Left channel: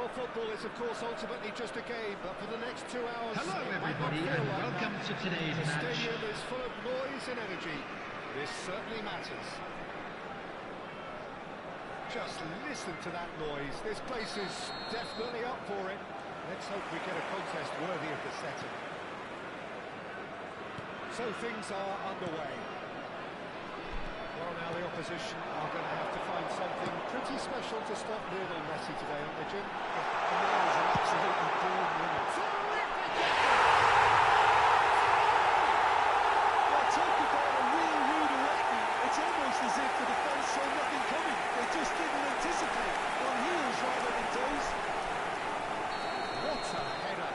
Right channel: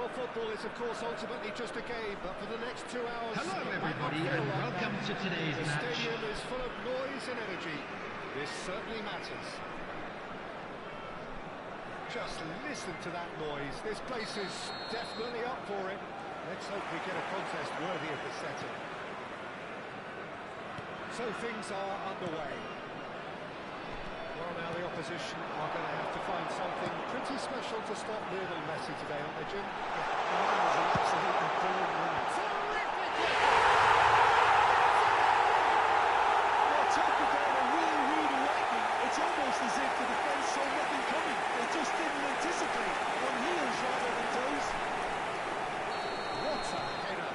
Well, football is, of course, ultimately just a game, but for the next 2 hours... Hello, everybody, and welcome to today's match. The stadium is full of noise and energy. This certainly matters. Just listen to that noise. This place is definitely up for it. Let's hope we get a contest worthy of the setting. So things are underway. Well, now the opposition are going to have to find something pretty special to stop Lionel Messi today, aren't they, Jim? Yeah, the man is an absolutely born winner. Terrific effort! Well, talk about a real rude awakening. It's almost as if the defence saw nothing coming. They just didn't anticipate. On heels rather than toes. What a header!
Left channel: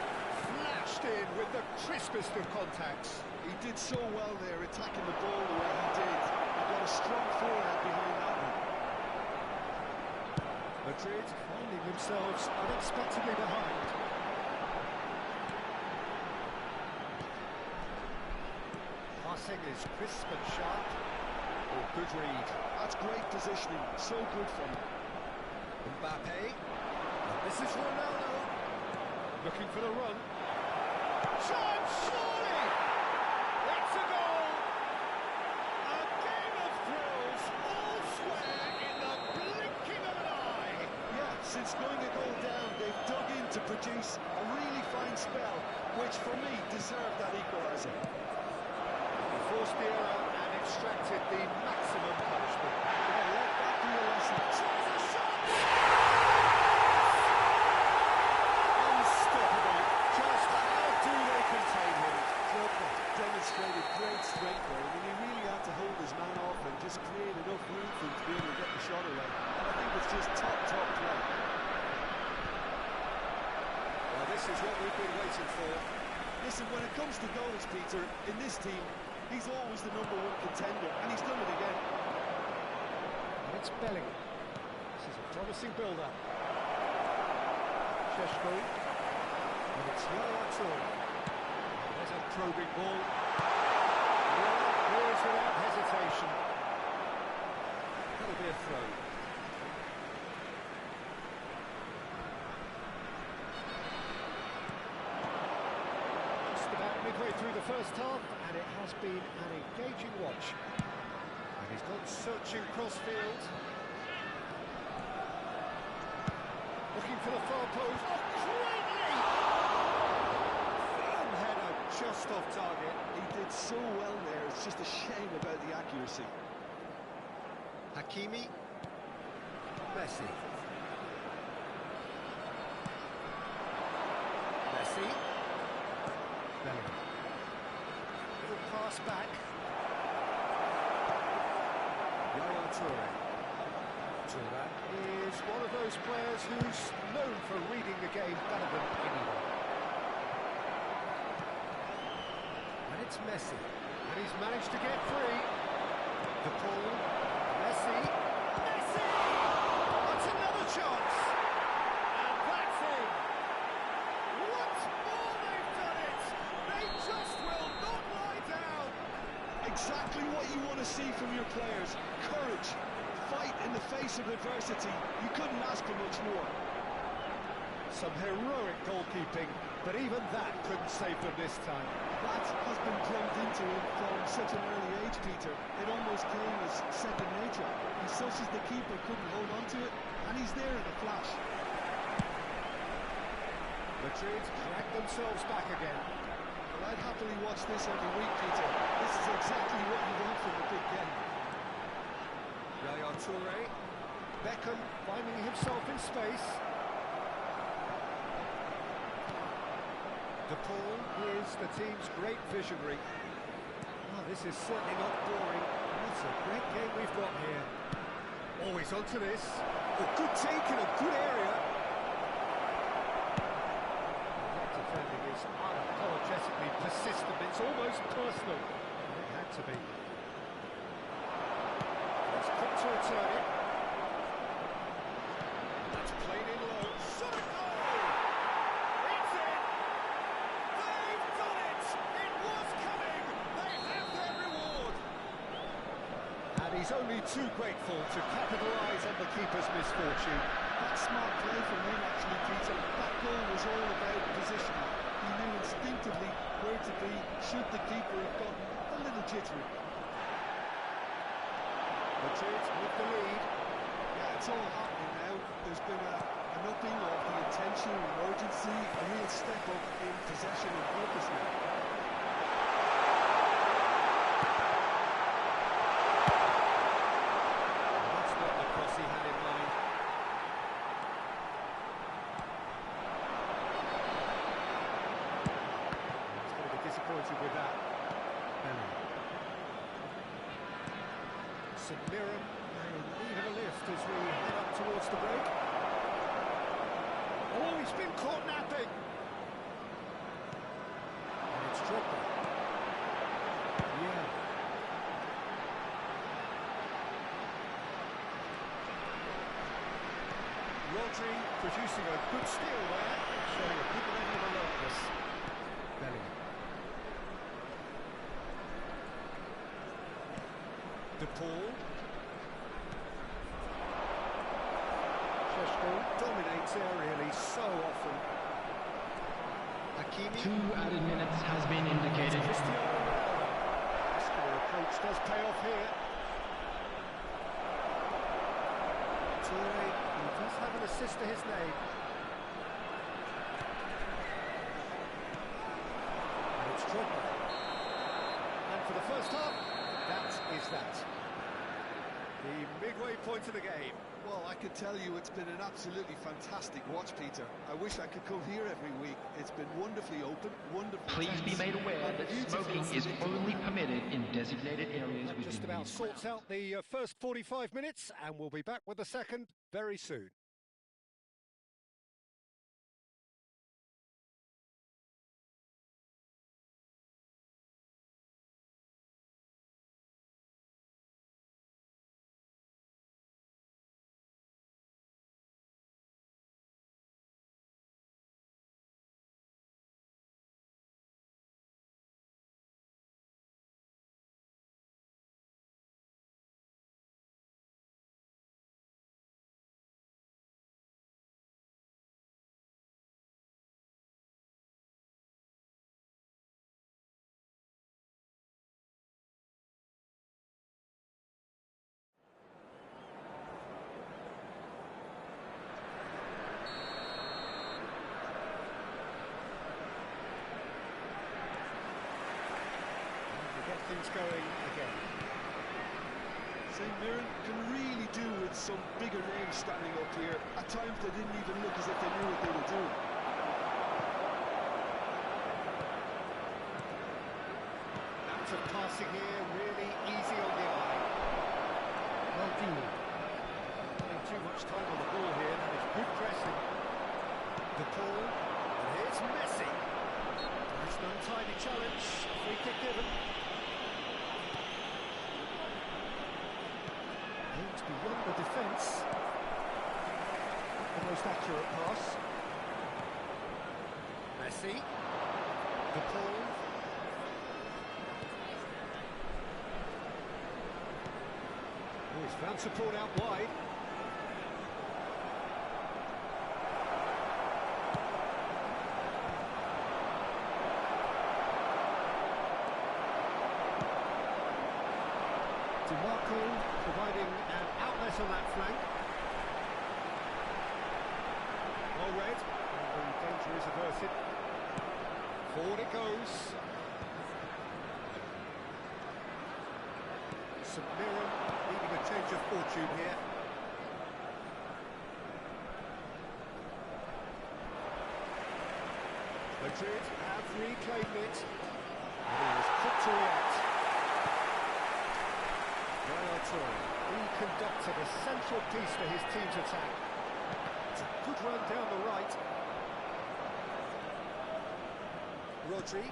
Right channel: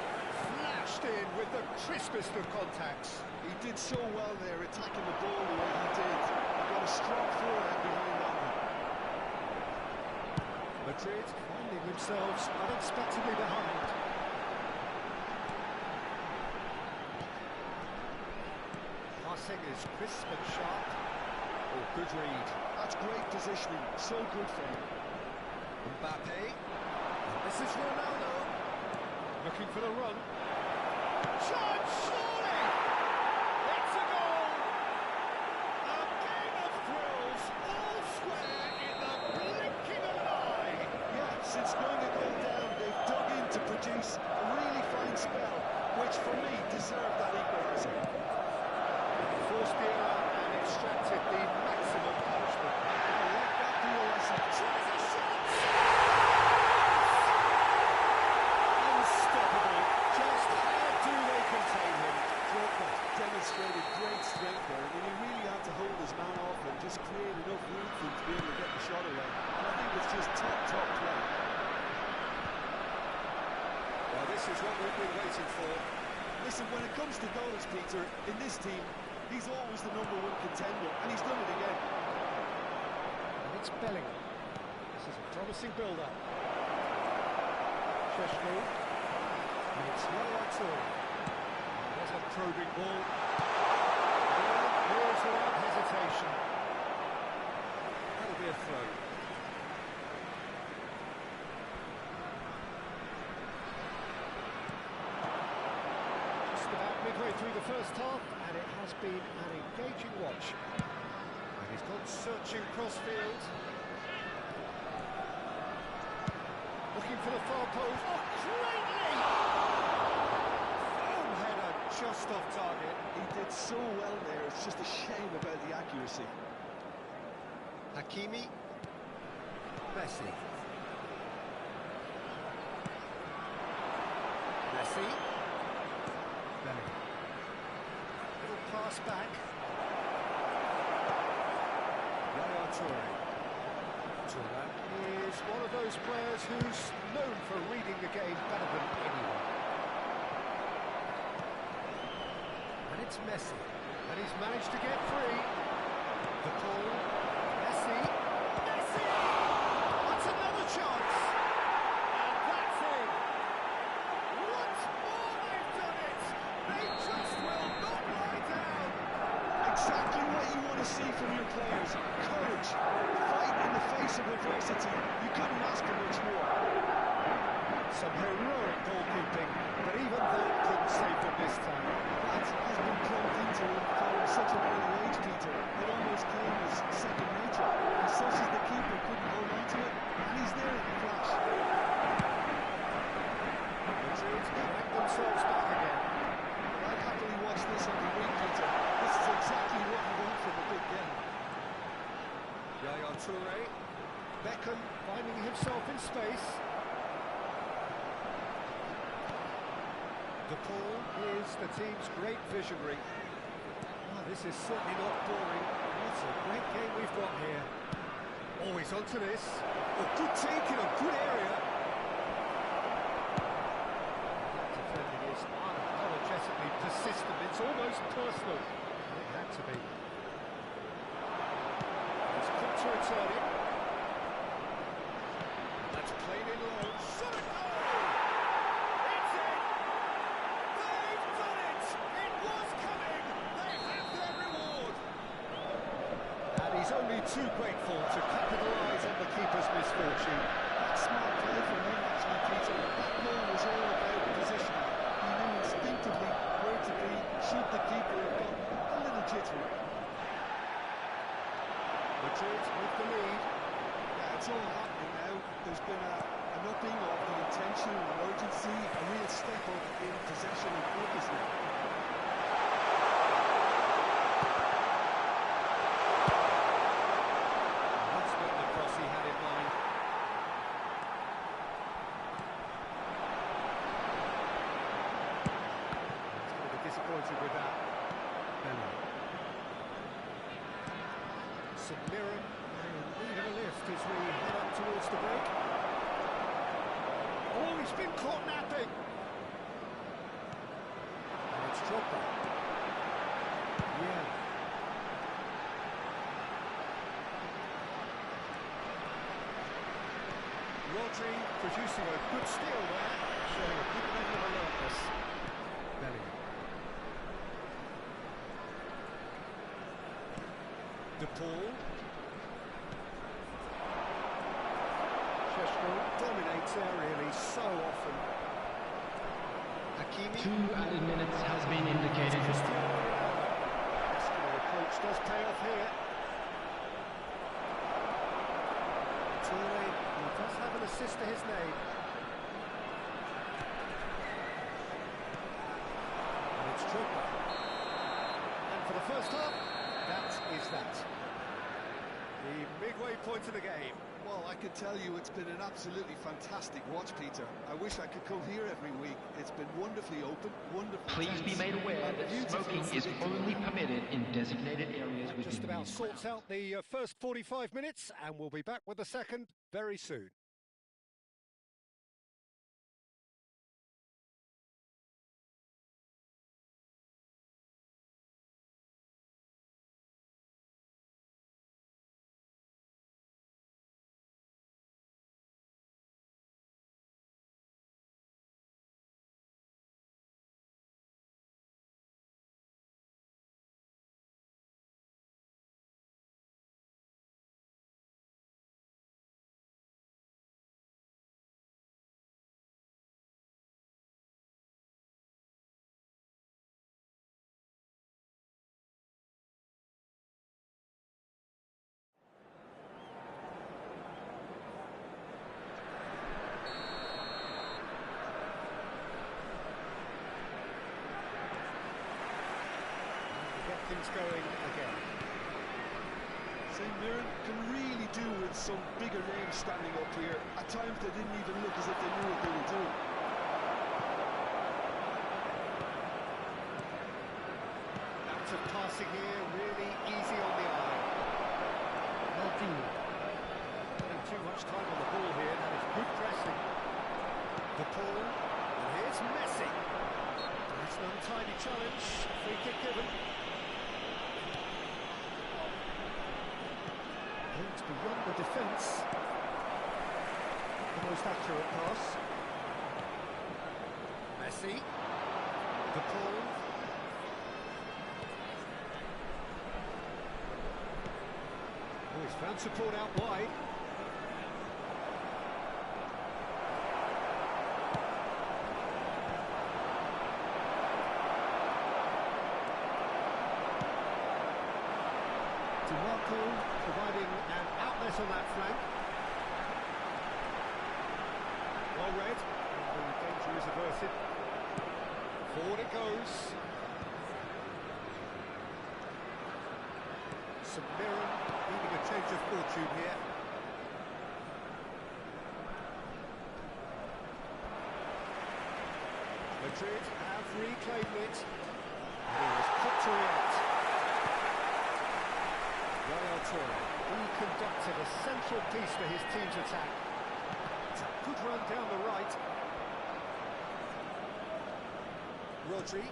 Flashed in with the crispest of contacts. He did so well there, attacking the ball the way he did. He got a strong forehand behind that one. Madrid finding themselves unexpectedly behind. Passing is crisp and sharp. Oh, good read. That's great positioning. So good from him. Mbappe. And this is Ronaldo. Looking for the run. Chance, surely! It's a goal! A game of thrills, all square in the blinking of an eye! Yeah, since going a goal down, they've dug in to produce a really fine spell, which for me deserved that equaliser. Forced the error and extracted the maximum punishment. Well, let that be a lesson. Tries a shot! Unstoppable. Just how do they contain him? Drogba demonstrated great strength there. I mean, he really had to hold his man off and just create enough room for him to be able to get the shot away. And I think it's just top play. Well, this is what we've been waiting for. Listen, when it comes to goals, Peter, in this team, he's always the #1 contender, and he's done it again. And it's Bellingham. This is a promising build-up. Sheshko. And it's Yaya Toure. There's a probing ball. Yeah, here's without hesitation. That'll be a throw. Just about midway through the first half, and it has been an engaging watch. And he's gone searching cross-field. Looking for the far post. Oh, greatly! Firm header, just off target. He did so well there, it's just a shame about the accuracy. Hakimi. Messi. Messi. Bellingham. Little pass back. Yaya Toure. That is one of those players who's known for reading the game better than anyone. And it's Messi. And he's managed to get free. The ball. Messi. Messi! That's another chance. And that's it. Once more they've done it. They just will not lie down. Exactly what you want to see from your players. Courage. Fight in the face of adversity. You couldn't ask for much more. Some heroic goalkeeping, but even that couldn't save them this time. That has been plumbed into him from such an early age, Peter. It almost came as second nature. And such as the keeper couldn't hold on to it, and he's there in a flash. Madrid drag themselves back again. Well, I'd happily watch this every week, Peter. This is exactly what you want from a big game. Yaya Toure. Beckham finding himself in space. De Paul is the team's great visionary. Oh, this is certainly not boring. What a great game we've got here. Always onto this. A good take in a good area. That defending is unapologetically persistent. It's almost personal. It had to be. It's quick to return it. That's played in low. Shot a goal! It's in! They've done it! It was coming! They have their reward! And he's only too grateful to capitalise on the keeper's misfortune. That's smart play from him, actually, Peter. That goal was all about positioning. He knew instinctively where to be should the keeper have gotten a little jittery. Madrid with the lead. Yeah, it's all happening now. There's been an upping of the intention and urgency, a real step up in possession and focus now. That's not the cross he had in mind. He's going to be disappointed with that. Belly. St Mirren in need of a lift as we head up towards the break. Oh, he's been caught napping. And it's Drogba. Yeah. Rodri producing a good steal there, showing a good level of alertness. Bellingham. De Paul. Šeško dominates aerially so often. Hakimi. 2 added minutes has been indicated. Cristiano Ronaldo. Muscular approach does pay off here. Toure, who does have an assist to his name. And it's Drogba. And for the first half, that is that. The midway point of the game. Well, I can tell you it's been an absolutely fantastic watch, Peter. I wish I could come here every week. It's been wonderfully open, wonderfully Please be tense, made aware and that beautifully smoking is predictable. only permitted in designated areas That within just about these sorts grounds. out the first 45 minutes, and we'll be back with the second very soon. Get things going again. St Mirren can really do with some bigger names standing up here. At times they didn't even look as if they knew what they were doing. Lots of passing here, really easy on the eye. Maldini. Spending too much time on the ball here, that is good pressing. De Paul, and here's Messi. It's an untidy challenge, free kick given. It's beyond the defence. The most accurate pass. Messi. De Paul. Oh, he's found support out wide. DiMarco providing an outlet on that flank. Well read, and the danger is averted. Forward it goes. St Mirren needing a change of fortune here. Madrid have reclaimed it, and he was quick to react. Yaya Toure, he conducted a central piece to his team's attack. It's a good run down the right. Rodri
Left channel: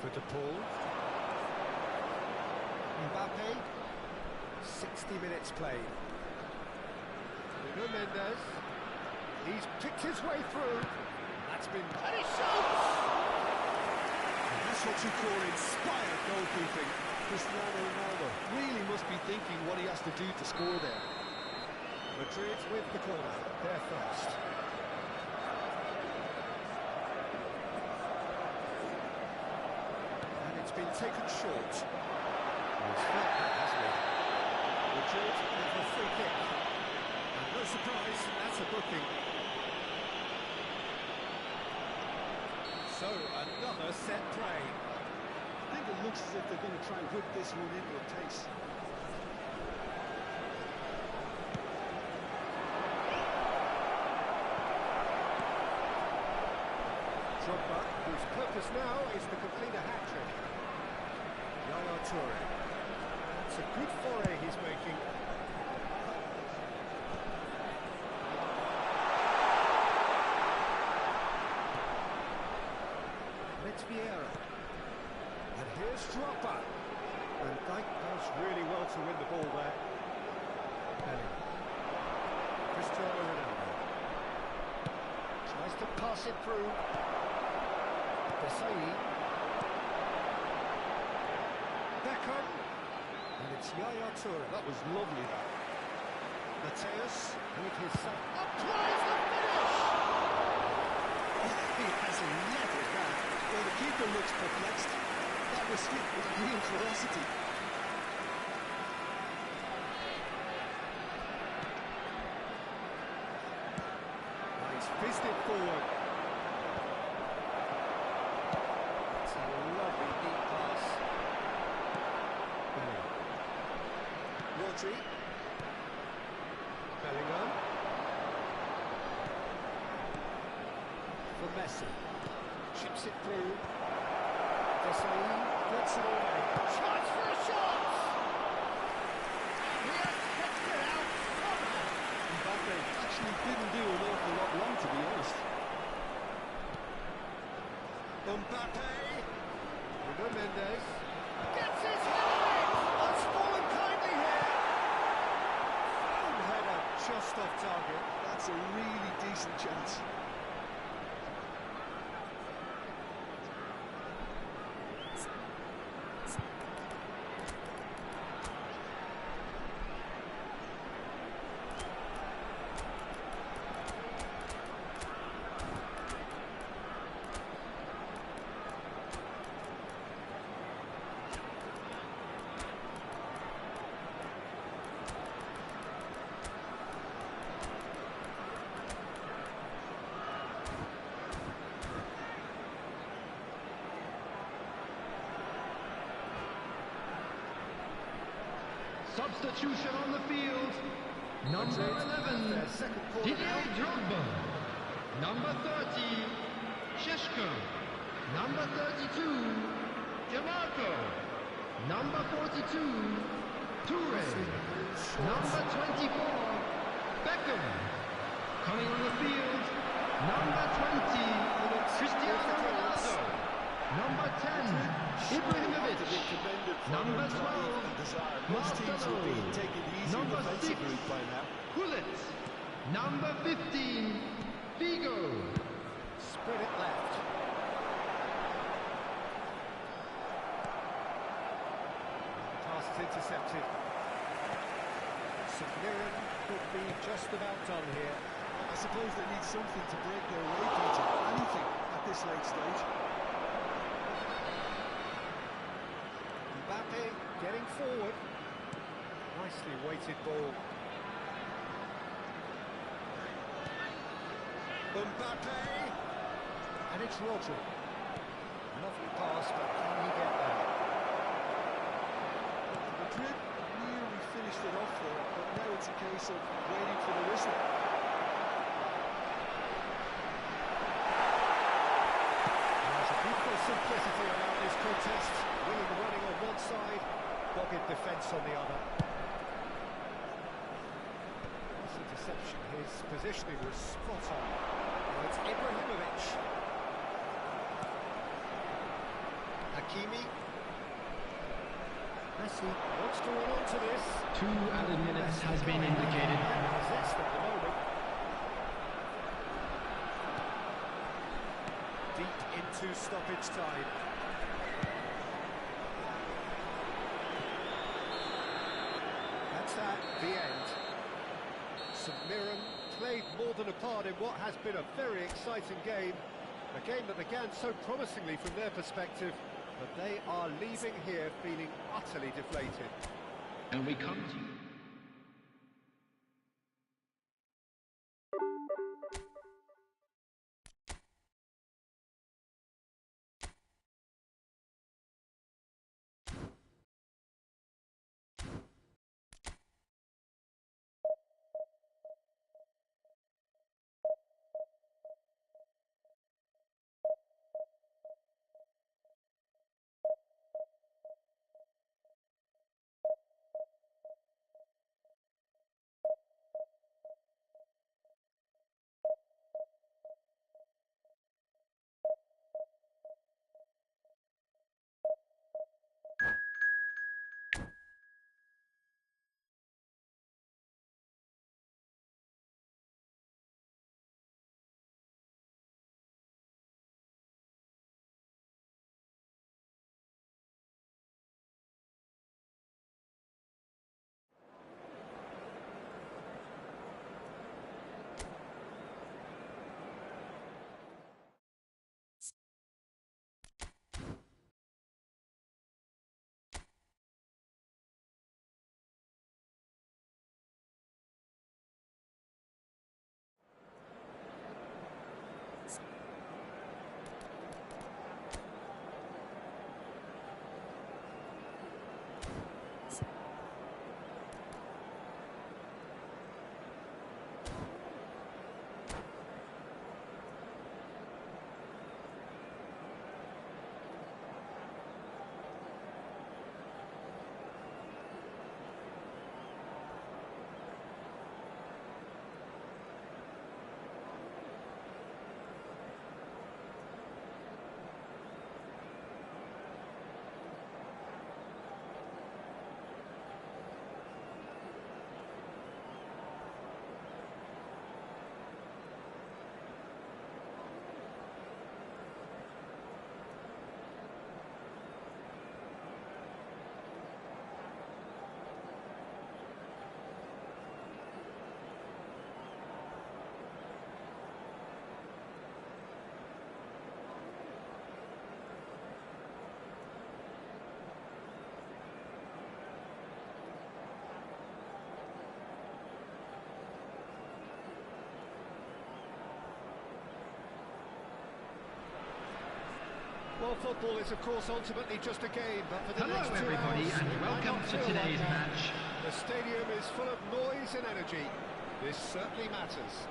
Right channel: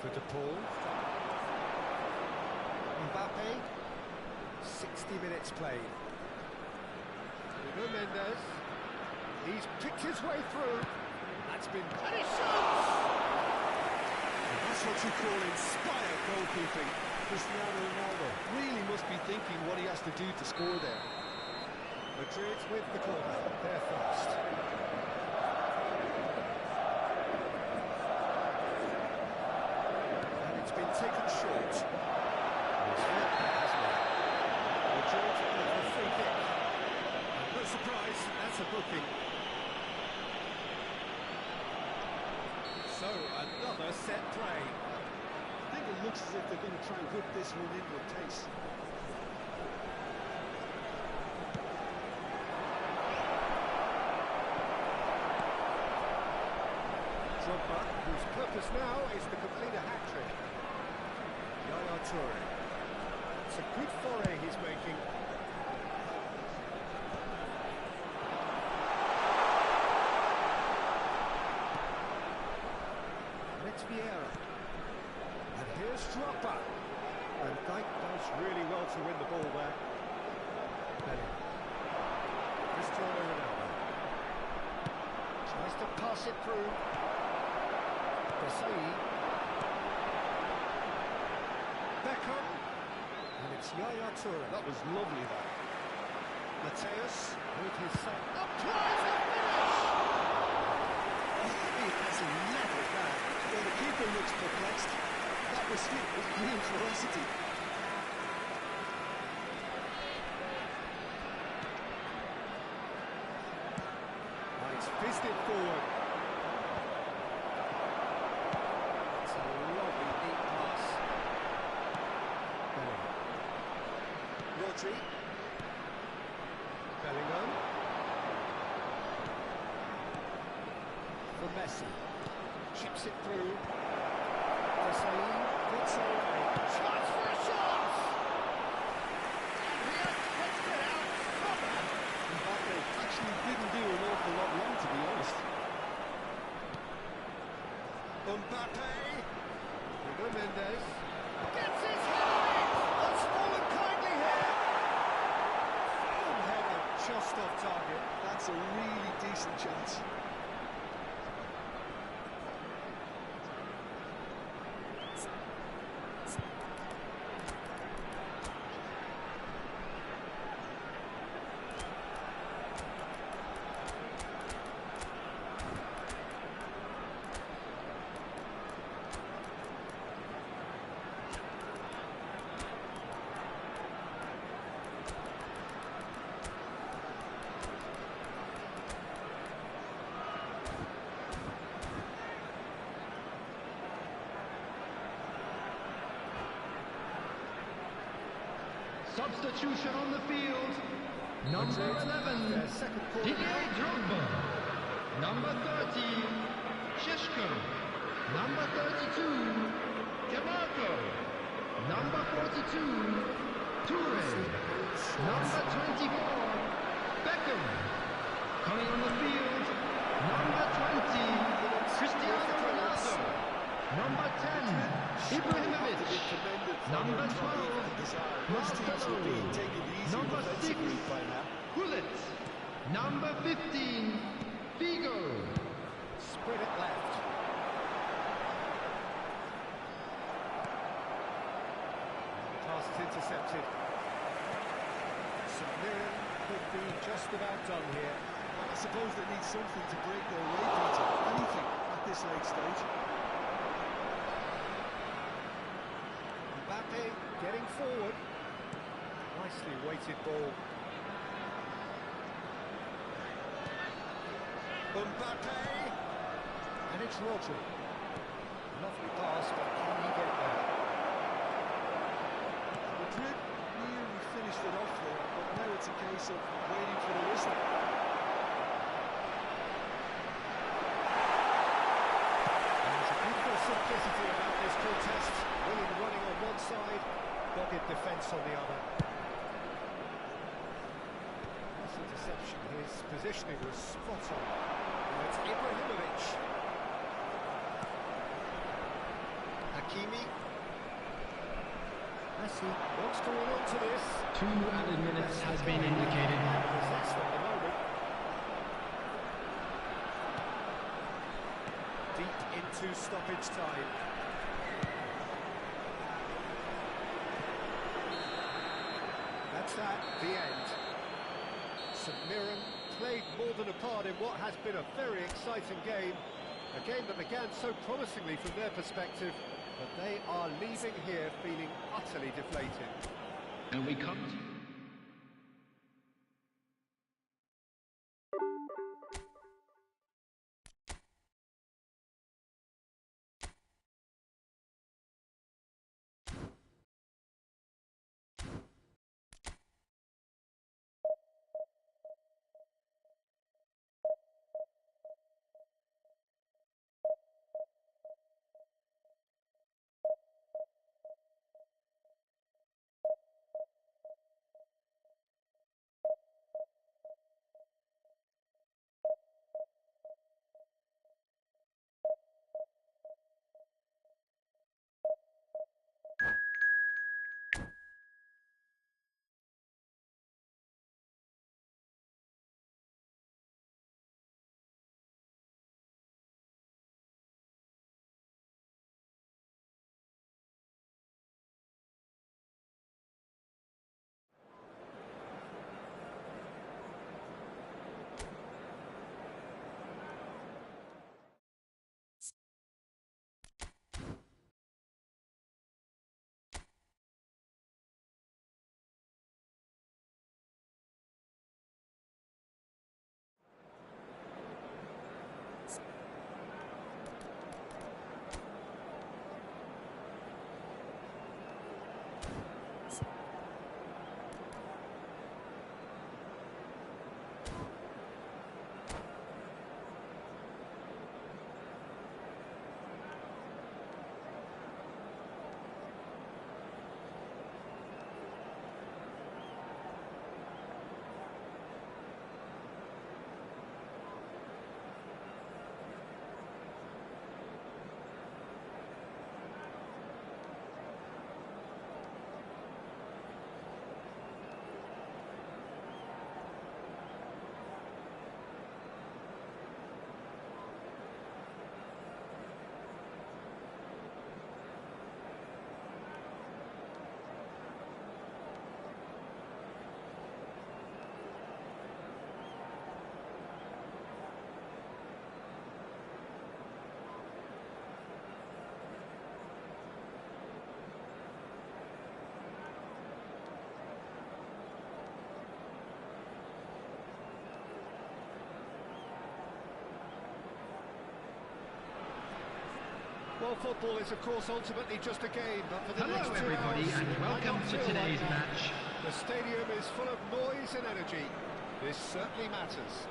for De Paul. Mbappe, 60 minutes played. Nuno Mendes, he's picked his way through. That's been... and he shoots! And that's what you call inspired goalkeeping. Cristiano Ronaldo really must be thinking what he has to do to score there. Madrid with the corner. They're fast. And it's been taken short. He's felt that, hasn't he? Madrid with a free kick. And no surprise, that's a booking. So, another set play. I think it looks as if they're going to try and whip this one in with pace. Drogba, whose purpose now is to complete a hat-trick. Yaya Toure. It's a good foray he's making. It's Vieira. And here's Drogba. And Dijk does really well to win the ball there. Belly. Cristiano Ronaldo. Tries to pass it through. Desai. Beckham. And it's Yaya Toure. That was lovely, that. Mateus with his son. Applies the finish! He has leveled that. Well, the keeper looks perplexed. That was hit with real ferocity. Oh, he's fizzed it forward. It's a lovely deep pass. Bellingham. Rodri. Bellingham. For Messi. Chips it through. Desai gets it away. Chance for a shot! And he has kicked it out somehow. Mbappe actually didn't do an awful lot wrong, to be honest. Mbappe. Bruno Mendes. Gets his head on it! Has fallen kindly here. Foul header just off target. That's a really decent chance. Substitution on the field. Number 11, Didier Drogba. Number 30, Sheshko. Number 32, Demarco. Number 42, Toure. Number 24, Beckham. Coming on the field, number 20, Cristiano Ronaldo. Number 10, Ibrahimovic. Number 12, Marcelo. Number 6, Gullit. Number 15, Figo. Spread it left. Pass is intercepted. St Mirren could be just about done here. Well, I suppose they need something to break their way, Peter. Anything at this late stage. Mbappe getting forward. Nicely weighted ball. Mbappe. And it's Rodri. Lovely pass, but can he get there? Madrid nearly finished it off there, but now it's a case of waiting for the whistle. There's a beautiful simplicity about this contest. Willing running on one side, dogged defence on the other. This interception, his positioning was spot on. Now it's Ibrahimovic. Hakimi. Messi wants to run onto this. 2 added minutes has been indicated. Possessed at the moment. Deep into stoppage time. That's that, the end. St Mirren played more than a part in what has been a very exciting game. A game that began so promisingly from their perspective, but they are leaving here feeling utterly deflated. And we come to you. Well, football is, of course, ultimately just a game, but for the Hello, next 2 everybody, hours, and welcome to today's match. The stadium is full of noise and energy. This certainly matters.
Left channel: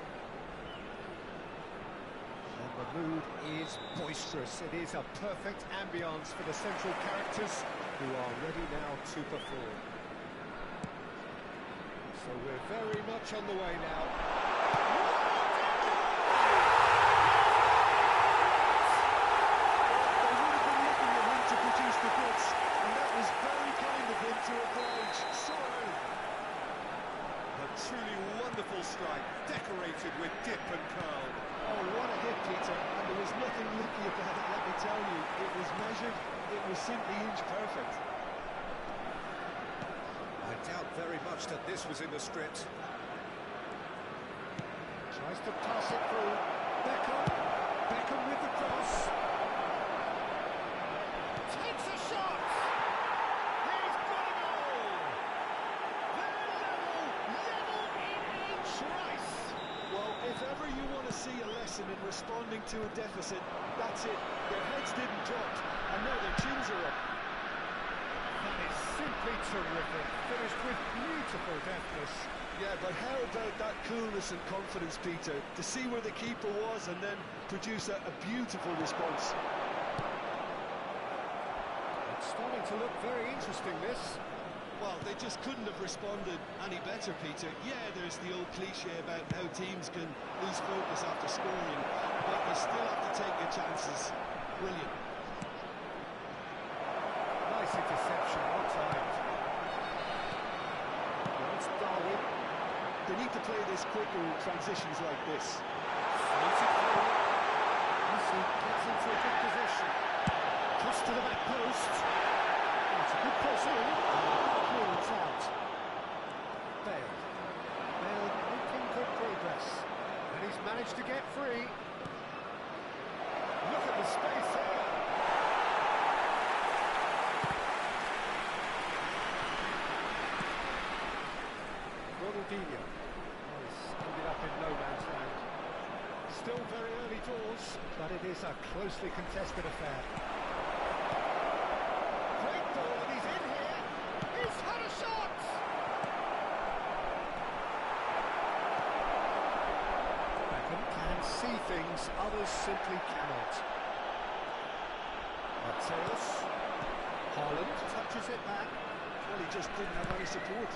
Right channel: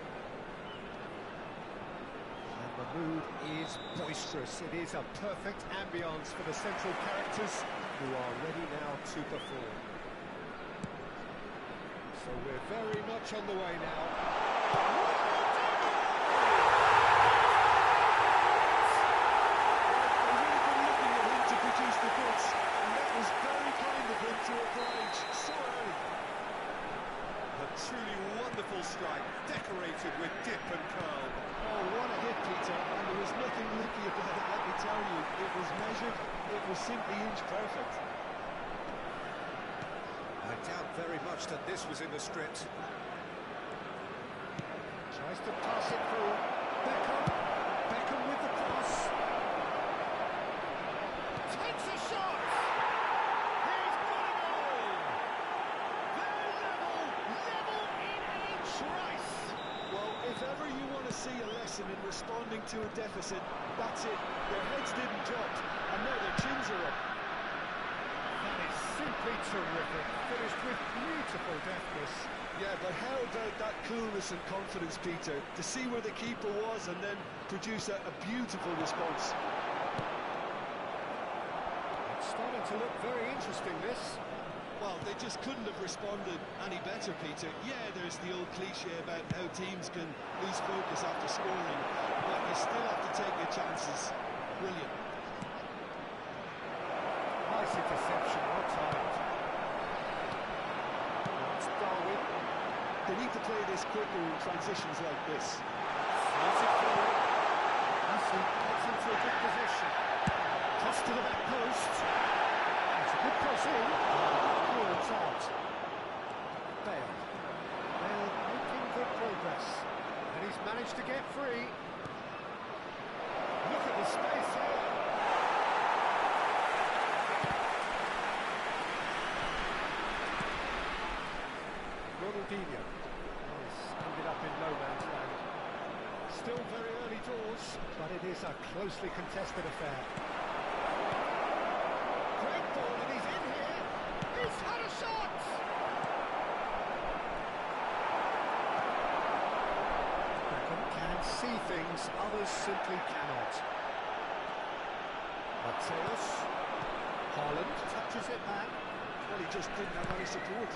And the mood is boisterous. It is a perfect ambience for the central characters who are ready now to perform. So we're very much on the way now. The goods, and that was very kind of him to oblige so early. A truly wonderful strike, decorated with dip and curl. Oh, what a hit, Peter, and there was nothing lucky about it, let me tell you. It was measured, it was simply inch perfect. I doubt very much that this was in the script. Tries to pass it through. Beckham with the cross. Takes a shot! He's got a goal! They're level in a trice! Well, if ever you want to see a lesson in responding to a deficit, that's it. Their heads didn't drop, and now their chins are up. That is simply terrific. Finished with beautiful deftness. Yeah, but how about that coolness and confidence, Peter? To see where the keeper was and then produce a beautiful response. It's starting to look very interesting, this. Well, they just couldn't have responded any better, Peter. Yeah, there's the old cliche about how teams can lose focus after scoring, but you still have to take your chances. Brilliant. Nice interception, well timed. Now it's Darwin. They need to play this quicker in transitions like this. Floats it forward. Messi gets into a good position. Cross to the back post. It's a good cross in. Clearance out. Bale making press. And he's managed to get free. Look at the space here. Ronaldinho. Oh, he's ended up in no man's land. Still very early doors, but it is a closely contested affair. Great ball, and he's in here. He's had a shot! Beckham can see things others simply cannot. Mateus. Haaland touches it back. Well, he just didn't have any support.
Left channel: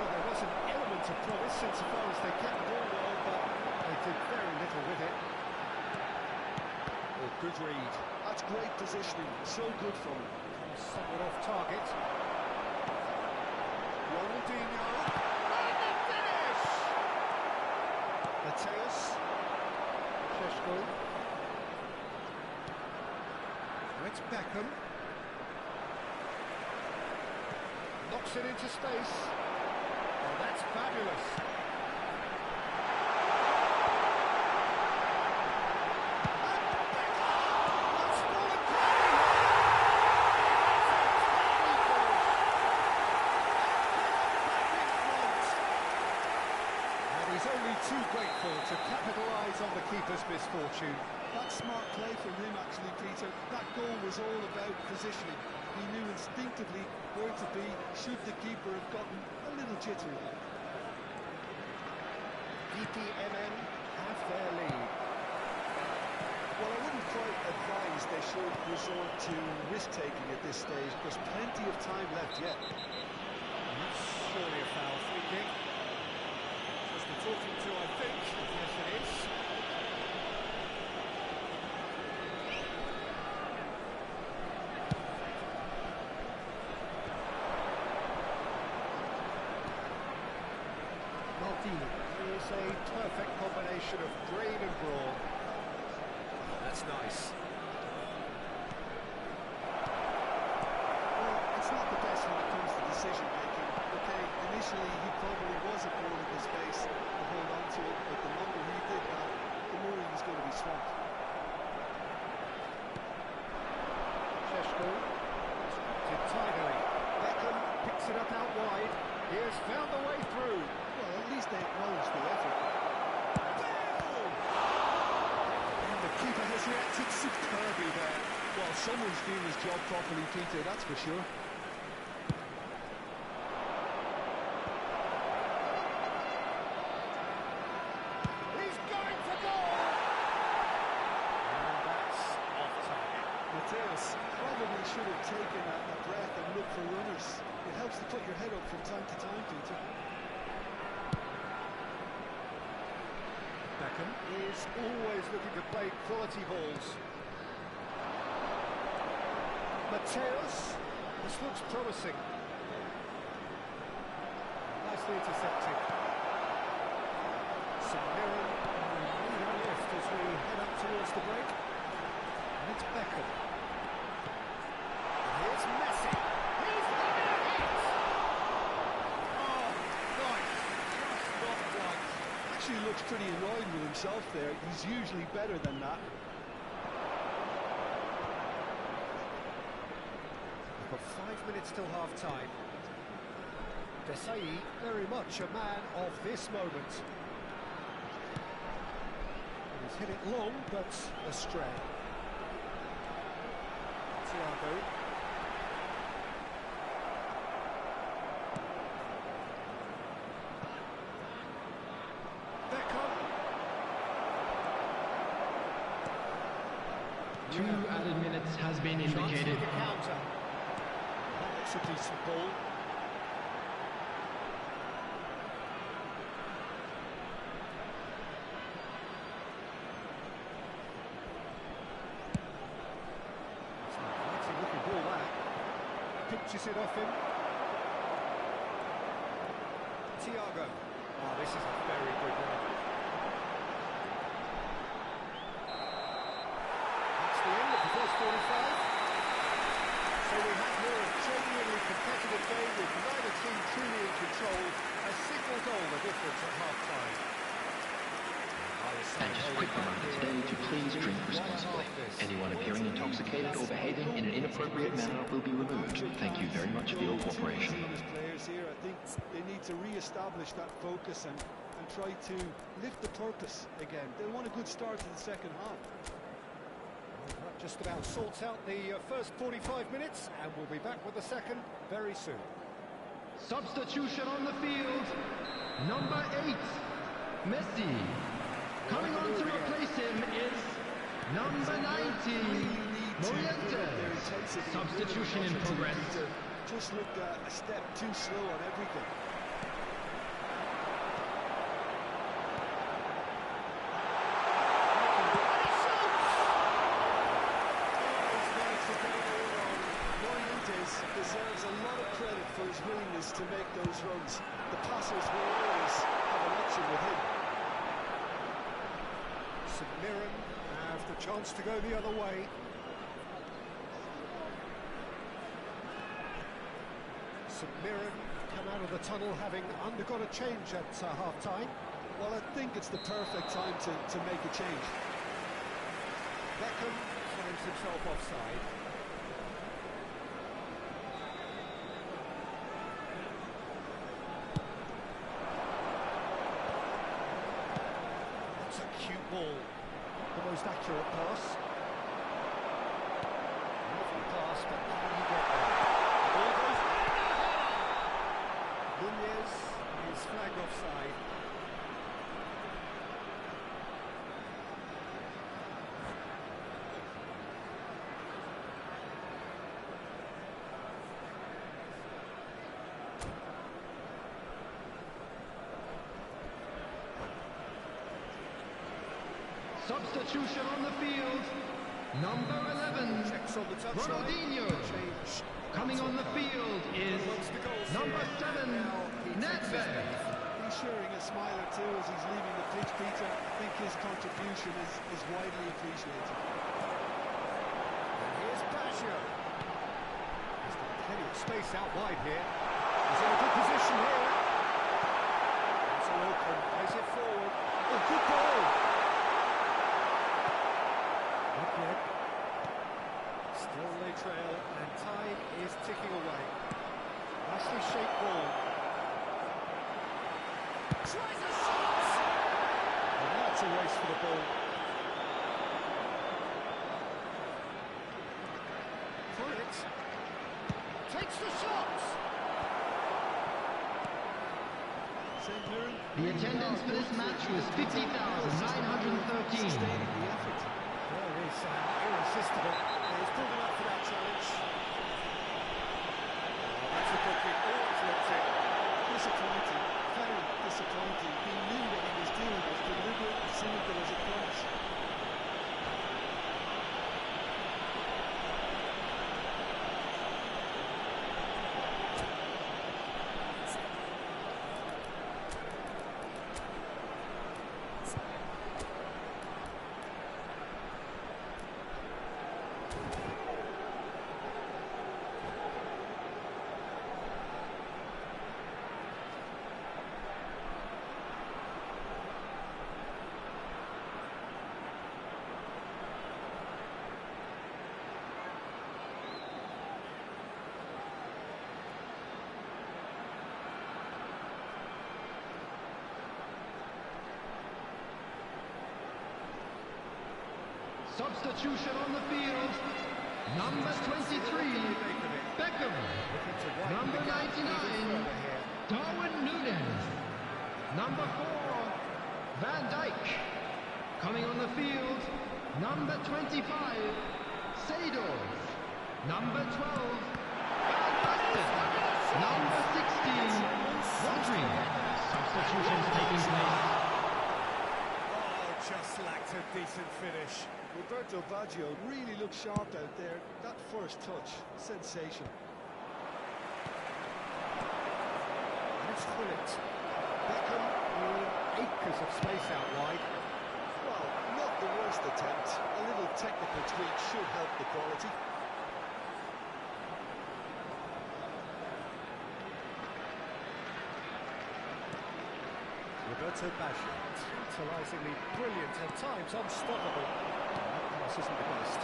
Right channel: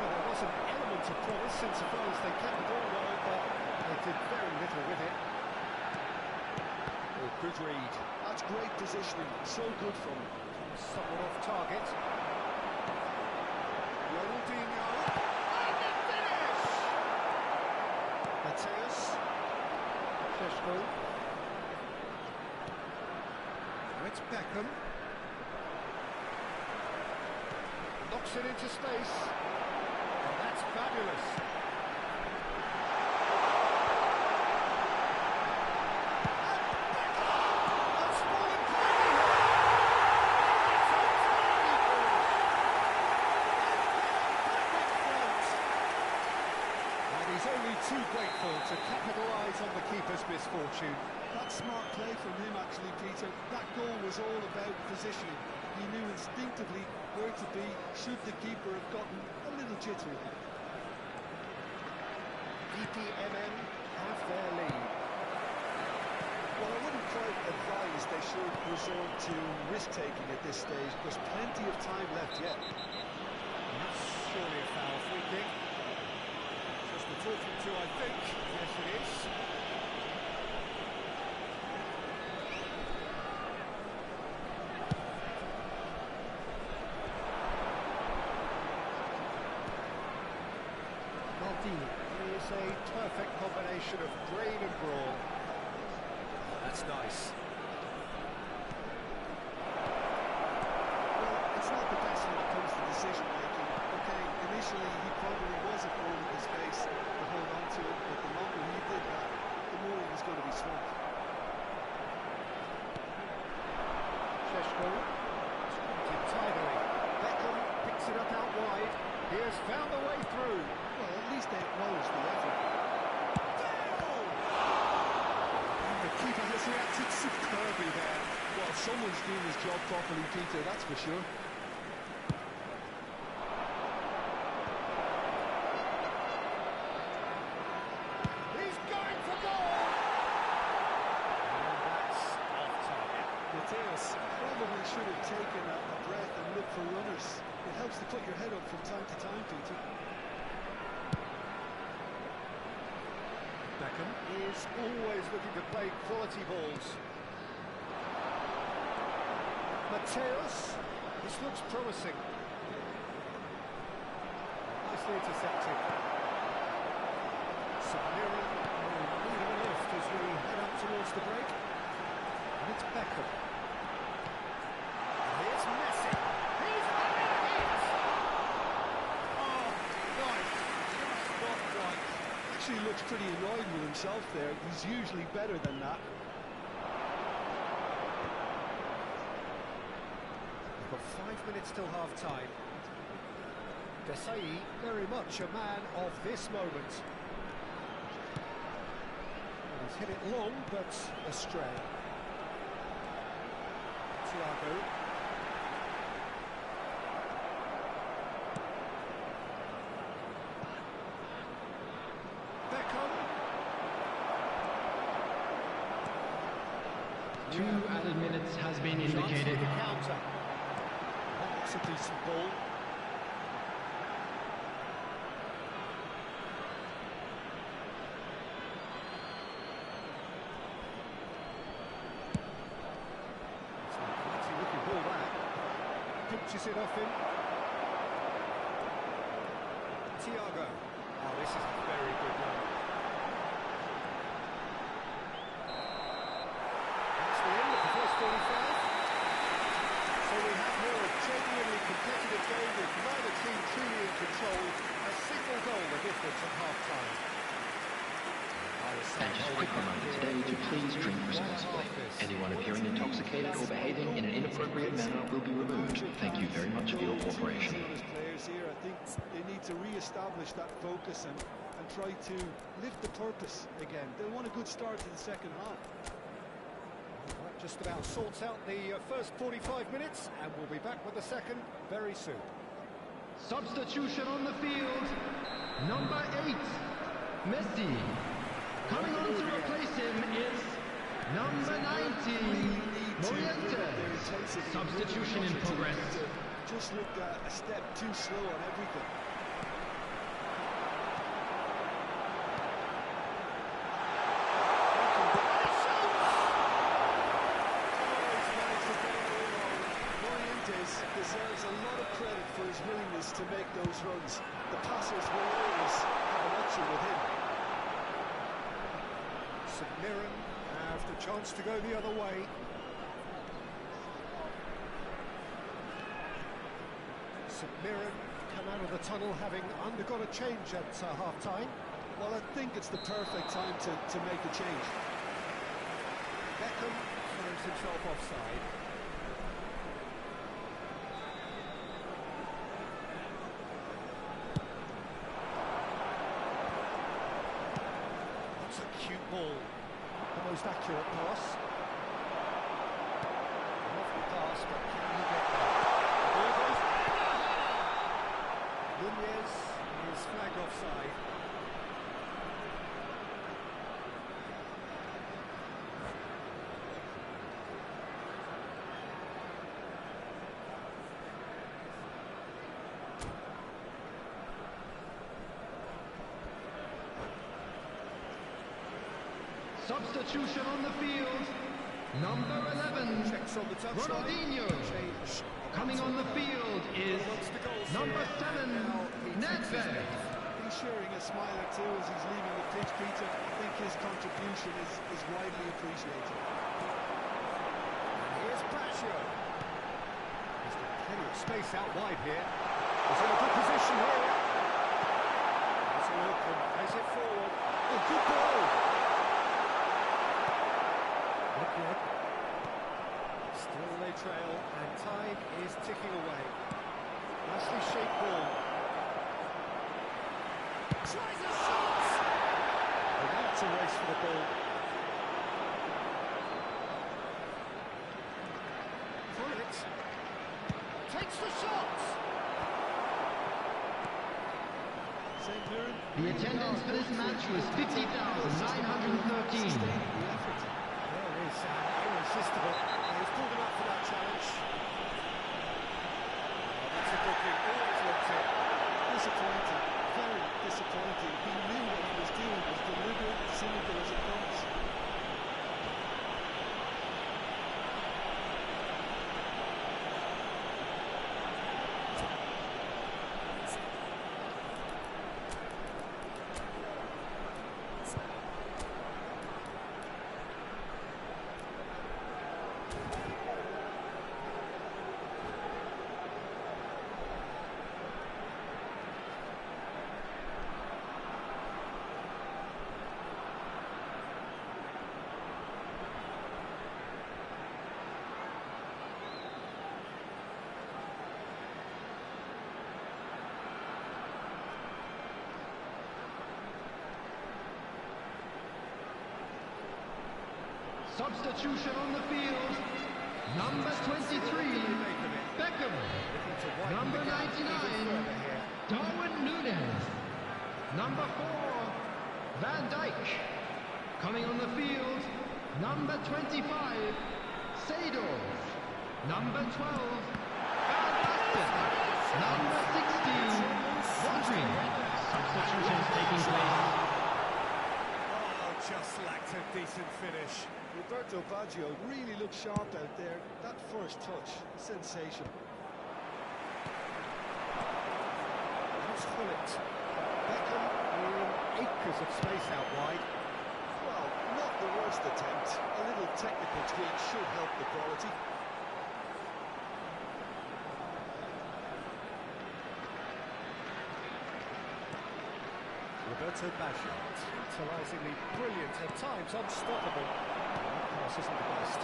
Well, there was an element of promise insofar as they kept the ball well, but they did very little with it. Oh, good read. That's great positioning, so good from him. Somewhat off target. Ronaldinho. And the finish! Mateus. Šeško. Now it's Beckham. Knocks it into space. Oh, that's fabulous. And Beckham! That's fallen kindly here. It's a tiny finish. And back in front. And he's only too grateful to capitalise on the keeper's misfortune. That's smart play from him, actually, Peter. That goal was all about positioning. He knew instinctively where to be should the keeper have gotten a little jittery. DPMN have their lead. Well, I wouldn't quite advise they should resort to risk-taking at this stage. There's plenty of time left yet. And that's surely a foul free kick. Just the talking to, I think. Yes, it is. Maldini is a perfect combination of brain and brawn. Oh, that's nice. Well, it's not the best when it comes to decision-making. Okay, initially he probably was afforded the space to hold on to it, but the longer he did that, the more he was going to be swamped. Šeško did tidily. Beckham picks it up out wide. He has found the way through. Well, at least they acknowledge the effort. Bale! And the keeper has reacted superbly there. Well, someone's doing his job properly, Peter, that's for sure. He's going for goal! And that's off target. Mateus probably should have taken a breath and looked for runners. It helps to put your head up from time to time, Peter. Beckham is always looking to play quality balls. Mateus, this looks promising. Nicely intercepted. Submirin in need of a lift as we head up towards the break. And it's Beckham. And here's Messi. He's having a hit! Oh, nice. Just not quite. Actually looks pretty annoyed with himself there. He's usually better than that. We've got 5 minutes till half-time. Desai, very much a man of this moment. And he's hit it long, but astray. Thiago. Beckham. 2 added minutes has been Chance indicated. with the counter. That looks a decent ball. It's a quite looking ball that. Pinches it off him. Thiago. Oh, this is a very good run. That's the end of the first 45. So we have here a genuinely competitive game with neither team truly in control. A single goal the difference at half-time. And just a quick reminder today to please drink responsibly. Anyone appearing intoxicated or behaving in an inappropriate manner will be removed. Thank you very much for your cooperation. Players here, I think they need to re-establish that focus and try to lift the purpose again. They'll want a good start to the second half. Well, that just about sorts out the first 45 minutes, and we'll be back with the second very soon. Substitution on the field. Number 8, Messi. Coming on to replace him is number 19, Morientes. Substitution in progress. Just looked a step too slow on everything. Deserves a lot of credit for his willingness to make those runs. The passers will always have an option with him. St Mirren have the chance to go the other way. St Mirren come out of the tunnel having undergone a change at half-time. Well, I think it's the perfect time to make a change. Beckham finds himself offside. That's a cute ball. The most accurate pass. Lovely pass, but can he get there? The ball goes in the header! Nunez is flagged offside. Substitution on the field. Number 11, Checks on the touchline. Ronaldinho. Change. Coming on the field is Amongst the goals number here. 7, Now he takes his Nedved. leave. He's sharing a smile or two as he's leaving the pitch, Peter. I think his contribution is widely appreciated. And here's Baggio. He's got plenty of space out wide here. He's in a good position here. There's a look and plays it forward. Oh, good ball! Not yet. Still they trail, and time is ticking away. Nicely shaped ball. Tries a shot! And now it's a race for the ball. Pullet takes the shot! St Mirren. The attendance for this match was 50,913. Sustaining the effort. There is irresistible. He's pulled him up for that challenge. Oh, that's a booking. Always looks it. Disappointing, very disappointing. He knew what he was doing, as deliberate, cynical as it comes. Substitution on the field. Number 23, Beckham. Number 99, Darwin Núñez. Number 4, Van Dijk. Coming on the field, number 25, Seedorf. Number 12, Van Basten. Number 16, Rodri. Substitutions taking place. Oh, just lacked a decent finish. Roberto Baggio really looked sharp out there. That first touch, sensational. And it's Pullet. Beckham in acres of space out wide. Well, not the worst attempt. A little technical tweak should help the quality. Roberto Baggio, tantalisingly brilliant, at times unstoppable. That pass isn't the best.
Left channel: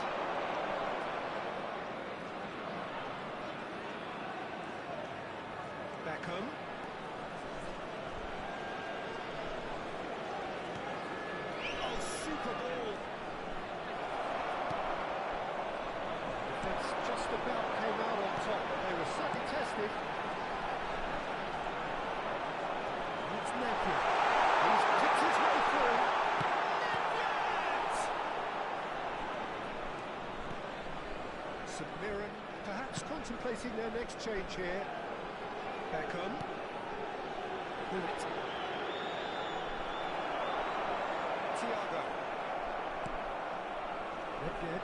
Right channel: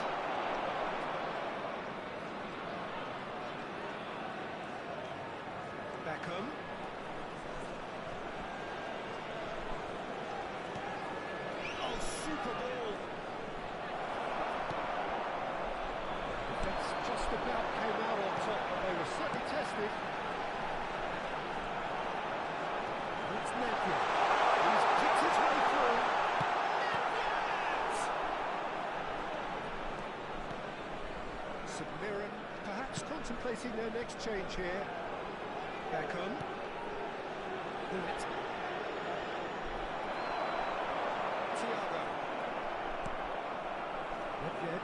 Beckham. Oh, super ball. Defence just about came out on top, but they were certainly tested. It's Napier. He's picked his way through. St Mirren perhaps contemplating their next change here. Beckham. Willett. Thiago. Napier.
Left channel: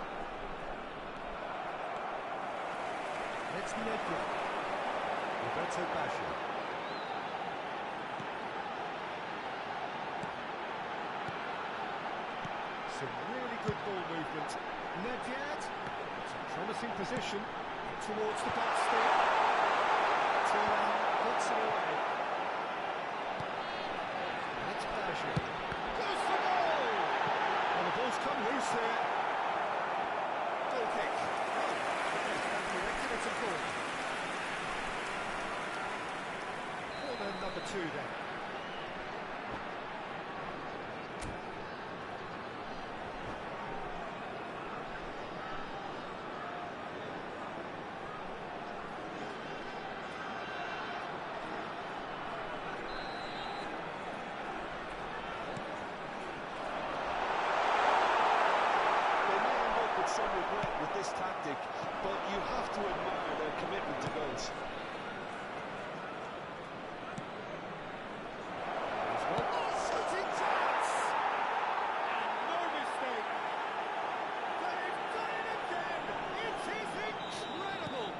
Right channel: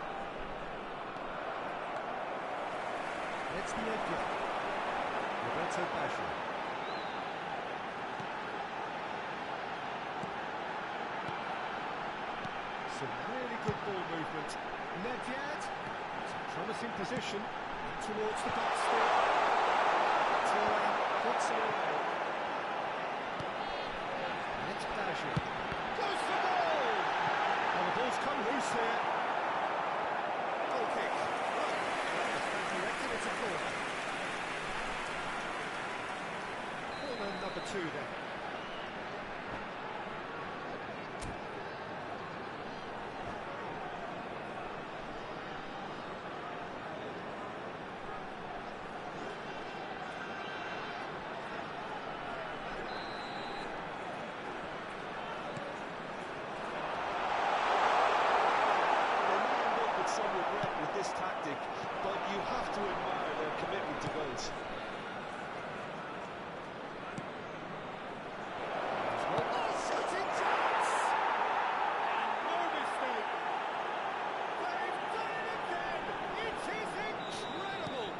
It's Napier. Roberto Baggio. Some really good ball movement. Nedved. It's a promising position. In towards the back stick. Thuram puts it away. And it's Baggio. Goes for goal! Well, the ball's come loose here. Goal kick. Oh, yeah, stand corrected, it's a corner. Corner number 2 then. Some regret with this tactic, but you have to admire their commitment to goals. Oh, shooting chance! And no mistake! They've done it again! It is incredible!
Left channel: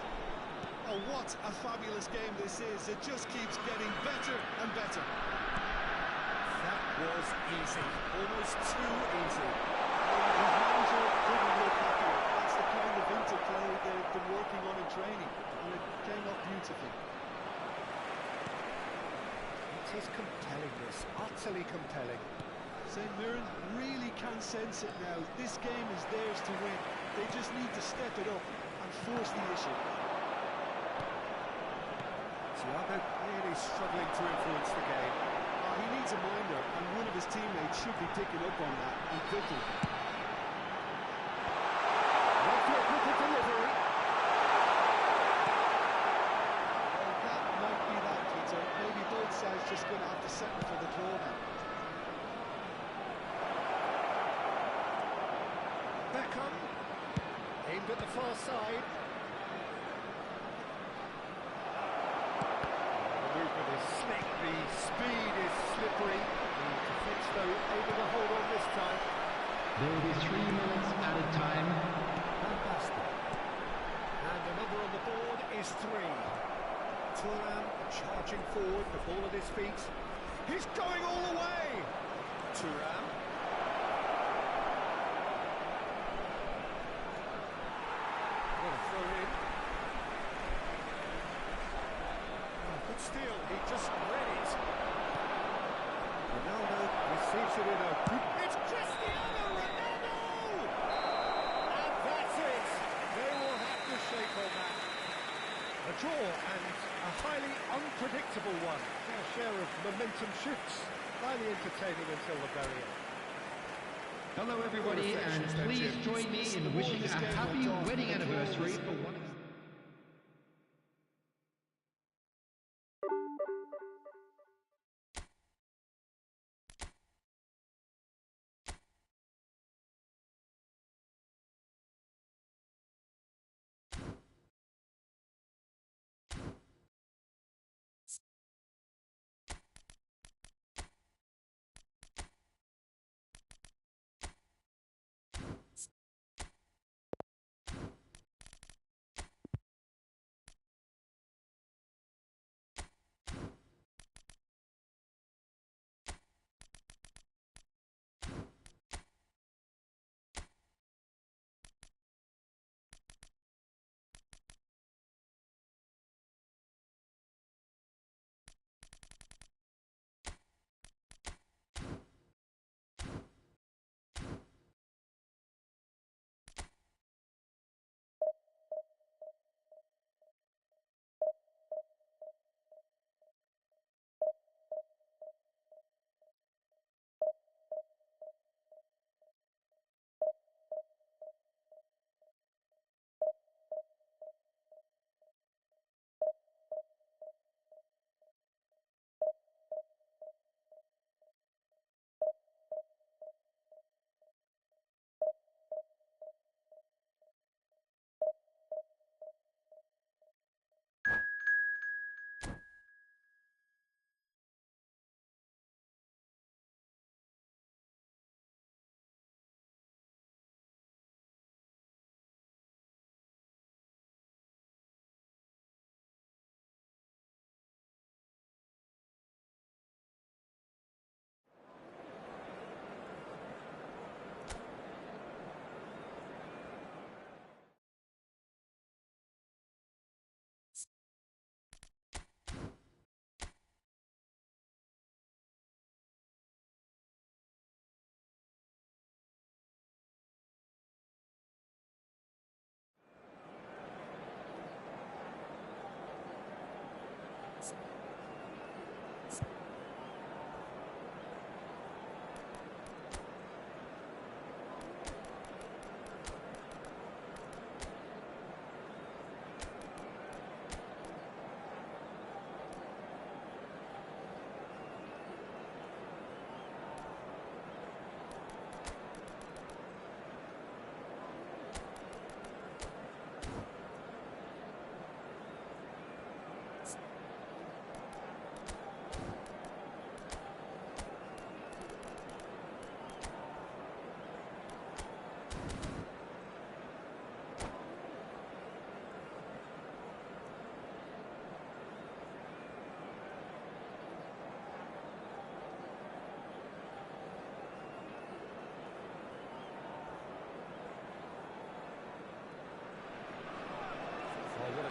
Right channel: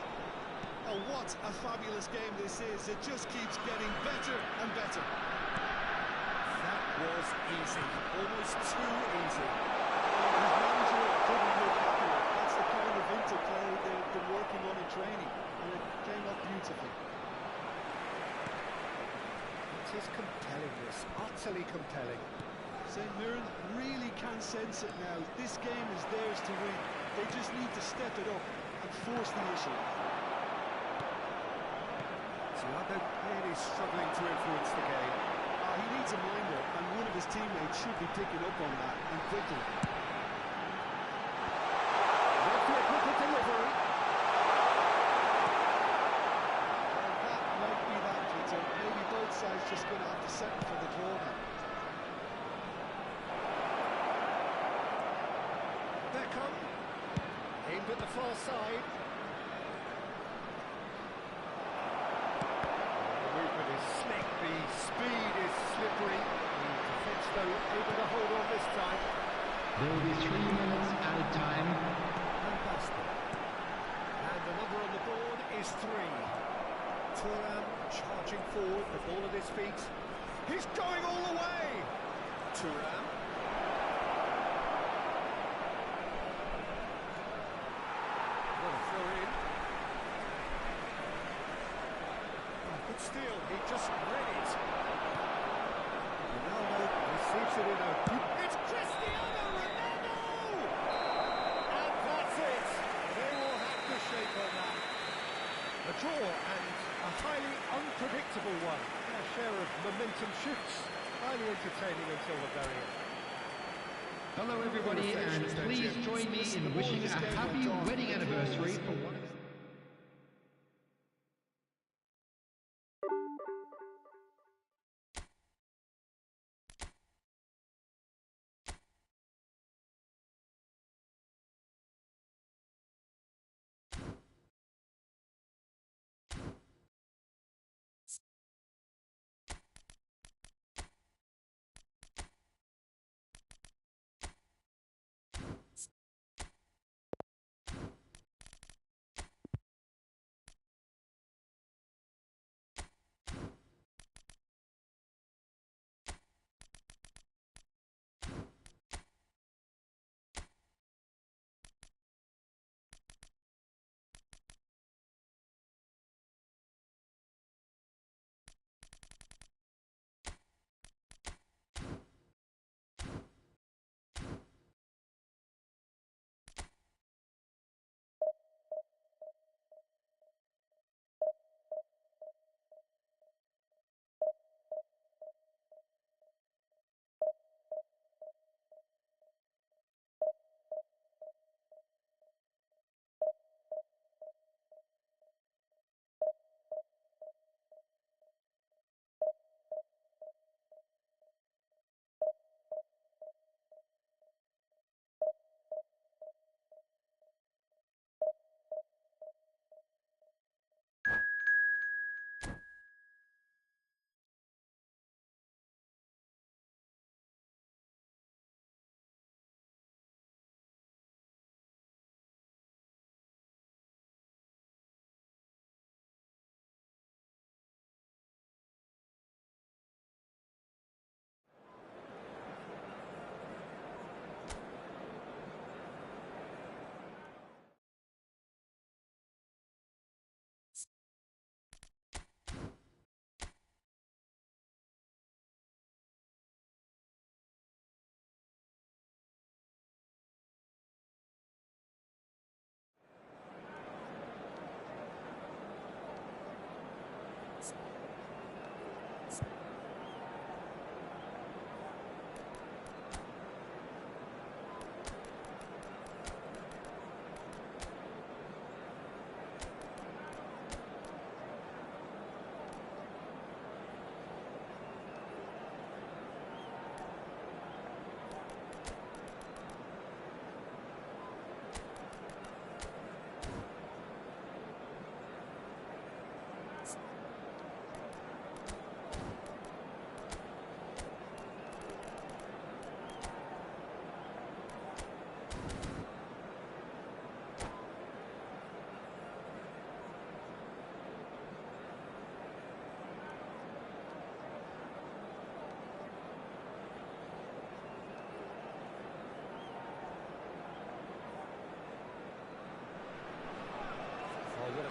Oh, what a fabulous game this is. It just keeps getting better and better. That was easy. Almost too easy. His manager couldn't look happier. That's the kind of interplay they've been working on in training, and it came off beautifully. It is compelling, this. Utterly compelling. St Mirren really can sense it now. This game is theirs to win. They just need to step it up and force the issue. Thiago really struggling to influence the game. He needs a minder, and one of his teammates should be picking up on that, and quickly. With the delivery. Well, that might be that, Peter. Maybe both sides just going to have to settle for the draw now. Beckham. Aimed at the far side. The movement is slick, the speed is slippery. The defence, though, able to hold on this time. There will be 3 minutes added time. Van Basten. And the number on the board is 3. Thuram charging forward, the ball at his feet. He's going all the way! Thuram. What a throw in. Oh, good steal, he just read it. Ronaldo receives it in a... It's Cristiano Ronaldo! And that's it! They will have to shake on that. A draw and a highly unpredictable one. Fair share of momentum shifts. Highly entertaining until the very end. Hello everybody, and please join me in wishing a happy wedding anniversary for one of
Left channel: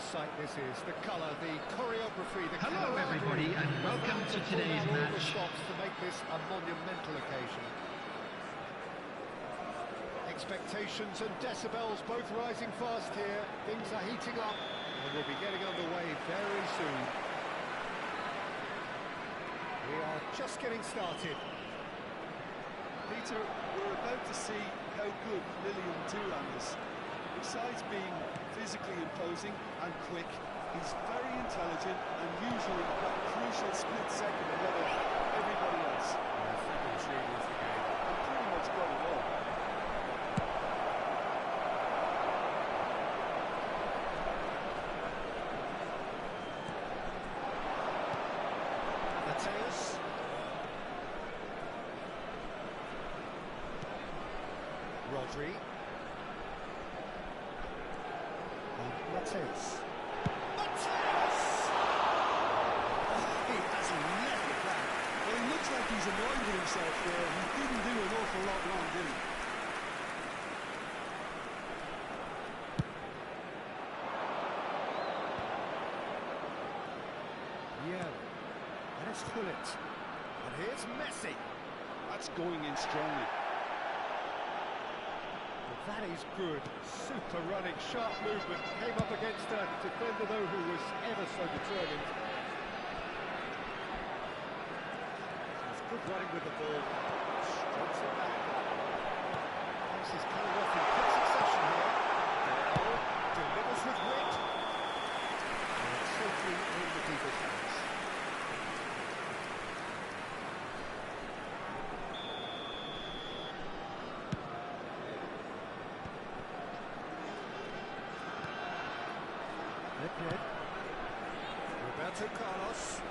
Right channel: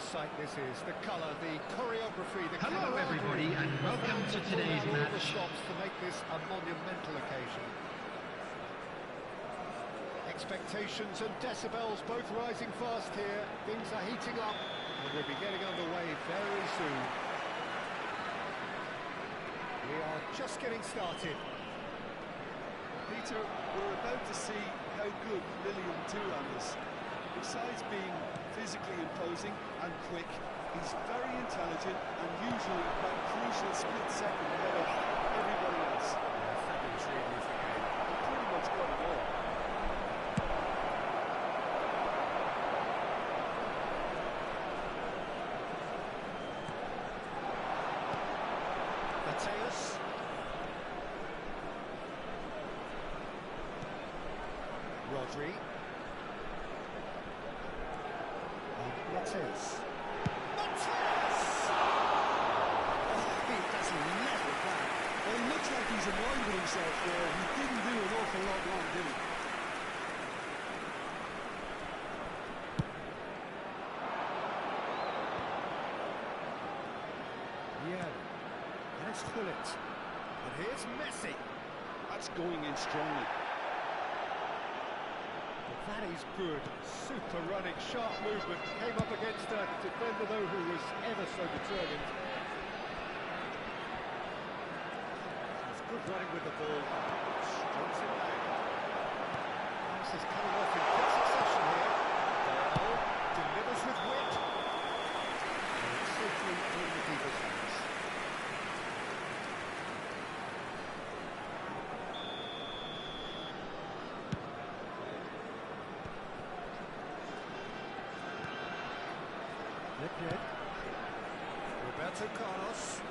sight this is. The colour, the choreography, the Hello everybody and welcome to today's match. Stops to make this a monumental occasion. Expectations and decibels both rising fast here. Things are heating up and we'll be getting underway very soon. We are just getting started. Peter, we're about to see how good Lilian Thuram is. Besides being physically imposing and quick, he's very intelligent and usually that crucial split second ahead of everybody else. Yeah, fabulous reading of the game. He pretty much got it all. Mateus. Rodri. And Mateus. Mateus! Oh, he doesn't level that. Well, he looks like he's annoyed with himself there. He didn't do an awful lot wrong, did he? Yeah. And it's Gullit. And here's Messi. That's going in strongly. Well, that is good. Super running, sharp movement. Came up against a defender, though, who was ever so determined. He's good running with the ball. Strokes it back. Pass is coming off in quick succession here. Dale delivers with wit. And it's safely in the keeper's hands. Roberto Carlos.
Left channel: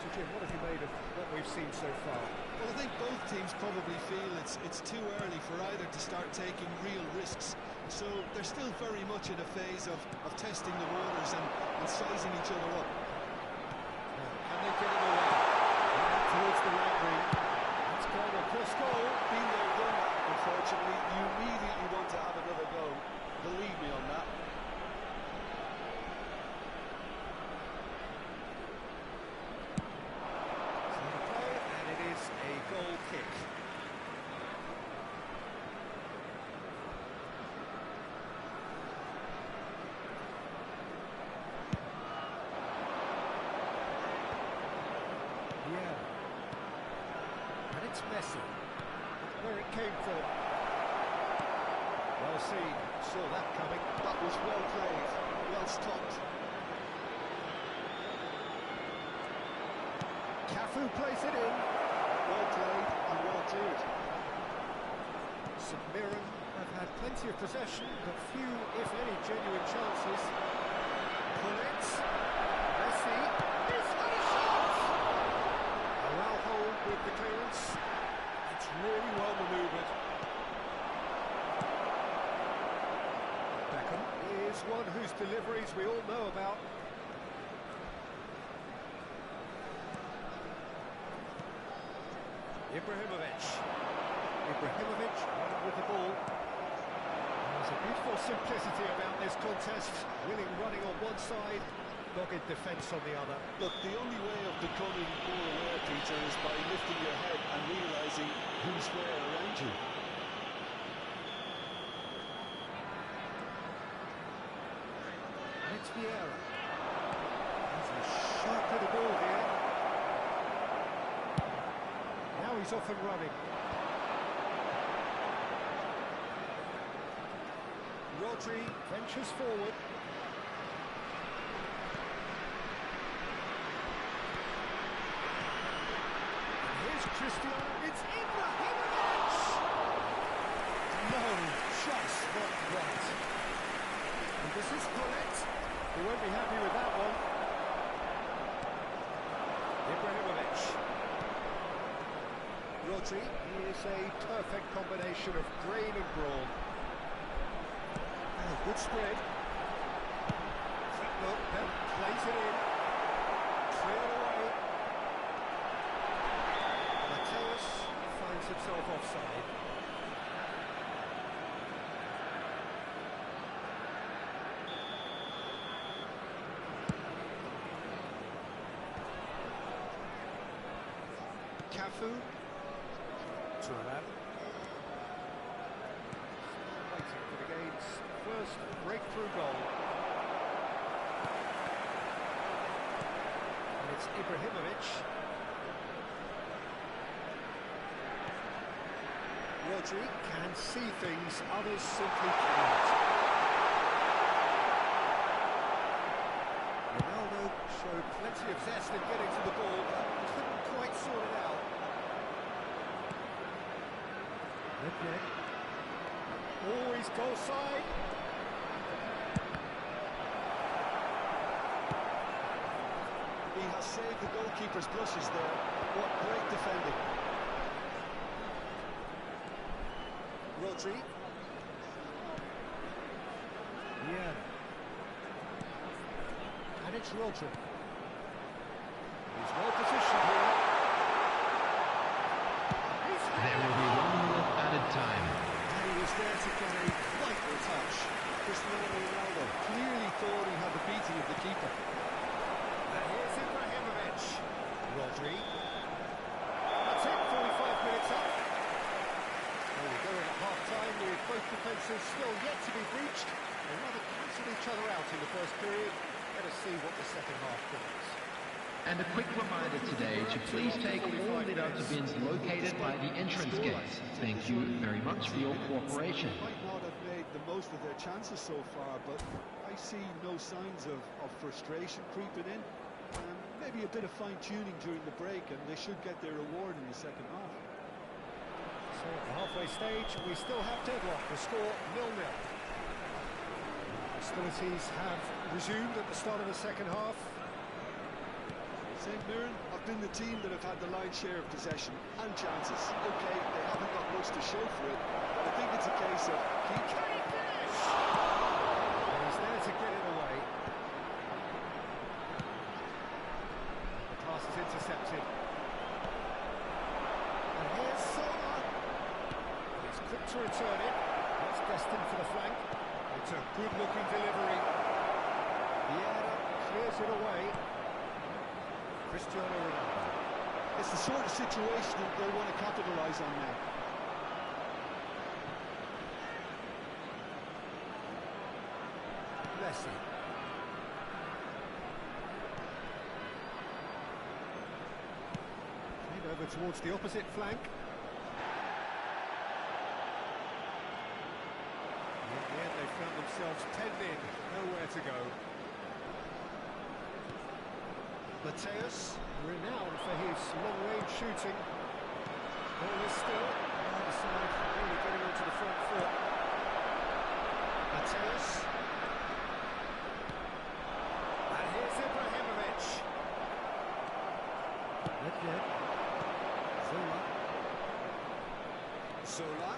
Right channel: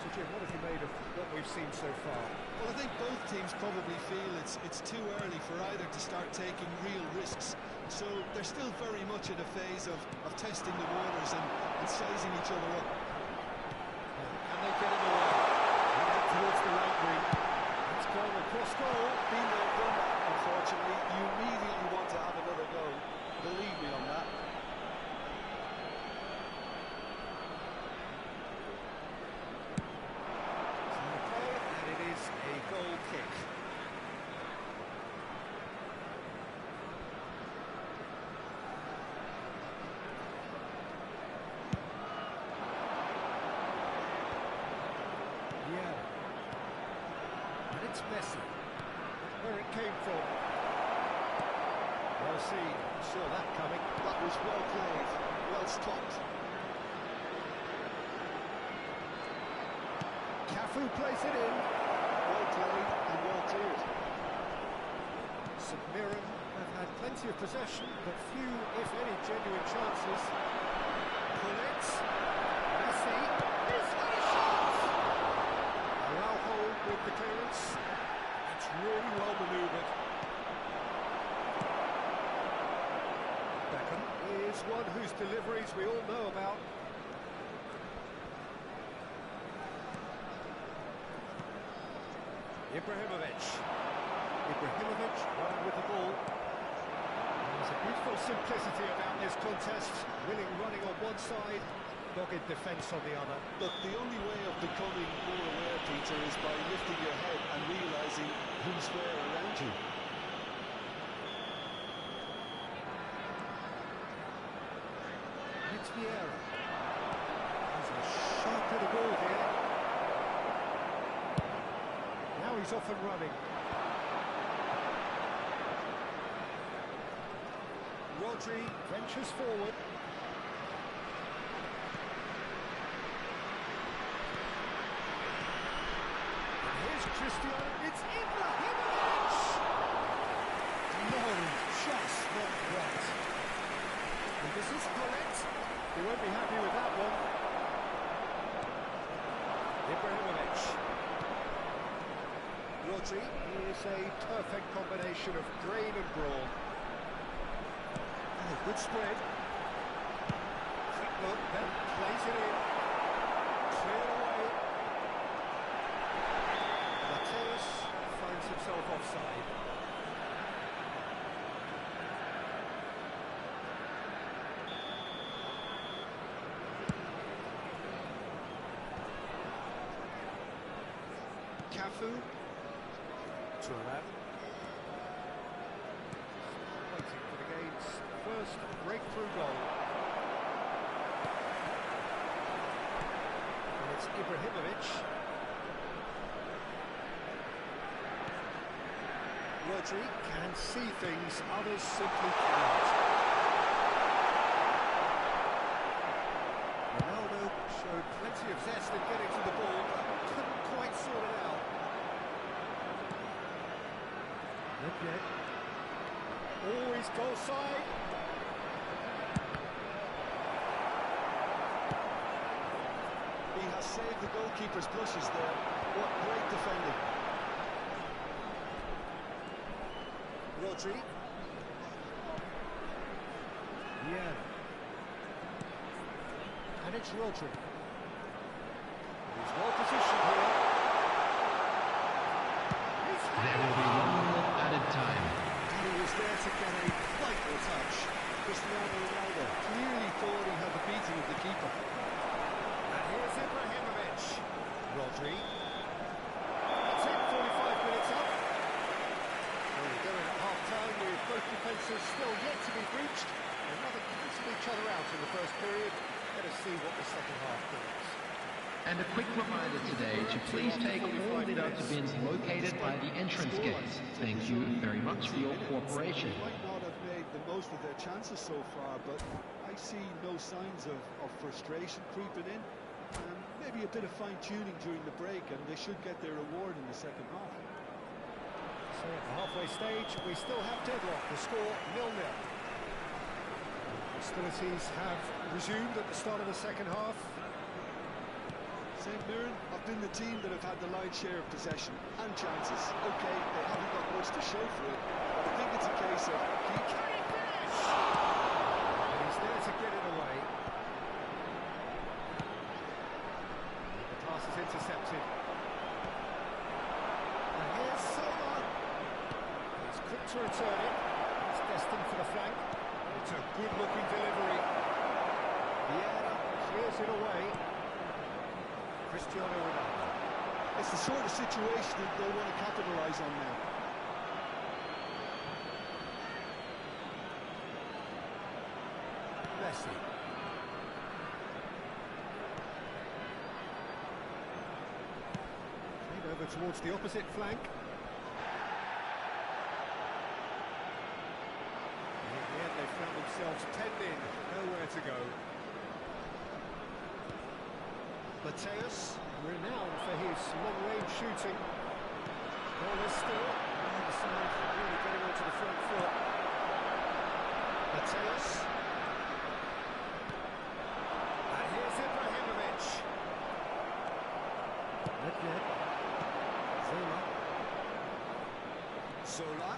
So Jim, what have you made of what we've seen so far? Well, I think both teams probably feel it's too early for either to start taking real risks. So they're still very much in a phase of testing the waters and sizing each other up. Now, can they get it away? Out towards the right wing. It's gone across goal. Been there, done that, unfortunately. You immediately want to have another go. Believe me on that. It's on the play, and it is a goal kick. Yeah. And it's Messi. Where it came from. Well seen. Saw that coming. That was well played, well stopped. Cafu plays it in. Well played and well cleared. St Mirren have had plenty of possession, but few, if any, genuine chances. Gullit. Messi. He's had a shot! Araujo with the clearance. It's really well manoeuvred. Beckham is one whose deliveries we all know about. Ibrahimovic running with the ball. There's a beautiful simplicity about this contest. Willing running on one side, dogged defence on the other. Look, the only way of becoming more aware, Peter, is by lifting your head and realising who's where around you. It's Vieira. He's a sharp little ball here. Now he's off and running. Rodri ventures forward. And here's Cristiano. It's Ibrahimovic! No, just not right. And this is Gullit. He won't be happy with that one. Ibrahimovic. Rodri is a perfect combination of grain and brawn. And a good spread. Quick look, then plays it in. Cleared away. Mateus finds himself offside. Cafu. Turan. Waiting for the game's first breakthrough goal. And it's Ibrahimovic. Rodri can see things others simply cannot. Ronaldo showed plenty of zest in getting to the ball, but couldn't quite sort it out. Nedved. Always goal side. He has saved the goalkeeper's blushes there. What great defending. Rodri. Yeah. And it's Rodri. He's well positioned here. There will be 1 minute added time. And he was there to get a vital touch. Cristiano Ronaldo clearly thought he had the beating of the keeper. And here's Ibrahimovic. Rodri. That's it, 45 minutes up. Well, we go in at half-time with both defences still yet to be breached. They rather cancelled each other out in the first period. Let us see what the second half brings. And a quick reminder today to please take all lit-out bins located by the entrance gates. Thank you very much for your cooperation. They might not have made the most of their chances so far, but I see no signs of frustration creeping in. Maybe a bit of fine-tuning during the break, and they should get their reward in the second half. So at the halfway stage, we still have deadlock. The score 0-0. Hostilities have resumed at the start of the second half. St. Mirren have been the team that have had the lion's share of possession and chances. Okay, they haven't got much to show for it, but I think it's a case of keep... Can he finish? And he's there to get it away. The pass is intercepted. And here's Soma. He's quick to return it. It's destined for the flank. It's a good-looking delivery. Vieira clears it away. Cristiano Ronaldo. It's the sort of situation that they'll want to capitalise on now. Messi. Played over towards the opposite flank. In the end, they found themselves penned in, nowhere to go. Mateus, renowned for his long-range shooting. Ball is still. Either side really getting onto the front foot. Mateus. And here's Ibrahimovic. Nedved. Zola. Zola.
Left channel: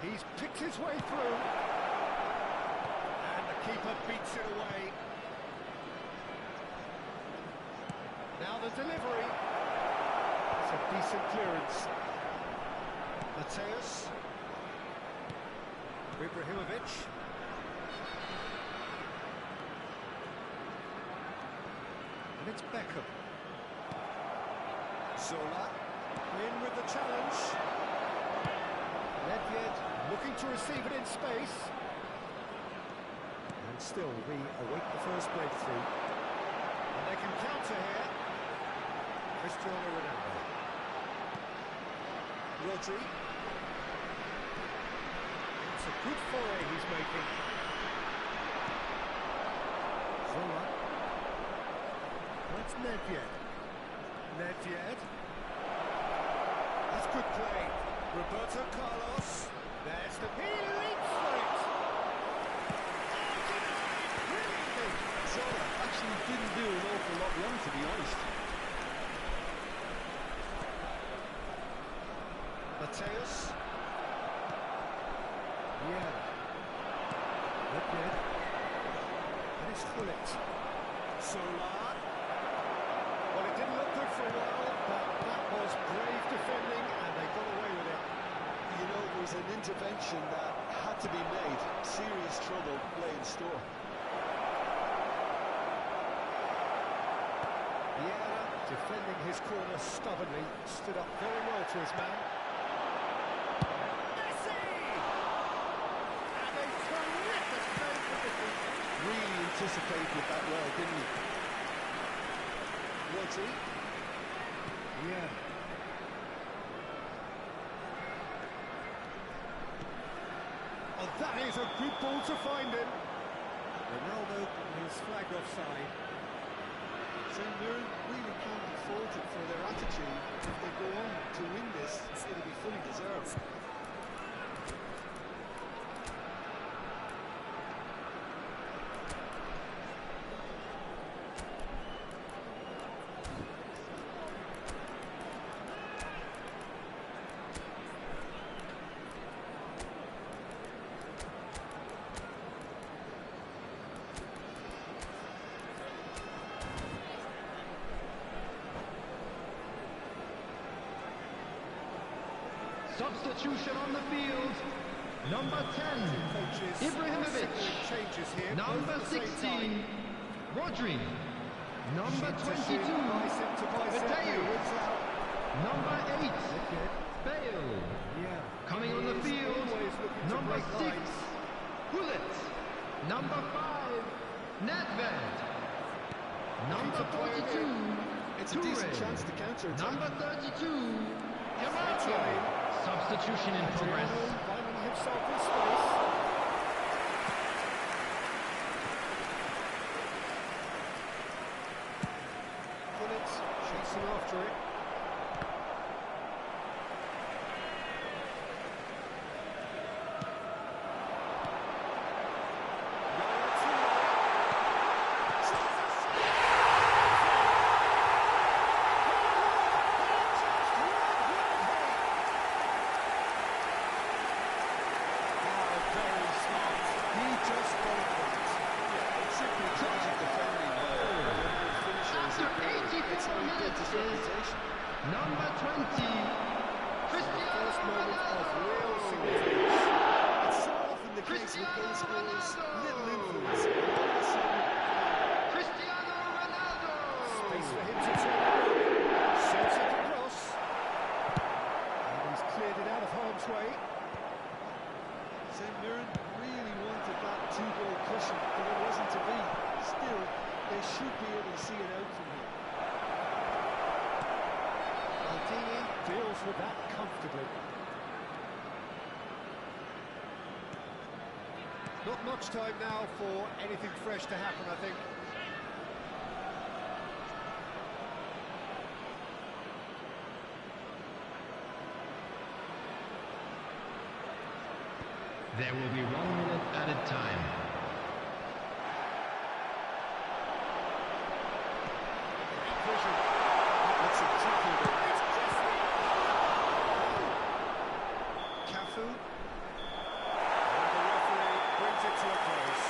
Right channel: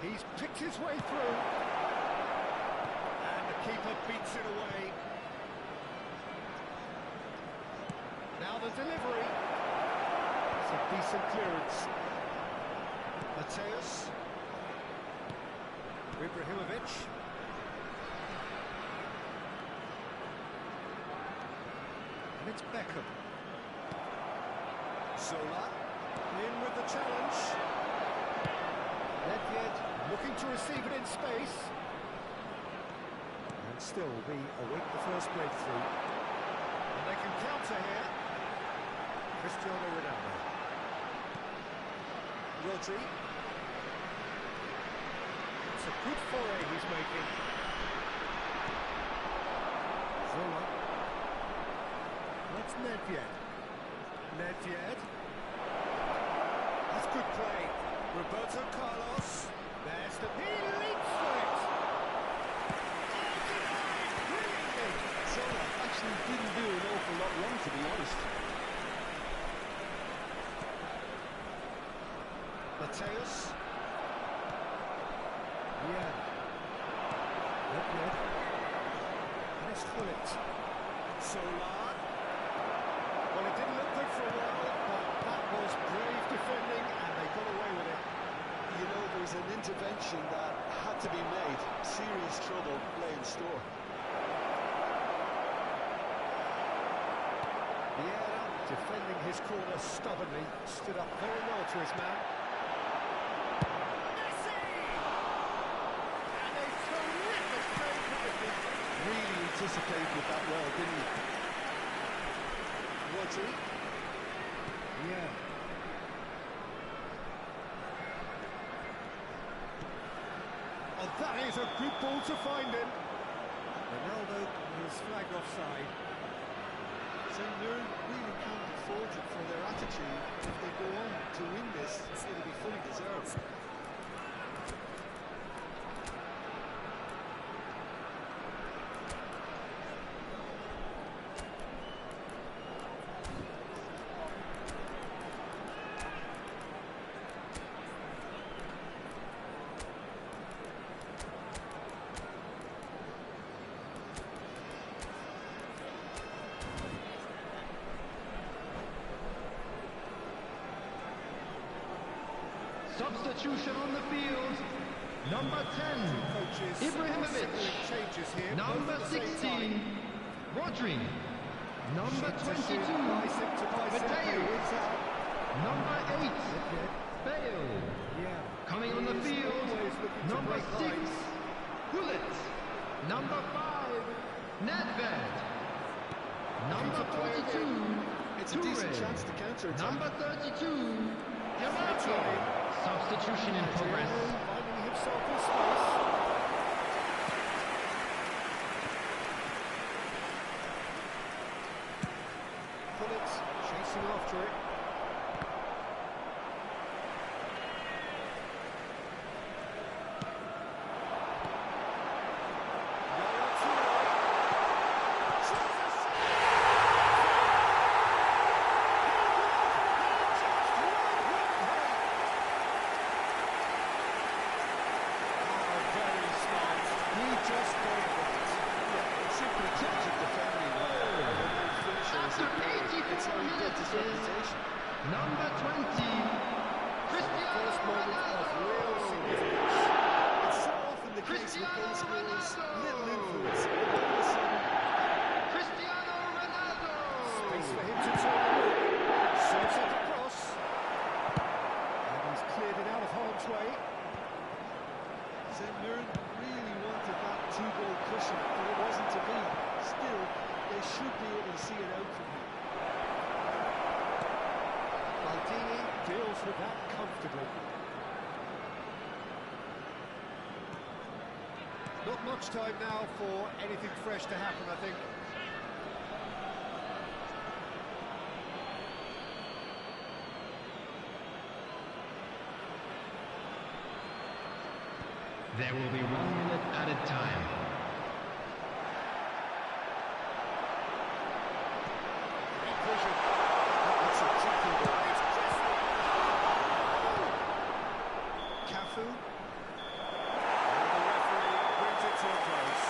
He's picked his way through. And the keeper beats it away. Now the delivery. It's a decent clearance. Mateus. Ibrahimovic. And it's Beckham. Zola. In with the challenge. Nedved looking to receive it in space. And still we await the first breakthrough. And they can counter here. Cristiano Ronaldo. Rodri. It's a good foray he's making. Zola. That's Nedved. Nedved. That's good play. Roberto Carlos. There's the... He leaps for it! Oh, denied! Brilliantly! Zola actually didn't do an awful lot wrong, to be honest. Mateus. Yeah. Nedved. And it's Gullit. Zola. Well, it didn't look good for a while, but that was brave defending, and they got away with it. You know, there was an intervention that had to be made. Serious trouble lay in store. Vieira Defending his corner stubbornly, stood up very well to his man. Messi! And a terrific save from the keeper. Really anticipated that well, didn't he? Was he? Yeah. Oh, that is a good ball to find him. Ronaldo is flagged offside. St Mirren really can't be faulted for their attitude. If they go on to win this, it'll be fully deserved. Substitution on the field. Number 10, Coaches Ibrahimovic. signaling changes here. Number both at the same 16, time. Rodri. Number Shin to shin, 22, bicep to bicep. Mateus. It's out. Number 8, Wicked. Bale. Yeah. Coming on He the is field, always looking to number break 6, lines. Gullit. Number 5, Nedved. Number Keeps it playing 42, It's a decent Toure. chance to counter-attack. Number 32, That's Yamato. right. Substitution in progress. Adriano finding himself in space. Gullit chasing after it. Yaya Toure. Tries a shot. He just would, wouldn't he? Oh, very smart. He just got it right. Yeah, it's simply tragic defending. After 84 minutes is number 20, Cristiano First moment of real Ronaldo. significance. It's so often the case with Cristiano goal scorers, Ronaldo. little influence, and all of a sudden, Cristiano Ronaldo. Space for him to turn around. Serves it across. And he's cleared it out of harm's way. St Mirren really wanted that two-goal cushion, but it wasn't to be. Still, they should be able to see it out from here. Maldini deals with that comfortably. Not much time now for anything fresh to happen, I think. There will be 1 minute added time. Great vision. That looks a cracking ball. It's Cristiano! Cafu. And the referee brings it to a close.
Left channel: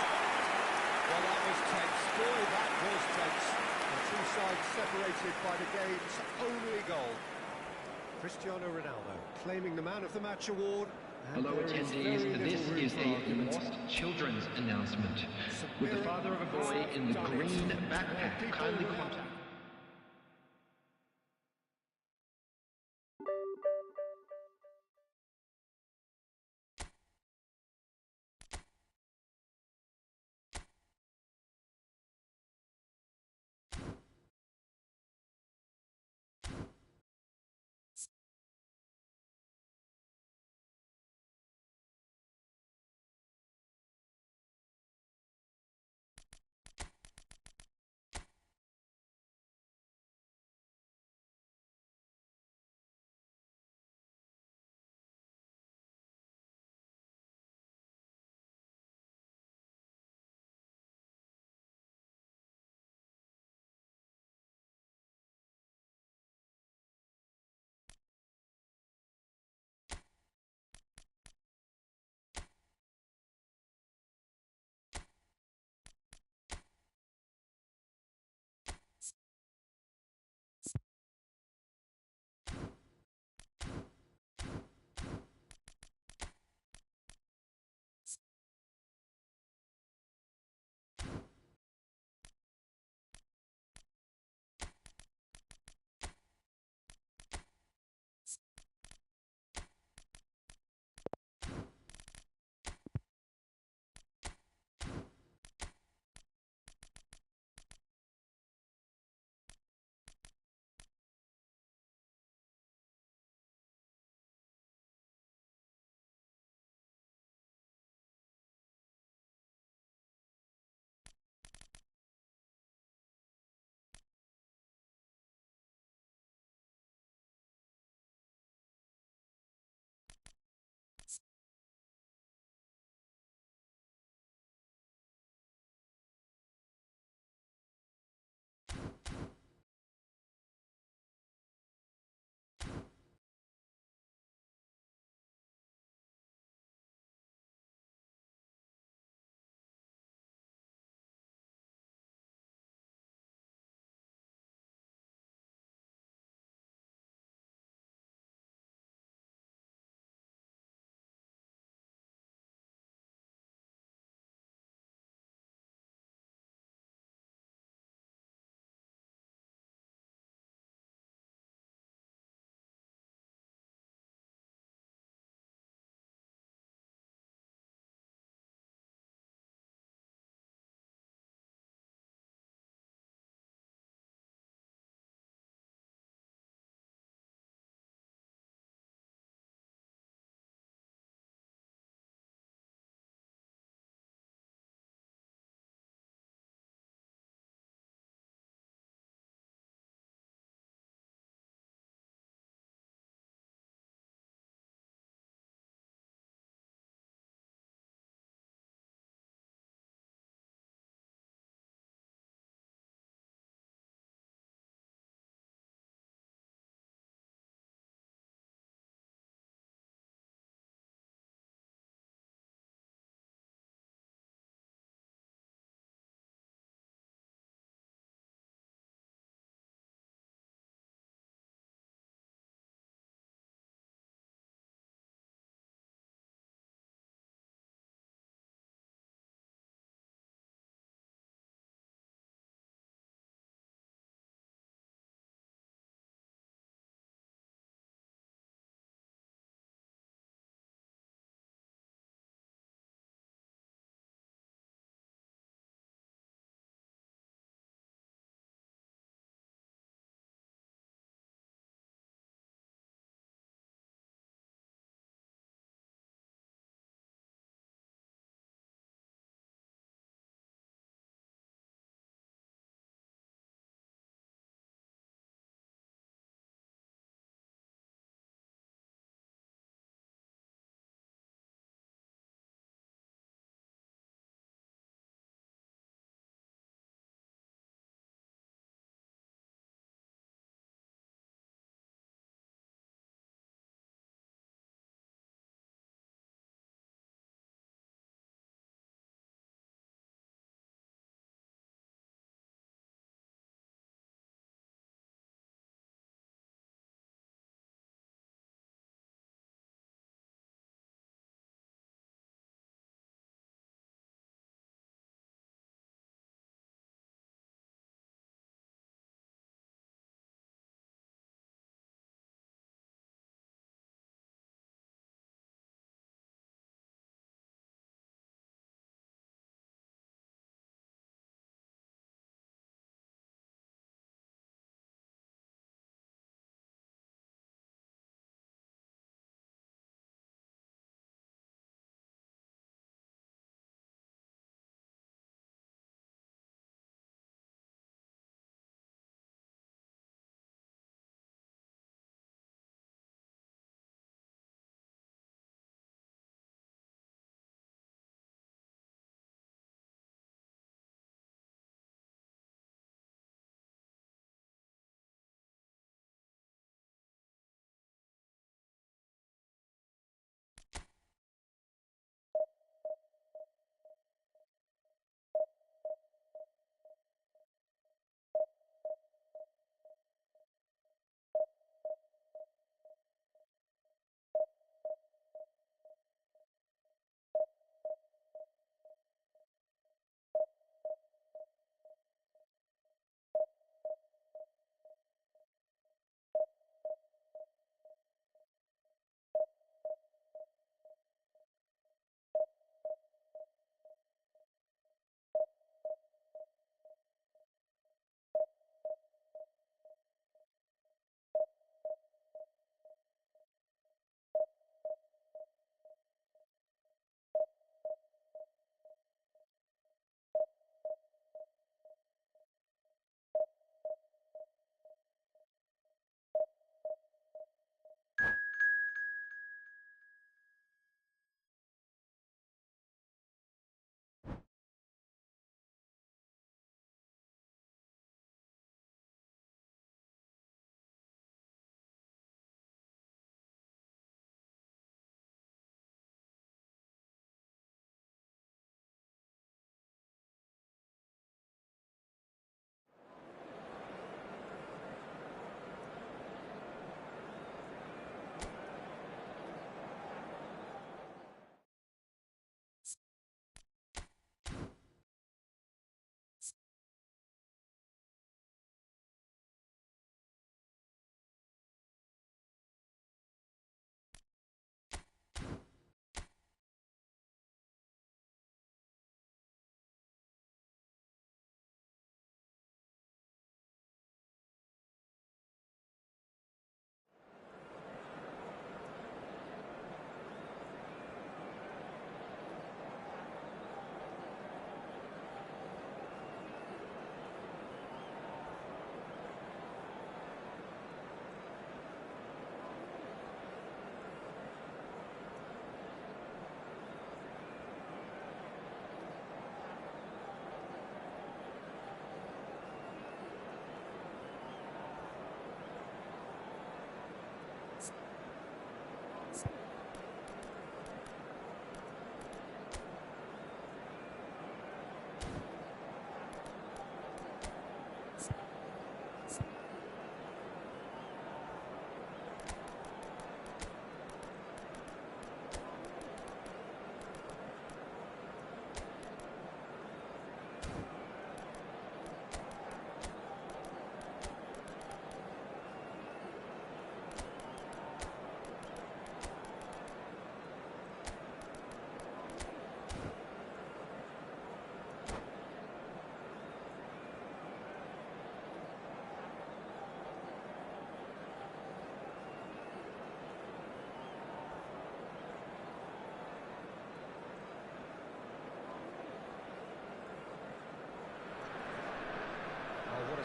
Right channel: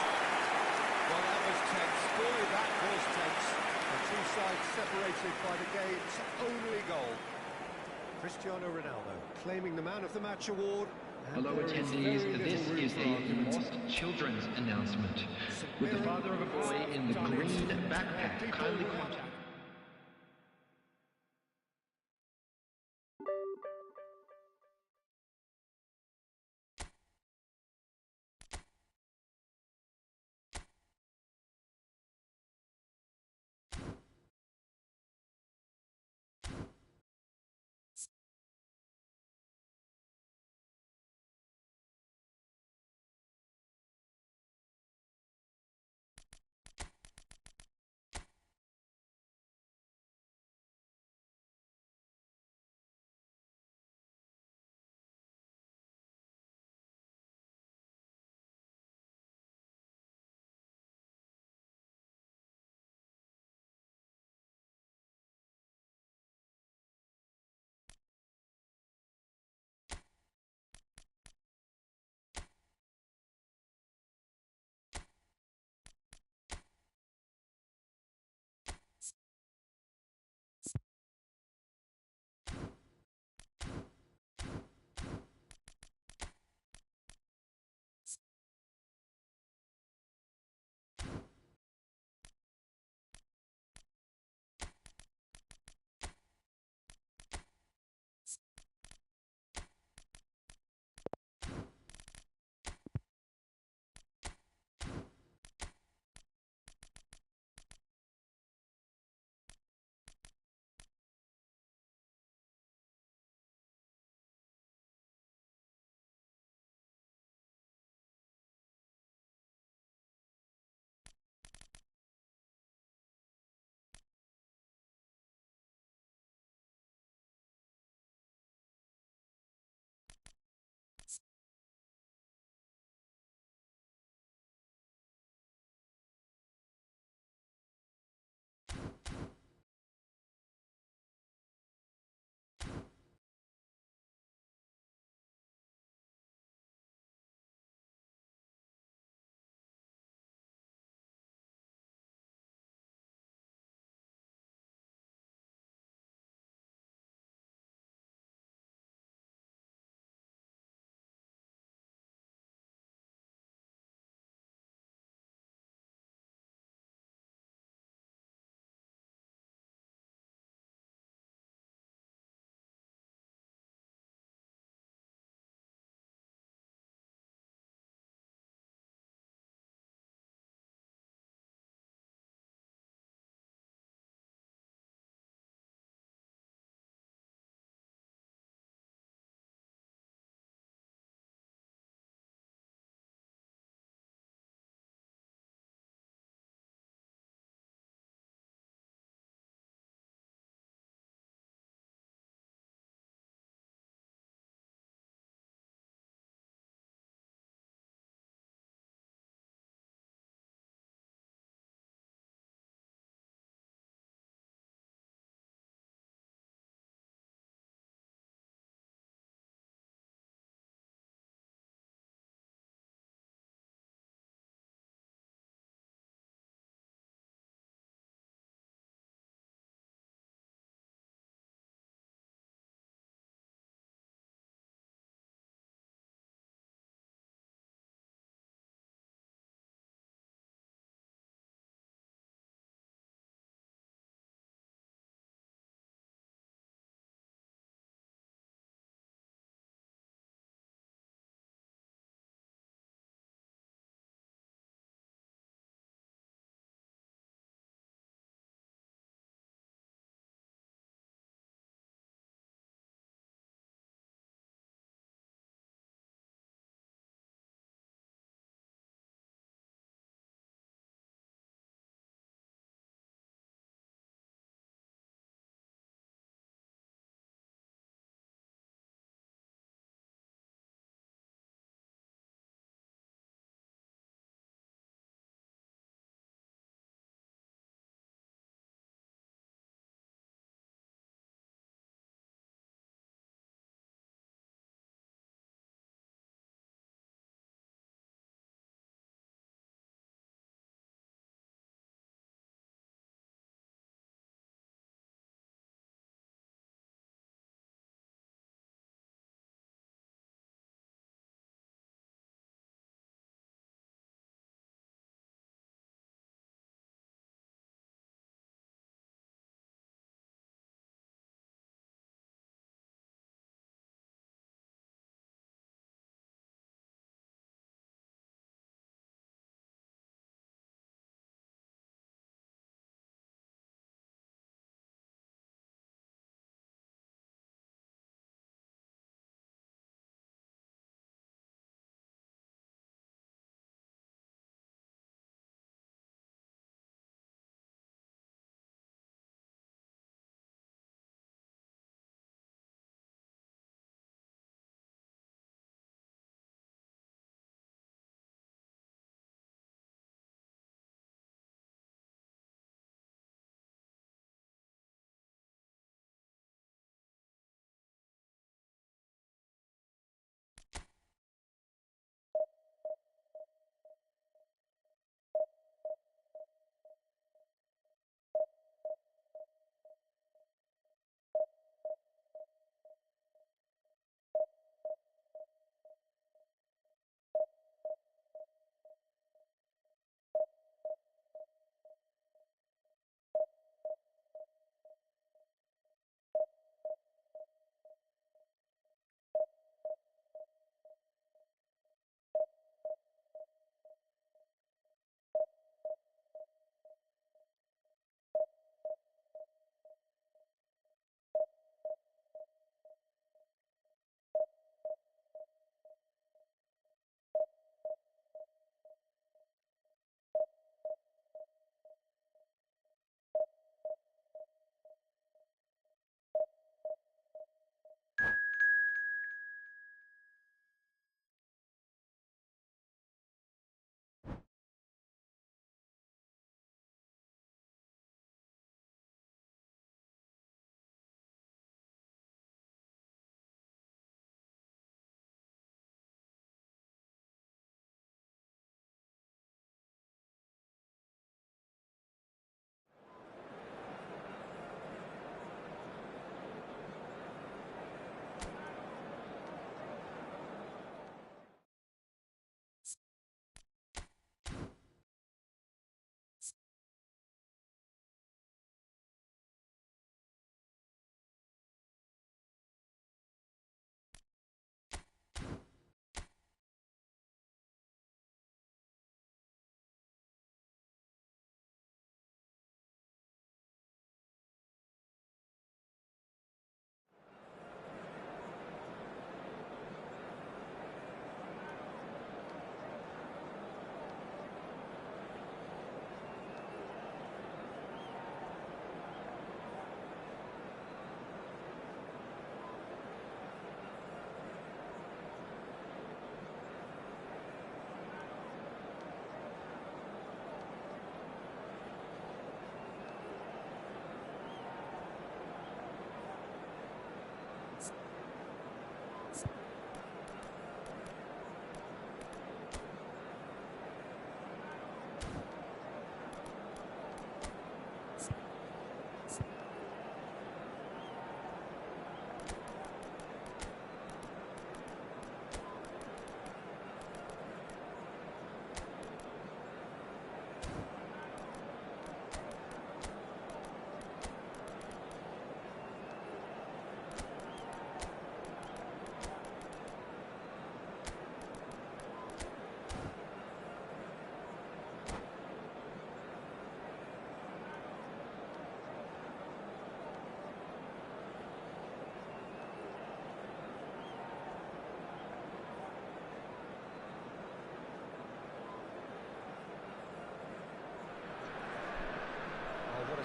Well, that was tense. Boy, that was tense. The two sides separated by the game's only goal. Cristiano Ronaldo claiming the Man of the Match award. And Hello there is attendees, very this little room is for a argument. lost children's announcement. St. With the Mirren father of a boy have in the done it. green Well, backpack, people kindly without contact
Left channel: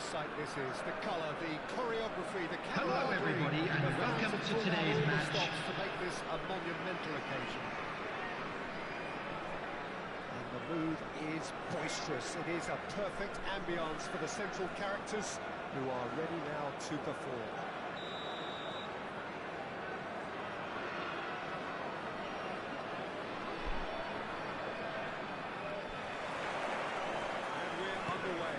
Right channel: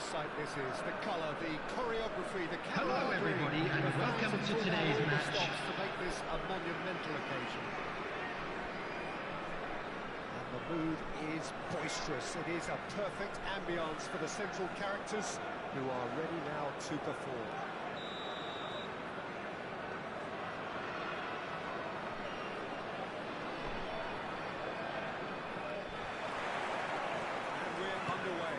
sight this is. The colour, the choreography, the Hello camaraderie. everybody and The fans welcome have to pulled out today's all the match. stops to make this a monumental occasion. And the mood is boisterous. It is a perfect ambience for the central characters who are ready now to perform. And we're underway.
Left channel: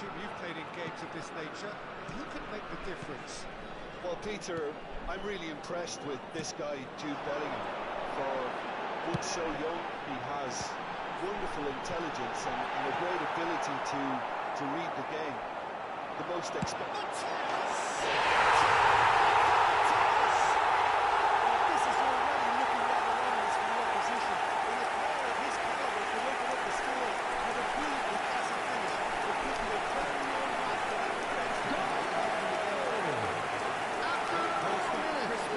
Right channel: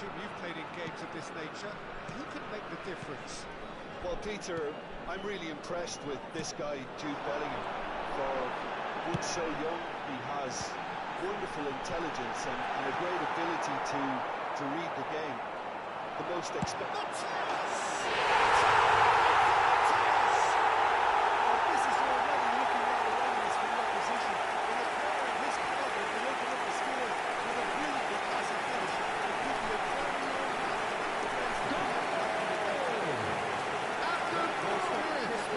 Jim, you've played in games of this nature. Who can make the difference? Well, Peter, I'm really impressed with this guy, Jude Bellingham. For being so young, he has wonderful intelligence and a great ability to read the game. The most expected. This is already looking rather ominous for the opposition. When a player of his caliber can open up the score with a brilliantly classy finish, it could be a very long match for that defence to come out and the game. After 4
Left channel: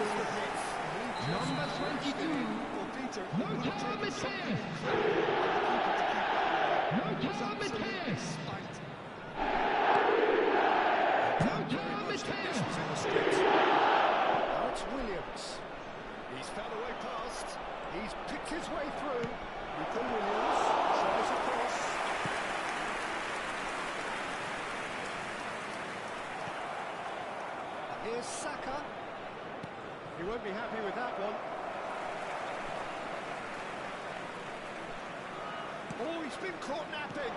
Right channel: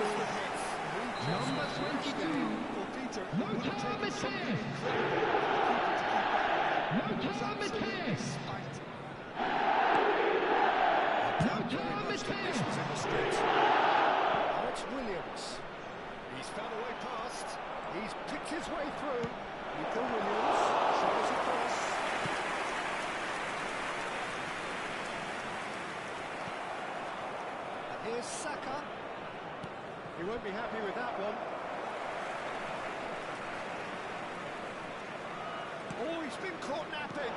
minutes, number 22. Well, Peter, No it would have time taken is something here. incredible for the keeper to keep that one out. No It was time is absolutely here. spanked. No time is here. Conditions in the street. Now it's Williams. He's found a way past. He's picked his way through. Nico Williams tries across. And here's Saka. He won't be happy with that one. Oh, he's been caught napping.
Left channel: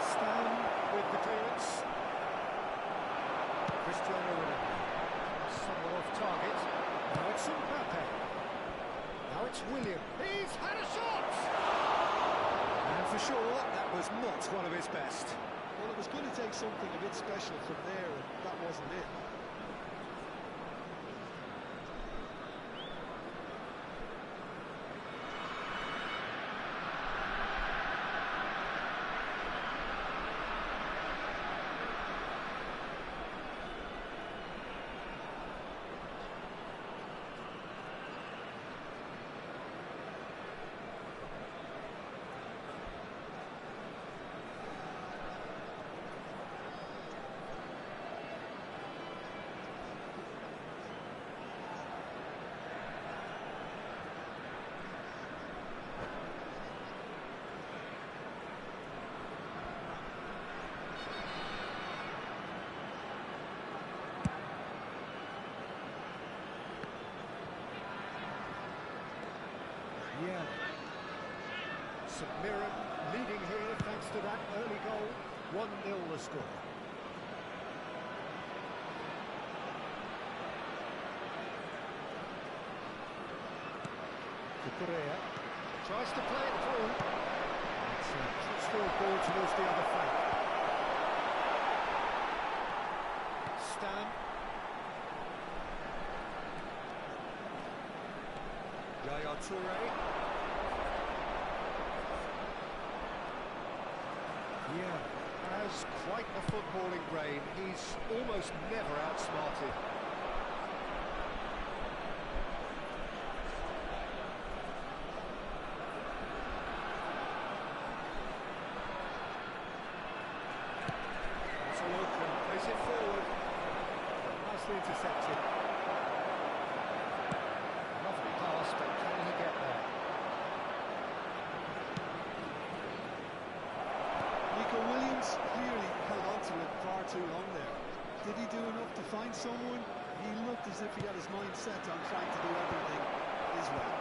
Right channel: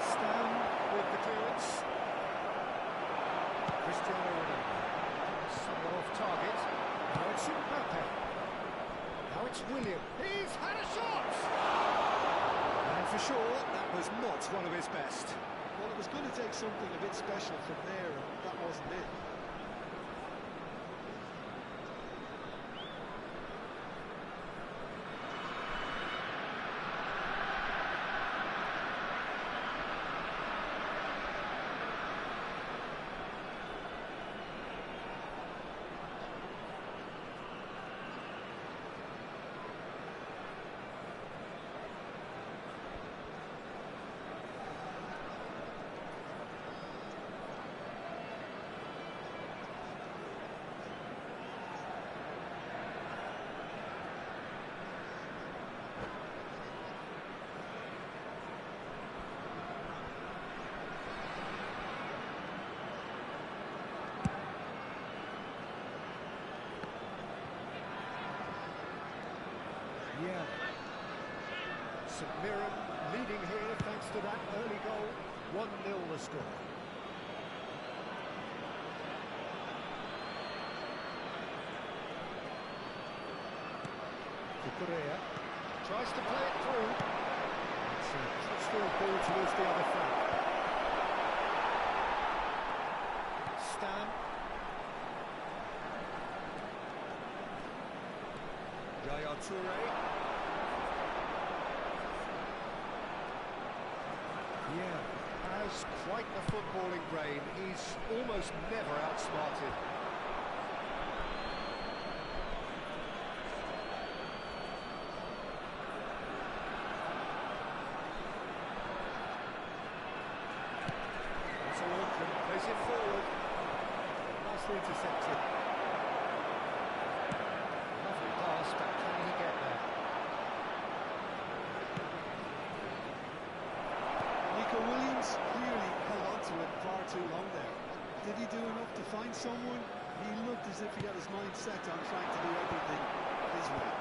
Stan with the clearance. Cristiano Ronaldo. Somewhat off target. Now it's Mbappe. Now it's William. He's had a shot! And for sure, that was not one of his best. Well, it was going to take something a bit special from there, and that wasn't it. Yeah. St Mirren leading here thanks to that early goal. 1-0 the score. Cucurella tries to play it through. It's a crossfield ball towards the other flank. Stan. Yaya Toure. Yeah, has quite the footballing brain. He's almost never outsmarted. That's a look and plays it forward. Nicely intercepted. Lovely pass, but can he get there? Nico Williams clearly held on to it far too long there. Did he do enough to find someone? He looked as if he had his mind set on trying to do everything his way.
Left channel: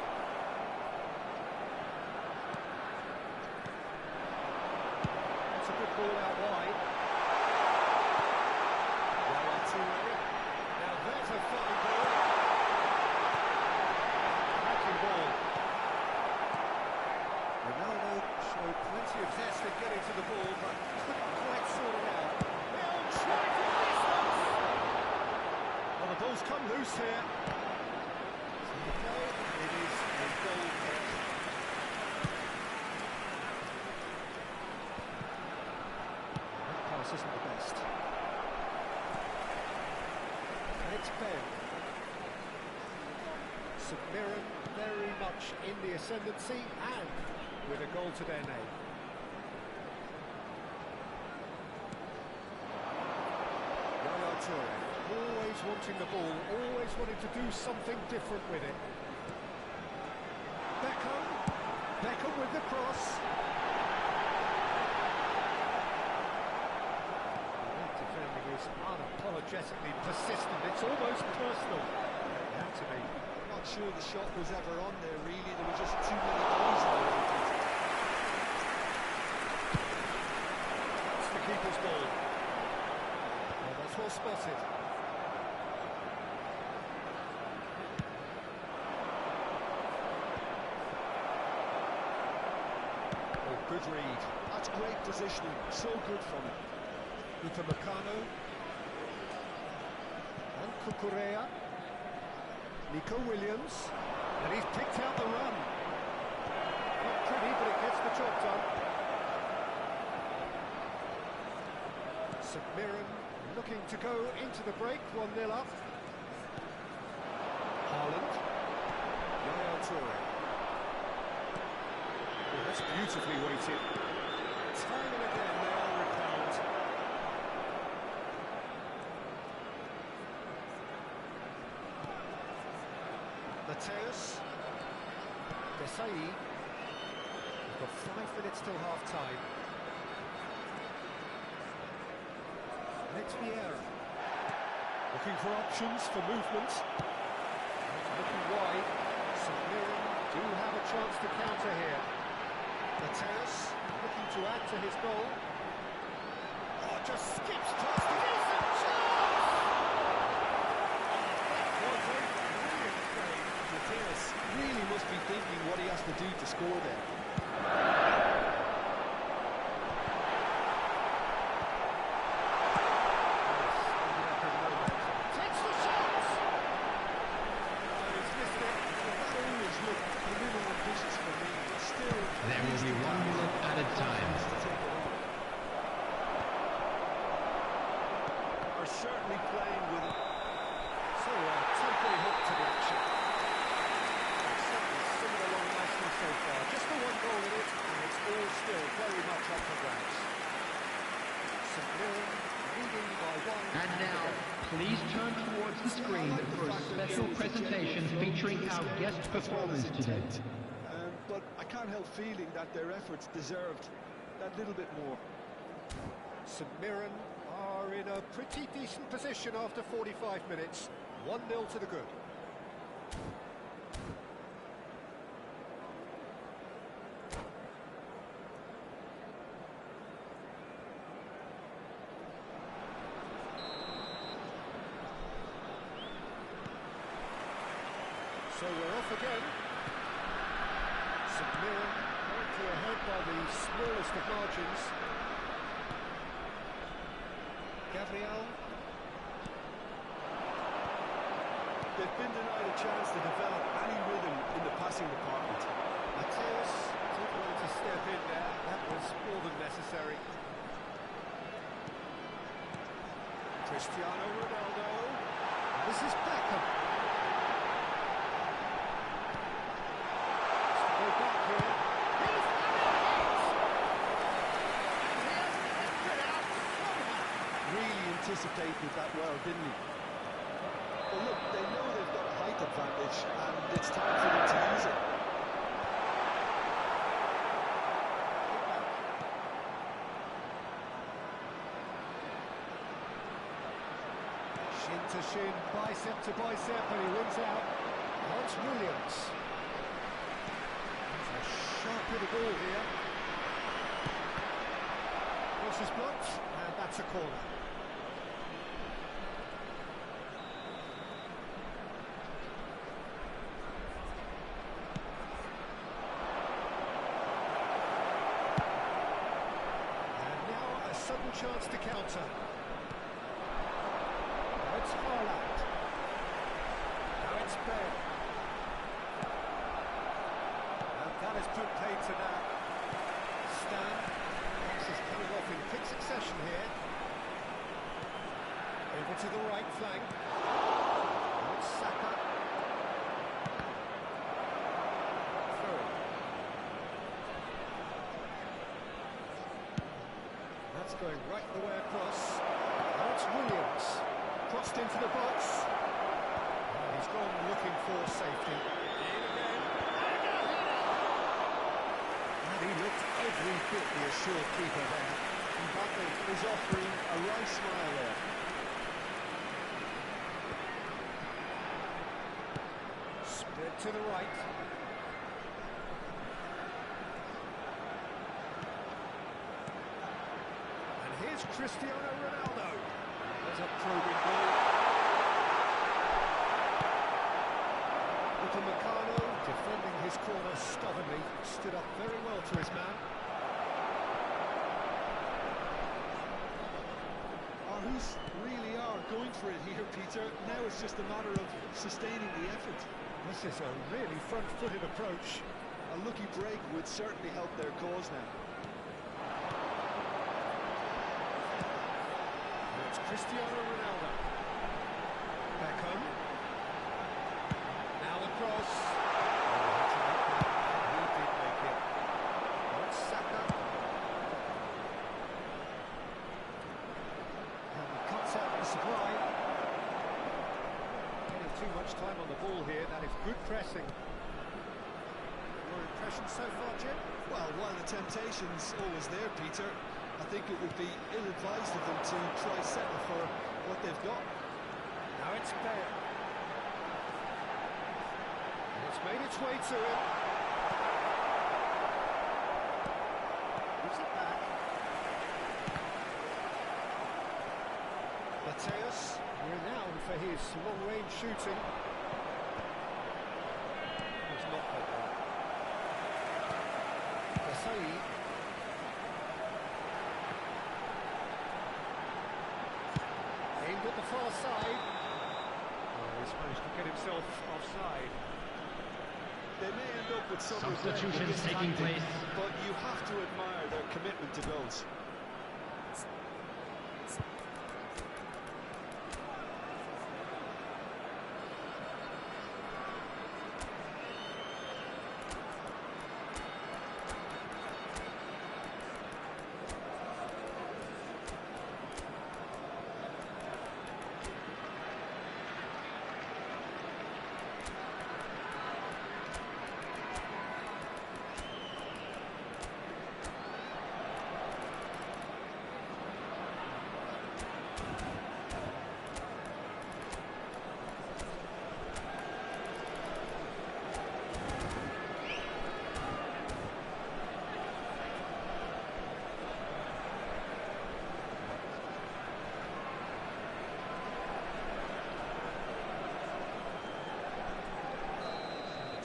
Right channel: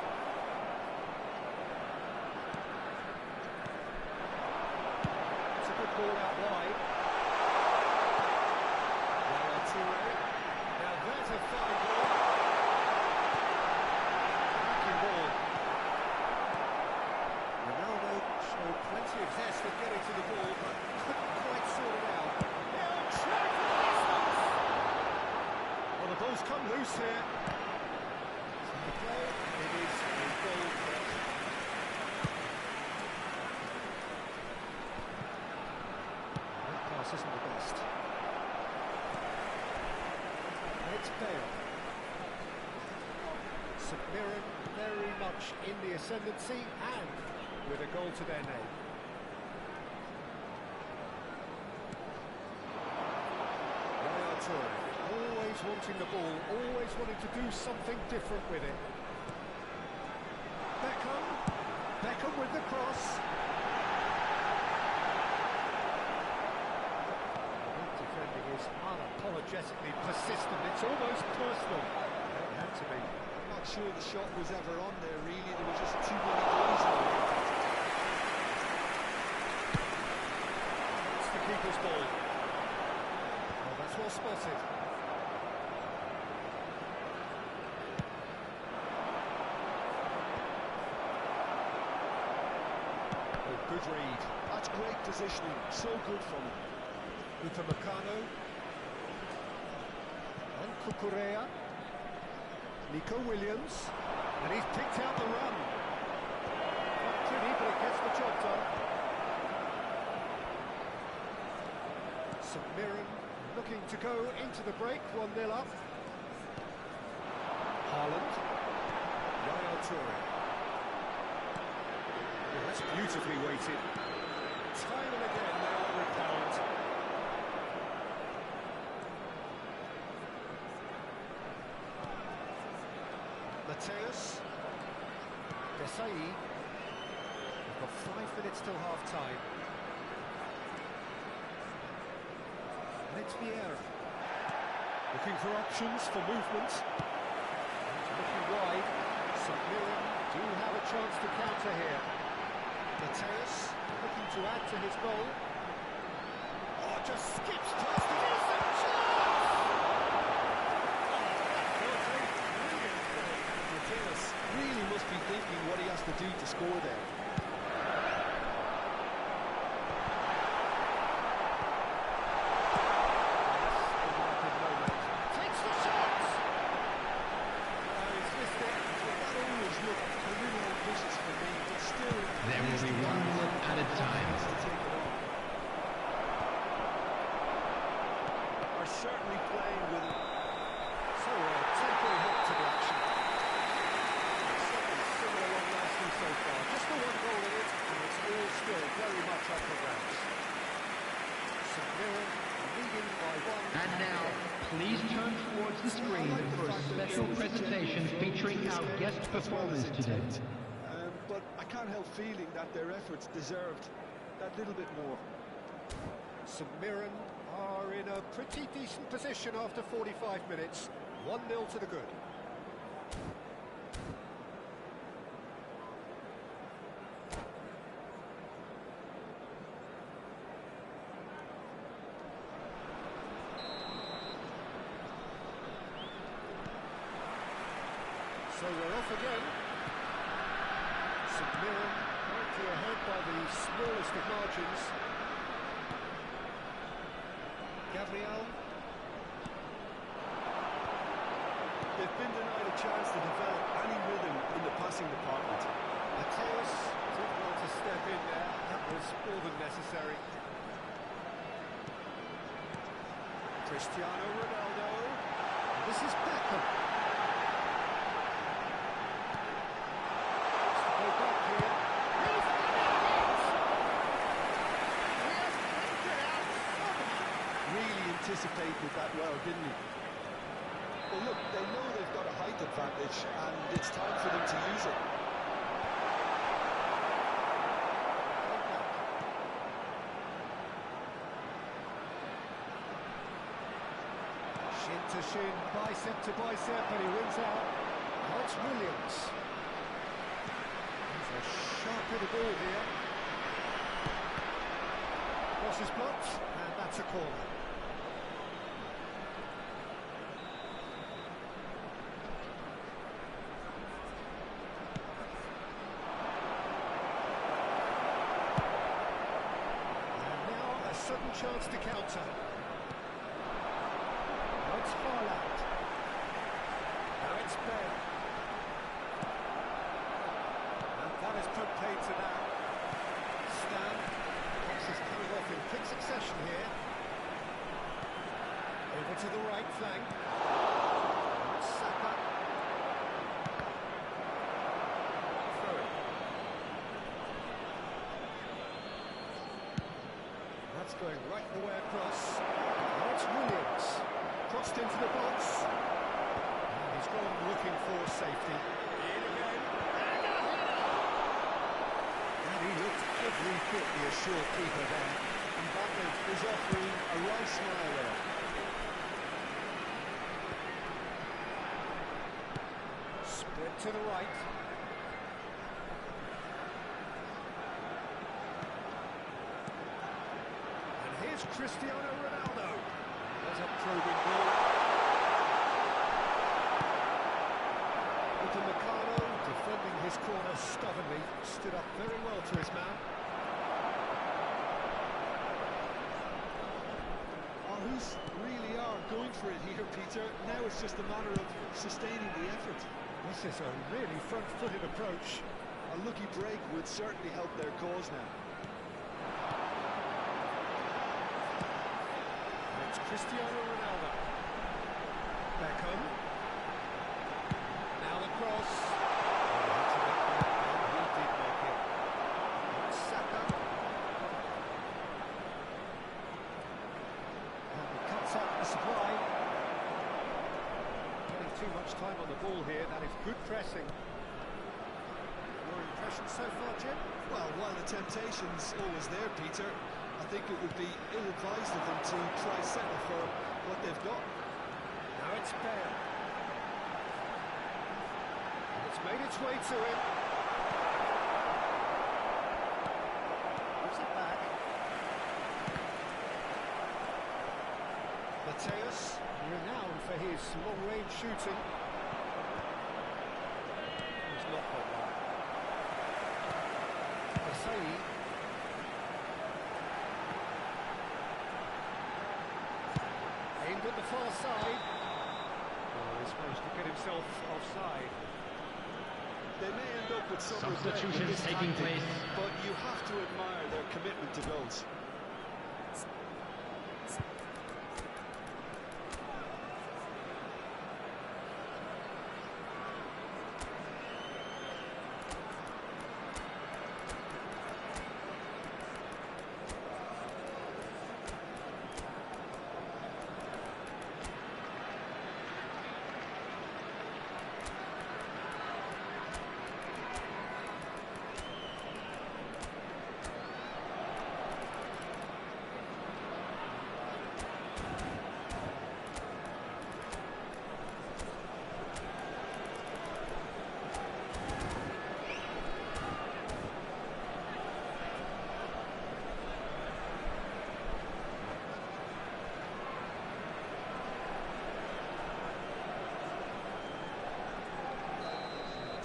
It's a good ball out wide. Yaya Toure. Now there's a fine ball. Cracking ball. Ronaldo showed plenty of zest in getting to the ball, but couldn't quite sort it out. He'll try from distance! Well, the ball's come loose here. So the play, it is a goal kick. That pass isn't the best. And it's Bale. St Mirren very much in the ascendancy and with a goal to their name. Toure, always wanting the ball, always wanting to do something different with it. Beckham with the cross. That defending is unapologetically persistent, it's almost personal. It had to be. I'm not sure the shot was ever on there, really. There were just too many goals awaiting. That's the keeper's ball. Well, that's well spotted. Oh, good read. That's great positioning. So good from him. Upamecano. And Cucurella. Nico Williams. And he's picked out the run. Not pretty, but it gets the job done. St Mirren looking to go into the break, 1-0 up. Haaland. Yaya Toure. Oh, that's beautifully weighted. Time and again they are repelled. Mateus. Desai. We've got 5 minutes till half-time. And it's Vieira. Looking for options for movement. Looking wide. St Mirren do have a chance to counter here. Mateus looking to add to his goal. Oh, just skips past the decent chance! Oh, that was a brilliant save. Mateus really must be thinking what he has to do to score there. Takes the shot! Oh, he's missed it. Well, that always looked a little ambitious for me, but still... There will be 1 minute added time. To take it on. Are certainly playing with it. So, temporary hook to the action. It's certainly singing along nicely so far. Just the 1 goal in it, and it's all still very much up for grabs. St Mirren leading by 1. And now, please turn towards the screen for a special presentation featuring our guest performers today. But I can't help feeling that their efforts deserved that little bit more. St Mirren are in a pretty decent position after 45 minutes. 1-0 to the good. So we're off again. St Mirren currently ahead by the smallest of margins. Gabriel. They've been denied a chance to develop any rhythm in the passing department. Mateus did want to step in there. That was more than necessary. Cristiano Ronaldo. And this is Beckham. Go back here. He's had it! And he has kept it out somehow. Really anticipated that well, didn't he? Well, look, they know they've got a height advantage, and it's time for them to use it. Go back. Shin to shin, bicep to bicep, and he wins out. Now it's Williams. A sharp hit of ball here. Cross is blocked, and that's a corner. And now a sudden chance to counter. Now it's Haaland. Now it's Bale. That is put paid to that. Stan, boxes coming off in quick succession here. Over to the right flank. Now it's Saka. Through. That's going right the way across. Now it's Williams. Crossed into the box. And he's gone looking for safety. In again. And a header! And he looked every bit the assured keeper there. Mbappe is offering a right smile there. Split to the right. And here's Cristiano Ronaldo. There's a probing ball. Upamecano defending his corner stubbornly. Stood up very well to his man. Who's really are going for it here, Peter. Now it's just a matter of sustaining the effort. This is a really front-footed approach. A lucky break would certainly help their cause now. It's Cristiano Ronaldo. Beckham. Now the cross. Oh, he had to make that, and he did make it. Now it's Saka. And he cuts out the supply. Getting too much time on the ball here. That is good pressing. Your impression so far, Jim? Well, while the temptation's always there, Peter, I think it would be ill-advised of them to try settle for what they've got. Now it's Bale. And it's made its way to him. Gives it back. Mateus, renowned for his long-range shooting. Was not got that. Asai. Aimed at the far side. Oh, he's managed to get himself offside. They may end up with some Substitutions regret with this taking tactic, place. but you have to admire their commitment to goals.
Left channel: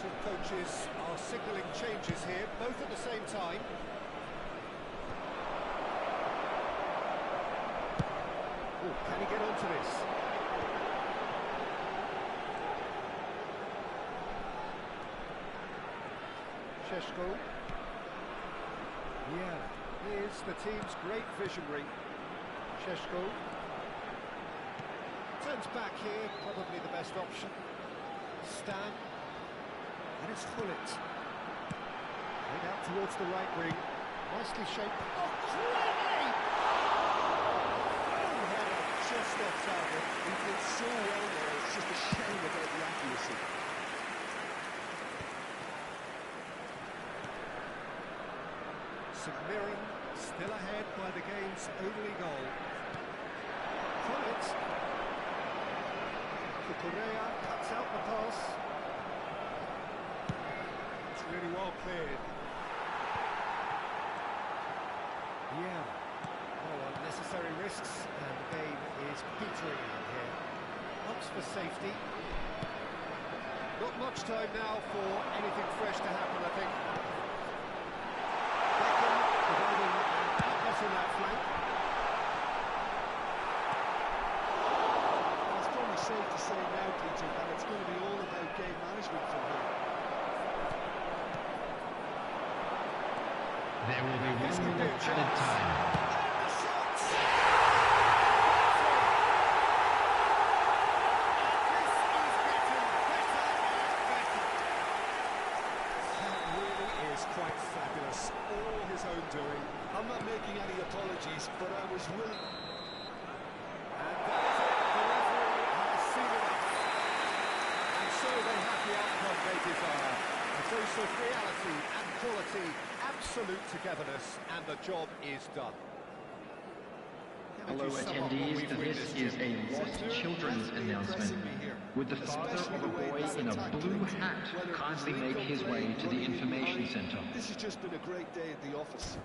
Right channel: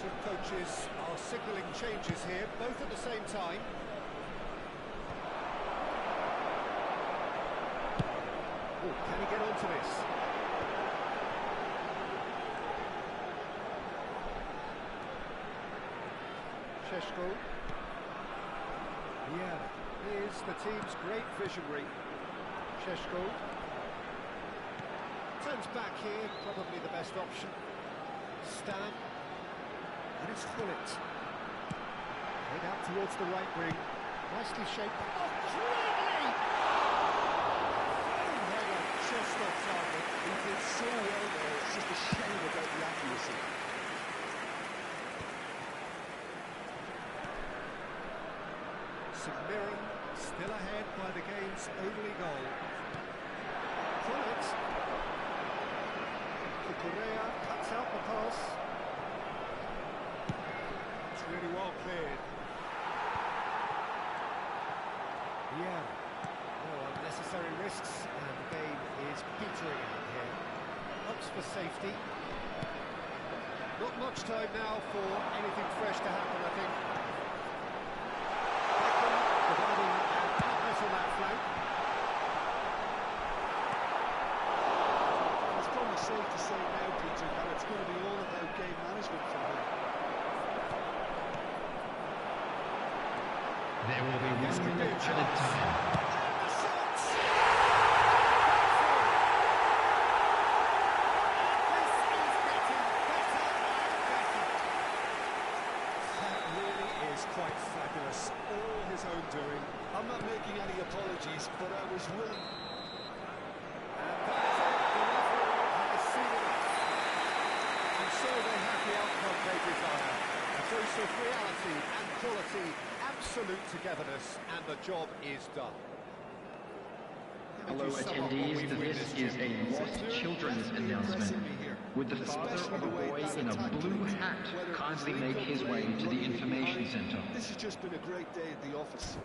Two coaches are signalling changes here, both at the same time. Oh, can he get onto this? Šeško. Yeah, here's the team's great visionary. Šeško. Turns back here, probably the best option. Stan. And it's Gullit. Played out towards the right wing. Nicely shaped. Oh, greatly! Fine header, just off target. He did so well there, it's just a shame about the accuracy. St Mirren still ahead by the game's only goal. Gullit. Correa cuts out the pass. Really well cleared. Yeah. No unnecessary risks, and the game is petering out here. Ups for safety. Not much time now for anything fresh to happen, I think. Beckham providing an outlet on that flank. It's probably safe to say now, Peter, that it's going to be all about game management from here. There will be This 1 could be a minute added chance. time. And the shots! This is getting better and better. That really is quite fabulous. All his own doing. I'm not making any apologies, but I was willing. And that is it. The referee desire. A dose of reality and quality, absolute togetherness, and the job is done. Hello attendees, this is a Lost Children's announcement. Would the father of a boy in a blue hat kindly make his way to the information center? This has just been a great day at the office.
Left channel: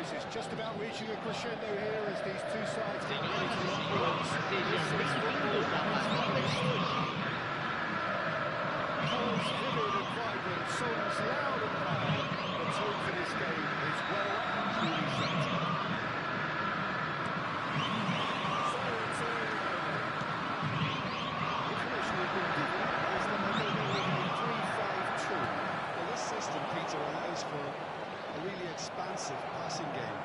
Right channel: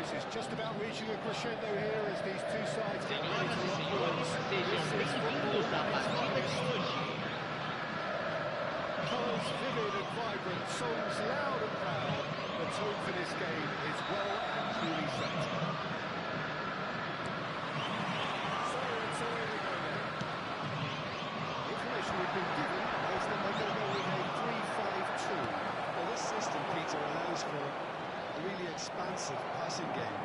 Is just about reaching a crescendo here as these two sides get ready to lock arms. Colours vivid and vibrant, songs loud and proud. The tone for this game is well and truly set. Information we've been given is that they're going to go with a 3-5-2. Well, this system, Peter, allows for a really expansive passing game.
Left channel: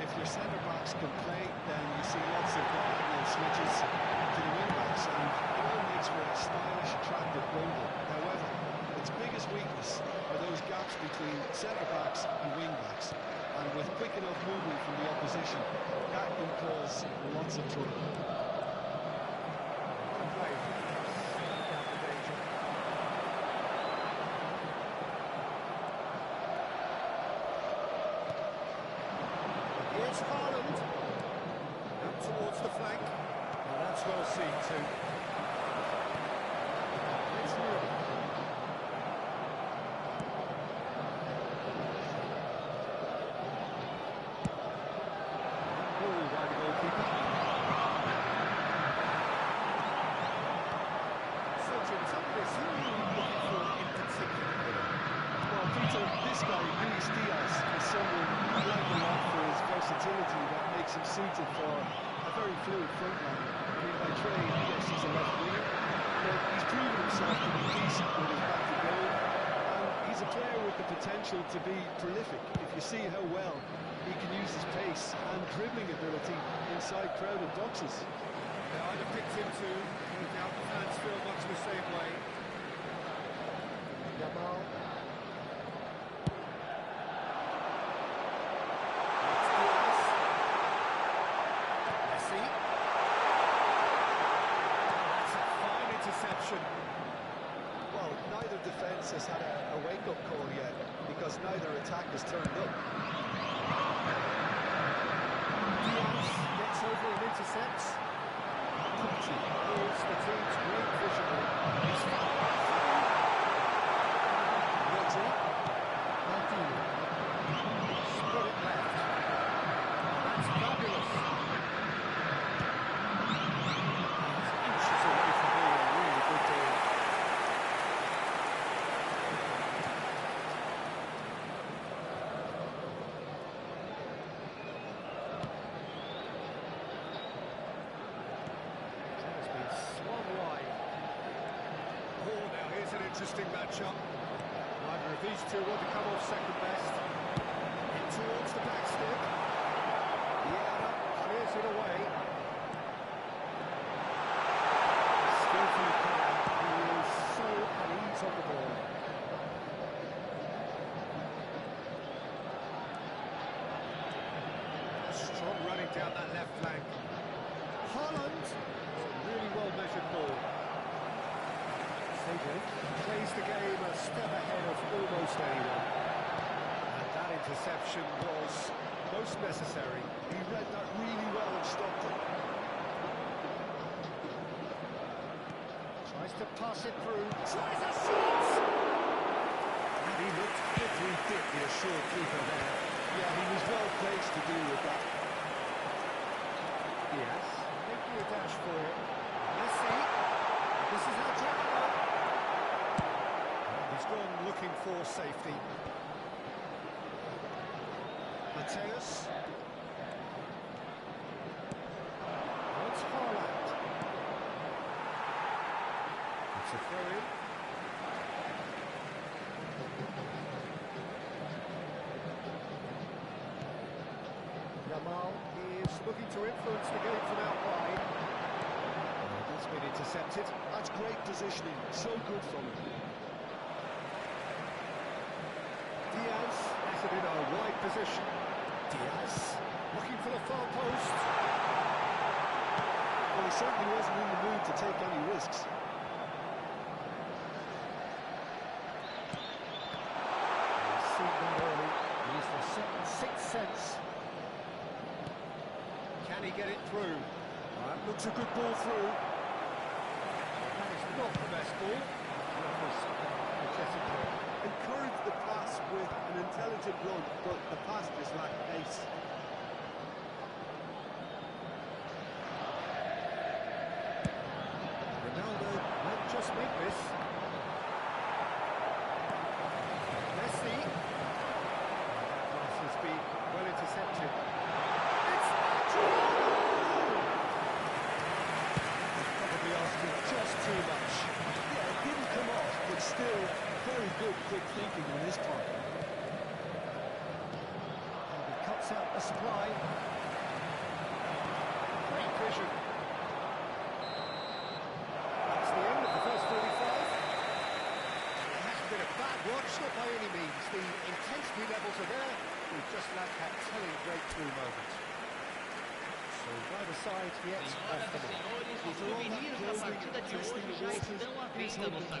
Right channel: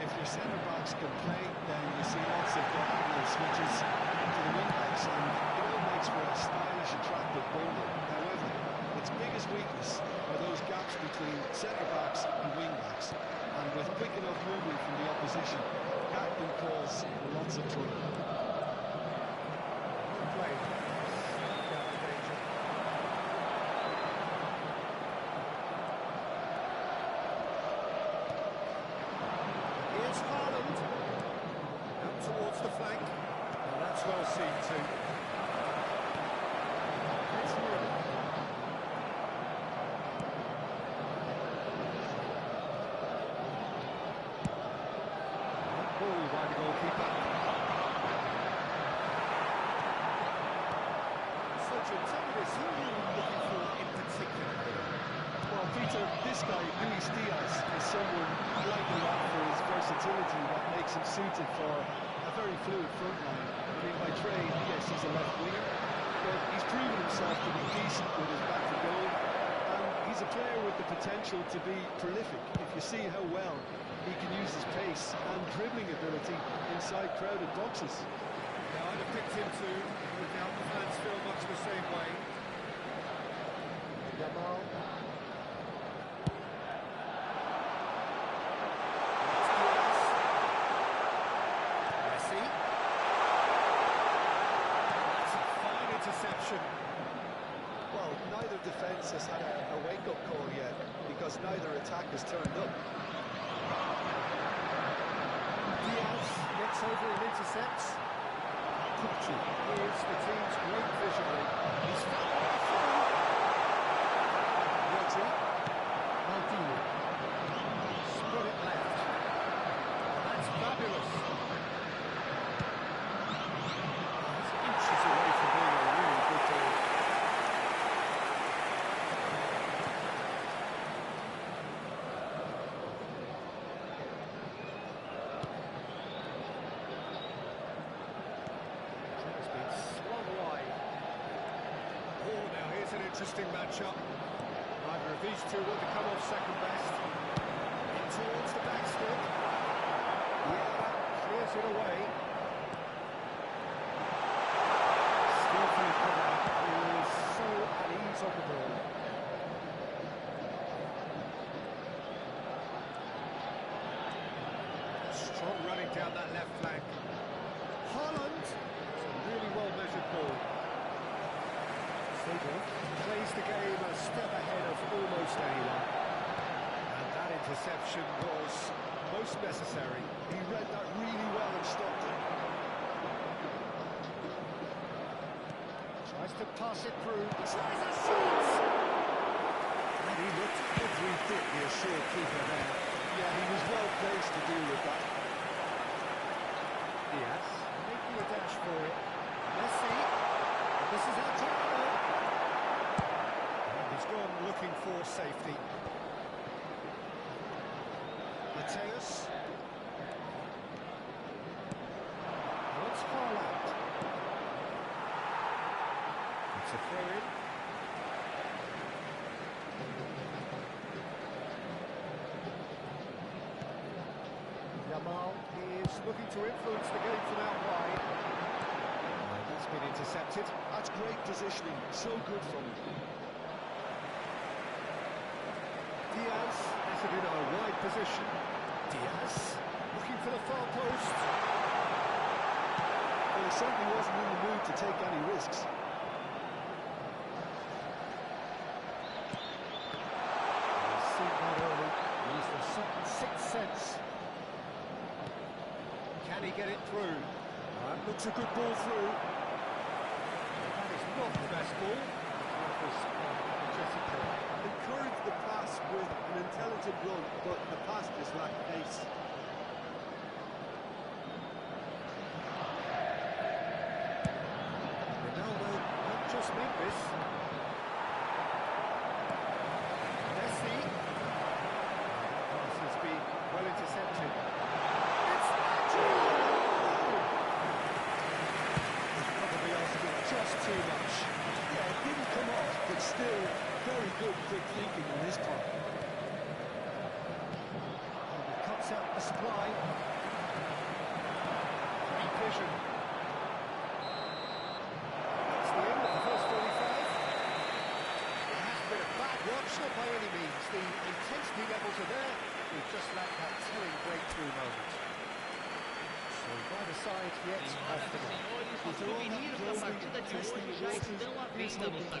If your centre-backs can play, then you see lots of diagonal switches to the wing-backs, and it all makes for a stylish, attractive bundle. However, its biggest weakness are those gaps between centre-backs and wing-backs, and with quick enough movement from the opposition, that can cause lots of trouble. Well played. Out the danger. Here's Haaland. Out towards the flank. Well, that's well seen too. It's Ruben. Ball by the goalkeeper. So Roger, tell me this, who are you looking for in particular? Well, Peter, this guy, Luis Diaz, is someone I like a lot for his versatility that makes him suited for a very fluid front line. I mean, by trade, yes, he's a left winger, but he's proven himself to be decent with his back to goal, and he's a player with the potential to be prolific if you see how well he can use his pace and dribbling ability inside crowded boxes. Yeah, I'd have picked him too. No doubt the fans feel much the same way. Yamal. That's Diaz. Messi. Oh, that's a fine interception. Well, neither defence has had a wake-up call yet, because neither attack has turned up. Diaz gets over and intercepts. Chroń is the team's great visionary. He's found a way through. Rodri. Maldini. Split it left. Oh, that's fabulous. He's inches away from being a really good ball. Interesting matchup. Neither of these two want to come off second best. In towards the back stick. Vieira clears it away. Skillfully cut out. He is so at ease on the ball. Strong running down that left flank. Haaland. It's a really well measured ball. Plays the game a step ahead of almost anyone. And that interception was most necessary. He read that really well and stopped it. Tries to pass it through. Tries a shot! And he looked every bit the assured keeper there. Yeah, he was well placed to deal with that. Diaz making a dash for it. Messi. This is Adriano. He's gone looking for safety. Mateus. Oh, it's Haaland. It's a throw-in. Yamal is looking to influence the game from out wide. That's been intercepted. That's great positioning. So good from him. Diaz has it in a wide position. Diaz looking for the far post. Well, he certainly wasn't in the mood to take any risks. He's seen that early. He's a certain sixth sense. Can he get it through? That looks a good ball through. Well, that is not the best ball. He offers a dressing table. Encourage the pass with an intelligent run, but the pass just lacked pace. Ronaldo might just make this. Messi. That pass has been well intercepted. It's Adriano! He's probably asking just too much. Yeah, it didn't come off, but still very good quick thinking on his part. And he cuts out the supply. Great vision. That's the end of the first 45. It hasn't been a bad watch, not by any means. The intensity levels are there. We've just lacked that telling breakthrough moment. So neither side yet off the mark. After all that probing and testing the waters, he's hoping for a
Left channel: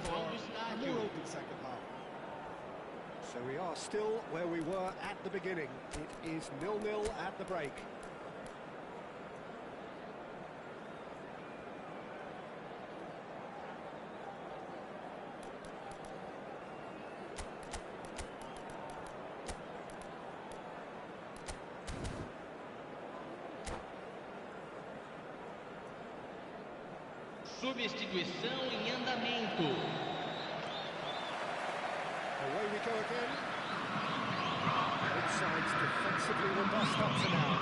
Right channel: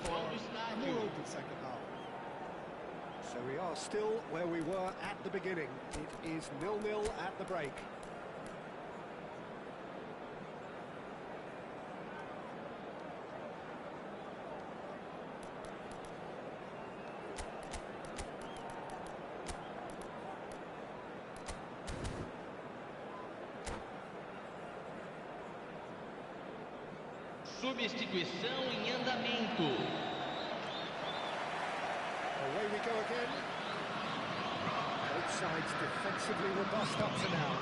more open second half. So we are still where we were at the beginning. It is 0-0 at the break. Substituição em andamento. Away we go again. Both sides defensively robust up to now.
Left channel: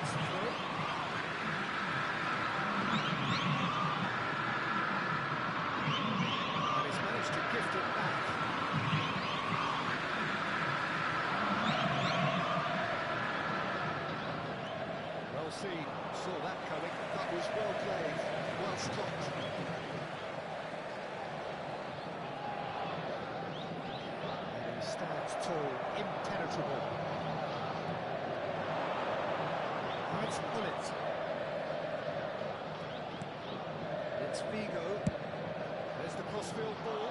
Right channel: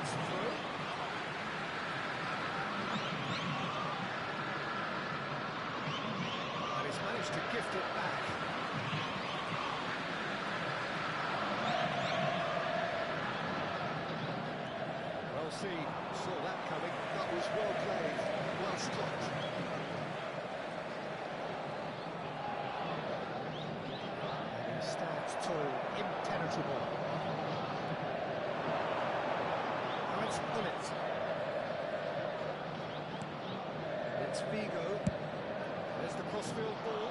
It's through. And he's managed to gift it back. Well seen, saw that coming. That was well played, well stopped. And he stands tall, impenetrable. Right on it. It's Vigo. There's the crossfield ball.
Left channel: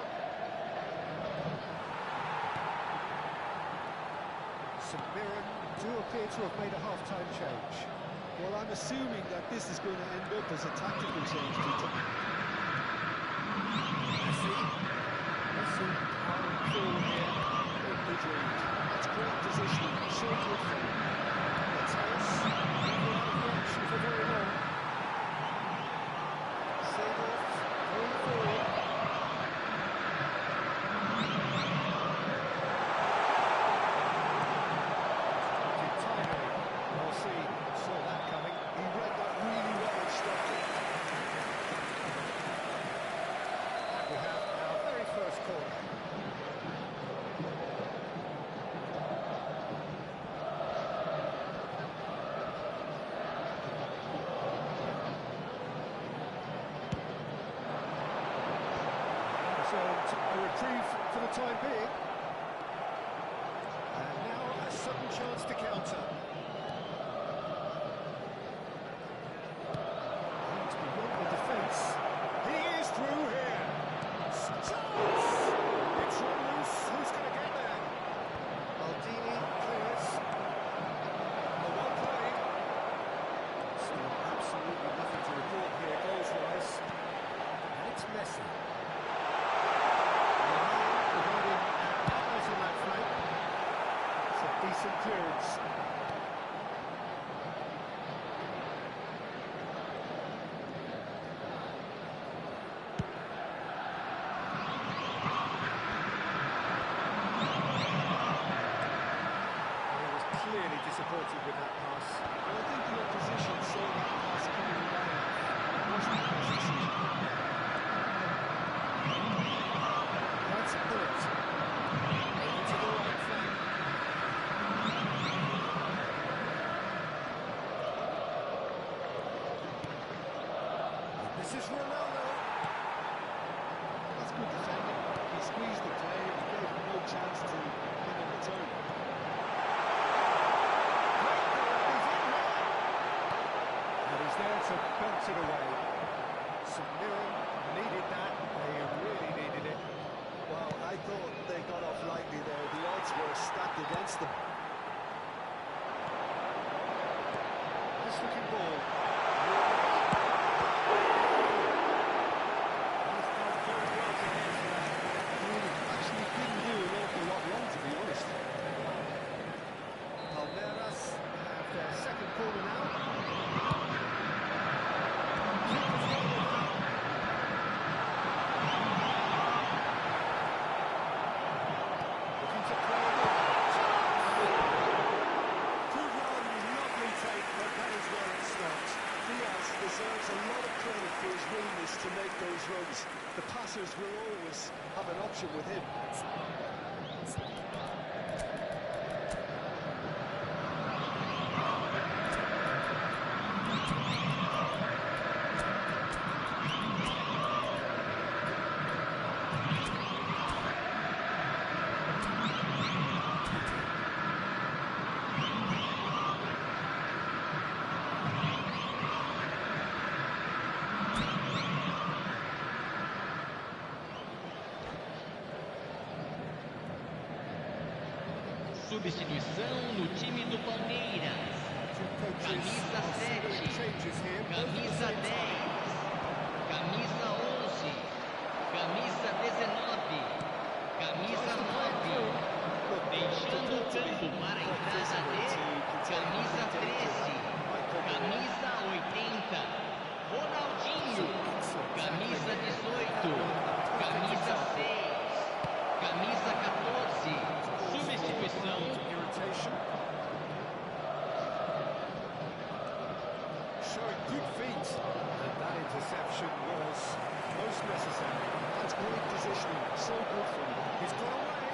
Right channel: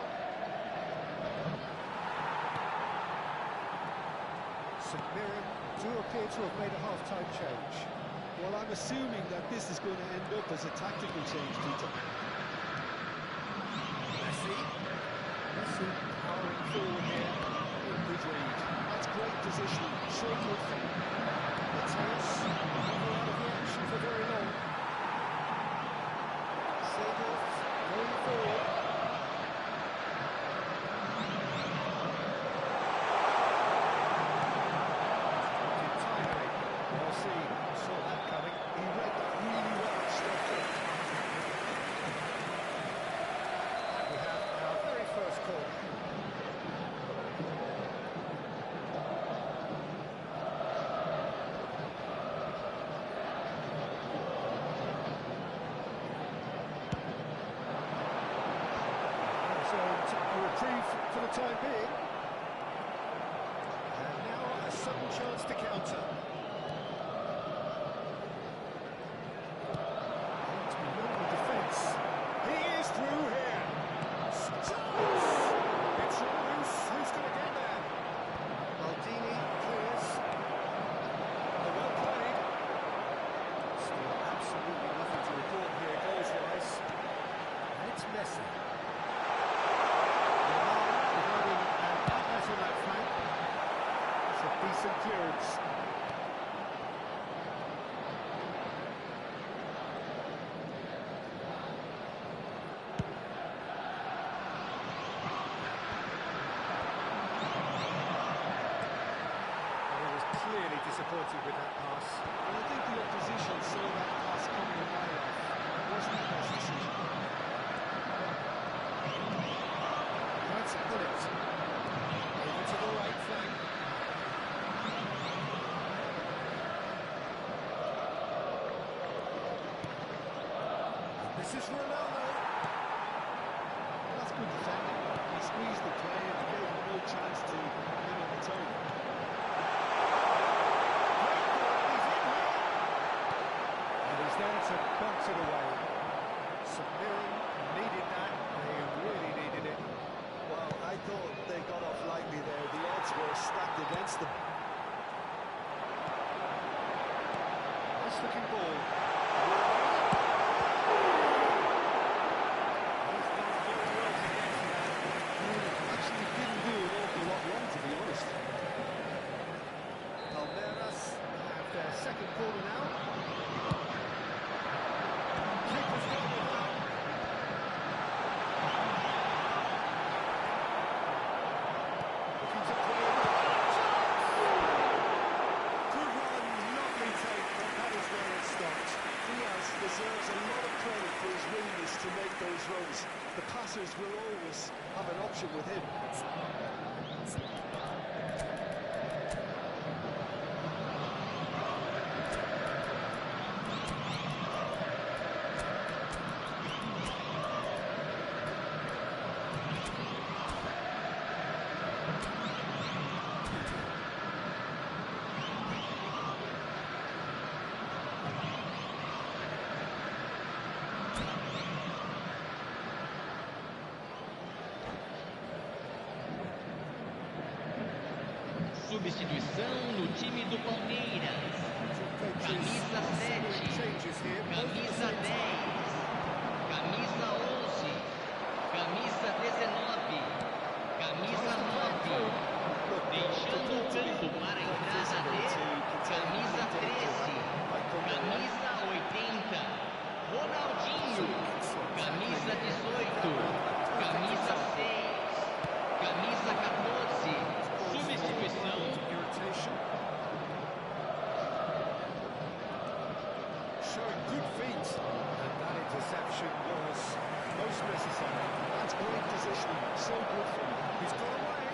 St Mirren do appear to have made a half-time change. Well, I'm assuming that this is going to end up as a tactical change, Peter. Messi powering forward here. Good read. That's great positioning. So good for him. Mateus, never out of the action for very long. Seedorf going forward. Started timely. Well seen. Saw that coming. He read that really well and stopped it. And we have our very first corner. Reserved a reprieve for the time being. And now a sudden chance to counter. Aimed beyond the defence. He is through here. Chance! It's run loose. Who's going to get there? Maldini clears. Oh, well played. Still absolutely nothing to report here goals-wise. And it's Messi. Providing an outlet on that flank. It's a decent clearance. And he was clearly disappointed with that pass. Well, I think the opposition saw that pass coming a mile off. It wasn't the best decision. Right to put it. Over to the right flank. And this is Ronaldo. Well, that's good defending. He squeezed the play and he gave him no chance to get on the turn. Great ball, he's in here. And he's there to bounce it away. St Mirren needed that. They really needed it. Well, I thought they got off lightly there. The odds were stacked against them. Nice looking ball. He's done very well to get to that. Actually didn't do an awful lot wrong, to be honest. Palmeiras have their second corner now. Keeper's got it now. Looking to play it in. Good run, lovely take, but that is where it stopped. Diaz deserves a lot of credit for his willingness to make those runs. The passers will always have an option with him. Substituição no time do Palmeiras. Camisa 7, camisa 10, camisa 11, camisa 19, camisa 9, deixando o campo para a entrada de camisa 13, interception was most necessary. That's great positioning, so good for him. He's got away.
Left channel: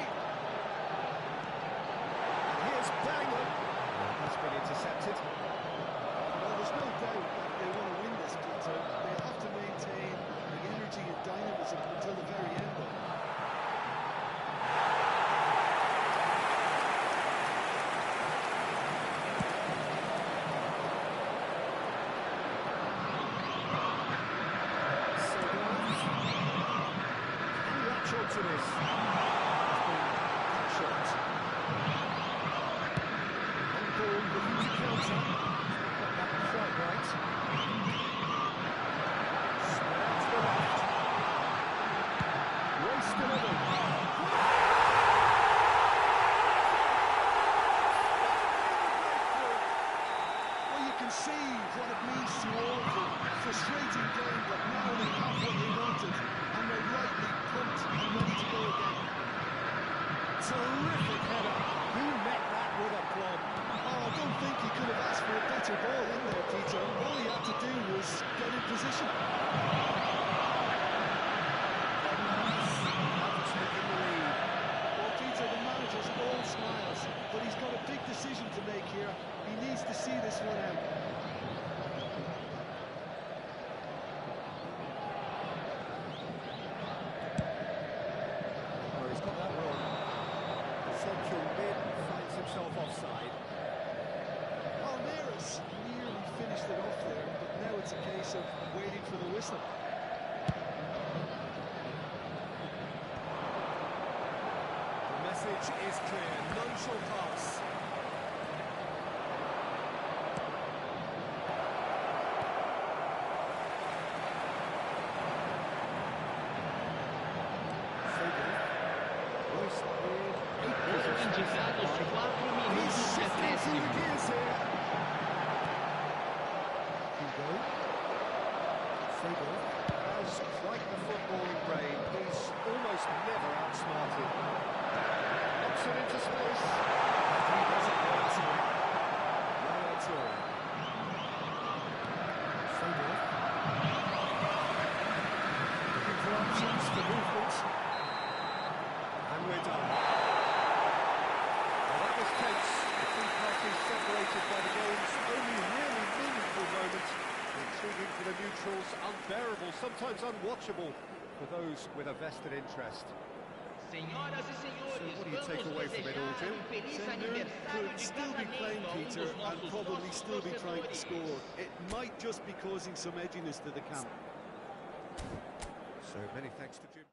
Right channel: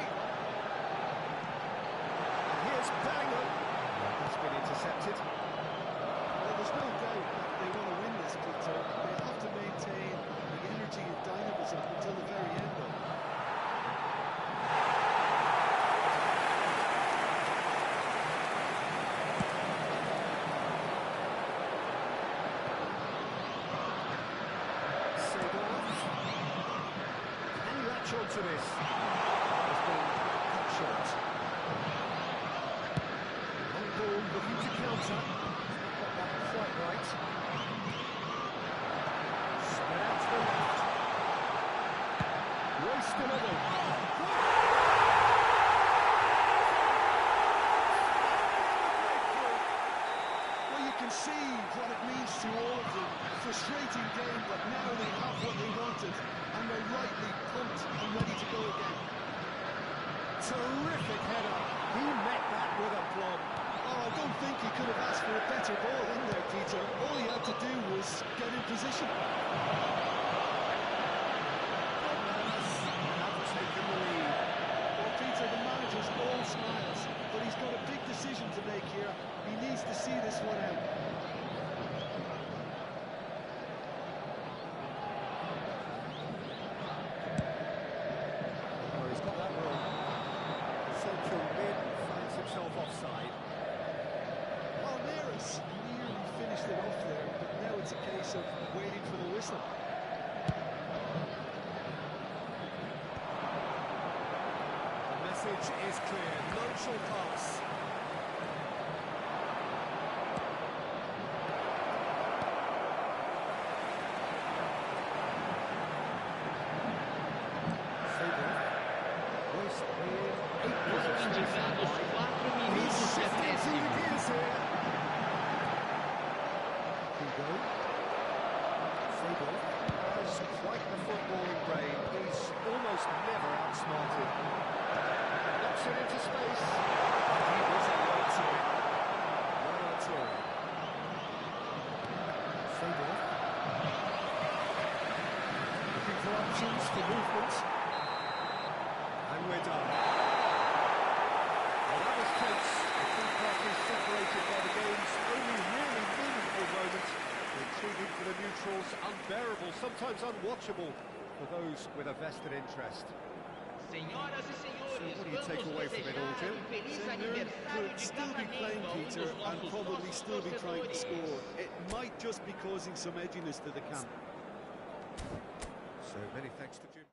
And here's Bellingham. That's been intercepted. Well, there's no doubt that they want to win this, Peter. They have to maintain the energy and dynamism until the very end, though. To this has been cut short. On ball, looking to counter. Got that quite right. Spread out to the left. Race delivered. Well, you can see what it means to all of them. Frustrating game, but now they have what they wanted. And they're rightly pumped and ready to go again. Terrific header. He met that with aplomb. Oh, I don't think he could have asked for a better ball in there, Peter. All he had to do was get in position. Have taken the lead. Well, Peter, the manager's all smiles, but he's got a big decision to make here. He needs to see this one out. Offside. Palmeiras nearly finished it off there, but now it's a case of waiting for the whistle. The message is clear, none shall pass. Royce in 8 Foram indicados 4 minutos de acréscimo. Hugo. Fable has quite the footballing brain. He's almost never outsmarted. Knocks it into space. And he wasn't well to it. Well to it. Fable. Looking for options for movement. And we're done. Well, that was tense. The two parties separated by the game's only really meaningful moment. Intriguing for the neutrals, unbearable, sometimes unwatchable for those with a vested interest. Senhoras e senhores, So what do you take away from it all, Jim? St. Mirren could still be playing, Peter, and probably still be trying to score. It might just be causing some edginess to the camp. So many thanks to Jim.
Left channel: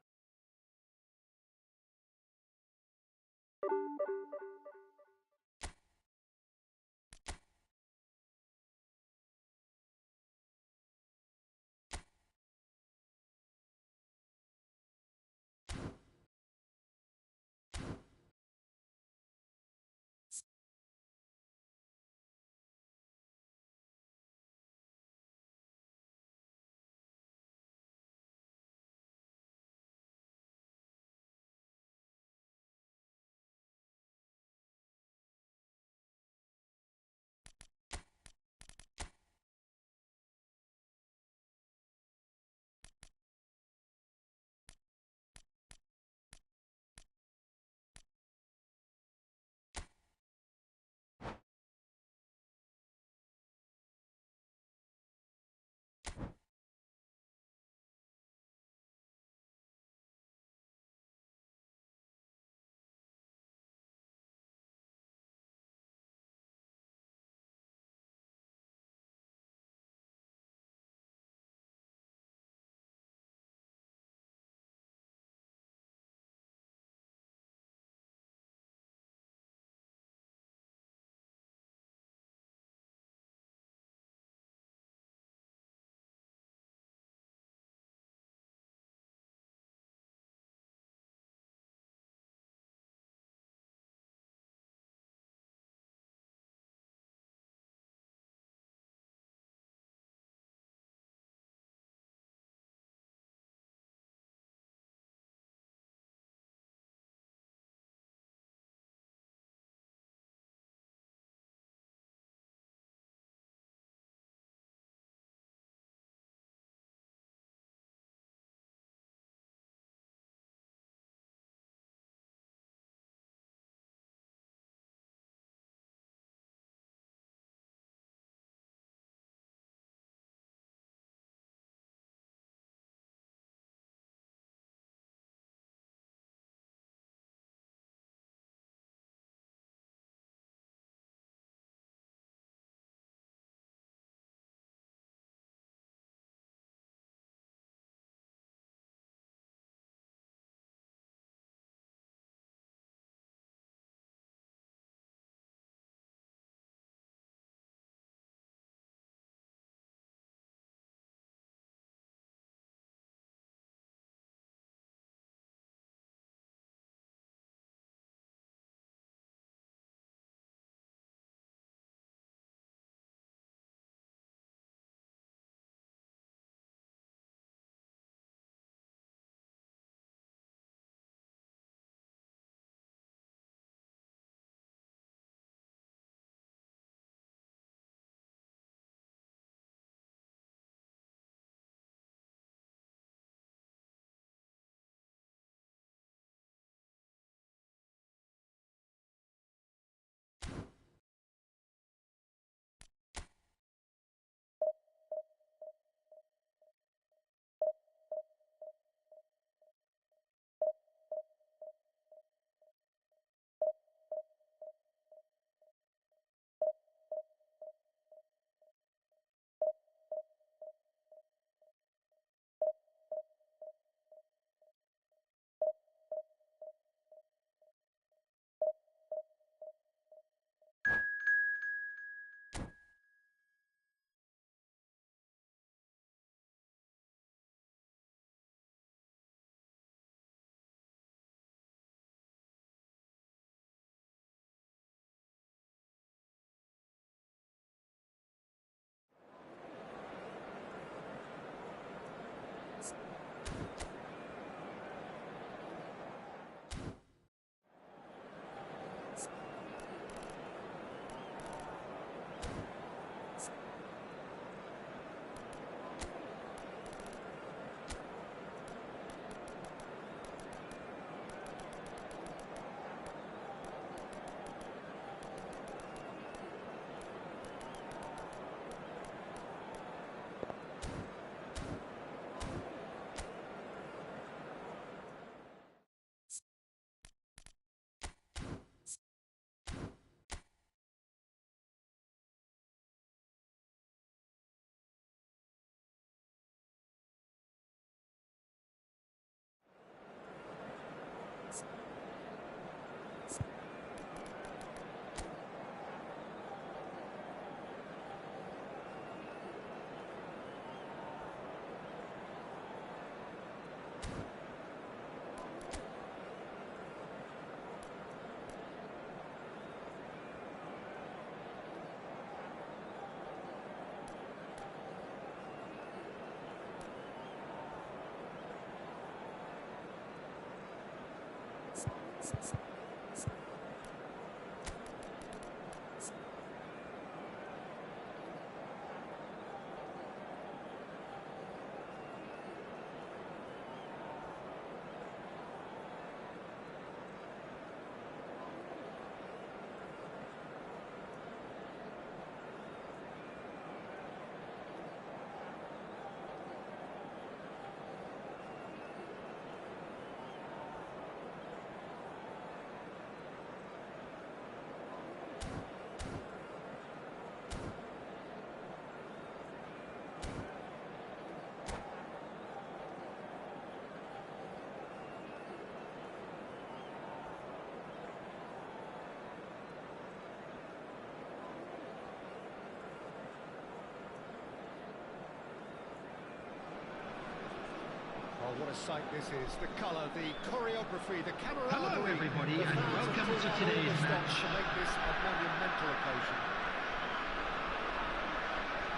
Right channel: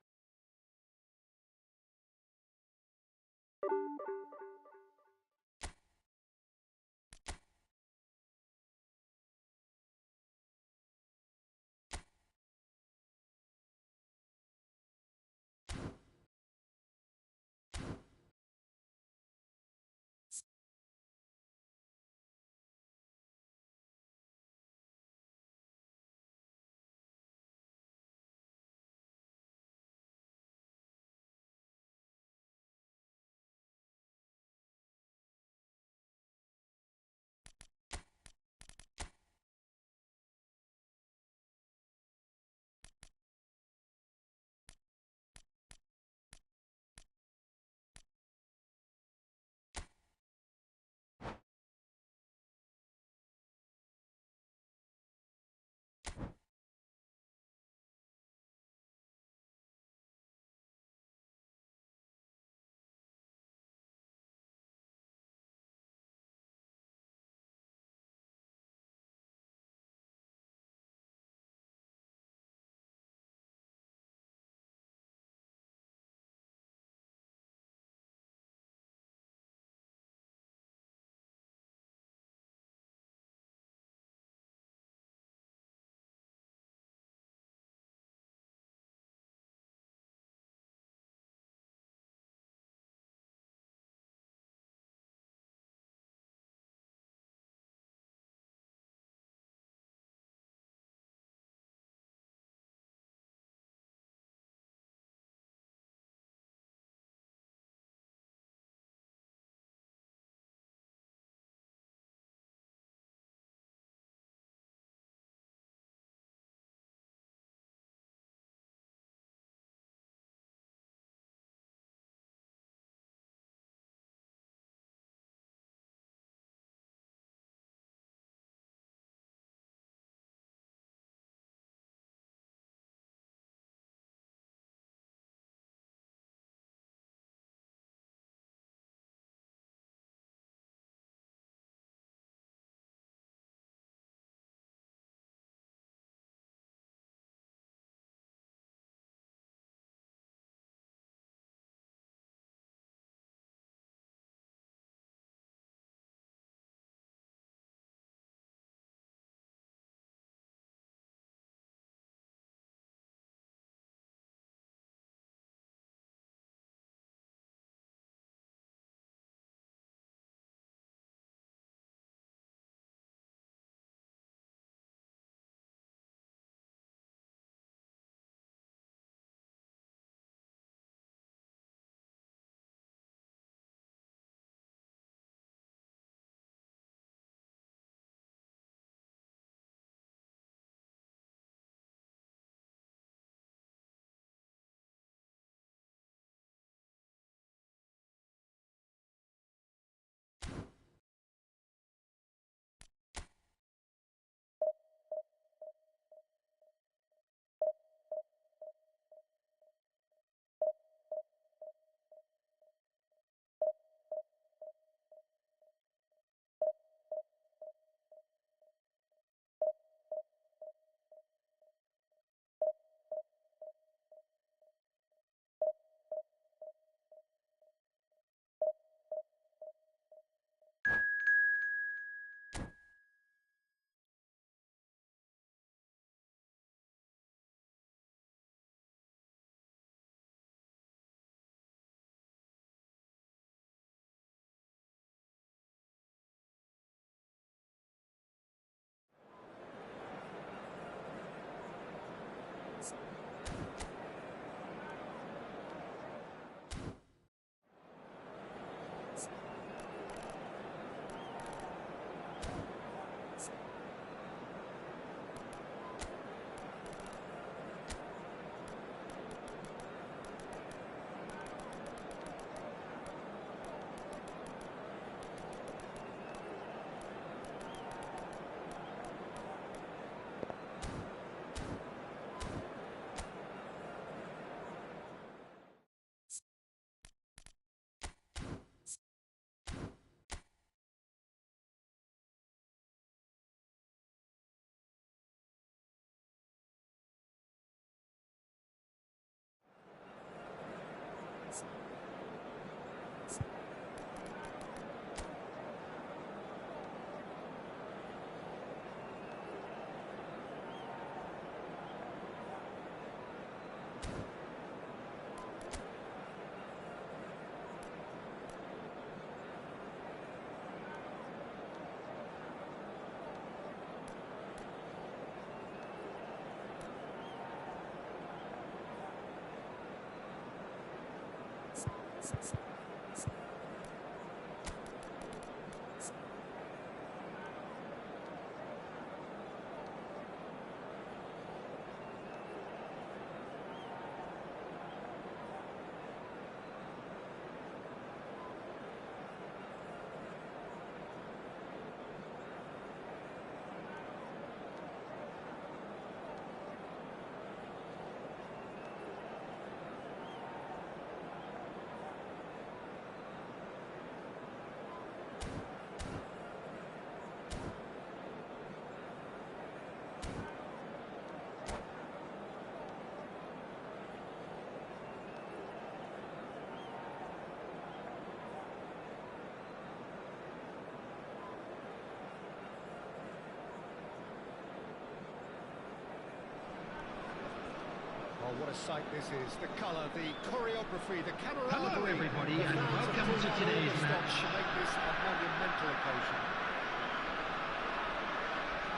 Oh, what a sight this is. The colour, the choreography, the camaraderie. Hello, everybody, and welcome to today's match. To make this a monumental occasion.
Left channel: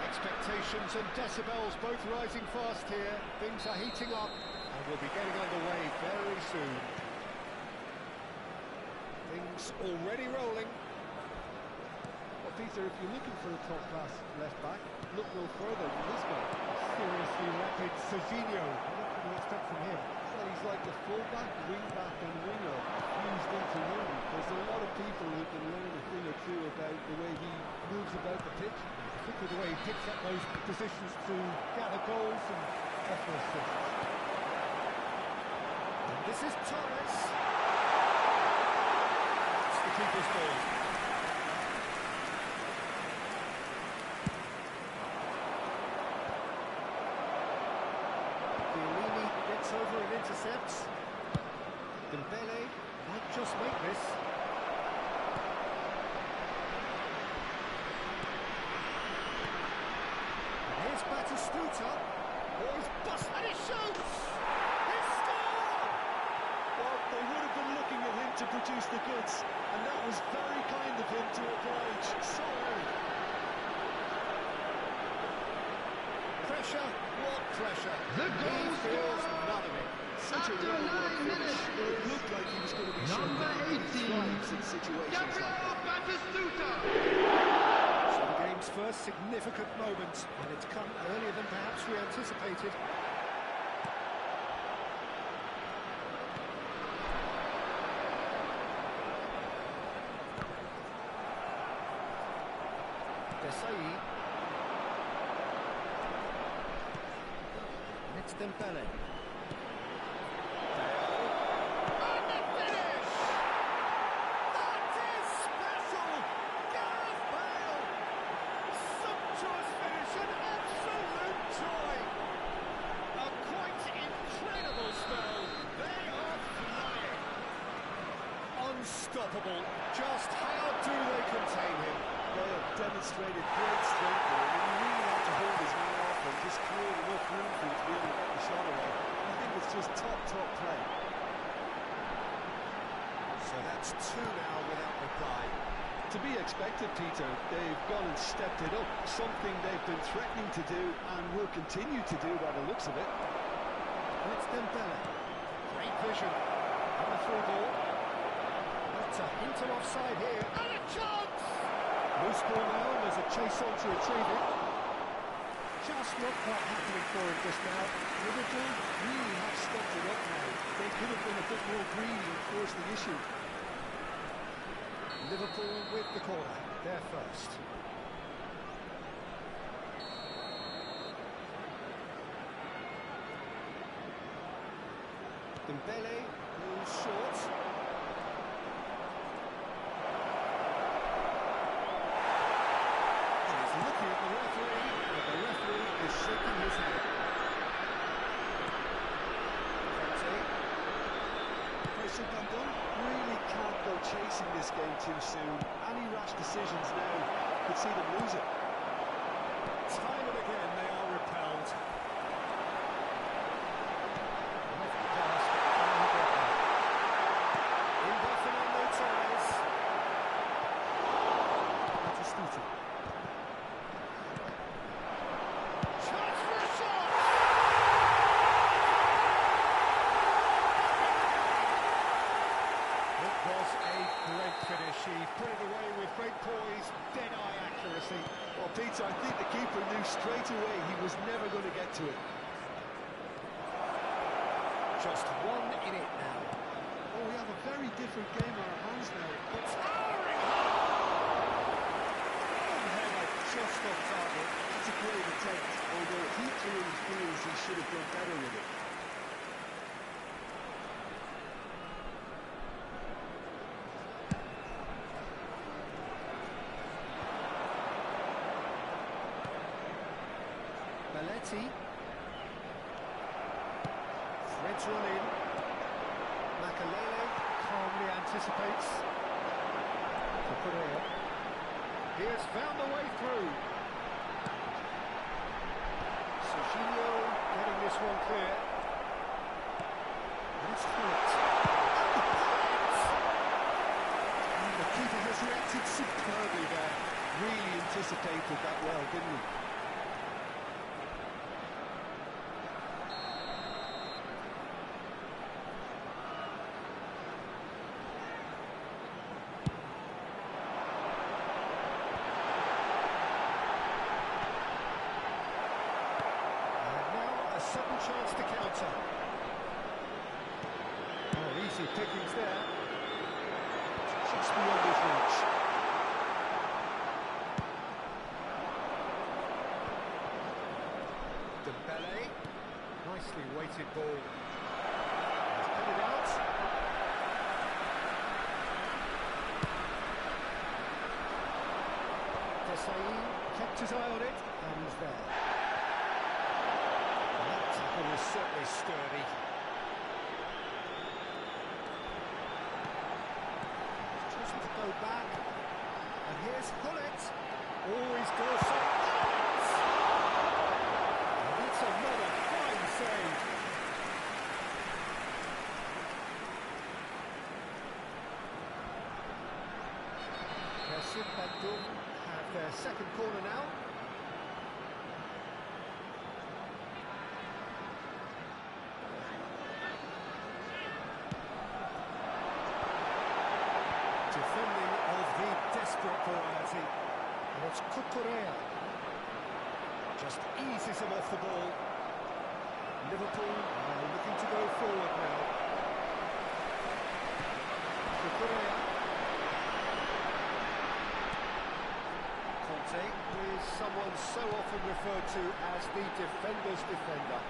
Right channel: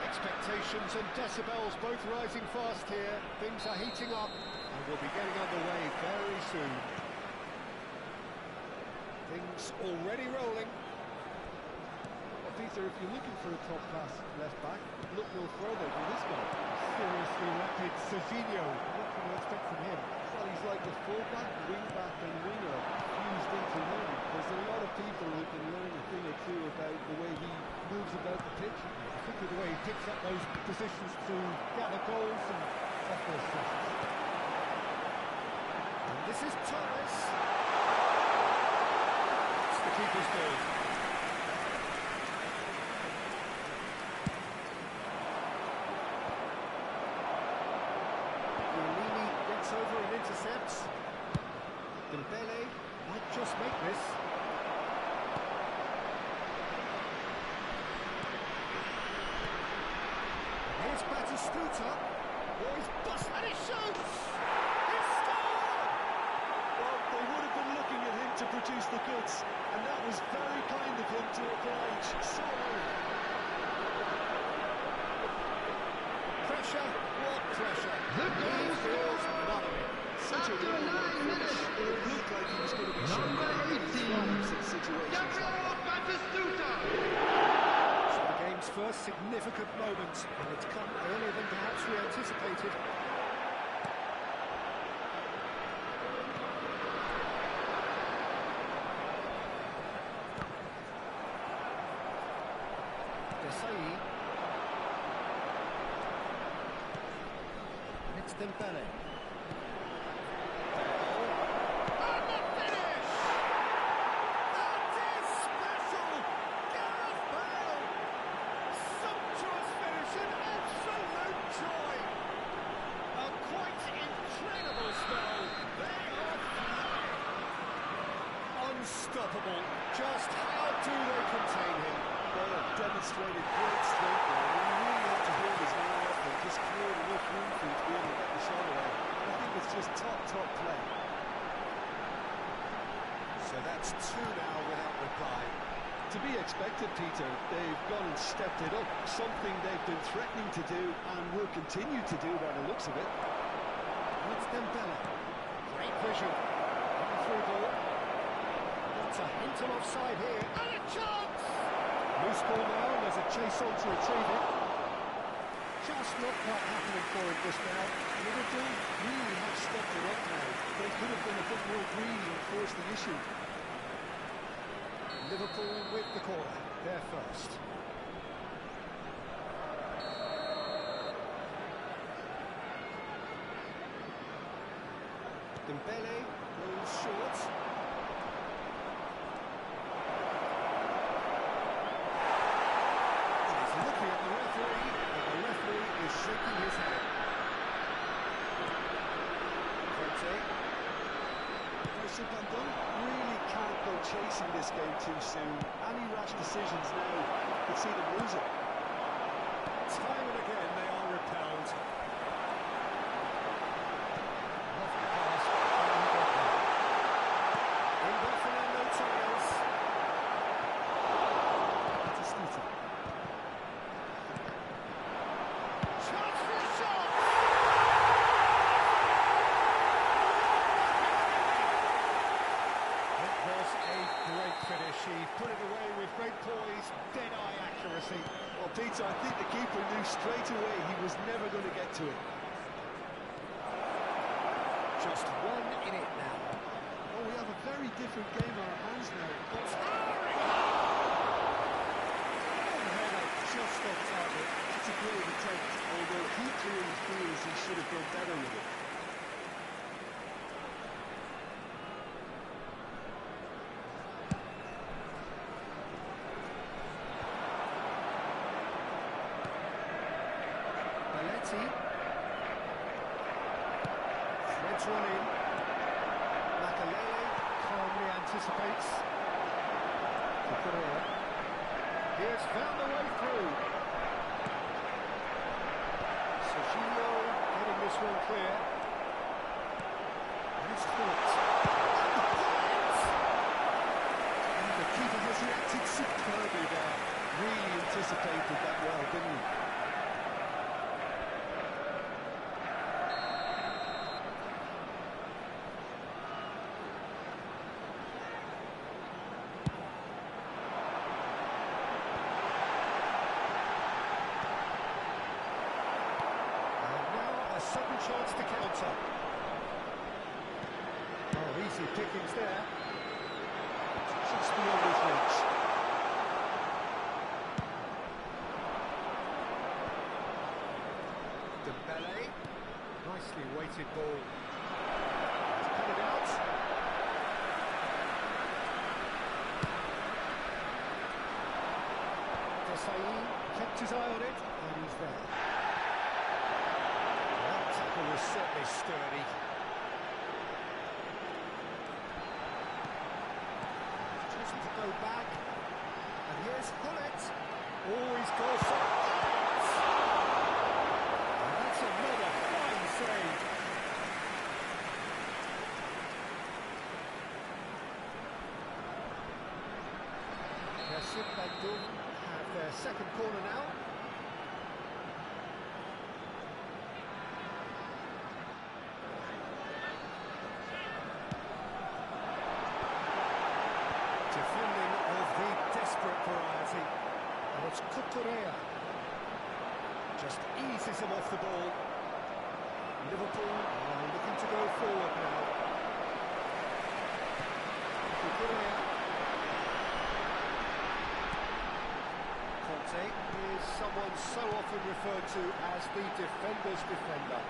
Expectations and decibels both rising fast here. Things are heating up and we'll be getting underway very soon. Things already rolling. Well, Peter, if you're looking for a top-class left-back, look no further than this guy. Seriously rapid Serginho. What can you expect from him? Well, he's like the full-back, wing-back and winger fused into one. There's a lot of people who can learn a thing or two about the way he moves about the pitch. Particularly the way he picks up those positions to gather goals and offer assists. And this is Torres. It's the keeper's goal. Gets over and intercepts. Dembele might just make this. And here's Batistuta. Oh, he's bust and he shoots! He scored! Well, they would have been looking at him to produce the goods, and that was very kind of him to oblige so early. Pressure, what pressure? The goal feels scorer none of it. Such a after 9 minutes It is looked like he was going to be number 18, in situations like that. Batistuta. So the game's first significant moment, and it's come earlier than perhaps we anticipated. Desai. It's Dembele. Bale. And the finish! That is special! Gareth Bale! Sumptuous finish, an absolute joy! A quite incredible spell. They are flying. Unstoppable. Just how do they contain him? Bale demonstrated great strength there. I mean, he really had to hold his man off and just create enough room for him to be able to get the shot away. I think it's just top play. So that's two now without reply. To be expected, Peter. They've gone and stepped it up. Something they've been threatening to do and will continue to do by the looks of it. And it's Dembele. Great vision. On the through ball. Not a hint of offside here. And a chance! Loose ball now, and there's a chase on to retrieve it. Just not quite happening for him just now. Liverpool really have stepped it up now. They could have been a bit more greedy and forced the issue. Liverpool with the corner. They're first. Dembele goes short. And he's looking at the referee, but the referee is shaking his head. Person Bandung really can't go chasing this game too soon. Any rash decisions now could see them lose it. Time and again they are repelled. Lovely pass, but how he got there. In by Fernando Torres. Batistuta. Chance for a shot! She put it away with great poise, dead-eye accuracy. Well, Peter, I think the keeper knew straight away he was never going to get to it. Just 1 in it now. Oh, we have a very different game on our hands now. But towering header just off target. That's a great attempt, although he clearly feels he should have done better with it. Threads one in. Makalele calmly anticipates. Kukurea. He has found the way through. Serginho getting this one clear. And it's Phillips. And the keeper has reacted superbly there. Really anticipated that well, didn't he? Sudden chance to counter. Oh, easy pickings there. Just beyond his reach. Dembele. Nicely weighted ball. He's put it out. Desai kept his eye on it, and he's there. That tackle was certainly sturdy. Just to go back, and here's Hullet. Always goes for it! And that's another fine save. Kassim Bandung have their second corner now. Defending of the desperate variety. And it's Kukurea. Just eases him off the ball. Liverpool are looking to go forward now. Kukurea. Conte is someone so often referred to as the defender's defender.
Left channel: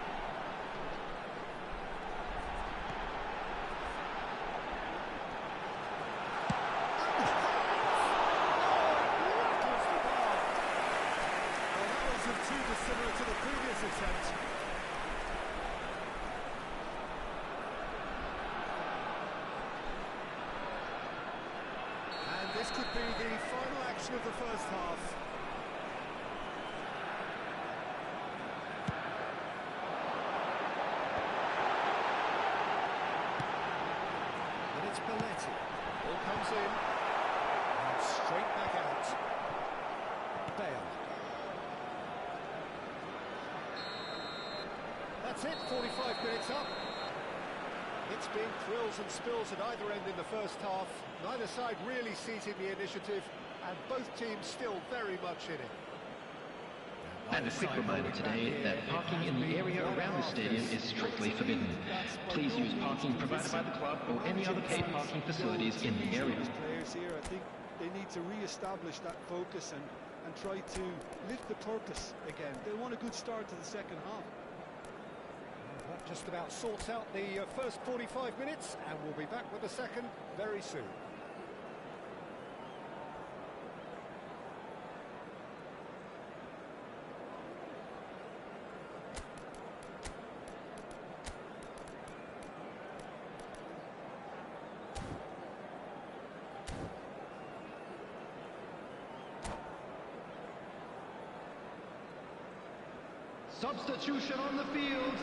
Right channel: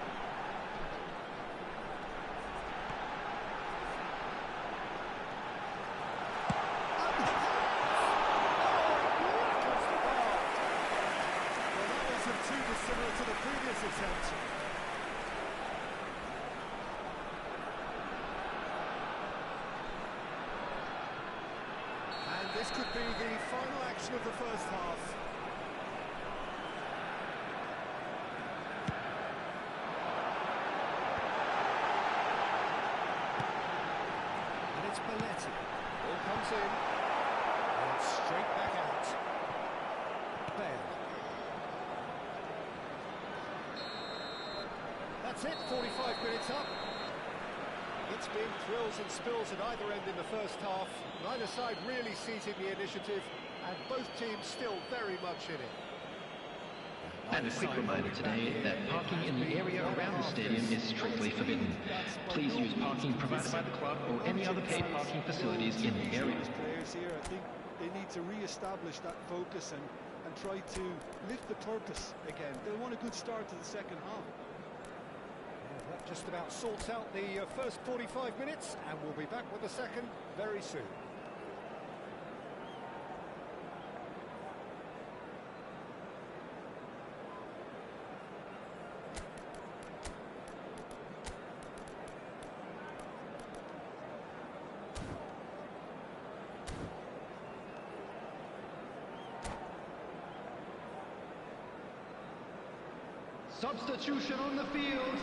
Too dissimilar to the previous attempt. And this could be the final action of the first half. And it's Belletti. Ball comes in. And straight back out. Bale. That's it, 45 minutes up. It's been thrills and spills at either end in the first half. Neither side really seizing the initiative, and both teams still very much in it. And a quick reminder today that parking in the area around the stadium is strictly forbidden. Please use parking provided by the club or any other paid parking facilities in the area. Players here, I think they need to re-establish that focus and try to lift the purpose again. They'll want a good start to the second half. That just about sorts out the first 45 minutes, and we'll be back with the second very soon. Substitution on the field.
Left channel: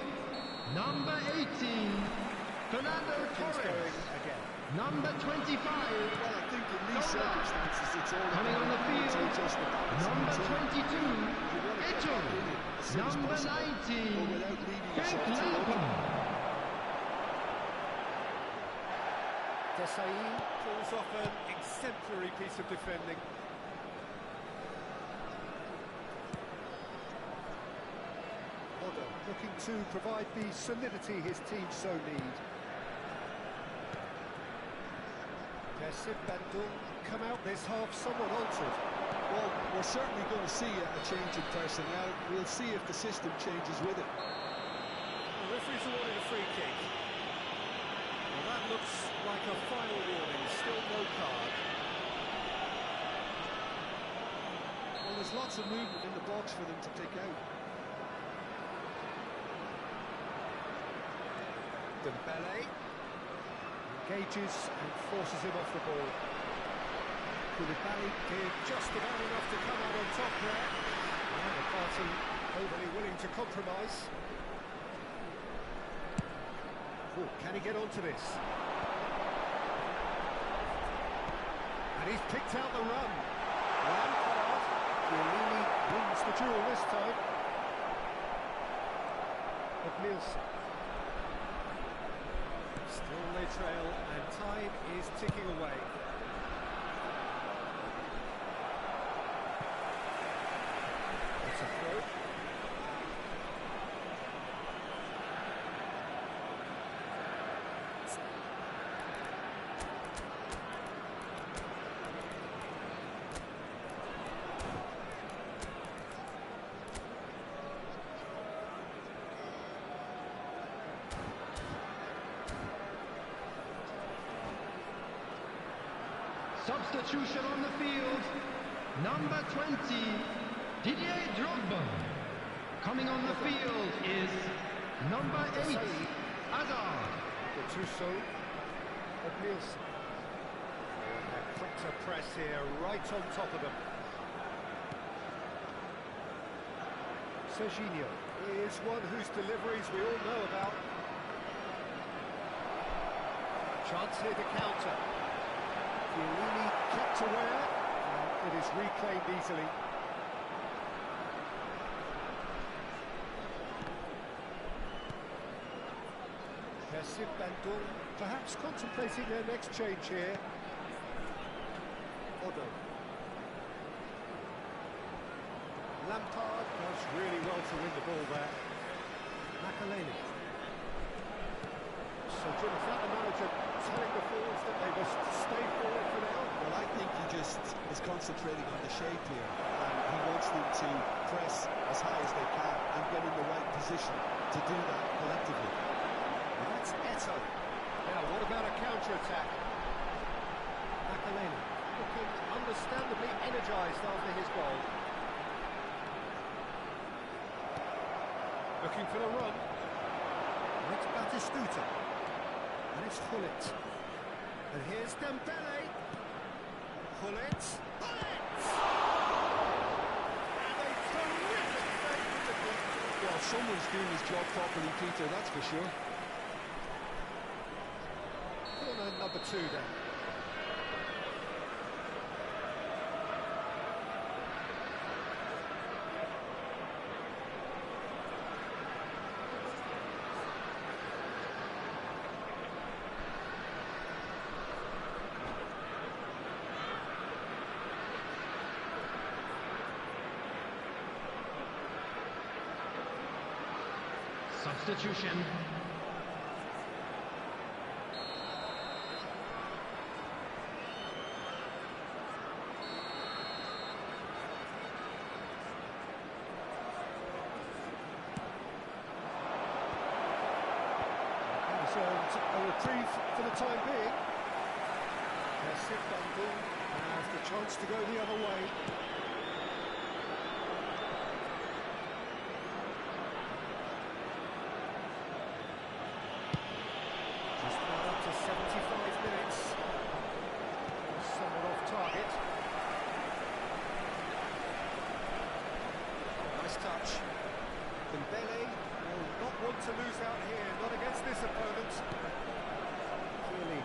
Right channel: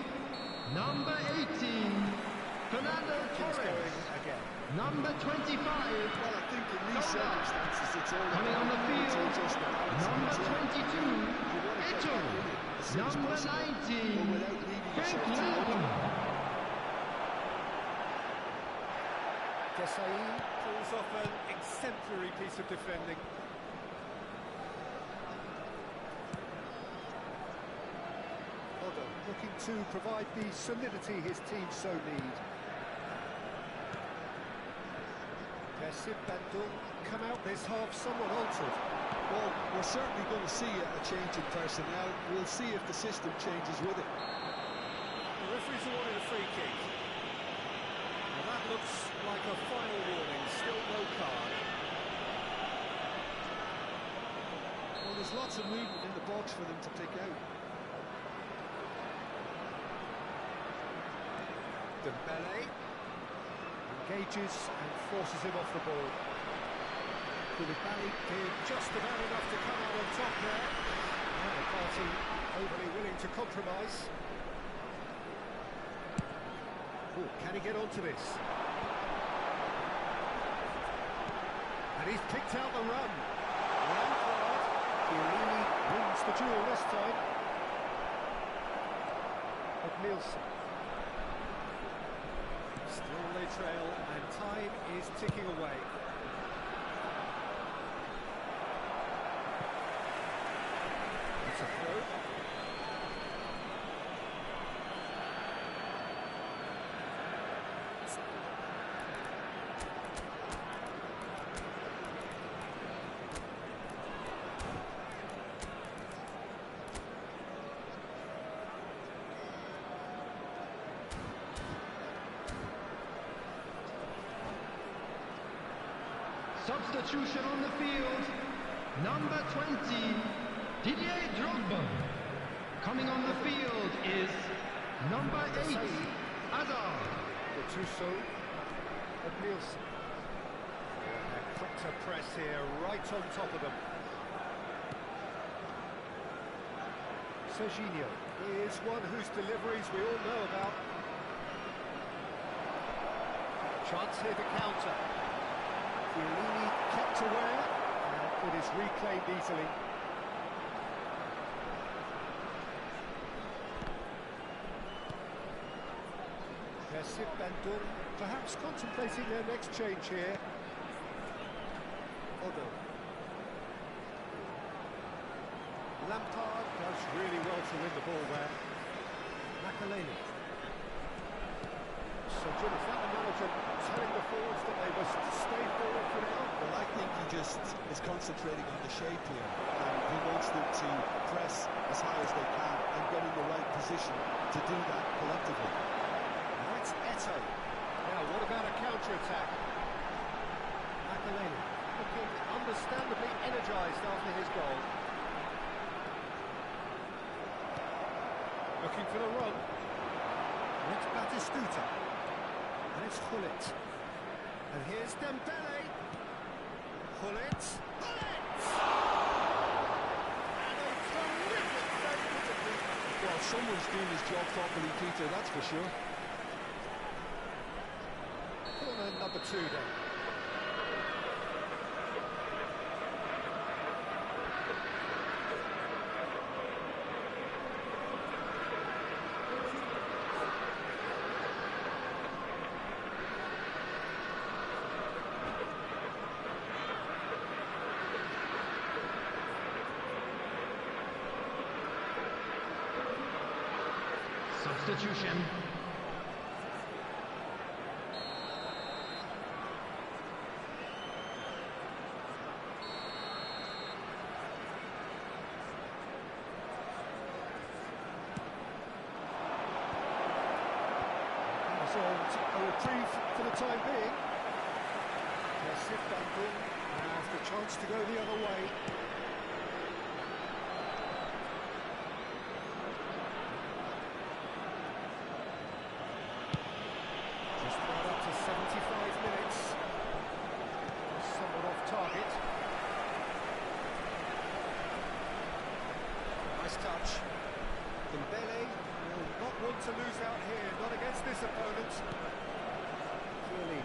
Number 18, Fernando Torres. Again. Number 25, Well, I think in these circumstances it's all coming on the field. just the balance. Number of the team. 22, You want to get Eto. back in it as soon as Number possible, 19, but without leaving Frank yourself too open. Lampard. Desai pulls off an exemplary piece of defending. Odejdź looking to provide the solidity his team so need. Bandung come out this half somewhat altered. Well, we're certainly going to see a change in personnel. We'll see if the system changes with it. The referee's awarded a free kick. Well, that looks like a final warning, still no card. Well, there's lots of movement in the box for them to pick out. Dembele engages and forces him off the ball. Koulibaly did just about enough to come out on top there. And the party overly willing to compromise. Oh, can he get onto this? And he's picked out the run. Lampard, Chiellini wins the duel this time. Nielsen. Still they trail, and time is ticking away. It's a throw. Substitution on the field. Number 20, Didier Drogba. Coming on the field is number 8, Hazard. Gattuso, Nielsen. They're quick to press here, right on top of them. Serginho is one whose deliveries we all know about. Chance here to counter. Chiellini kept aware, and it is reclaimed easily. Bandung perhaps contemplating their next change here. Odejdź. Lampard does really well to win the ball there. Makaleli. So, Jim, is that the manager telling the forwards that they must stay forward for now? Well, I think he just is concentrating on the shape here, and he wants them to press as high as they can and get in the right position to do that collectively. That's Eto. Now, what about a counter-attack? Makaleli looking understandably energised after his goal. Looking for the run. It's Batistuta. And it's Gullit. And here's Dembele. Gullit. Gullit! And a terrific save with the keeper. Well, someone's doing his job properly, Peter, that's for sure. Corner number 2 then. Substitution. A reprieve for the time being. Bandung has the chance to go the other way. Just about up to 75 minutes. Somewhat off target. Nice touch. Dembele will not want to lose out here, not against this opponent. Chiellini.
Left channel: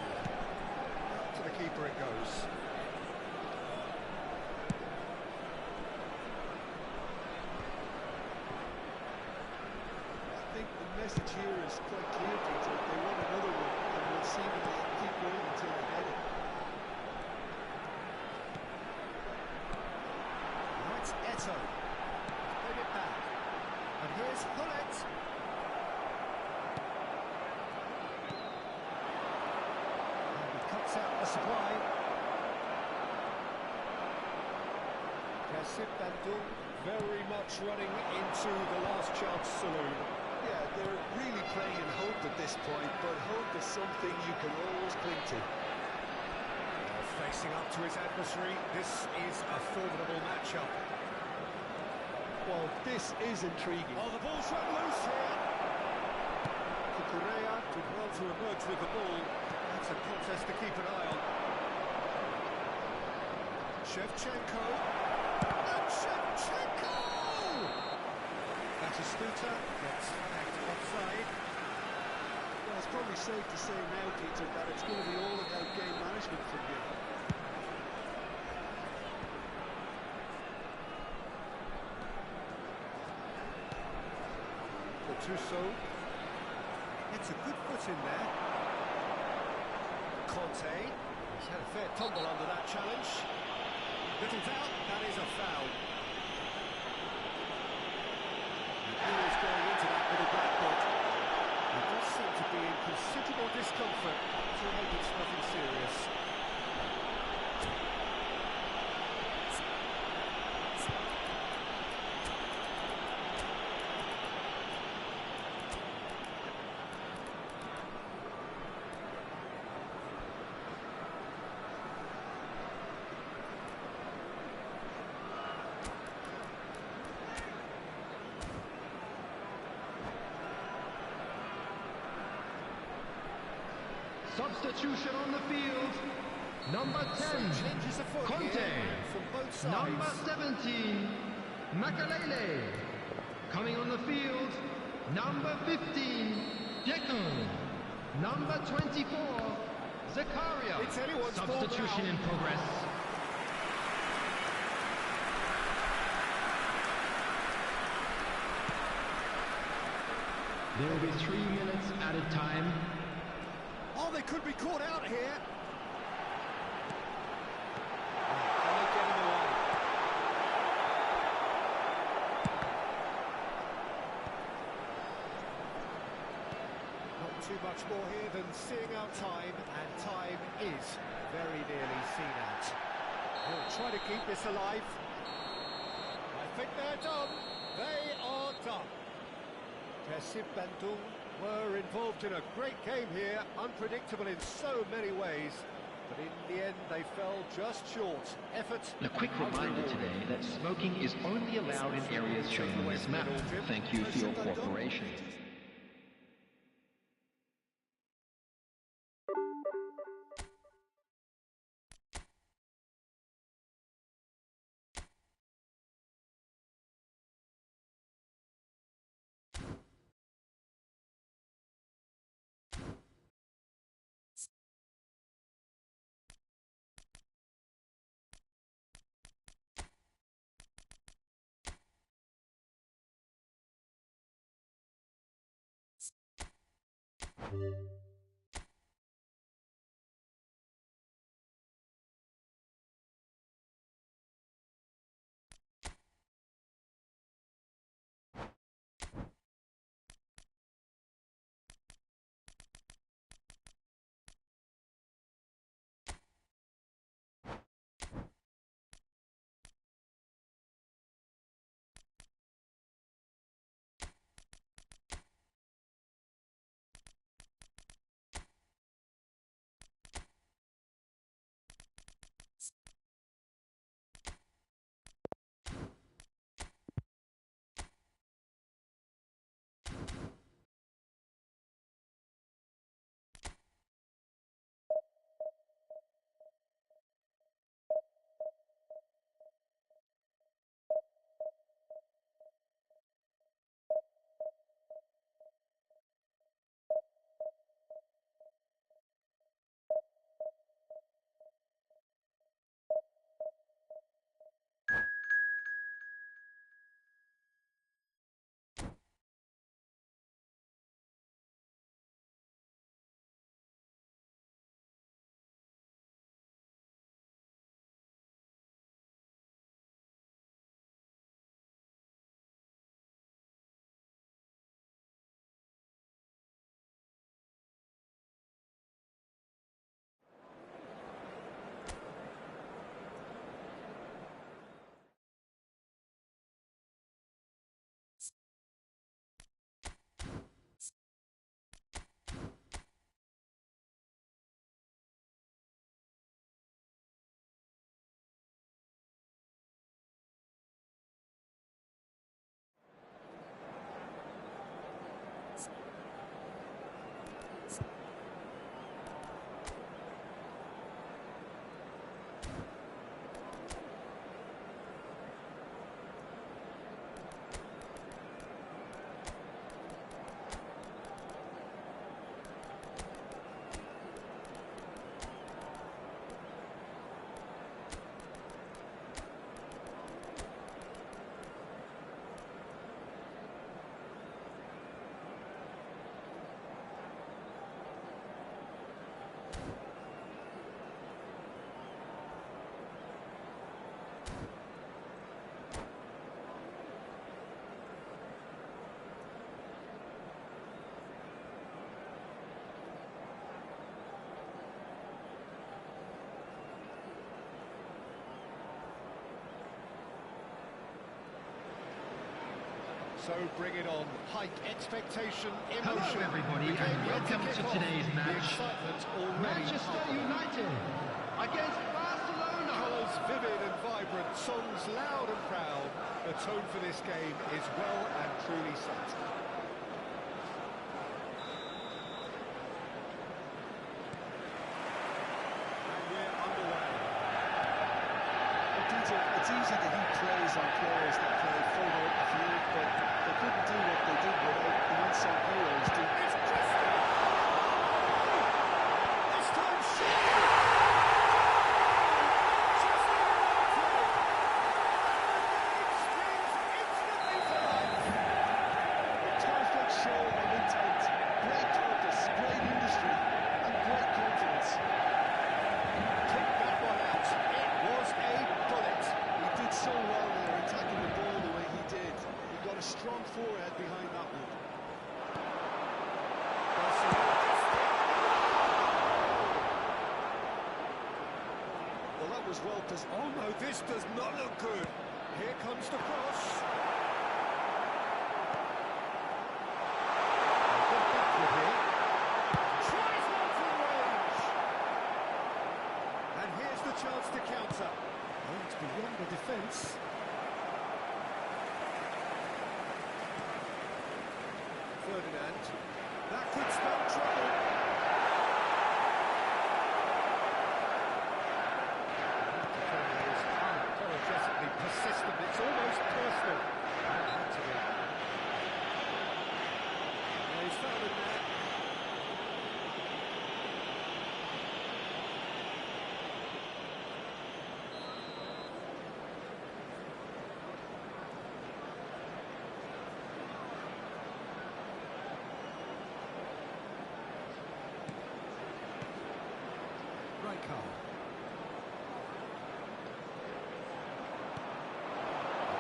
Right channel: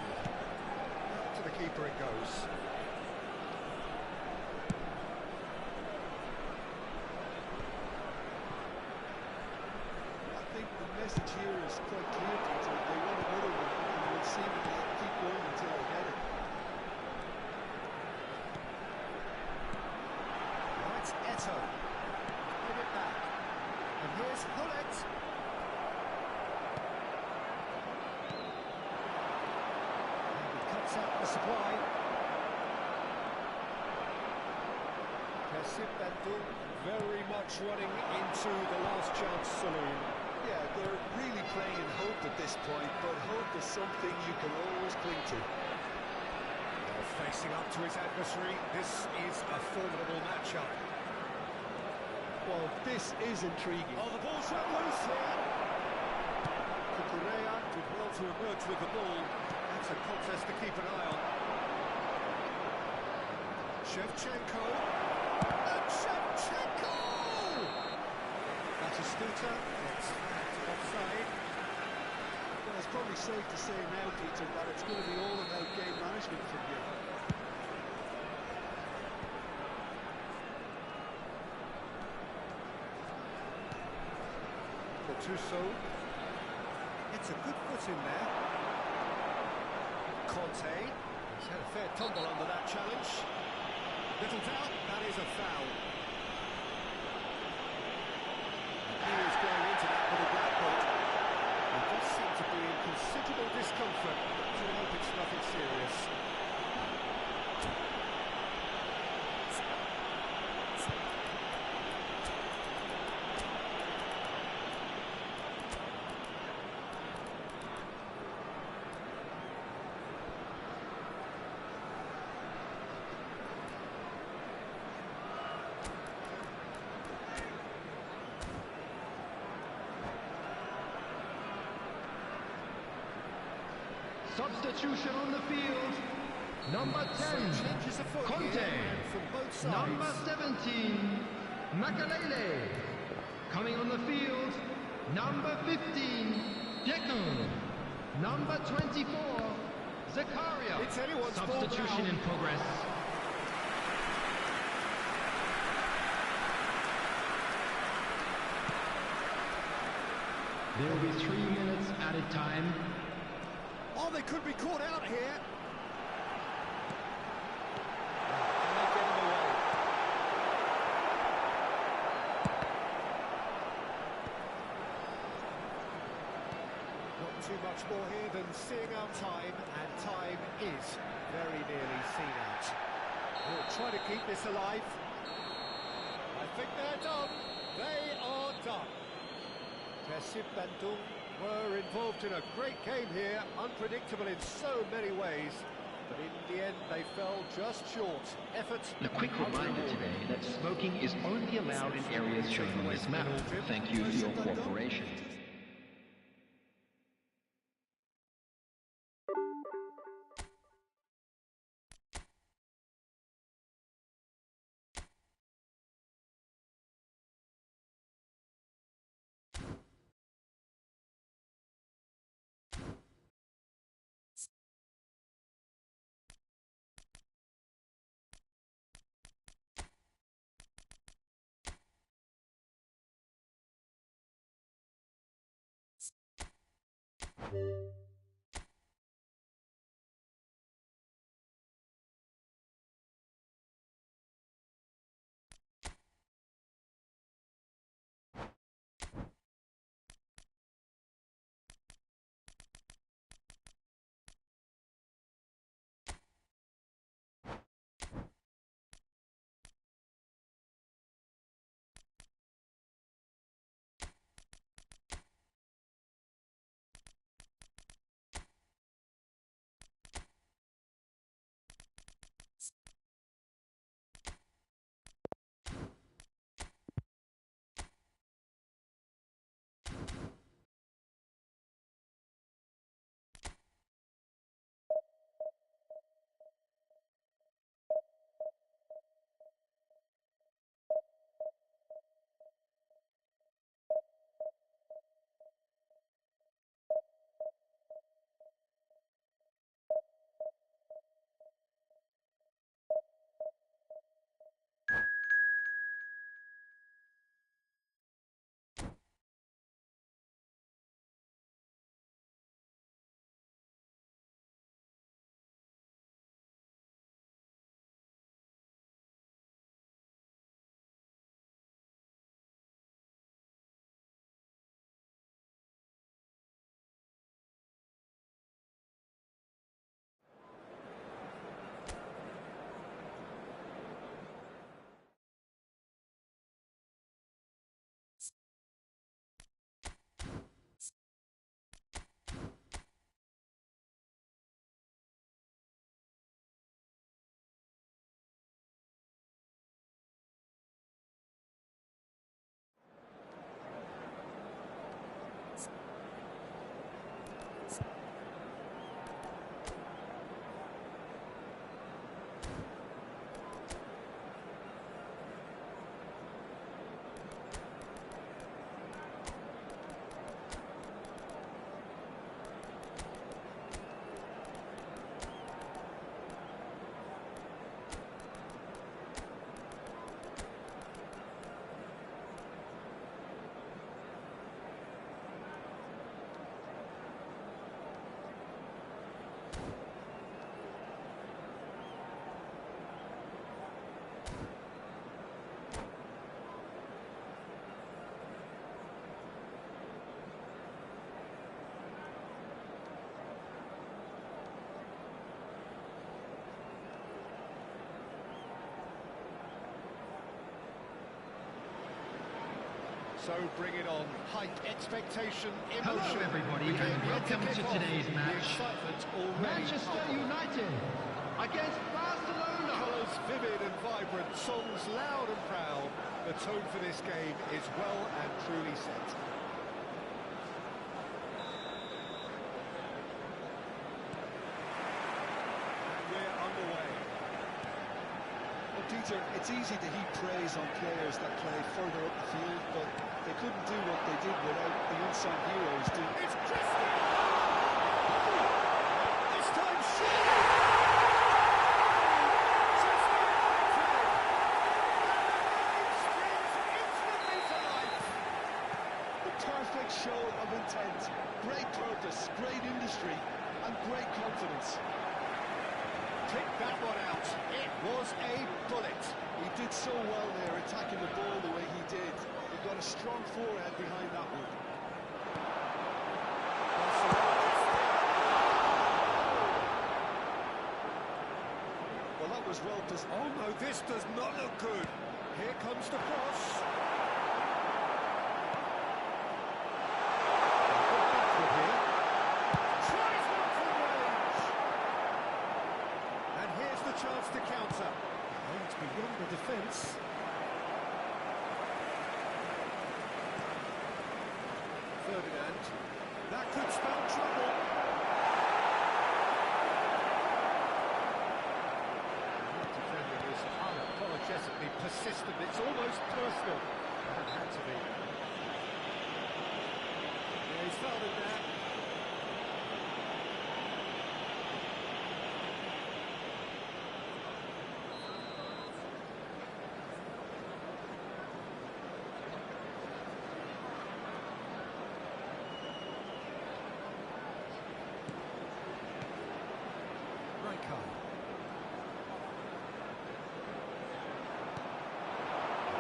To the keeper it goes. I think the message here is quite clear, Peter. They want another one, and will seemingly keep through until they get it. Now it's Eto. Played it back. And here's Hullet. And he cuts out the supply. Kassim Bandung very much running into the last chance saloon. Yeah, they're really playing in hope at this point, but hope is something you can always cling to. Facing up to his adversary, this is a formidable matchup. Well, this is intriguing. Oh, the ball's run loose here. Kukurea did well to emerge with the ball. That's a contest to keep an eye on. Shevchenko. And Shevchenko! Batistuta gets flagged offside. Well, it's probably safe to say now, Peter, that it's going to be all about game management from here. Gattuso. It's a good foot in there. Conte. He's had a fair tumble under that challenge. Little doubt, that is a foul. And he is going into that with a black book. He does seem to be in considerable discomfort, so I hope it's nothing serious. Substitution on the field. Number 10, Changes of foot Conte. here, from both sides. Number 17, Makalele. Coming on the field, number 15, Deco. Number 24, Zakaria. It's anyone's ball Substitution now. in progress. There will be 3 minutes added time. Oh, they could be caught out here. Can they get in the way? Not too much more here than seeing out time, and time is very nearly seen out. He'll try to keep this alive. I think they're done. They are done. Kassim Bandung were involved in a great game here, unpredictable in so many ways, but in the end they fell just short. Effort. A quick reminder today that smoking is only allowed in areas shown on this map. Thank you for your cooperation. So bring it on. Hype, expectation, emotion. Hello everybody and welcome to today's match. Manchester United against Barcelona. Colours vivid and vibrant, songs loud and proud. The tone for this game is well and truly set. And we're underway. Well, Peter, it's easy to heap praise on players that play further up the field, but they couldn't do what they did without the unsung heroes. It's Christie! This time surely! Chester United! And the game springs instantly to life! The perfect show of intent, great purpose, great industry, and great confidence. Pick that one out. It was a bullet. He did so well there, attacking the ball the way he did. He got a strong forehead behind that one. Well, that was well positioned. Oh no, this does not look good. Here comes the cross. Good backward here. Tries one from range. And here's the chance to counter. Oh, it's beyond the defence. Ferdinand. That could spell trouble. That defending is unapologetically persistent. It's almost personal. That had to be. Yeah, he's fouled it there.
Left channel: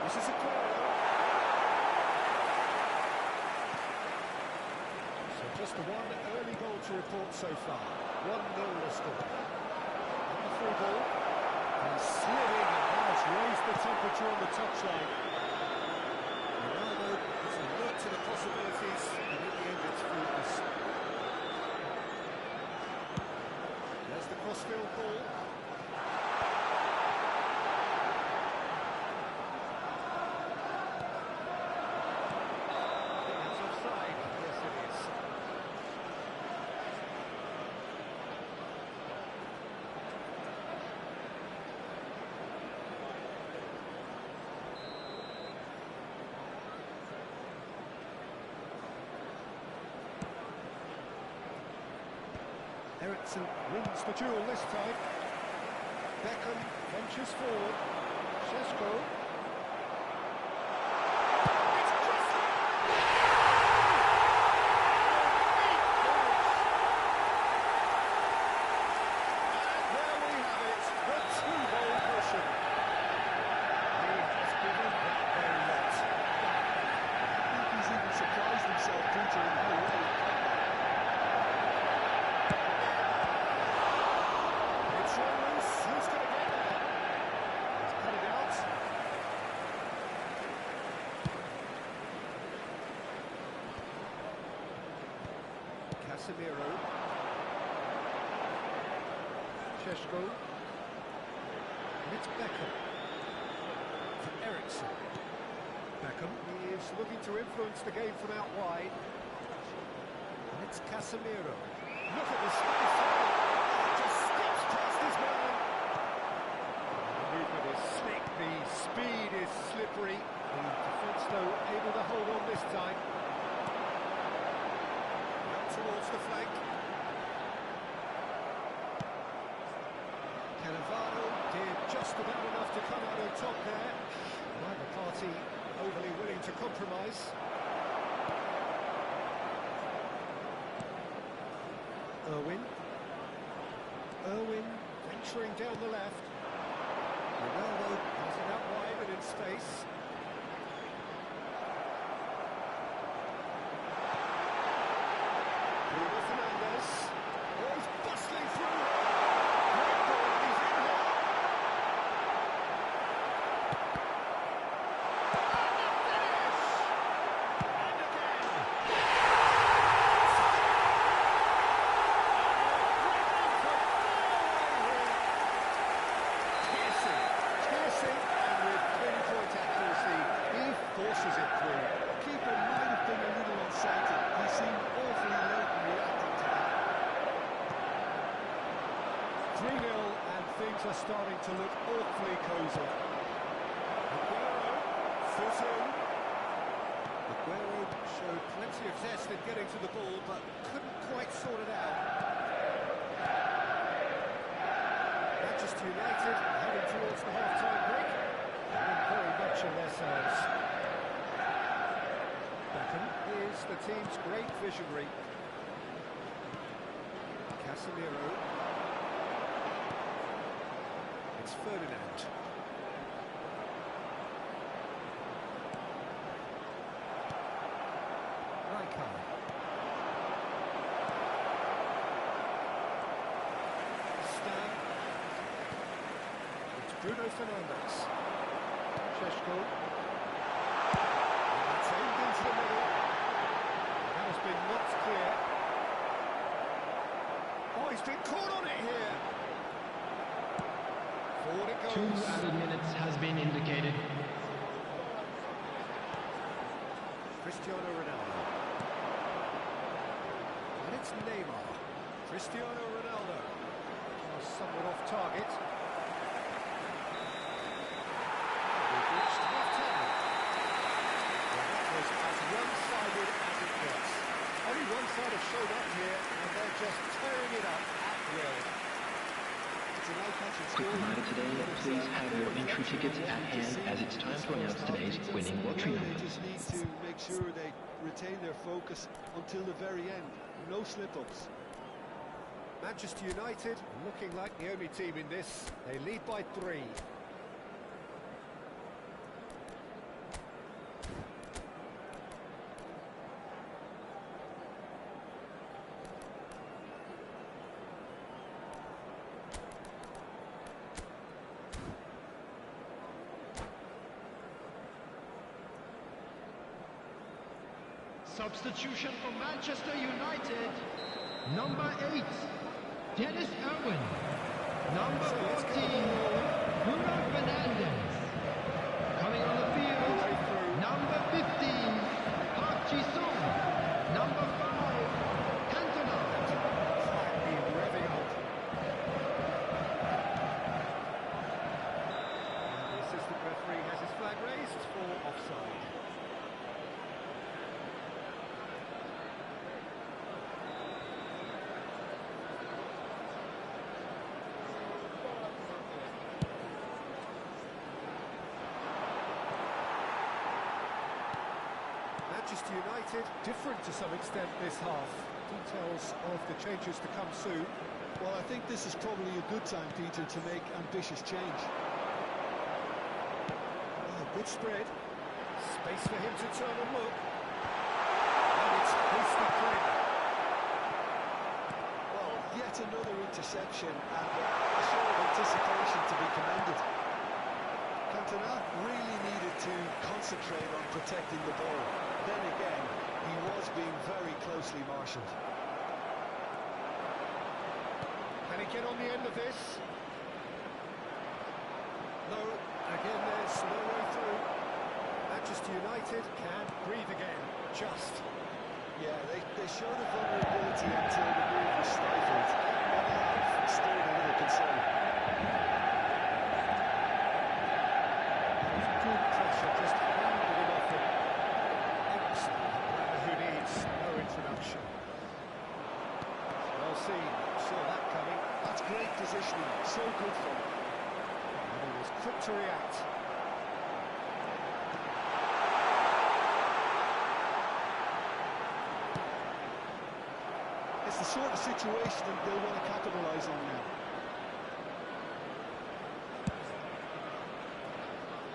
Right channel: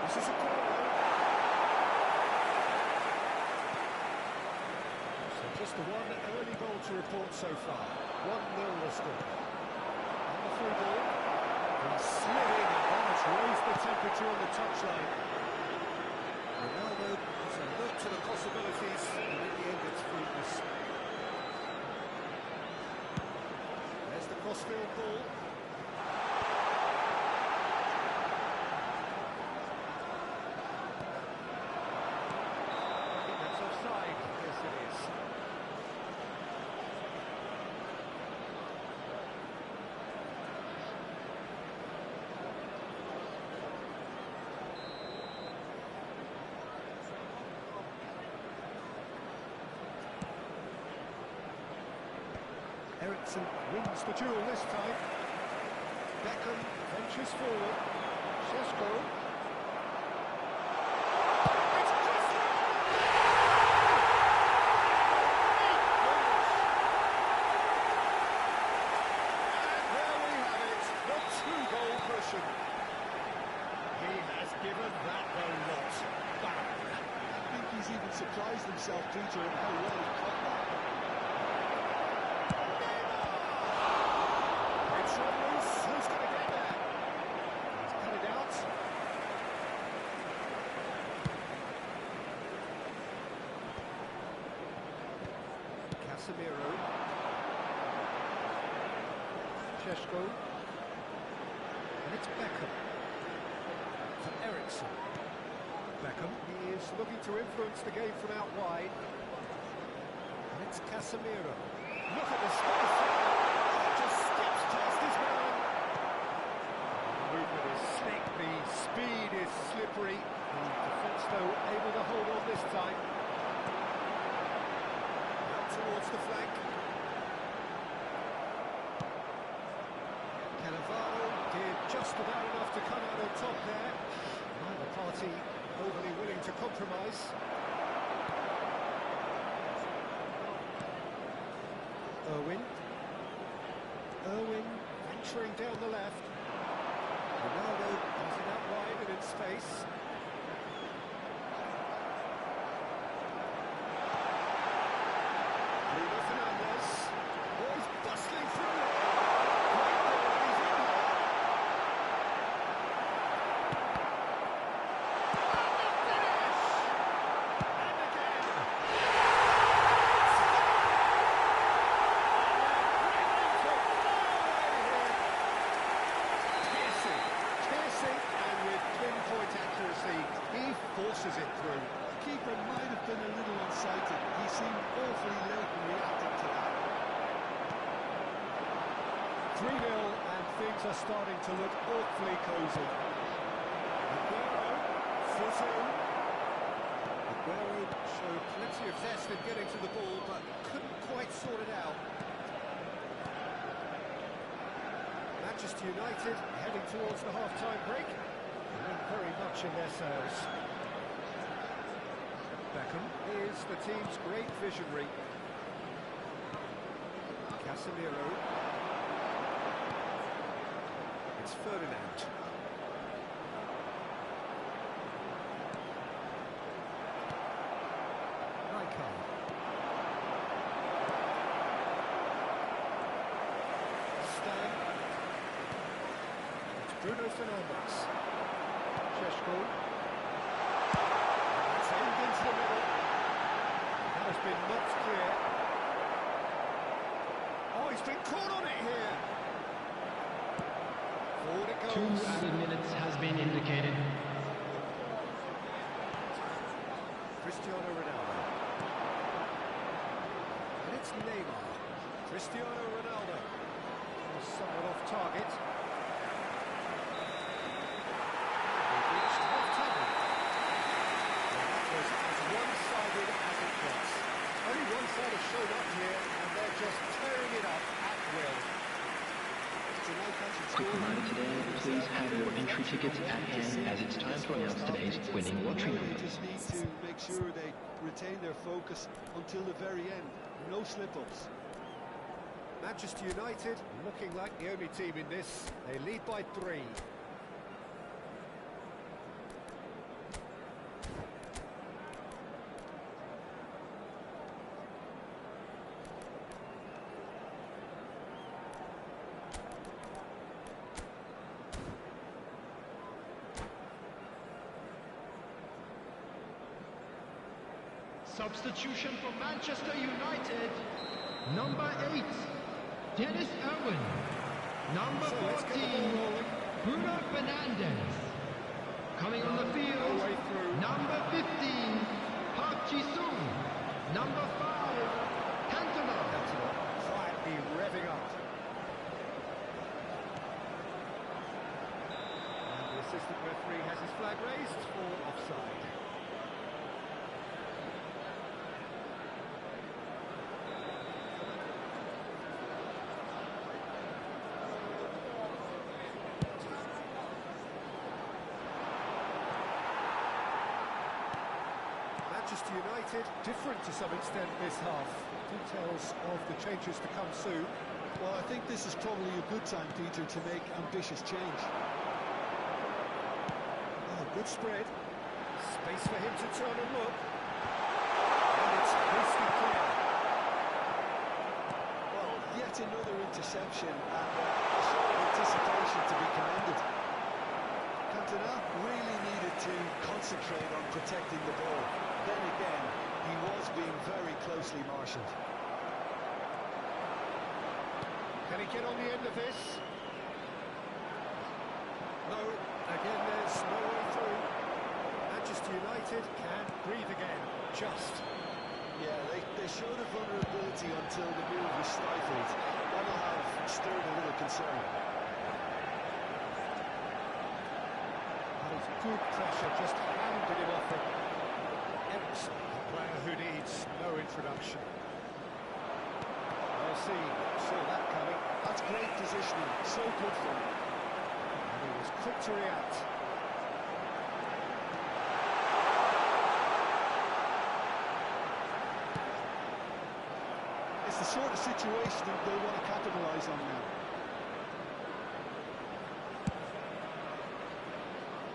This is a goal. So just the one early goal to report so far. 1-0 the score. On the through ball. He's sliding and that has raised the temperature on the touchline. Ronaldo is alert to the possibilities and in the end it's fruitless. There's the crossfield ball. Ericsson wins the duel this time. Beckham ventures forward. Šeško. It's Christie! And there we have it, the two-goal cushion. He has given that a lot. I think he's even surprised himself, Peter, in how well he caught that. It's run loose. Who's going to get there? He's cut it out. Casemiro. Šeško. And it's Beckham. For Ericsson. Beckham. He is looking to influence the game from out wide. And it's Casemiro. Look at the space there. Just skips past his man. The movement is slick, the speed is slippery. The defence, though, able to hold on this time. Out towards the flank. Cannavaro did just about enough to come out on top there. Neither party overly willing to compromise. Irwin venturing down the left. Ronaldo has it out wide and in space. Bruno Fernandes. Oh, he's bustling through here. Great ball, and he's in here. And the finish! pushes it through. The keeper might have been a little unsighted. He seemed awfully late in reacting to that. 3-0, and things are starting to look awfully cosy. Aguero, foot in. Aguero showed plenty of zest in getting to the ball, but couldn't quite sort it out. Manchester United heading towards the half-time break. And very much in their selves. Beckham is the team's great visionary. Casemiro. It's Ferdinand. Rijkaard. Stan. It's Bruno Fernandes. Sheshko. And that's aimed into the middle. That has been knocked clear. Oh, he's been caught on it here. Forward it goes. 2 added minutes has been indicated. Cristiano Ronaldo. And it's Neymar. Cristiano Ronaldo. Oh, somewhat off target. We've reached half-time. Well, that was as one-sided as it gets. Only one side has showed up here, and they're just tearing it up at will. Quick reminder today, please have your entry tickets at hand as it's time to announce today's winning lottery They numbers. just need to make sure they retain their focus until the very end. No slip-ups. Manchester United looking like the only team in this. They lead by 3. Substitution for Manchester United. Number 8, Dennis Irwin. Number 14, Bruno Fernandes. Coming on the field, number 15, Park Ji-sung. Number 5, Cantona. Quietly revving up. And the assistant referee has his flag raised for offside. Manchester United different to some extent this half. Details of the changes to come soon. Well, I think this is probably a good time, Peter, to make ambitious change. Oh, good spread. Space for him to turn and look. And it's hasty clear. Well, yet another interception and a show of anticipation to be commended. Cantona really needed to concentrate on protecting the ball. Then again, he was being very closely marshalled. Can he get on the end of this? No, again there's no way through. Manchester United can breathe again, just. Yeah, they showed a vulnerability until the move was stifled. That'll have stirred a little concern. That was good pressure, just hounded him off it. Ericsson, a player who needs no introduction. Well seen, saw that coming. That's great positioning, so good from him. And he was quick to react. It's the sort of situation that they'll want to capitalise on now.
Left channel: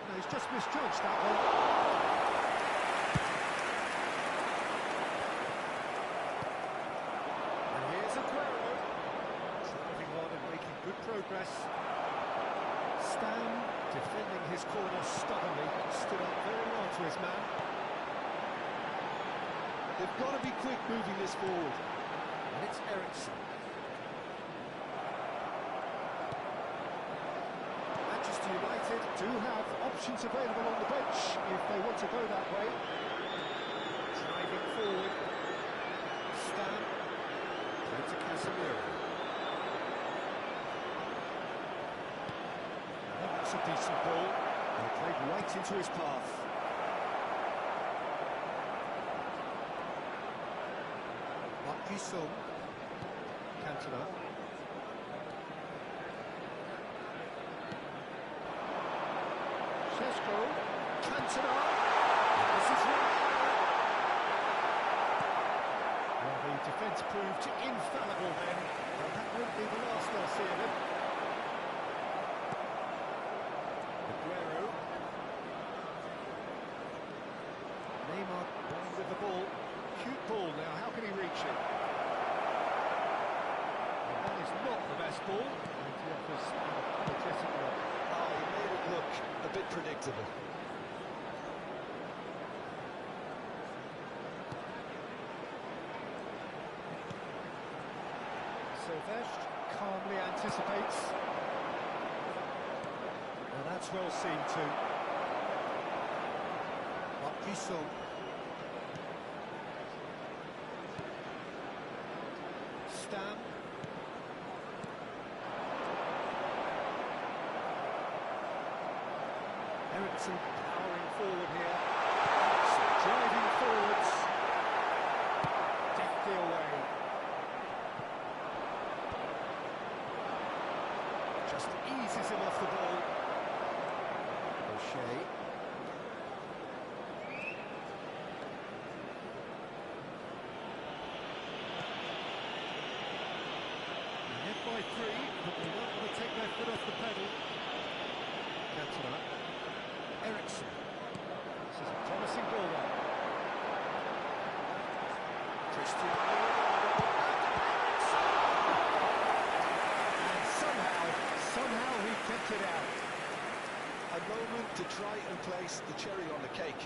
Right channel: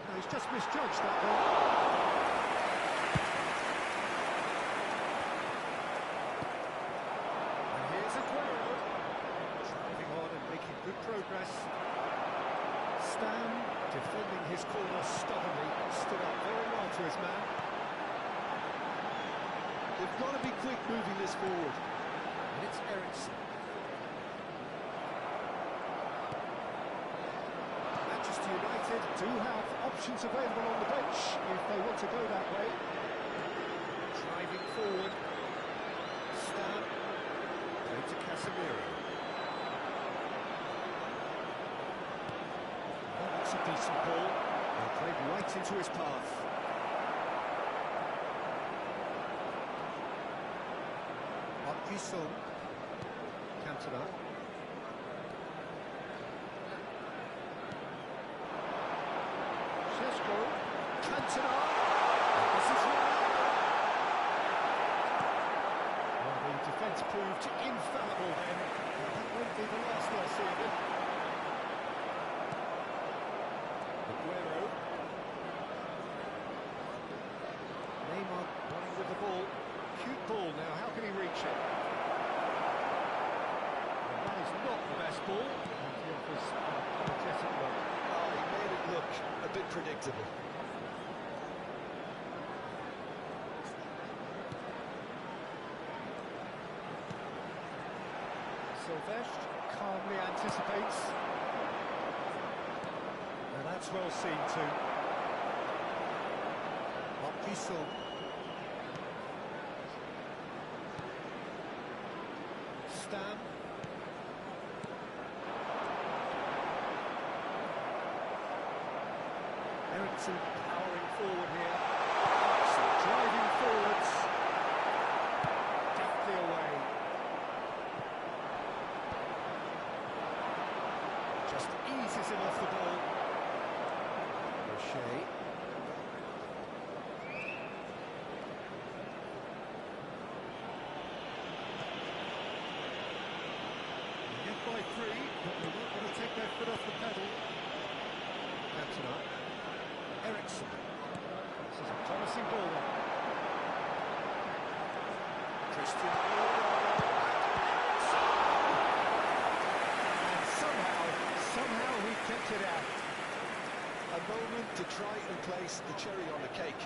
No, he's just misjudged that one. And here's Aguero. Driving on and making good progress. Stan, defending his corner stubbornly, stood up very well to his man. They've got to be quick moving this forward. And it's Ericsson. Manchester United United do have options available on the bench if they want to go that way. Driving forward. Stan. Played to Casemiro. That looks a decent ball. Well, played right into his path. Sung. Cantona. Šeško. Cantona. This is Ronaldo. Well, the defence proved infallible then. Well, that won't be the last they'll see of him. Aguero. Neymar running with the ball. Cute ball now, how can he reach it? Well, that is not the best ball, and he offers an apologetic look. Oh, he made it look a bit predictable. Silvestre calmly anticipates. Now that's well seen too. Sung. Stan. Ericsson powering forward here. Ericsson driving forwards. Deftly away. Just eases him off the ball. O'Shea. By 3, but they won't want to take their foot off the pedal. Cantona. Ericsson. This is a promising ball then. Cristiano Ronaldo. And somehow he kept it out. A moment to try and place the cherry on the cake.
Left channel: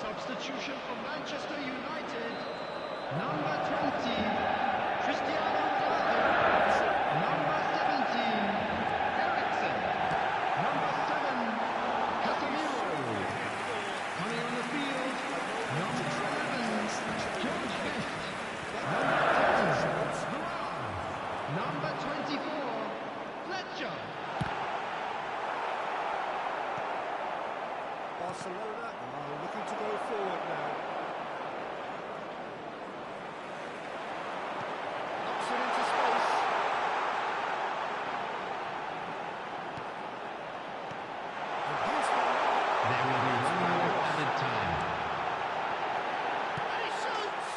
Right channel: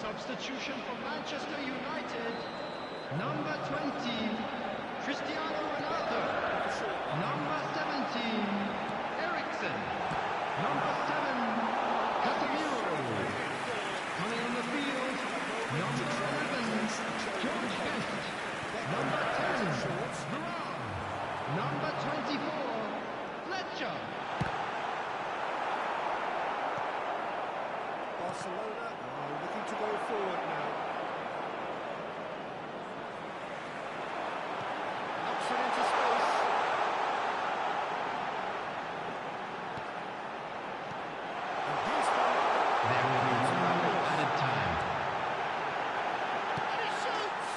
Substitution for Manchester United. Number 20, Cristiano Ronaldo. Number 17, Ericsson. Number 7, Casemiro. Coming on the field, number 11, George Best. Number 10, Varane. Number 24, Fletcher. Barcelona are looking to go forward now. Knocks it into space. And here's Varane. There will be 1 minute added time. And he shoots!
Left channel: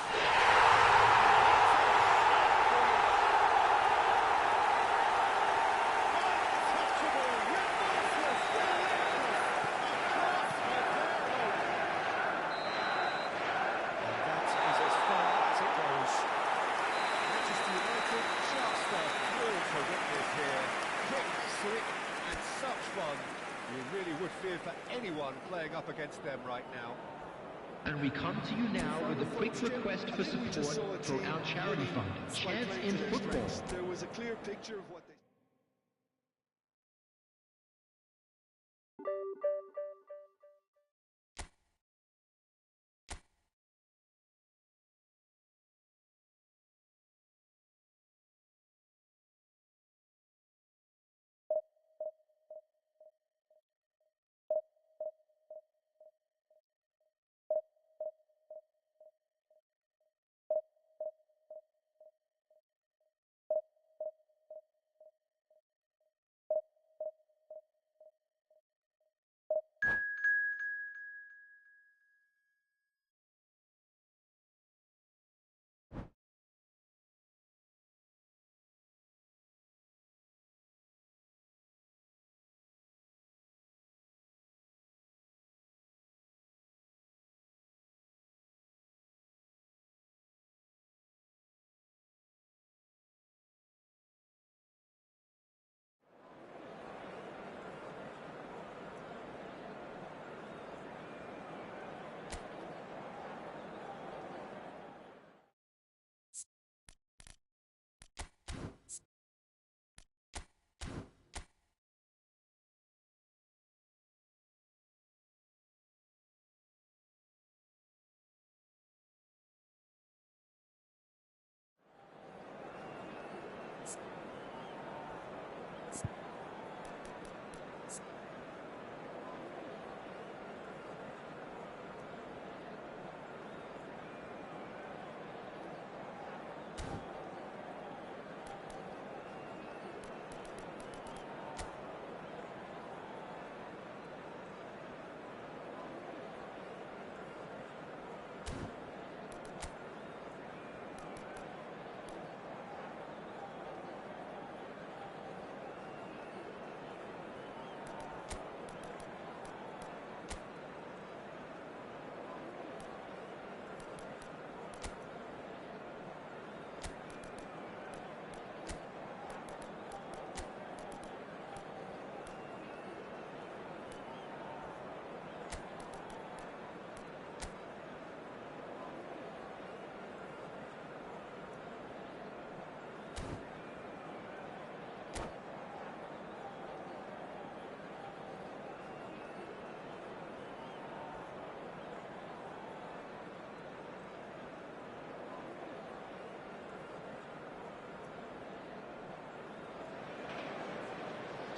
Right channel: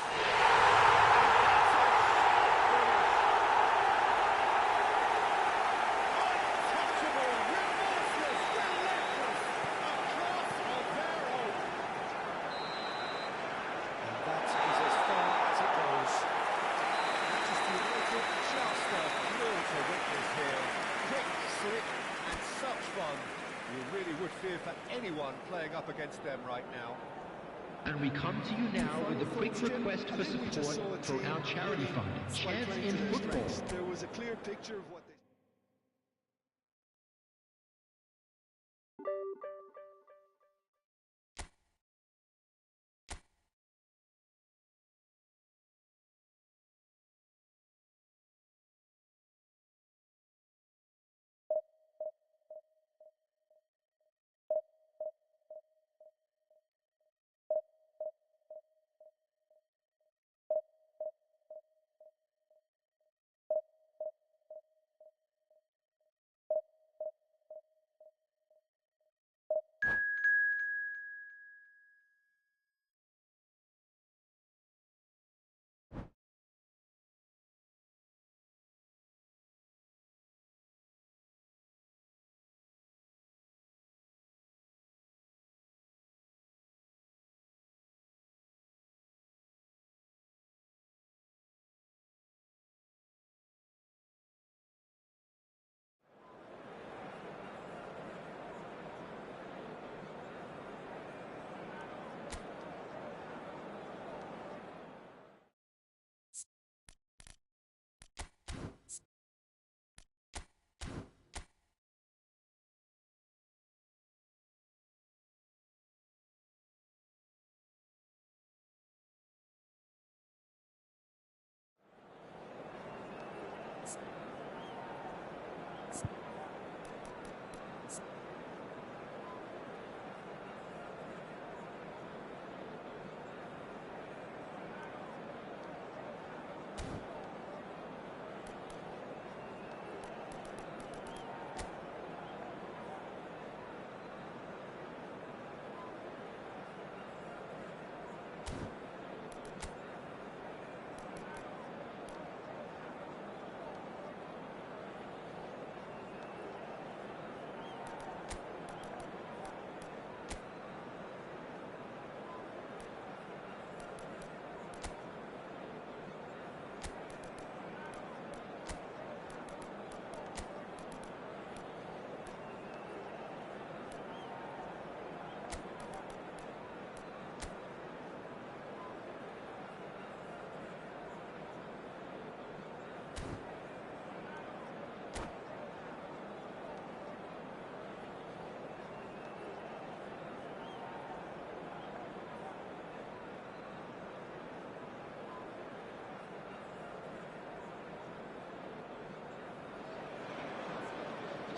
Untouchable, remorseless, relentless, a class of their own. And that is as far as it goes. Manchester United just a thrill to witness here. Quick, slick, and such fun. You really would fear for anyone playing up against them right now. And we come to you now with a quick request for support for our charity fund, Chance in Football. There was a clear picture of what they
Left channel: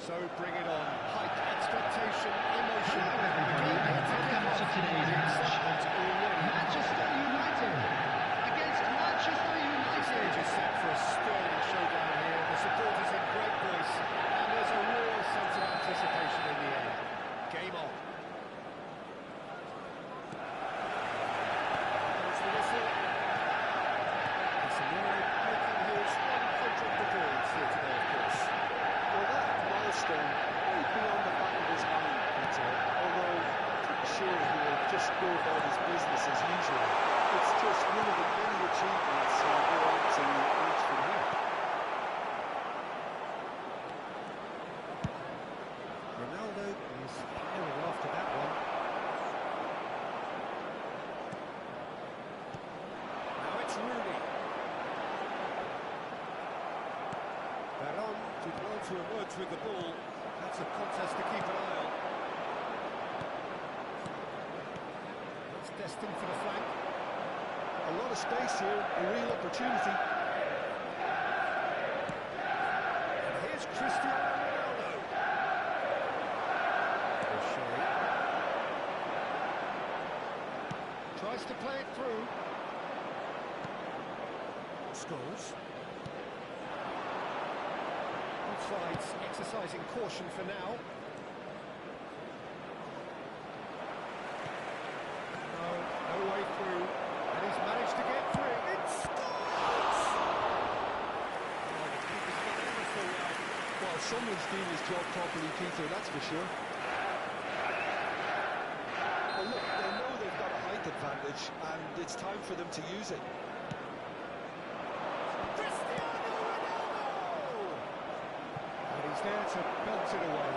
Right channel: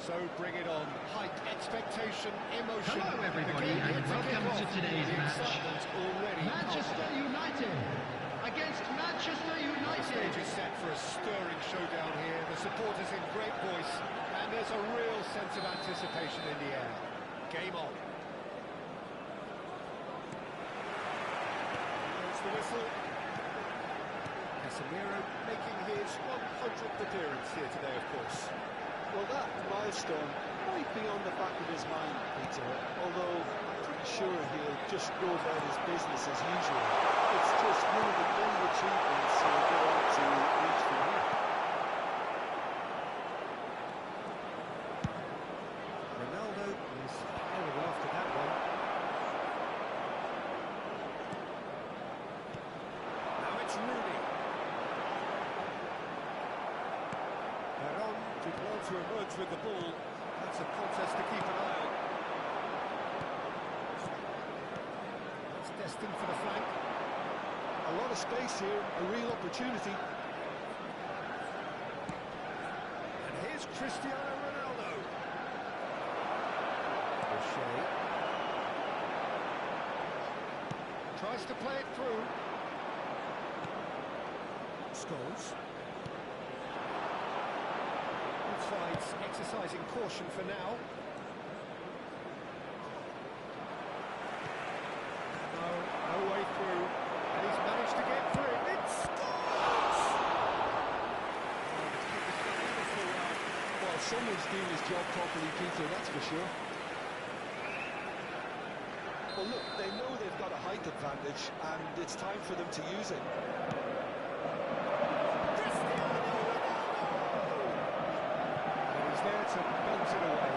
So bring it on. Height, expectation, emotion. Hello everybody and welcome to today's match. Manchester United against Manchester The United. stage is set for a stirring showdown here. The supporters in great voice, and there's a real sense of anticipation in the air. Game on. There's the whistle. Casemiro making his 100th appearance here today, of course. Well, that milestone might be on the back of his mind, Peter, although I'm pretty sure he'll just go about his business as usual. It's just one of the many achievements he'll go on to reach from here. Ronaldo is firing after that one. Now it's Rooney. Veron did well to emerge with the ball. That's a contest to keep an eye on. That's destined for the flank. A lot of space here, a real opportunity. And here's Cristiano Ronaldo. O'Shea tries to play it through. Scholes. Both sides exercising caution for now. No way through. And he's managed to get free. It scores! Oh, the keeper's done ever so well. Well, someone's doing his job properly, Peter, that's for sure. Well, look, they know they've got a height advantage, and it's time for them to use it. Cristiano Ronaldo! And he's there to belt it away.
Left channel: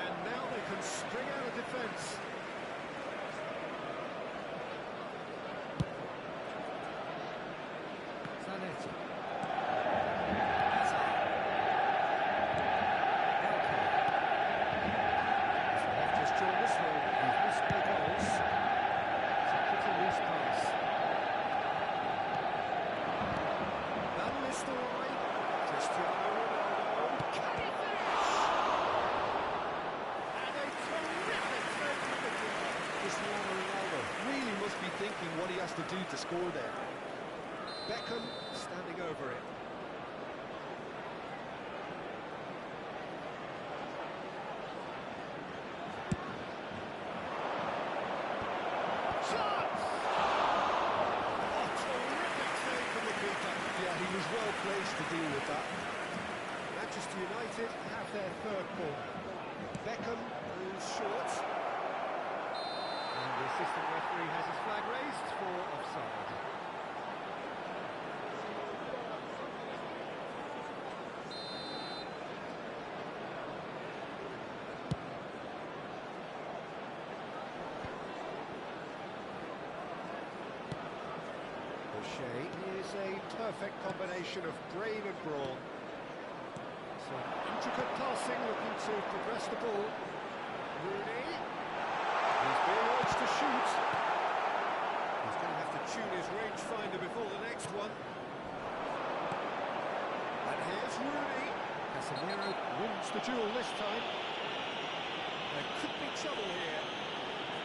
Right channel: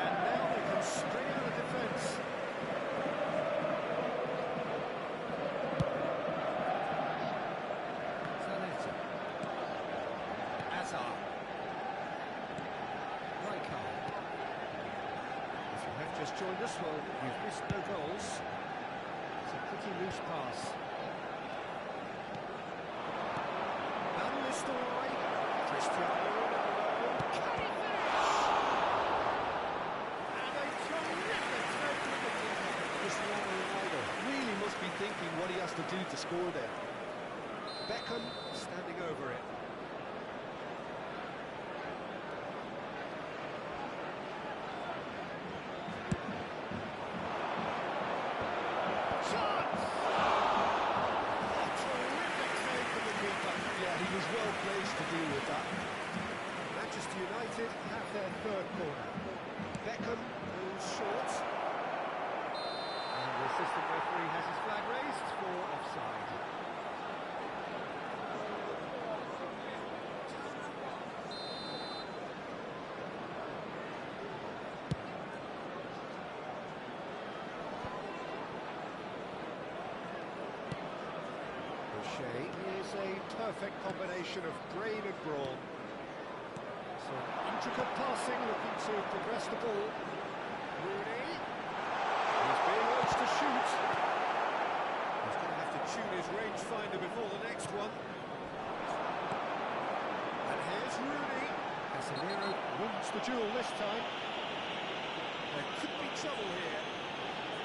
And now they can string out a defence. Zanetti. Hazard. Welcome. If you have just joined us, well, you've missed no goals. It's a pretty loose pass. Van Nistelrooy. Cristiano Ronaldo. Can he finish? And a terrific save from the keeper. Cristiano Ronaldo really must be thinking what he has to do to score there. Beckham standing over it. Shots! Oh, terrific save from the keeper. Yeah, he was well placed to deal with that. Manchester United have their third corner. Beckham goes short. And the assistant referee has his flag raised for offside. O'Shea is a perfect combination of brain and brawn. Some intricate passing, looking to progress the ball. Rooney. He's being urged to shoot. He's going to have to tune his rangefinder before the next one. And here's Rooney. Casemiro wins the duel this time. There could be trouble here.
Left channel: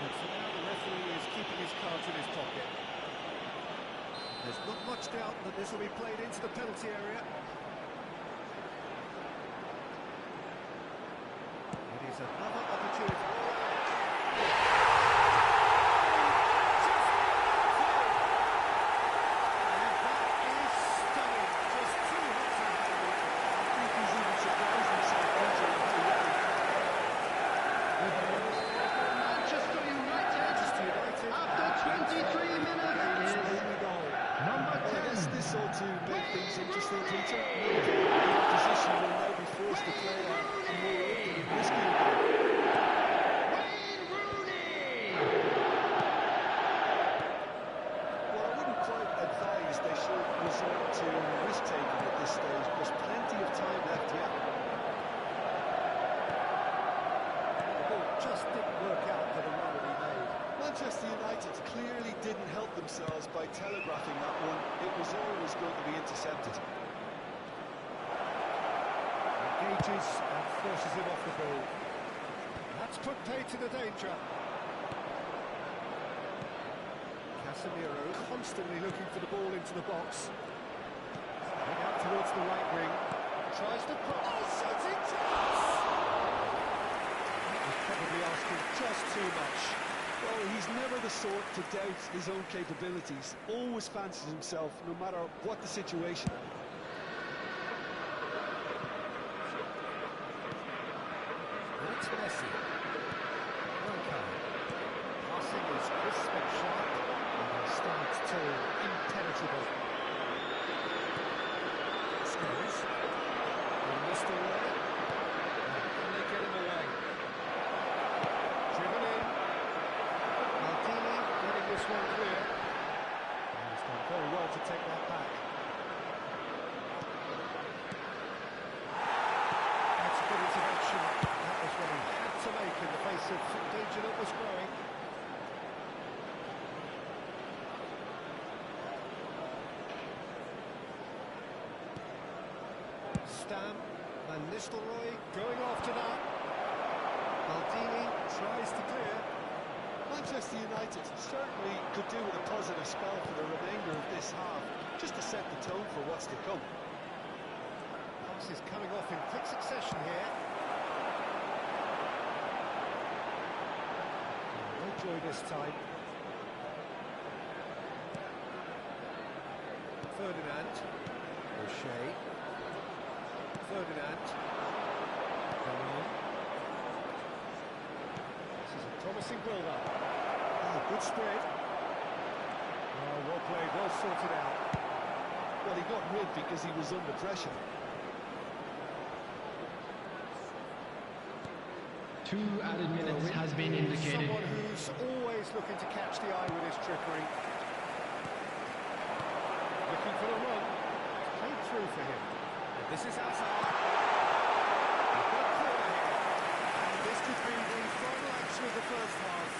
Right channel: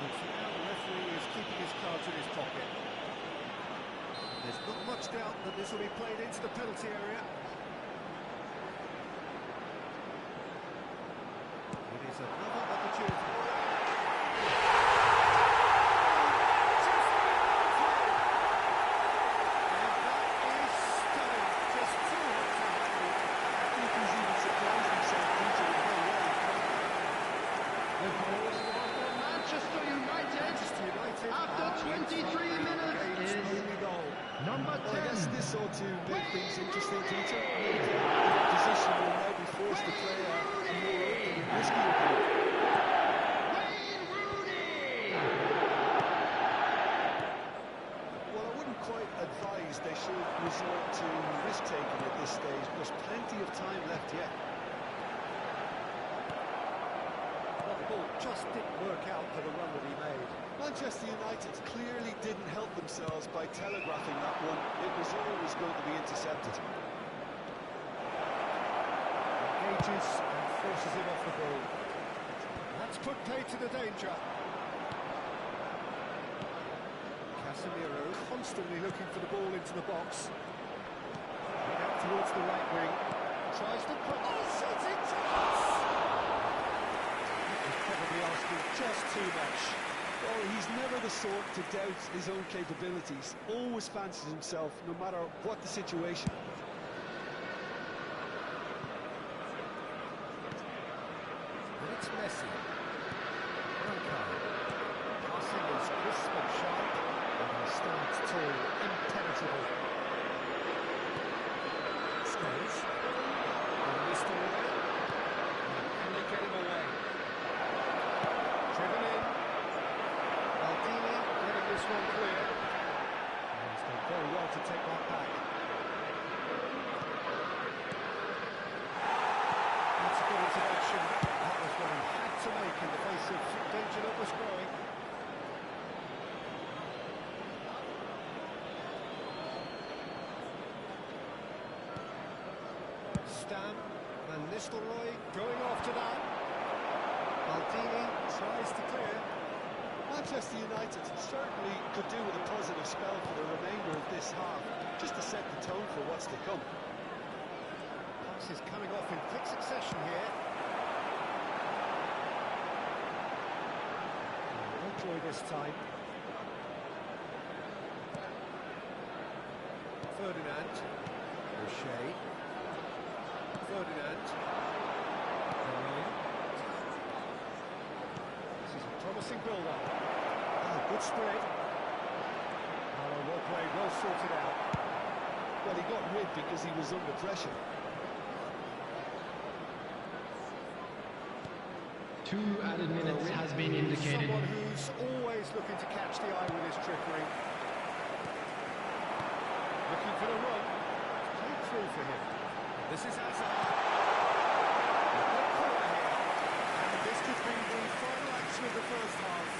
But for now the referee is keeping his cards in his pocket. There's not much doubt that this will be played into the penalty area. It is another opportunity. Manchester United! And that is stunning. Just too hot to handle. I think he's even surprised himself, Peter, in how well he caught that. The goal scorer for Manchester United Manchester United after 23 minutes is only goal. number Well, I 10. guess this ought to make things interesting, Peter. No doubt the opposition will now be forced to play a more open and riskier game. Wayne Rooney! Well, I wouldn't quite advise they should resort to risk-taking at this stage. There's plenty of time left yet. Well, the ball just didn't work out for the run that he made. Manchester United clearly didn't help themselves by telegraphing that one. It was always going to be intercepted. He engages and forces him off the ball. That's put pay to the danger. Casemiro constantly looking for the ball into the box. Head out towards the right wing. Tries to put... Oh, shooting chance! That was probably asking just too much. Well, he's never the sort to doubt his own capabilities. Always fancies himself, no matter what the situation. And it's Messi. Passing is crisp and sharp, and he stands tall, impenetrable. Scores. And Mr. Roy. Can they get him away? Driven in. Maldini getting this one clear. And he's done very well to take that back. That's a good intervention. That was what he had to make in the face of danger that was growing. Stam, Van Nistelrooy going after that. Maldini tries to clear. Manchester United certainly could do with a positive spell for the remainder of this half, just to set the tone for what's to come. Passes coming off in quick succession here. No joy this time. Ferdinand. O'Shea. Ferdinand. Chroń. This is a promising build-up. Oh, good spread. Oh, well played, well sorted out. Well, he got rid because he was under pressure. 2 added minutes has been indicated. Someone who's always looking to catch the eye with his trickery. Looking for the run. It's played through for him. And this is Hazard. A good corner here. And this could be the final action of the first half.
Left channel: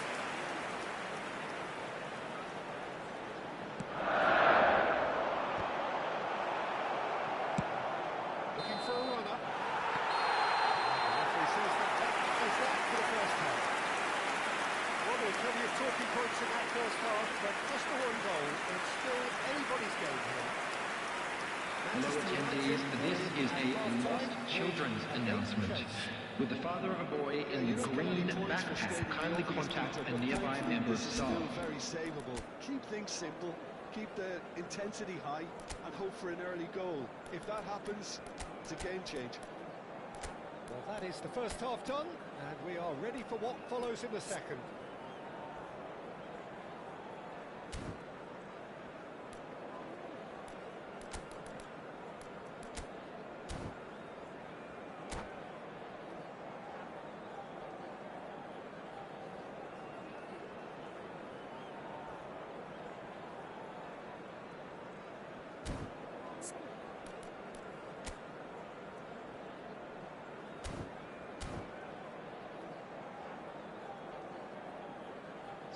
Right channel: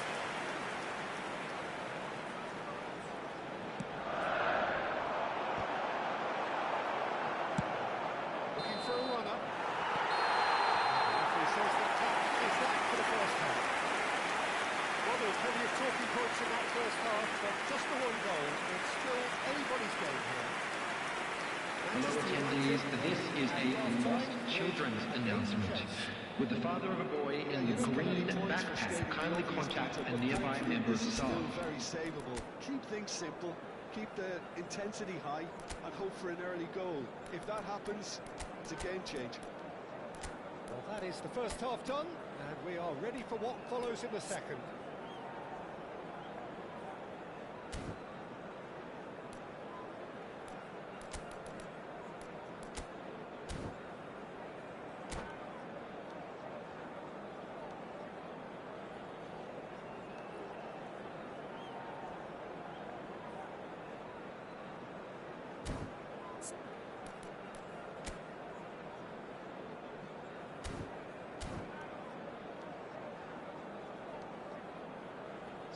Looking for a runner. The referee says that is that for the first half. Well, there were plenty of talking points in that first half, but just the one goal. It's still anybody's game here. Hello attendees, this is a Lost Children's announcement. Would the father of a boy in the green backpack kindly contact a nearby member of staff? Still very savable. Keep things simple, keep the intensity high, and hope for an early goal. If that happens, it's a game changer. Well, that is the first half done, and we are ready for what follows in the second.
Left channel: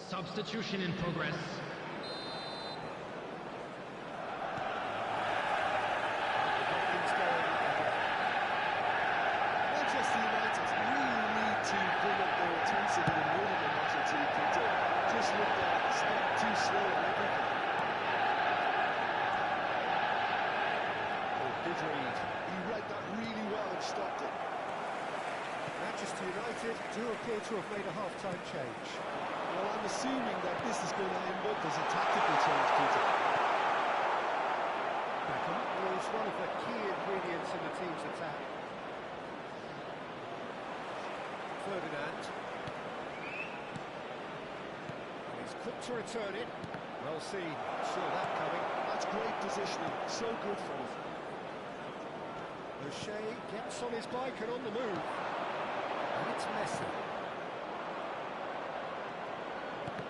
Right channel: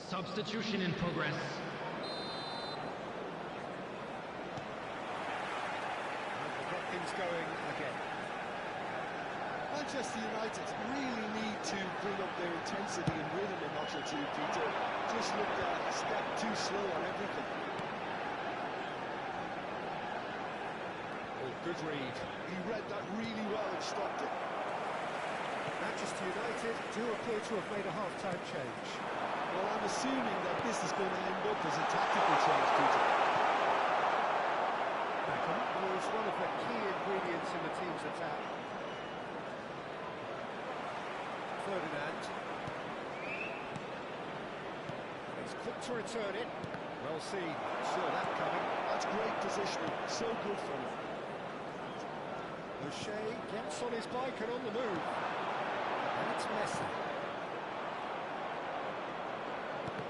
Substitution in progress. To get things going again. Manchester United really need to bring up their intensity and rhythm a notch or two, Peter. Just looked a step too slow on everything. Oh, good read. He read that really well and stopped it. Manchester United do appear to have made a half-time change. Well, I'm assuming that this is going to end up as a tactical change, Peter. Beckham was one of the key ingredients in the team's attack. Ferdinand. And he's quick to return it. Well seen. Saw that coming. That's great positioning. So good from him. O'Shea gets on his bike and on the move. And it's Messi.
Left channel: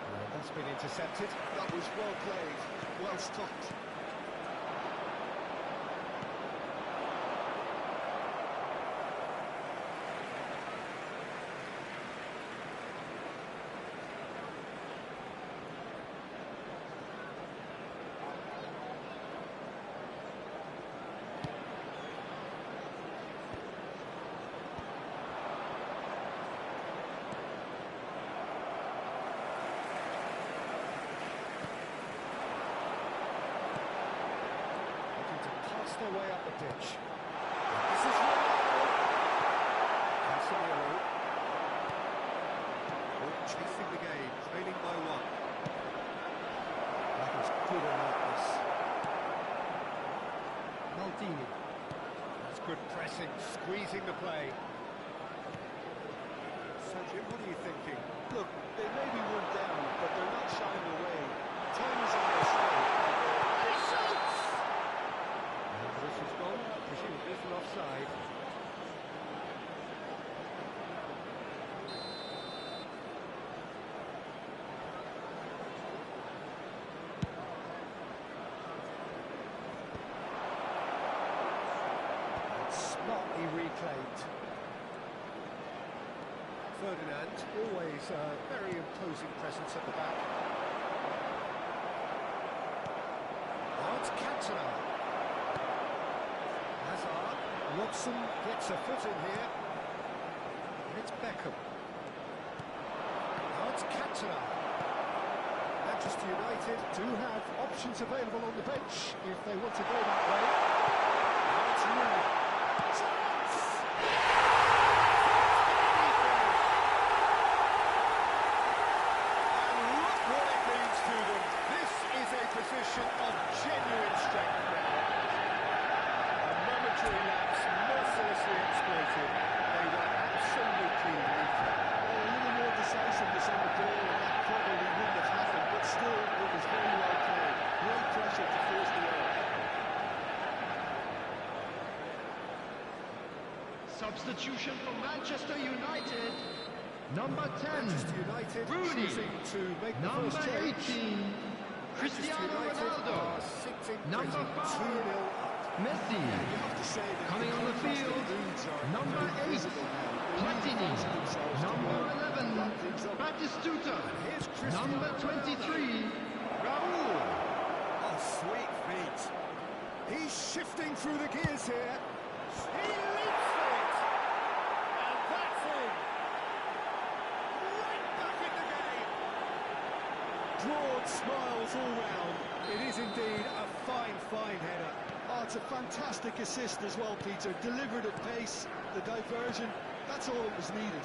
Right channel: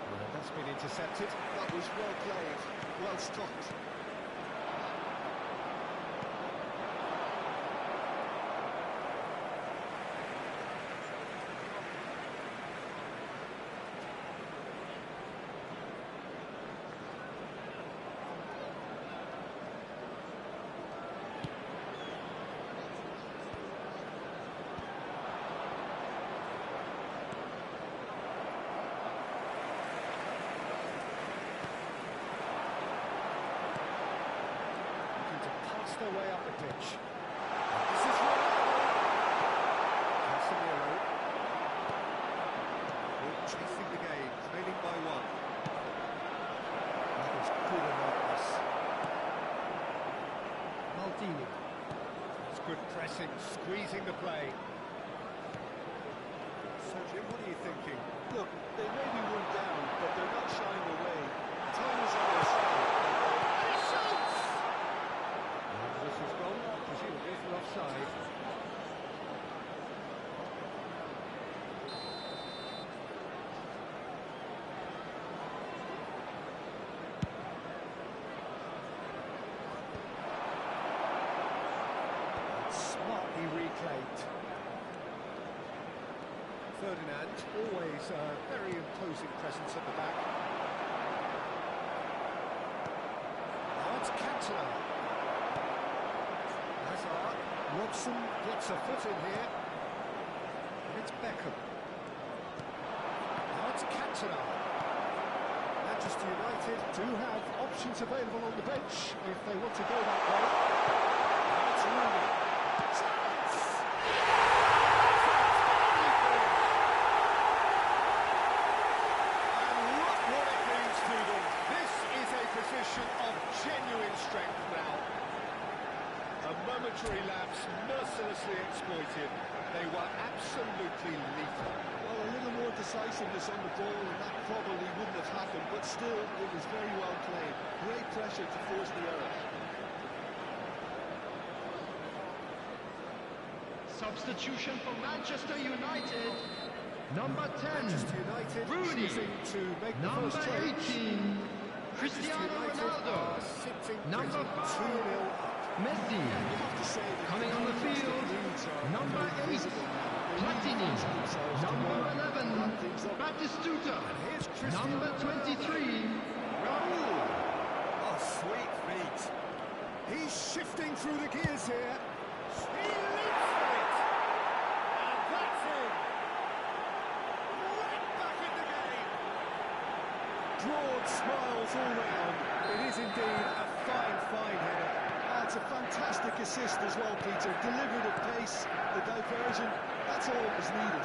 And that's been intercepted. That was well played, well stopped. works their way up the pitch. This is Ronaldo. Casemiro. Chasing the game, trailing by one. That is good alertness. Maldini. That's good pressing, squeezing the play. So Jim, what are you thinking? Look, they may be one down, but they're not shying away. Time is on their side. And he shoots! And this has gone, presumably for offside. Smartly reclaimed. Ferdinand, always a very imposing presence at the back. Now it's Cantona. Hazard. Robson gets a foot in here. And it's Beckham. Now it's Cantona. Manchester United do have options available on the bench if they want to go that way. Now it's Rooney. Chance! And look what it means to them. This is a position of genuine strength now. A momentary lapse mercilessly exploited. They were absolutely lethal. Well, a little more decisiveness on the ball, and that probably wouldn't have happened, but still, it was very well played. Great pressure to force the error. Substitution for Manchester United. Number 10, Manchester United Rooney. choosing to make the Number first change. 18, Cristiano Manchester United Ronaldo. are sitting Number pretty 5, 2-0 up. Messi. You have to say that Coming on the field, number 8, Platini. Number 11, Batistuta. Here's Cristiano Number 23, Raul. Oh, sweet feet. He's shifting through the gears here. He leaps for it. And that's him. Right back in the game. Broad smiles all round. It is indeed a fine, fine header. Oh, it's a fantastic assist as well, Peter. Delivered at pace, the diversion, that's all that was needed.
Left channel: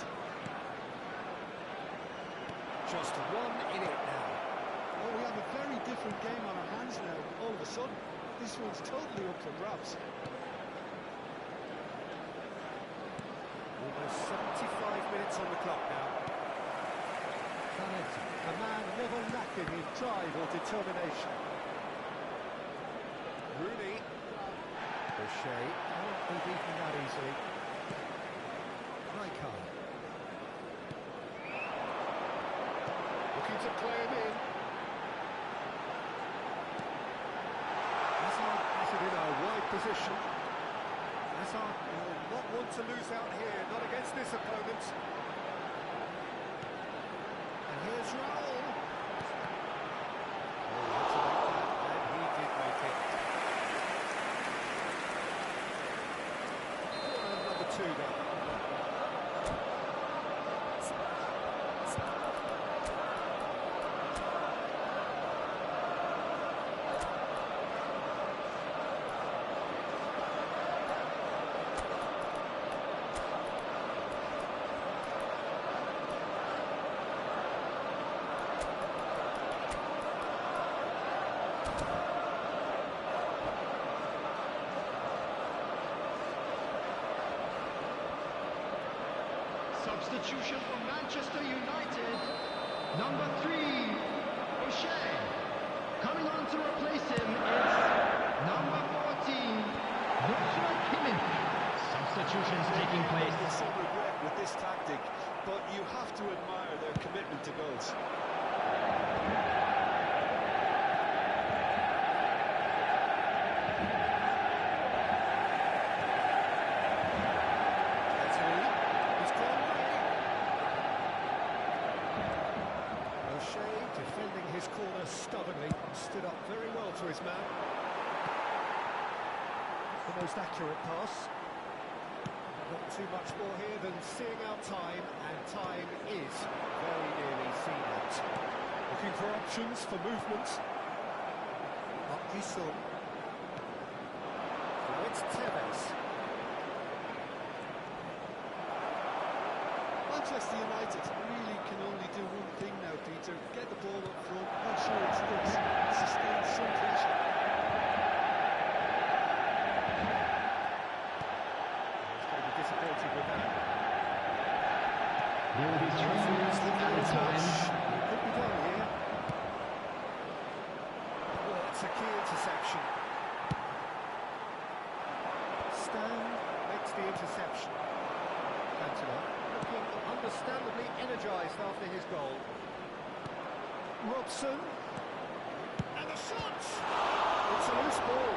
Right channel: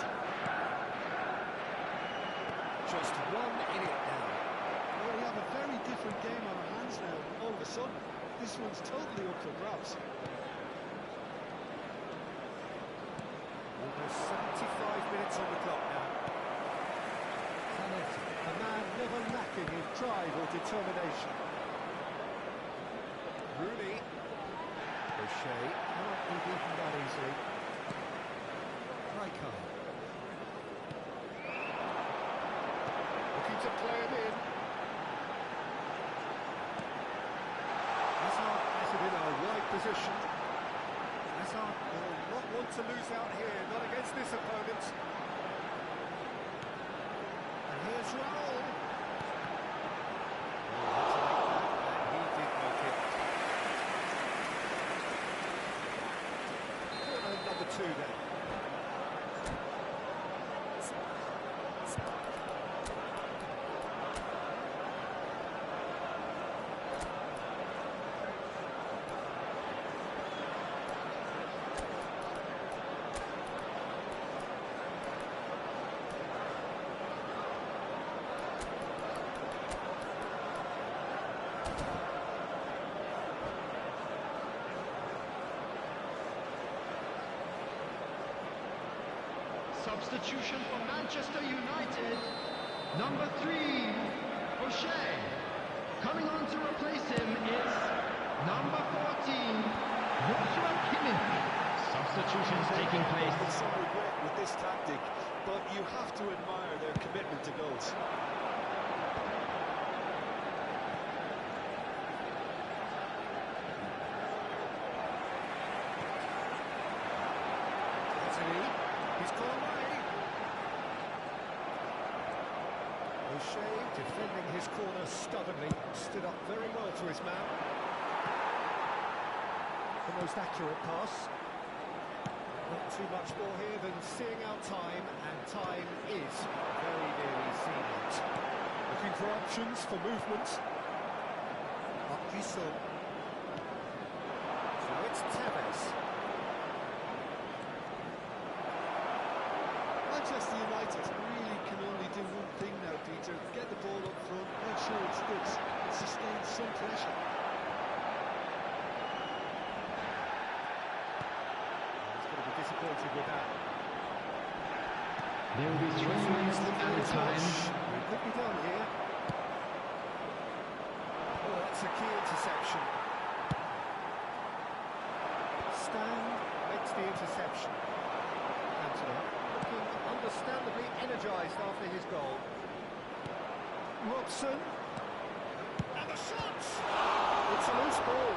Just one in it now. Well, we have a very different game on our hands now, all of a sudden. This one's totally up for grabs. Almost 75 minutes on the clock now. Zanetti, a man never lacking in drive or determination. Rooney. O'Shea cannot be beaten that easily. Rijkaard. Looking to play him in. Hazard has it in a wide position. Hazard will not want to lose out here, not against this opponent. And here's Raul. Oh, had to make that, and he did make it. Corner number 2 then. Substitution for Manchester United. Number 3, O'Shea. Coming on to replace him is number 14, Joshua Kimmich. Substitutions taking place. With some regret with this tactic, but you have to admire their commitment to goals. He's gone away. O'Shea defending his corner stubbornly, stood up very well to his man. The most accurate pass. Not too much more here than seeing out time, and time is very nearly seen out. Looking for options for movement. Up Giselle. it's Tevez. Manchester United really can only do one thing now, Peter. Get the ball up front, make sure it sticks, and sustain some pressure. He's going to be disappointed with that. There will be 3 minutes added time. It could be done here. Oh, that's a key interception. Stan makes the interception. Cantona looking understandably energised after his goal. Robson. And the shot! It's a loose ball.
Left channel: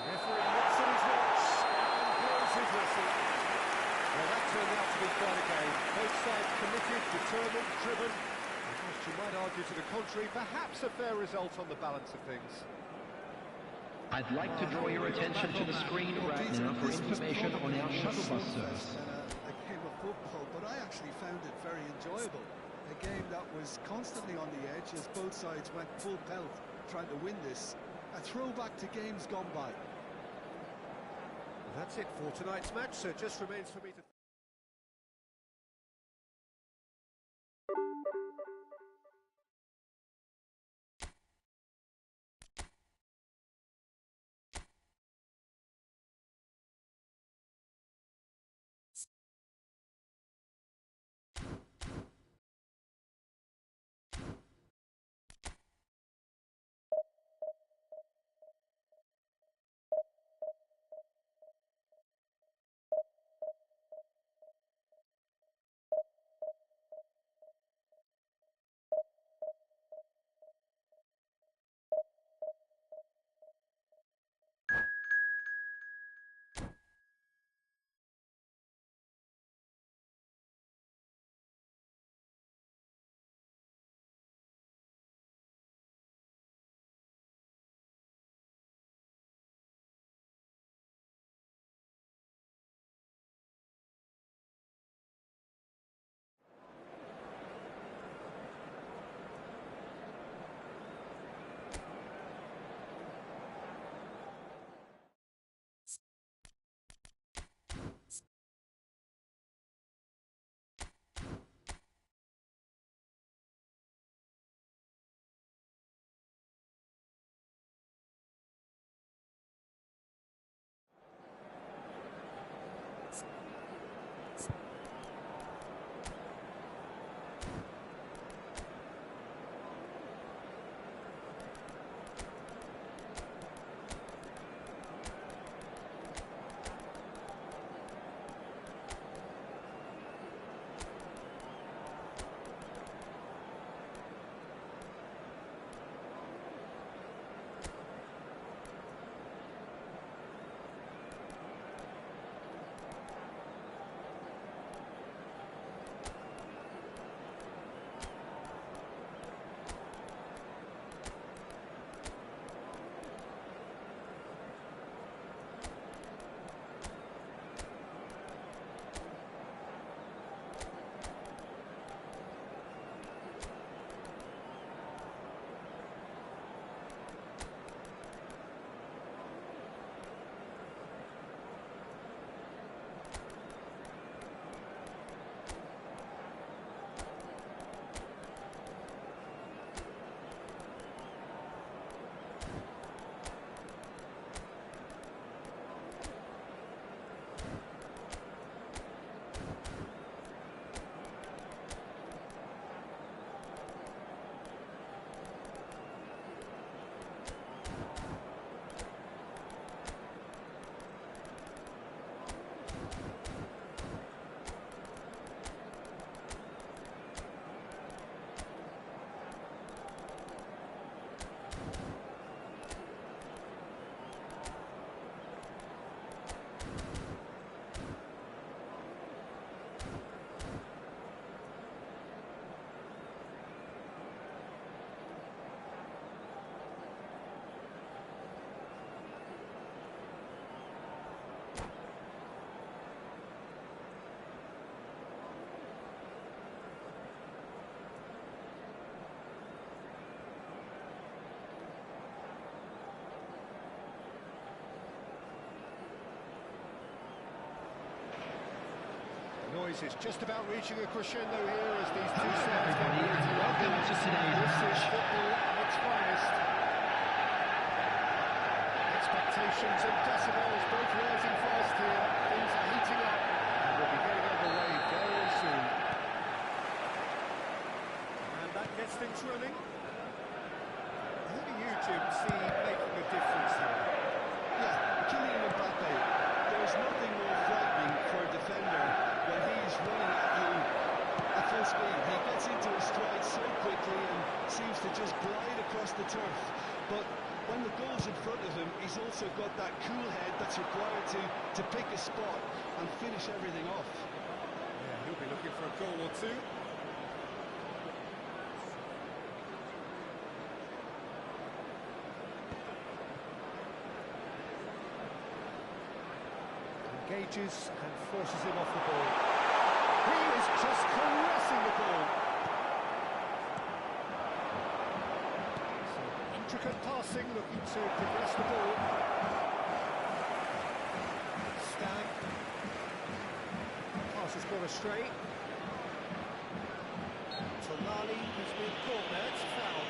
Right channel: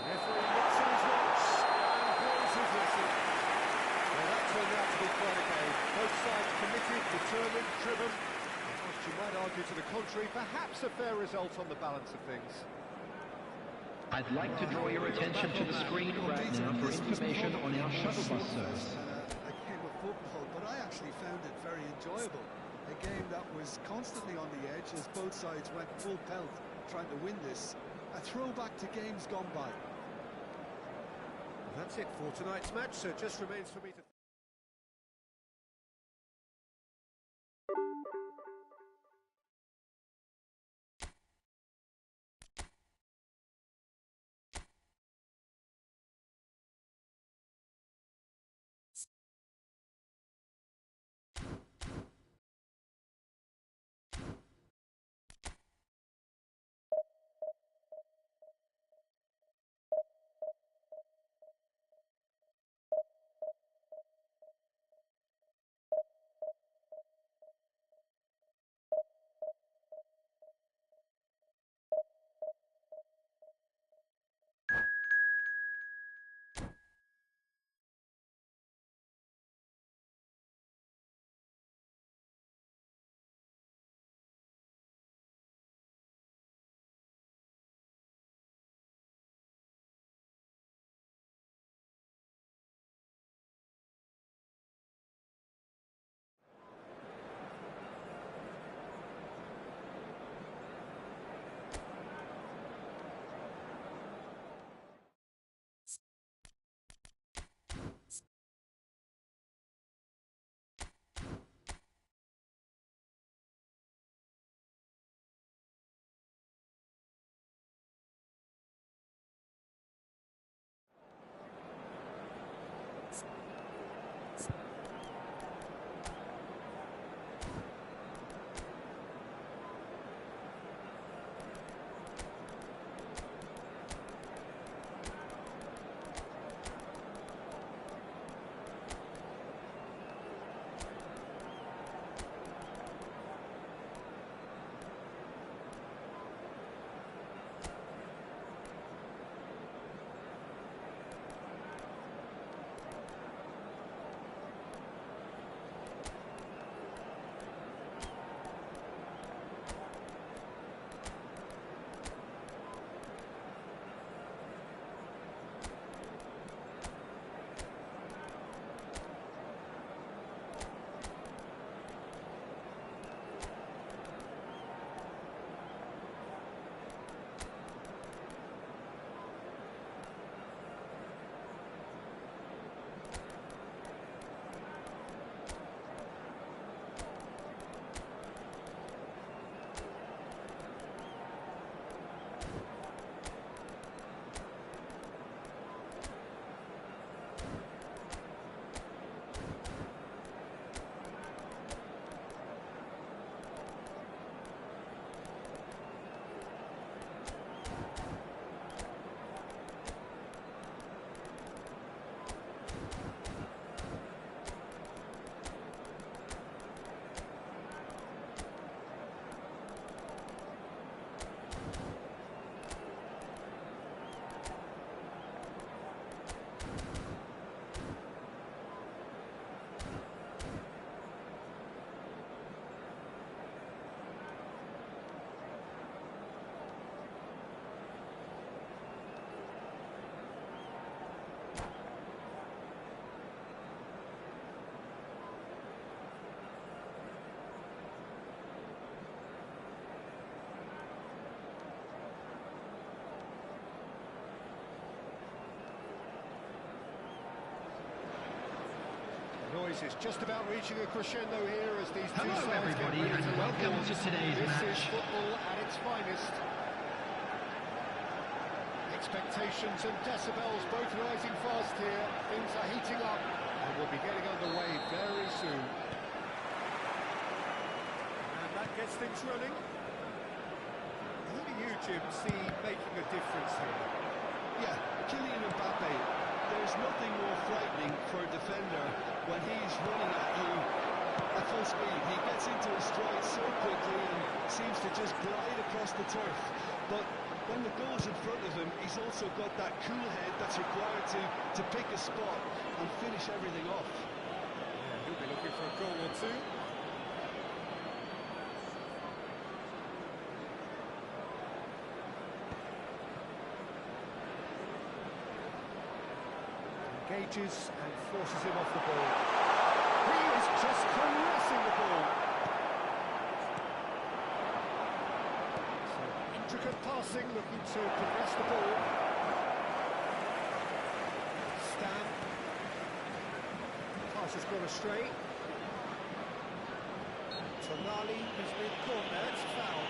Referee looks at his watch and blows his whistle. Well, that turned out to be quite a game. Both sides committed, determined, driven. And whilst you might argue to the contrary, perhaps a fair result on the balance of things. I'd like to draw your attention to the screen right now for information on our shuttle bus service. A game of football, but I actually found it very enjoyable. A game that was constantly on the edge as both sides went full pelt trying to win this. A throwback to games gone by. That's it for tonight's match, so it just remains for me to... noise is just about reaching a crescendo here as these two Hello sides everybody get ready and welcome to today's This is match. football at its finest. Expectations and decibels both rising fast here. Things are heating up and we'll be getting underway very soon. And that gets things running. Who do you, Jim, see making a difference here? Yeah, Kylian Mbappe. There's nothing more frightening for a defender when he's running at you at full speed. He gets into his stride so quickly and seems to just glide across the turf. But when the goal's in front of him, he's also got that cool head that's required to pick a spot and finish everything off. Yeah, he'll be looking for a goal or two. Engages and forces him off the ball. He is just caressing the ball. So intricate passing, looking to progress the ball. Stan. Pass has gone astray. Tonali has been caught there, it's a foul.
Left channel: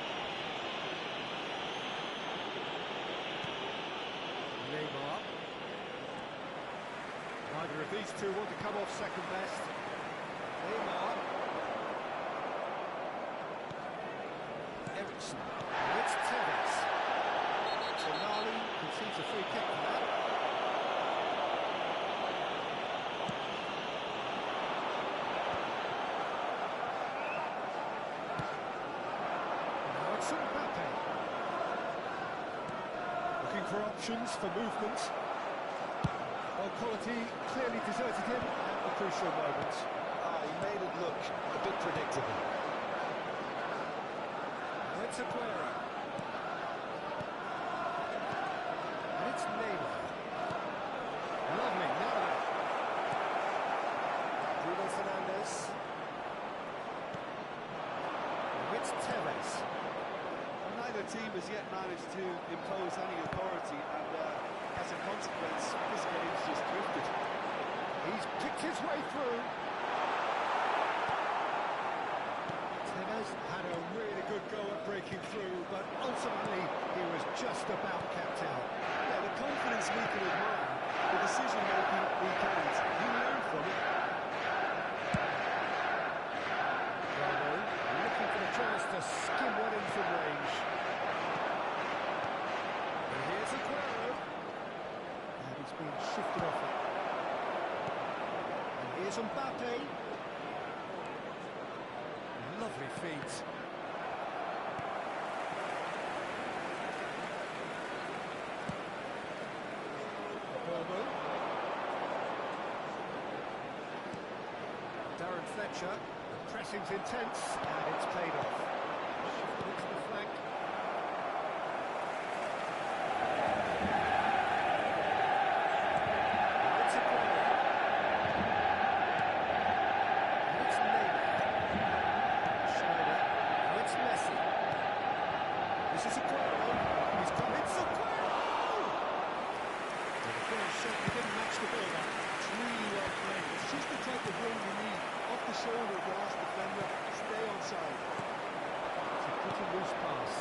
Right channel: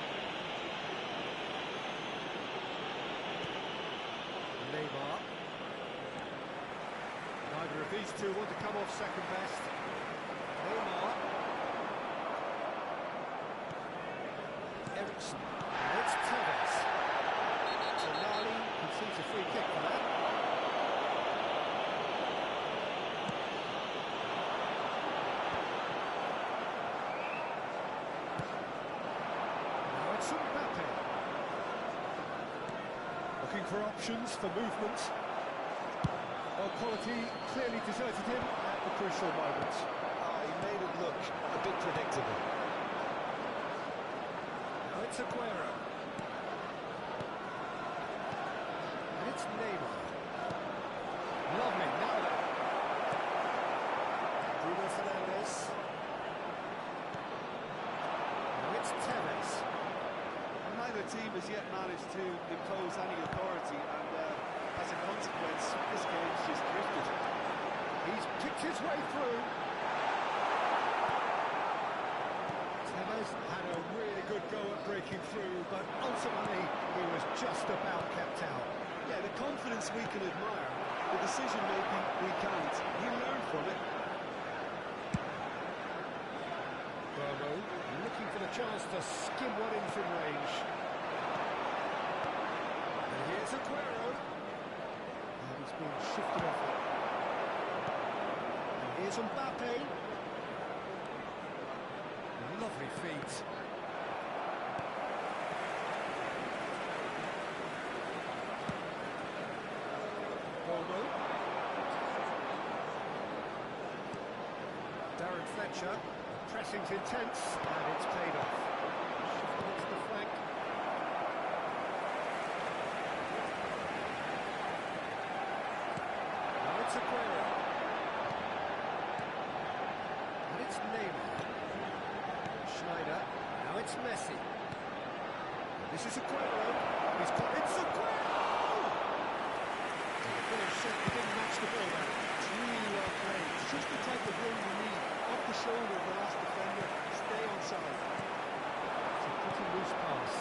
Neymar. Neither of these two want to come off second best. Neymar. Ericsson. Now it's Tevez. Tonali concedes a free kick for that. Now it's Mbappe. Looking for options for movement. Well, quality clearly deserted him at the crucial moment. He made it look a bit predictable. Now it's Aguero. And it's Neymar. Lovely, now then. Bruno Fernandes. Now it's Tevez. Well, neither team has yet managed to impose any authority, and as a consequence, this game's just drifted. He's picked his way through. Tevez had a really good go at breaking through, but ultimately he was just about kept out. Yeah, the confidence we can admire, the decision-making we can't. He learned from it. Boje looking for the chance to skim one in from range. And here's Aguero. And he's been shifted off it. And here's Mbappe. Lovely feet. Boje. Darren Fletcher. The pressing's intense, and it's paid off. Shifted into the flank. Now it's Aguero. And it's Neymar. Schneider. Now it's Messi. This is Aguero. He's got it's Aguero! And the finish certainly didn't match the build-up. It's really well played. It's just the type of run you need. Off the shoulder of the last defender, stay onside. It's a pretty loose pass.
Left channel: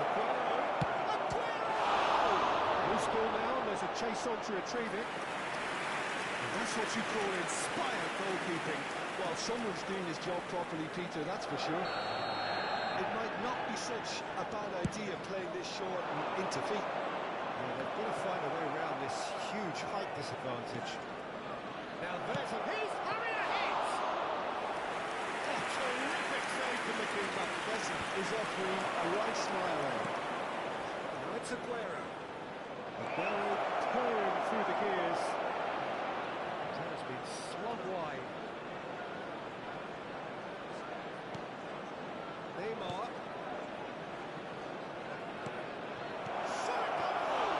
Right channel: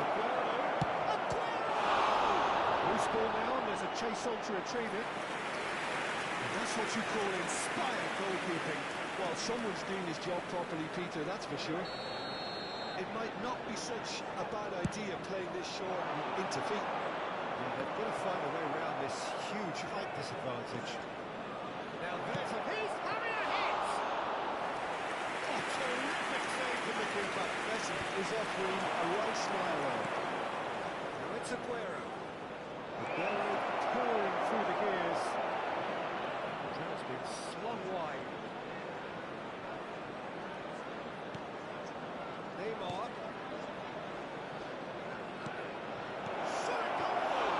Aguero! Aguero! Loose ball now, and there's a chase on to retrieve it. And that's what you call inspired goalkeeping. Well, someone's doing his job properly, Peter, that's for sure. It might not be such a bad idea playing this short and into feet. Yeah, they've got to find a way around this huge height disadvantage. Now there's a... He's having a hit! Oh, terrific save from the keeper. Messi is offering a right smile there. Now it's Aguero. Aguero pouring through the gears. That has been slung wide. Neymar. Shot a goal!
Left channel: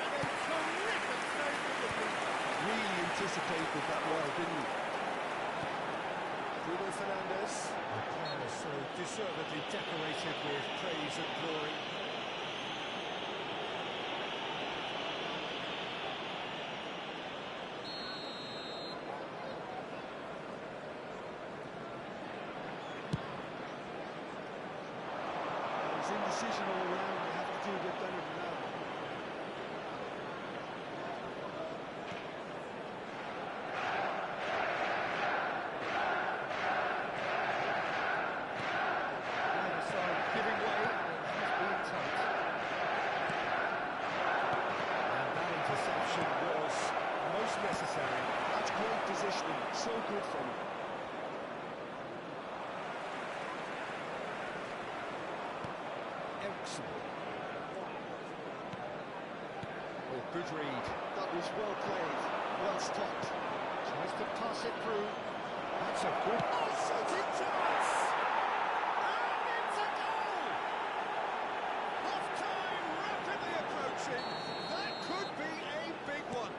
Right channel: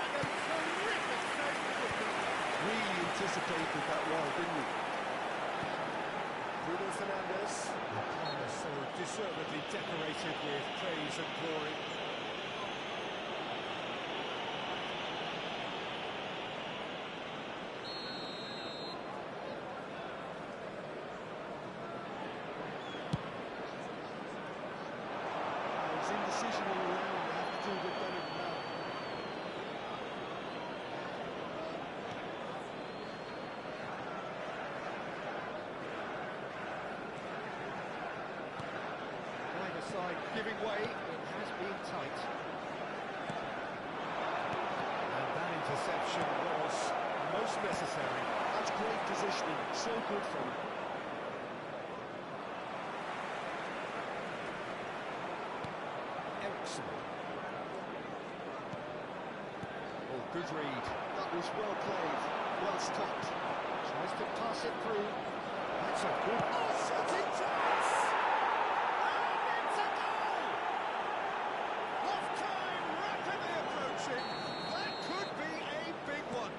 And a terrific save from the keeper. Really anticipated that well, didn't he? Bruno Fernandes. The player so deservedly decorated with praise and glory. indecision all around. They have to do a bit better than that. Neither side giving way. It has been tight. And that interception was most necessary. That's great positioning. So good from him. Ericsson. Oh, good read. That was well played, well stopped. Tries to pass it through. That's a good... Oh, shooting chance! And it's a goal! Half-time rapidly approaching. That could be a big one.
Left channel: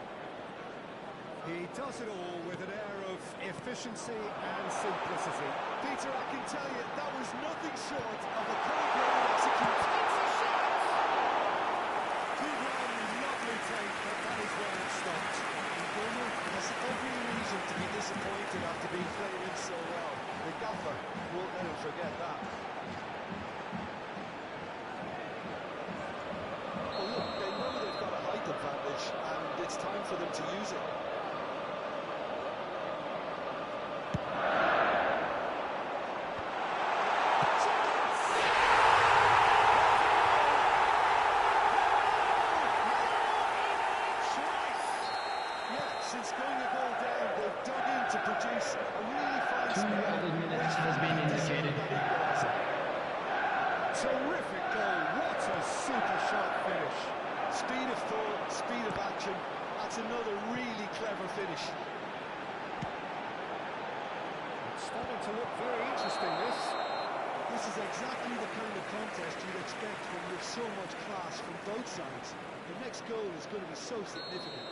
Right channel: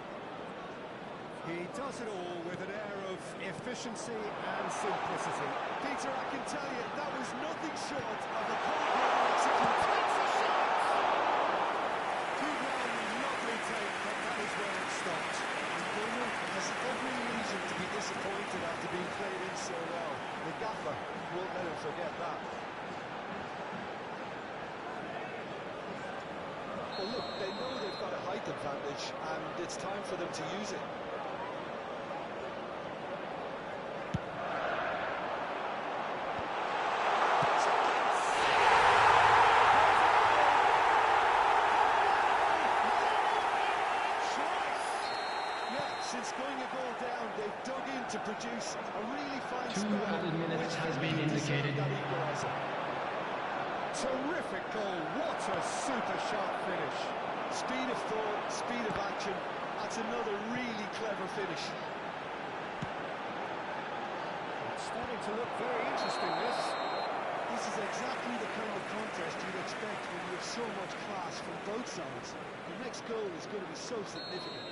He does it all with an air of efficiency and simplicity. Peter, I can tell you, that was nothing short of a cold-blooded execution. It's a shot! Good run, lovely take, but that is where it stopped. Bournemouth has every reason to be disappointed after being played in so well. The gaffer won't let him forget that. Well, look, they know they've got a height advantage, and it's time for them to use it. Since going a goal down, they've dug in to produce a really fine 2 added minutes has been indicated. Terrific goal, what a super sharp finish. Speed of thought, speed of action, that's another really clever finish. It's starting to look very interesting, this. This is exactly the kind of contest you'd expect when you have so much class from both sides. The next goal is going to be so significant.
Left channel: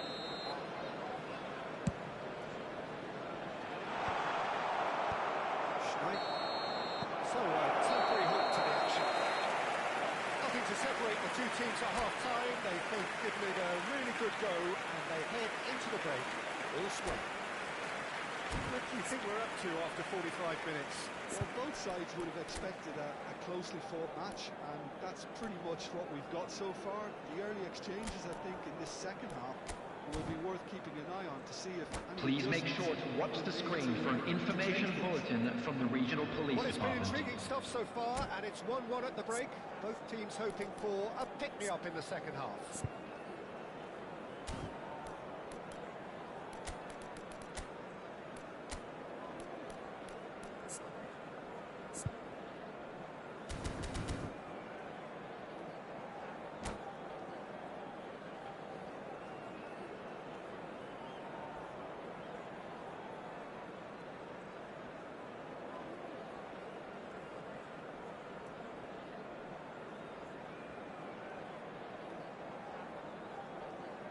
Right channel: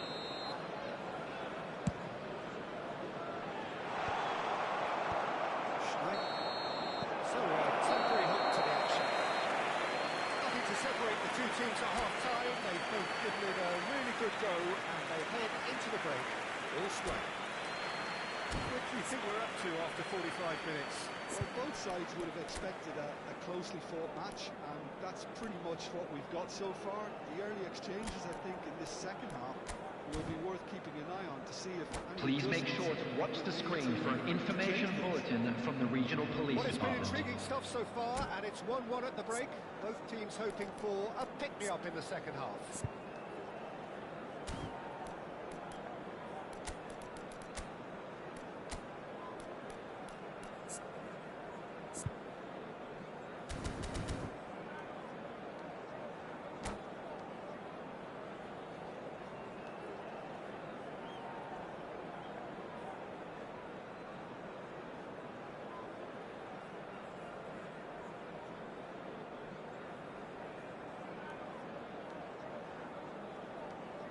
So a temporary halt to the action. Nothing to separate the two teams at half-time. They've both given it a really good go, and they head into the break all square. What do you think we're up to after 45 minutes? Well, both sides would have expected a closely fought match, and that's pretty much what we've got so far. The early exchanges, I think, in this second half will be worth keeping an eye on to see if... Please make sure to watch the screen for an information bulletin from the regional police Well, it's been department. intriguing stuff so far, and it's 1-1 at the break. Both teams hoping for a pick-me-up in the second half.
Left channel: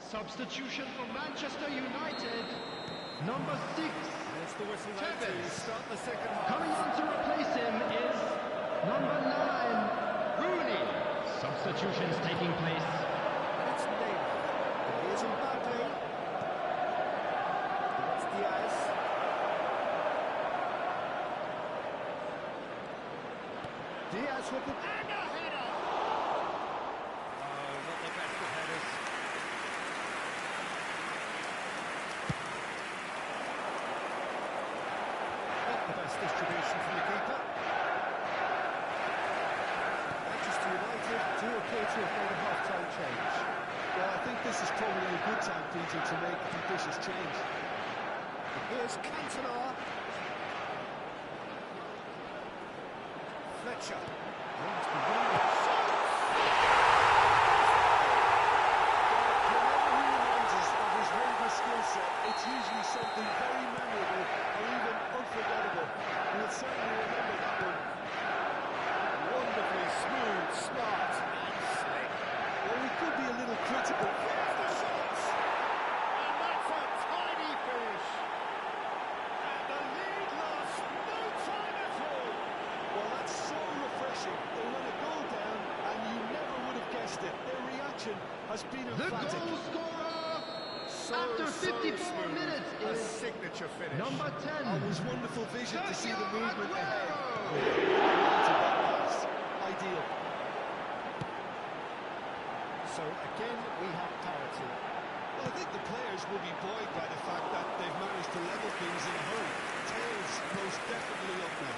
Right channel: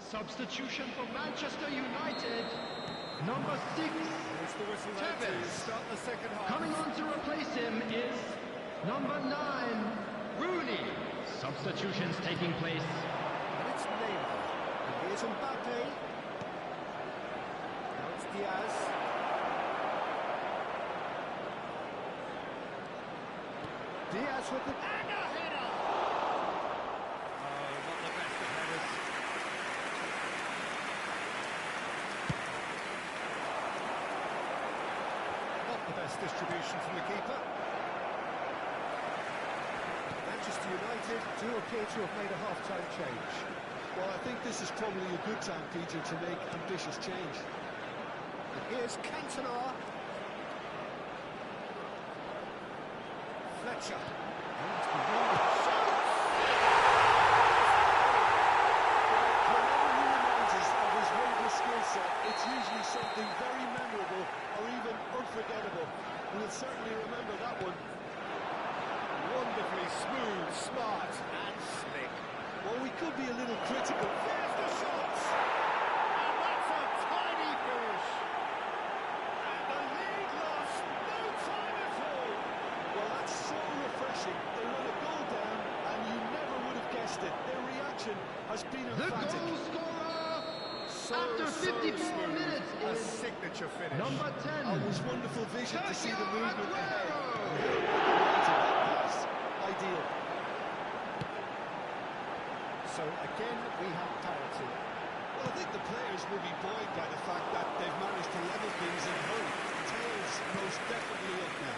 Substitution for Manchester United, number 6. There's the whistle there to Tevez. start the second half. Coming on to replace him is number 9, Rooney. Substitutions taking place. And it's Neymar. And here's Mbappe. That's Diaz. Diaz with the... And a header! Oh, not the best of headers. Not the best distribution from the keeper. Manchester United do appear to have made a half-time change. Well, I think this is probably a good time, Peter, to make ambitious change. And here's Cantona. Fletcher. Runs beyond the shoots! Well, whenever he reminds us of his wondrous skill set, it's usually something very memorable or even unforgettable. We'll certainly remember that one. Wonderfully smooth, smart and slick. Well, we could be a little critical. Here's the shots! And that's a tiny finish. And the lead lost no time at all. Well, that's so refreshing. They run a goal down, and you never would have guessed it. Their reaction has been The emphatic. goal scorer So, after 54 smooth. minutes A is signature finish. number 10. Oh, it was wonderful vision to see the Sergio movement ahead. Aguero. The weight of that pass. Ideal. So again, we have parity. Well, I think the players will be buoyed by the fact that they've managed to level things in a hurry. Tails most definitely up now.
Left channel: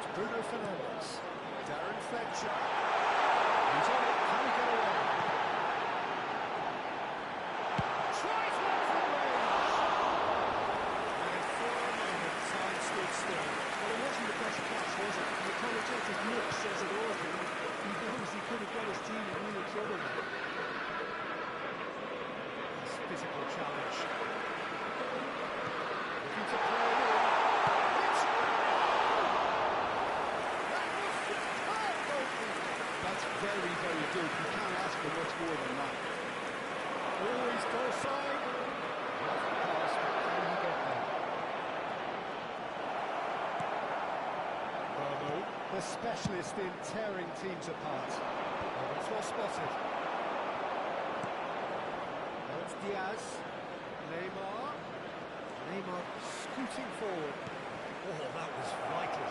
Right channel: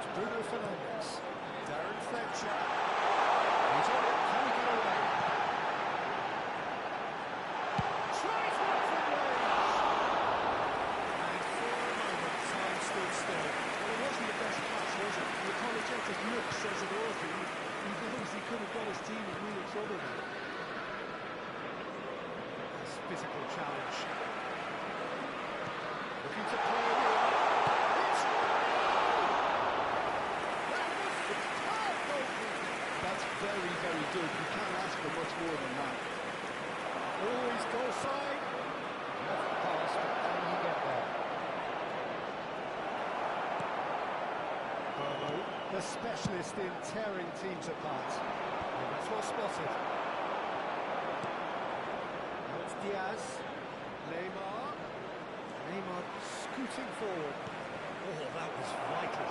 It's Bruno Fernandes. Darren Fletcher. He's on it. Can he get away? Tries one from range. And for a moment, time stood still. Well, it wasn't the best pass, was it? The apologetic look says it all to him. He knows he could have got his team in real trouble now. This physical challenge. Looking to play it in. It's Rooney! That was superb goalkeeping. That's very, very good. You can't ask for much more than that. Always goal side. Off the pass, but can he get there? The specialist in tearing teams apart. Oh, that's well spotted. Now it's Diaz. Neymar scooting forward. Oh, that was vital.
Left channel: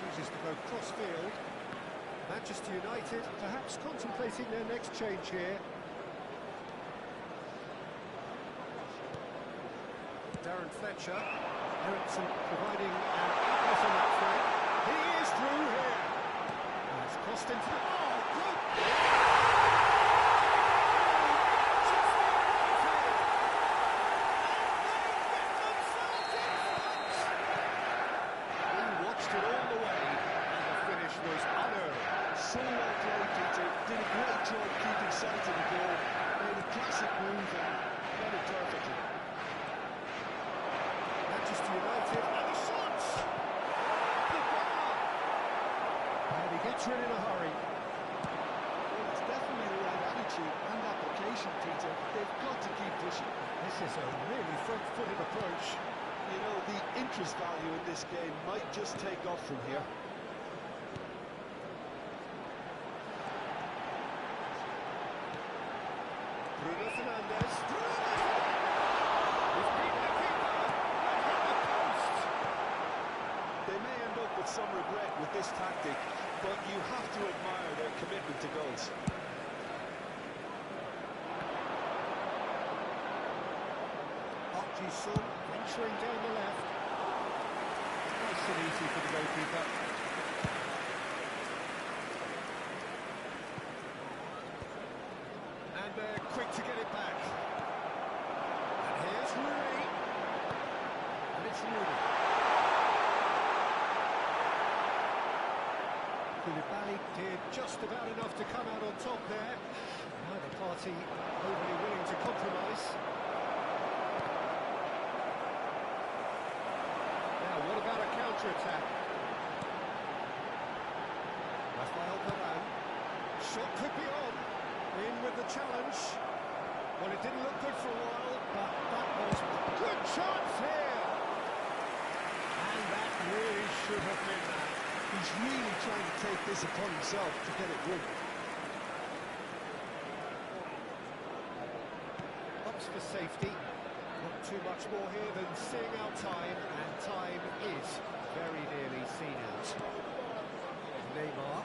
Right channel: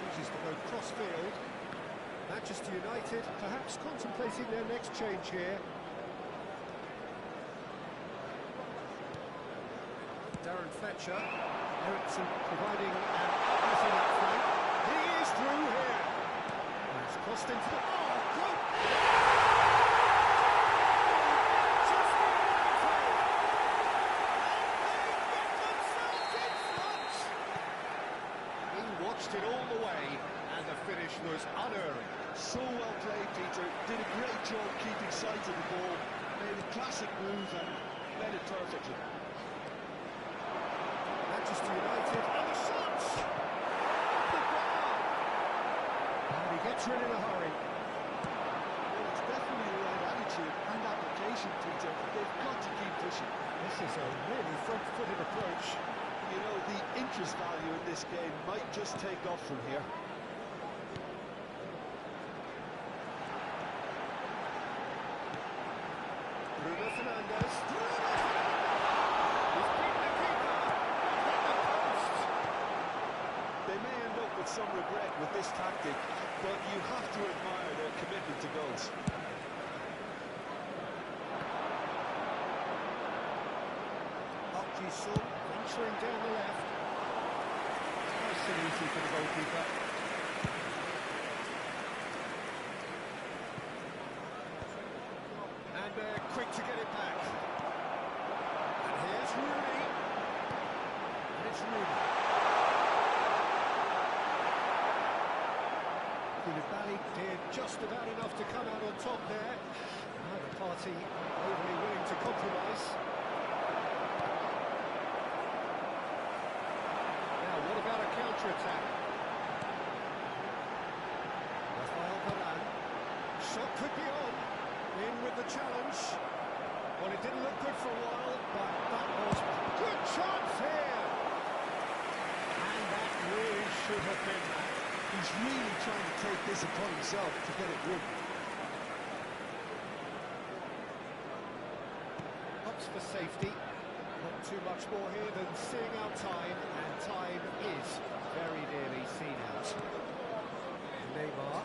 Chooses to go cross-field. Manchester United perhaps contemplating their next change here. Darren Fletcher. Ericsson providing an outlet on that flank. He is through here. And it's crossed into the... Oh, good! Manchester United! And they get themselves in front! He watched it all the way, and the finish was unerring. So well played, Peter. Did a great job keeping sight of the ball. Made a classic move and led it perfectly. Manchester United, and the shots! Off the bar! And he gets rid in a hurry. Well, it's definitely the right attitude and application, Peter. They've got to keep pushing. This is a really front-footed approach. You know, the interest value in this game might just take off from here. Bruno Fernandes. He's beaten the keeper. And hit the post. They may end up with some regret with this tactic, but you have to admire their commitment to goals. Ji-sung venturing down the left. Nice and easy for the goalkeeper. And they're quick to get it back. And here's Rooney. And it's Rooney. Koulibaly did just about enough to come out on top there. Neither party overly willing to compromise. Now, what about a counter-attack? Rafael Varane. Shot could be on. In with the challenge. Well, it didn't look good for a while, but that was good chance here. And that really should have been that. He's really trying to take this upon himself to get it won. Ups for safety. Not too much more here than seeing out time, and time is very nearly seen out. Neymar.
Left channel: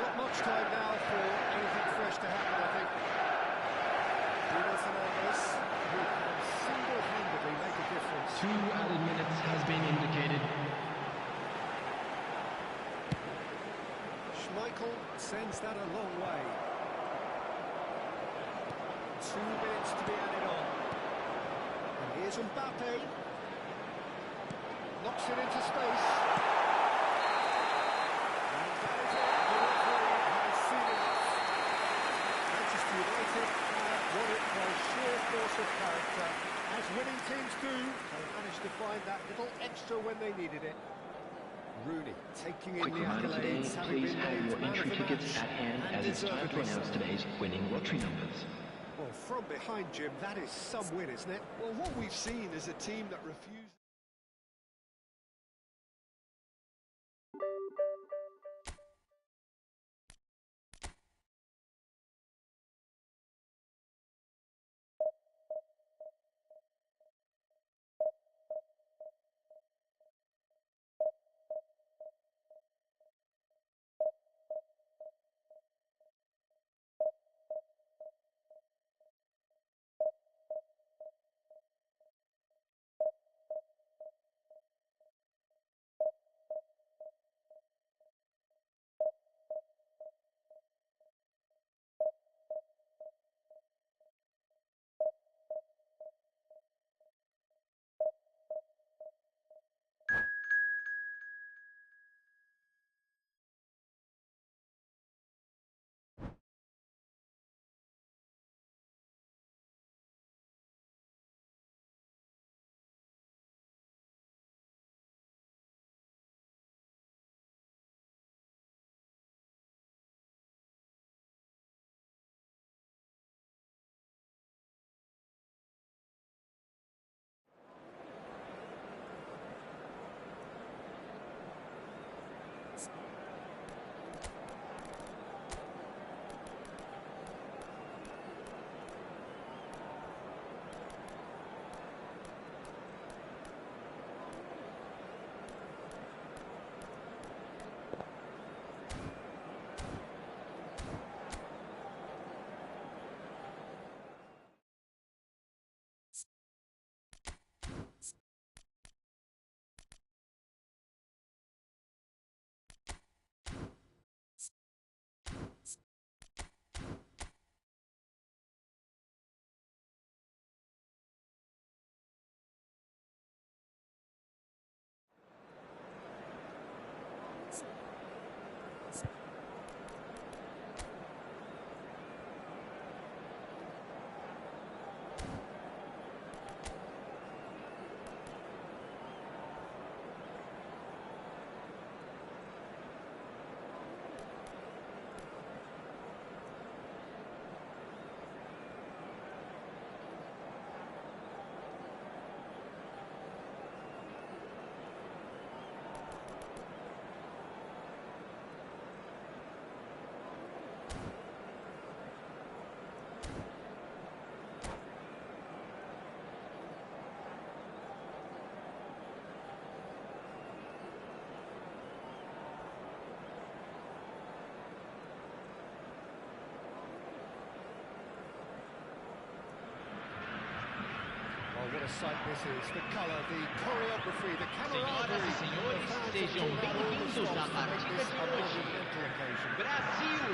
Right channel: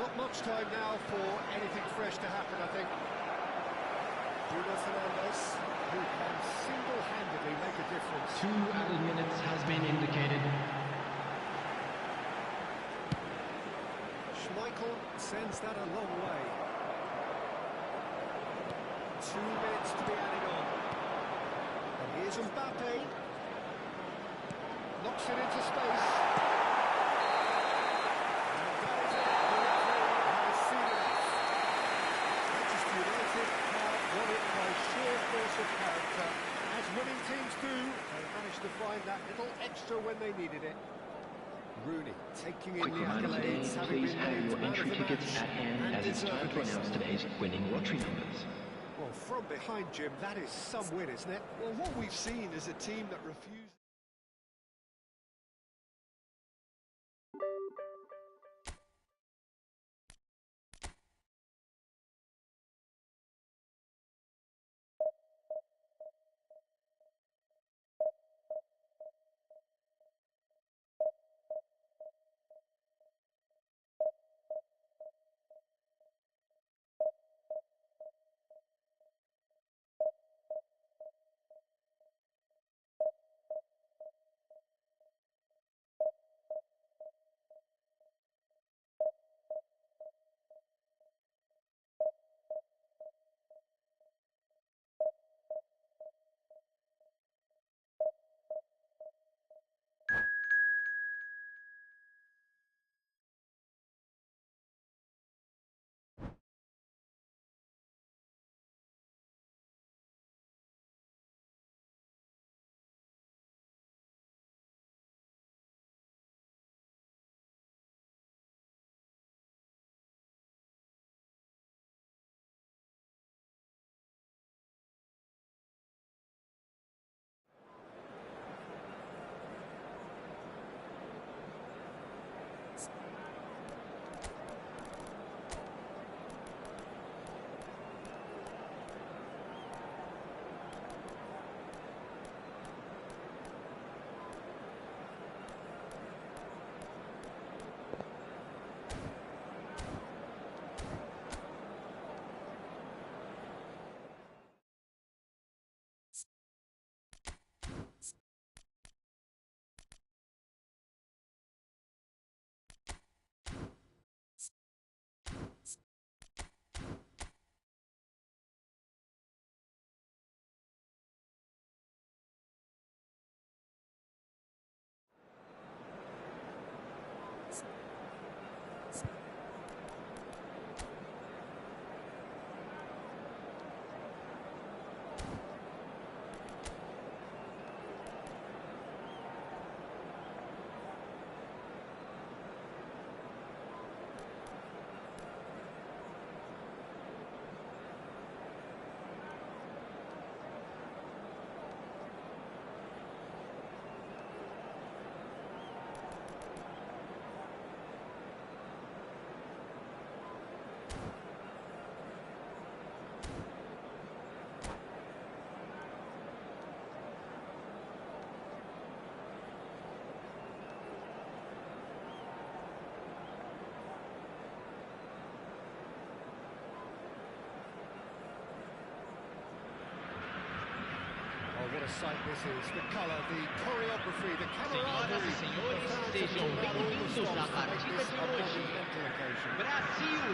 Not much time now for anything fresh to happen, I think. Bruno Fernandes, who can single-handedly make a difference. 2 added minutes has been indicated. Schmeichel sends that a long way. 2 minutes to be added on. And here's Mbappe. Knocks it into space. And that is it. The referee has seen enough. Manchester United have won it by sheer force of character. As winning teams do, they managed to find that little extra when they needed it. Rooney taking in Quick the reminder today, accolades, having please been have named your man of entry the tickets match, at hand and as it's time to deservedly announce so. today's winning lottery numbers. Well, from behind, Jim, that is some win, isn't it? Well, what we've seen is a team that refused... a sight this is. The colour, the choreography, the Senhoras camaraderie. e senhores, The fans have sejam pulled out all the bem-vindos stops à to make partida this de a hoje. monumental occasion. Brasil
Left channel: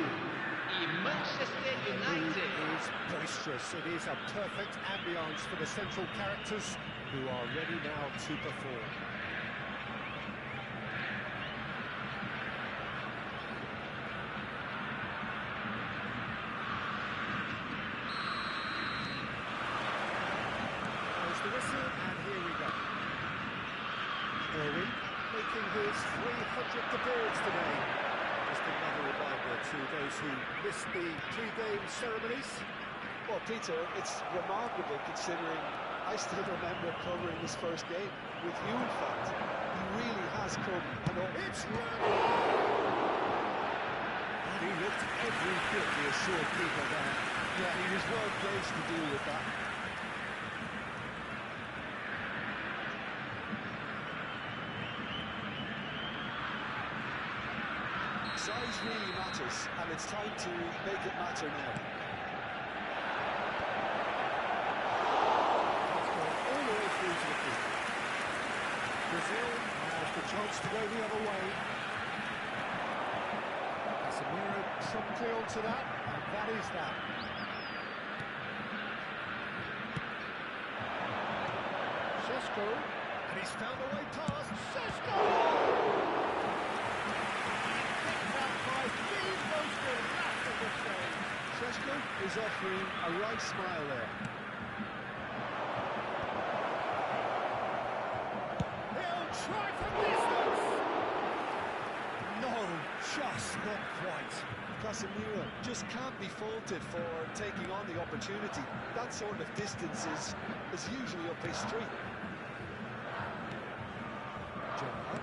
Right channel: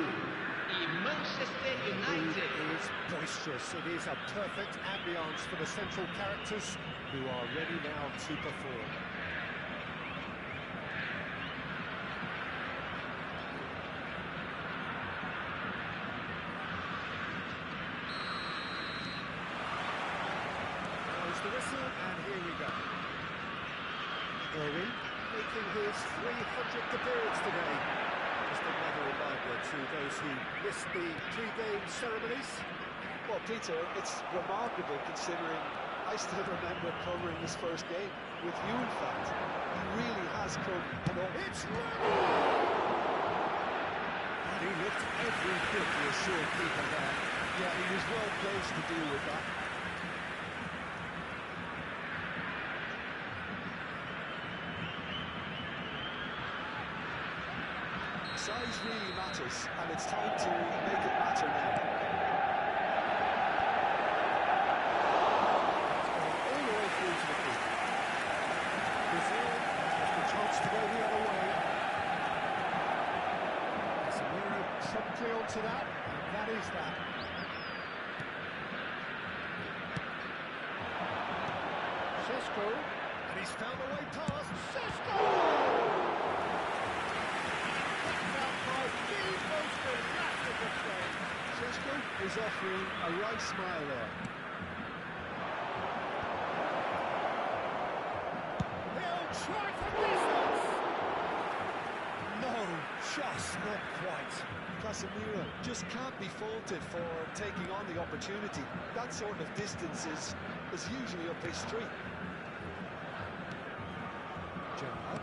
e Manchester The mood United. is boisterous. It is a perfect ambience for the central characters who are ready now to perform. There's the whistle, and here we go. Owen making his 300th appearance today. Just another reminder to those who missed the pre-game ceremonies. Well, Peter, it's remarkable considering I still remember covering his first game with you, in fact. He really has come and up. It's ready! And he looked every bit the assured keeper there. Yeah, he was well placed to deal with that. Size really matters, and it's time to make it matter now. It's gone all the way through to the keeper. Brazil has the chance to go the other way. Casemiro promptly onto that, and that is that. Šeško, and he's found a way past. Šeško! By the most illustrative save. Šeško is offering a right smile there. He'll try from distance. No, just not quite. Casemiro just can't be faulted for taking on the opportunity. That sort of distance is usually up his street. Gerrard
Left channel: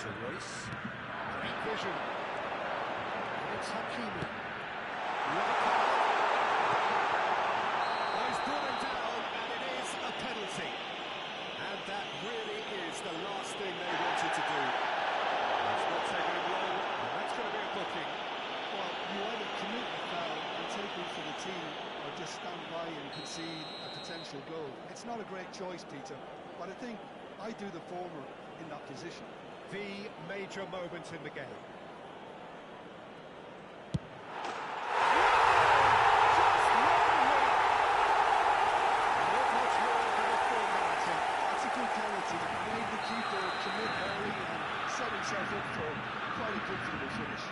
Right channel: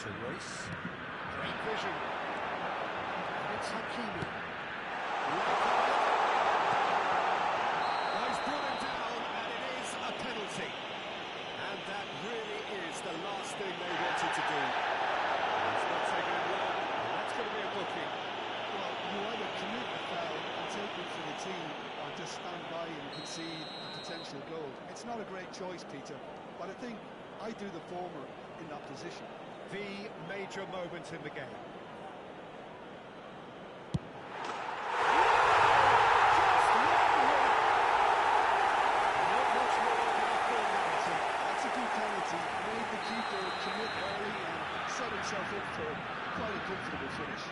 to Royce. Great vision. And it's Hakimi. He's brought him down, and it is a penalty. And that really is the last thing they wanted to do. It's not taking him long, and that's going to be a booking. Well, you either commit the foul and take one for the team, or just stand by and concede a potential goal. It's not a great choice, Peter, but I think I do the former in that position. The major moment in the game. Just one win. Not much more than a formality. That's a good penalty. Made the keeper commit early and set himself up for quite a comfortable finish.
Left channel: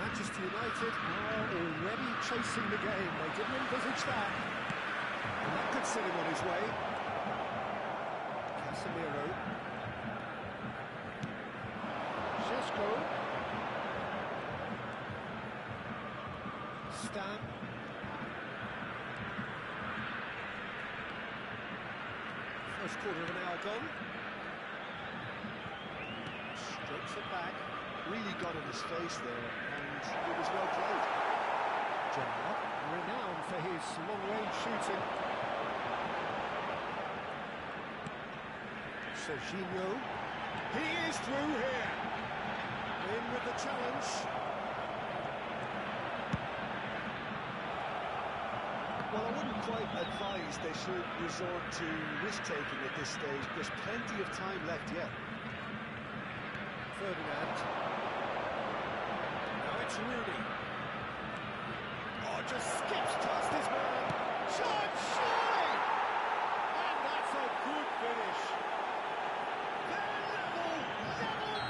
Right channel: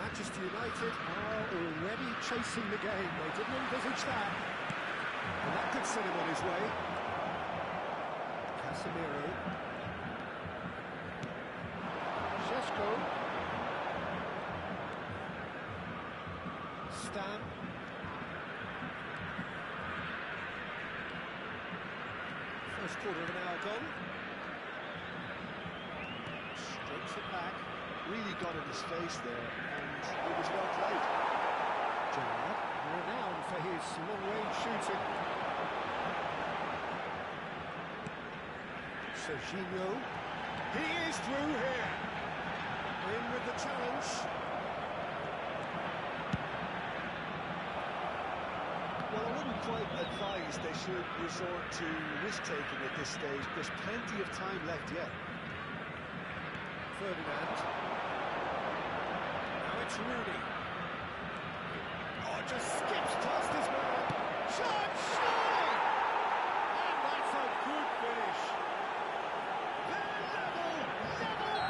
Manchester United are already chasing the game. They didn't envisage that. And that could send him on his way. Casemiro. Šeško. Stam. First quarter of an hour gone. Strokes it back. Really got in his face there, and it was well played. Gerrard, renowned for his long-range shooting. Serginho. He is through here. In with the challenge. Well, I wouldn't quite advise they should resort to risk-taking at this stage. There's plenty of time left yet. Ferdinand. Now it's Rooney. Oh, just skips past his man. Shot, surely! And that's a good finish. They're level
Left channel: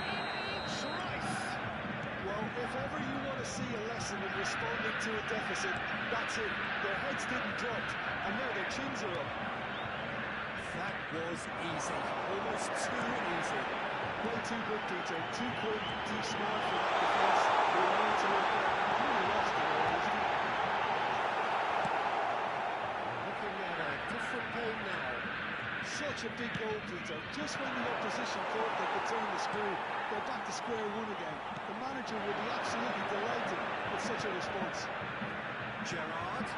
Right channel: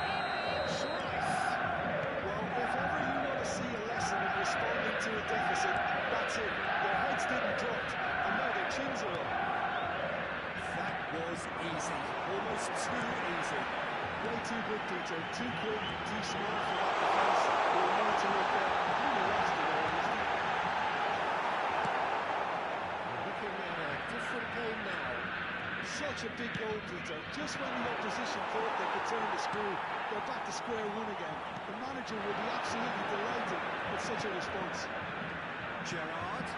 in each race. Well, if ever you want to see a lesson in responding to a deficit, that's it. Their heads didn't drop, and now their chins are up. That was easy. Almost too easy. Way too good, Peter. Too quick, too smart for that defence. They were meant to look completely lost it all, isn't it? We're looking at a different game now. Such a big goal, Peter. Just when the opposition thought they could turn the screw, they're back to square one again. The manager will be absolutely delighted with such a response. Gerrard.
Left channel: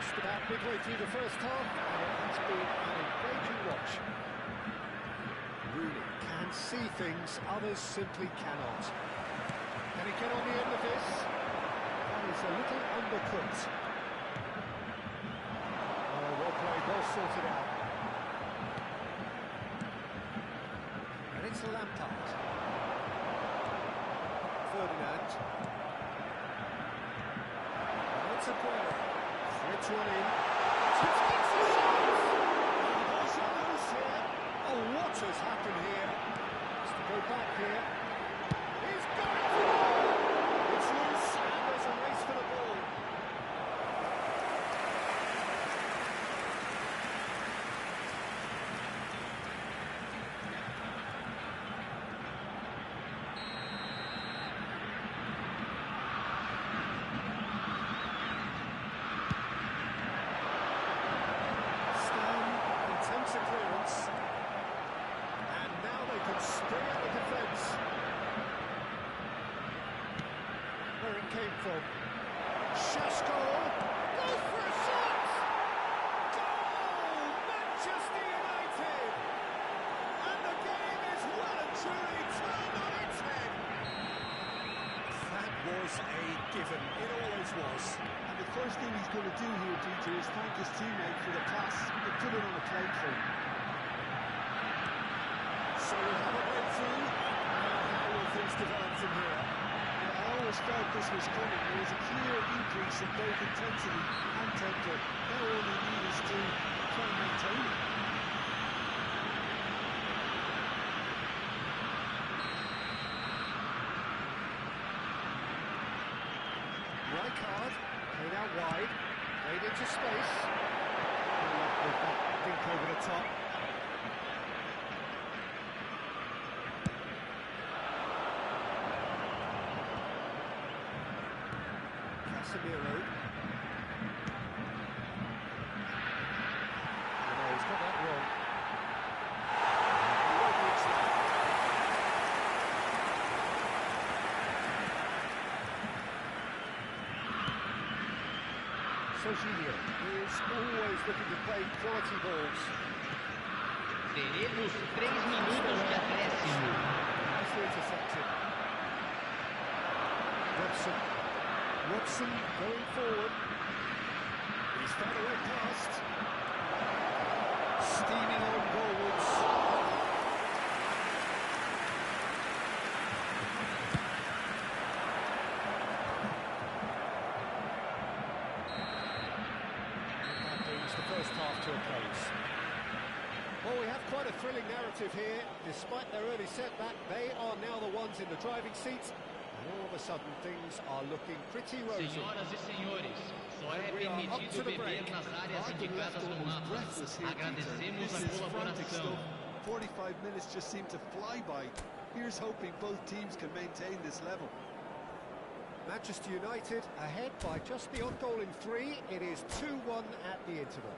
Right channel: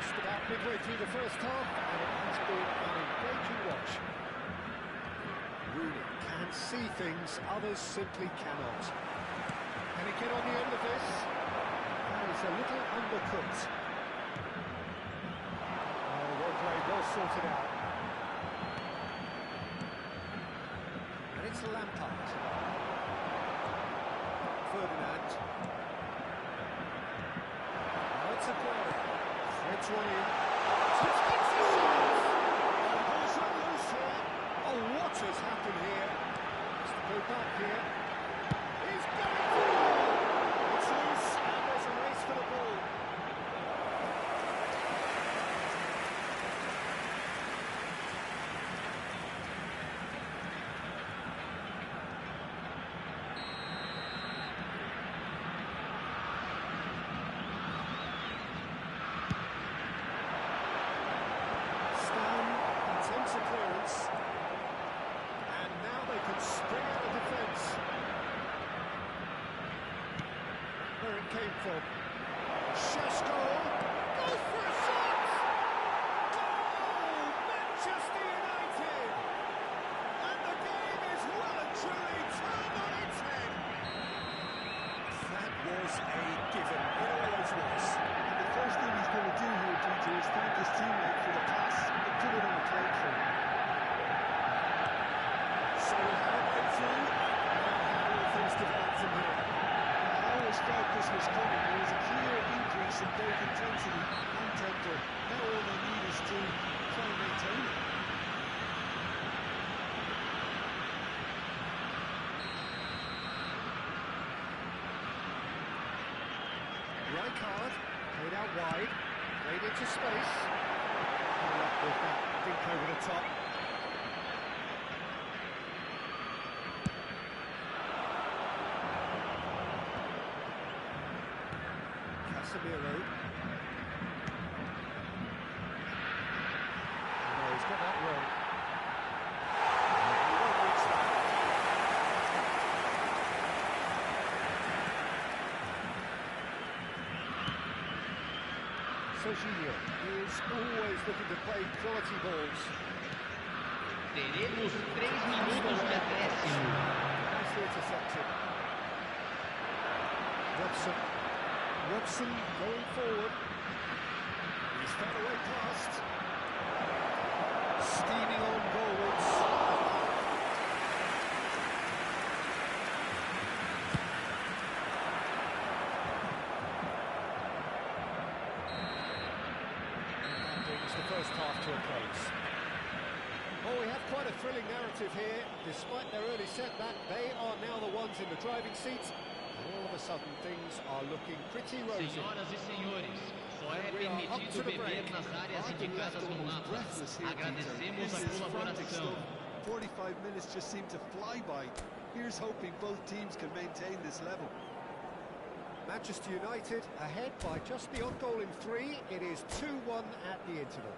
Just about midway through the first half, and it has been an engaging watch. Rooney can see things, others simply cannot. Can he get on the end of this? That is a little undercooked. Oh, well played, well sorted out. And it's Lampard. Ferdinand. Now it's Aguero. Threads one in. Gets a shot! And the ball's run loose here. Oh, what has happened here? Has to go back here. He's going for the ball! It's loose, and there's a race for the ball. Attempts a clearance, and now they can spring out of defence. Where it came from. Shashko goes for a shot! Goal! Manchester United! And the game is well and truly turned on its head. That was a given. It always was. And the first thing he's going to do here, DJ, is thank his teammate for the pass that put it on the plate for him. So we have a breakthrough. Now how will things develop from here? I always felt this was coming. There was a clear increase in both intensity and tempo. Now all they need is to try and maintain it. Rijkaard, played out wide, played into space. No luck with that dink over the top. Casemiro. Oh no, he's got that wrong. He won't reach that. Jorginho is always looking to play quality balls. Teremos 3 minutos de acréscimo. Nicely intercepted. Robson going forward. He's found a way past. Steaming on goalwards. The first half to a close. Well, we have quite a thrilling narrative here. Despite their early setback, they are now the ones in the driving seat, and all of a sudden things are looking pretty rosy. Senhoras e senhores, só é permitido beber nas áreas indicadas no mapa. Agradecemos a colaboração. 45 minutes just seem to fly by. Here's hoping both teams can maintain this level. Manchester United ahead by just the odd goal in 3. It is 2-1 at the interval.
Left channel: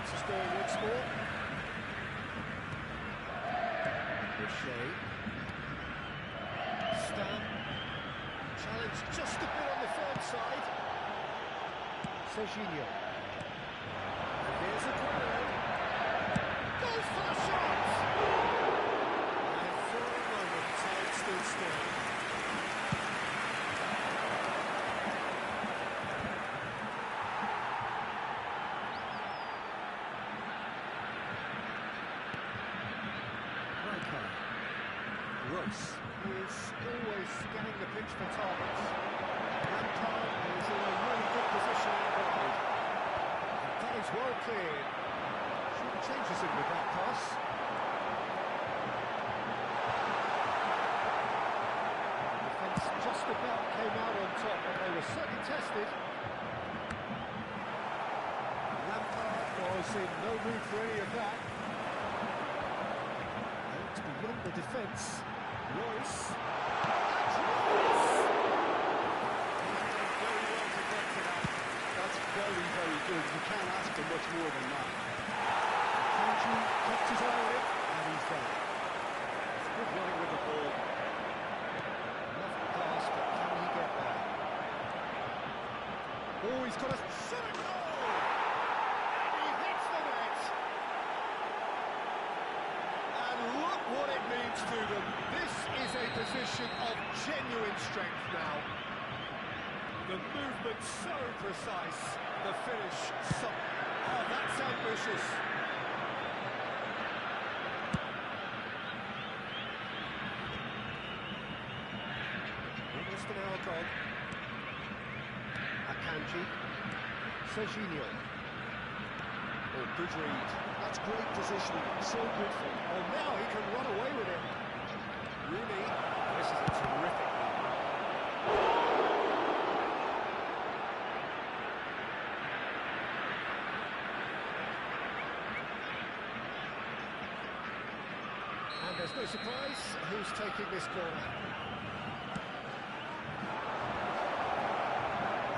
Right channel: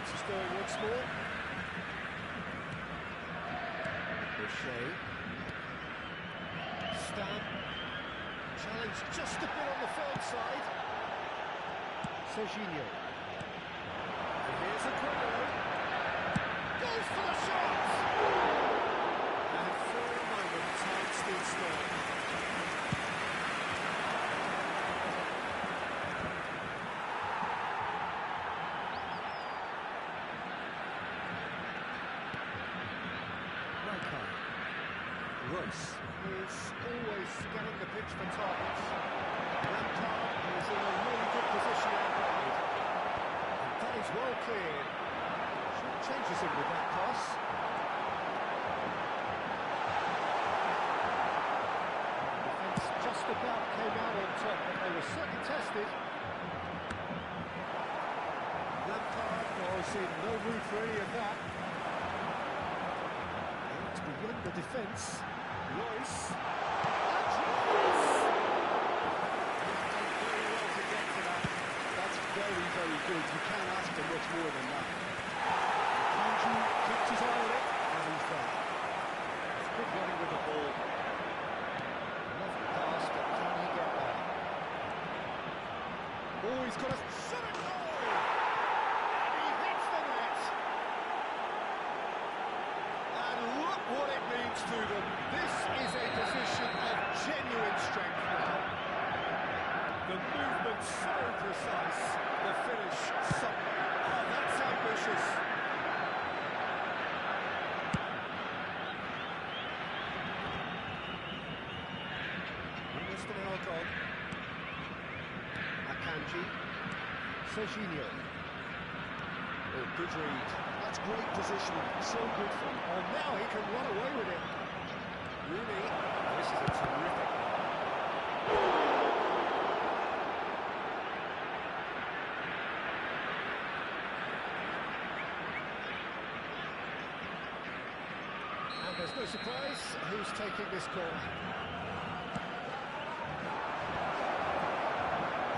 This is going once more. Boucher. Stam. Challenge just a bit on the firm side. Jorginho. And here's Aguero. Goes for the shot! And for a moment, time stood still. Rijkaard. Royce is always scanning the pitch for targets. Lampard is in a really good position out wide. And that is well cleared. Short changes him with that pass. The defence just about came out on top, but they were certainly tested. Lampard was in no mood for any of that. And it's beyond the defence. Royce. That's Royce! He's done very well to get to that. That's very, very good. You can't ask for much more than that. Andrew kept his eye he's got a shot at goal! And he hits the net! And look what it means to them. This is a position of genuine strength now. The movement so precise, the finish so... Oh, that's ambitious. Almost an hour gone. Akanji. Serginho. Oh, good read. That's great positioning, so good for him. Oh, now he can run away with it. Rooney. This is a terrific run. And there's no surprise who's taking this corner.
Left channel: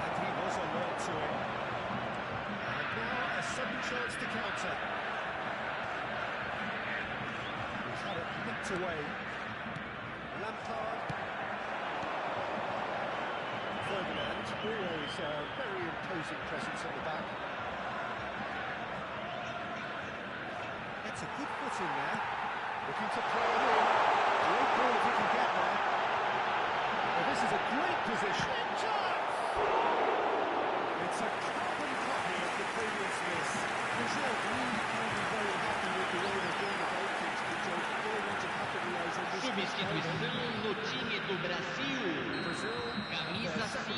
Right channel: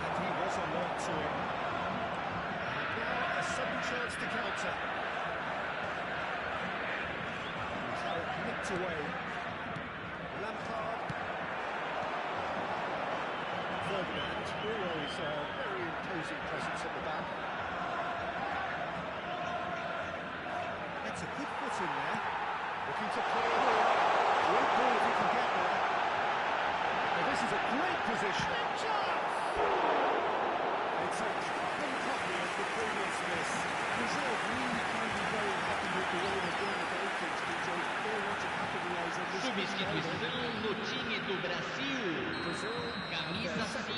And he was alert to it. And now a sudden chance to counter. He's had it nicked away. Lampard. Ferdinand, always a very imposing presence at the back. That's a good foot in there. Looking to play it in. Great ball if he can get there. Well, this is a great position. Big chance! It's a carbon copy of the previous miss. Brazil really can be very happy with the way they're doing the goalkeepers, DJ. They want to capitalise on this. Substituição no time do Brasil. Brazil, Camisa 5.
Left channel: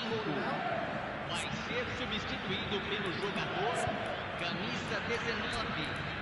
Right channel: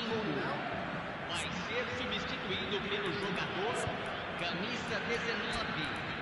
Vai ser substituído pelo jogador camisa 19.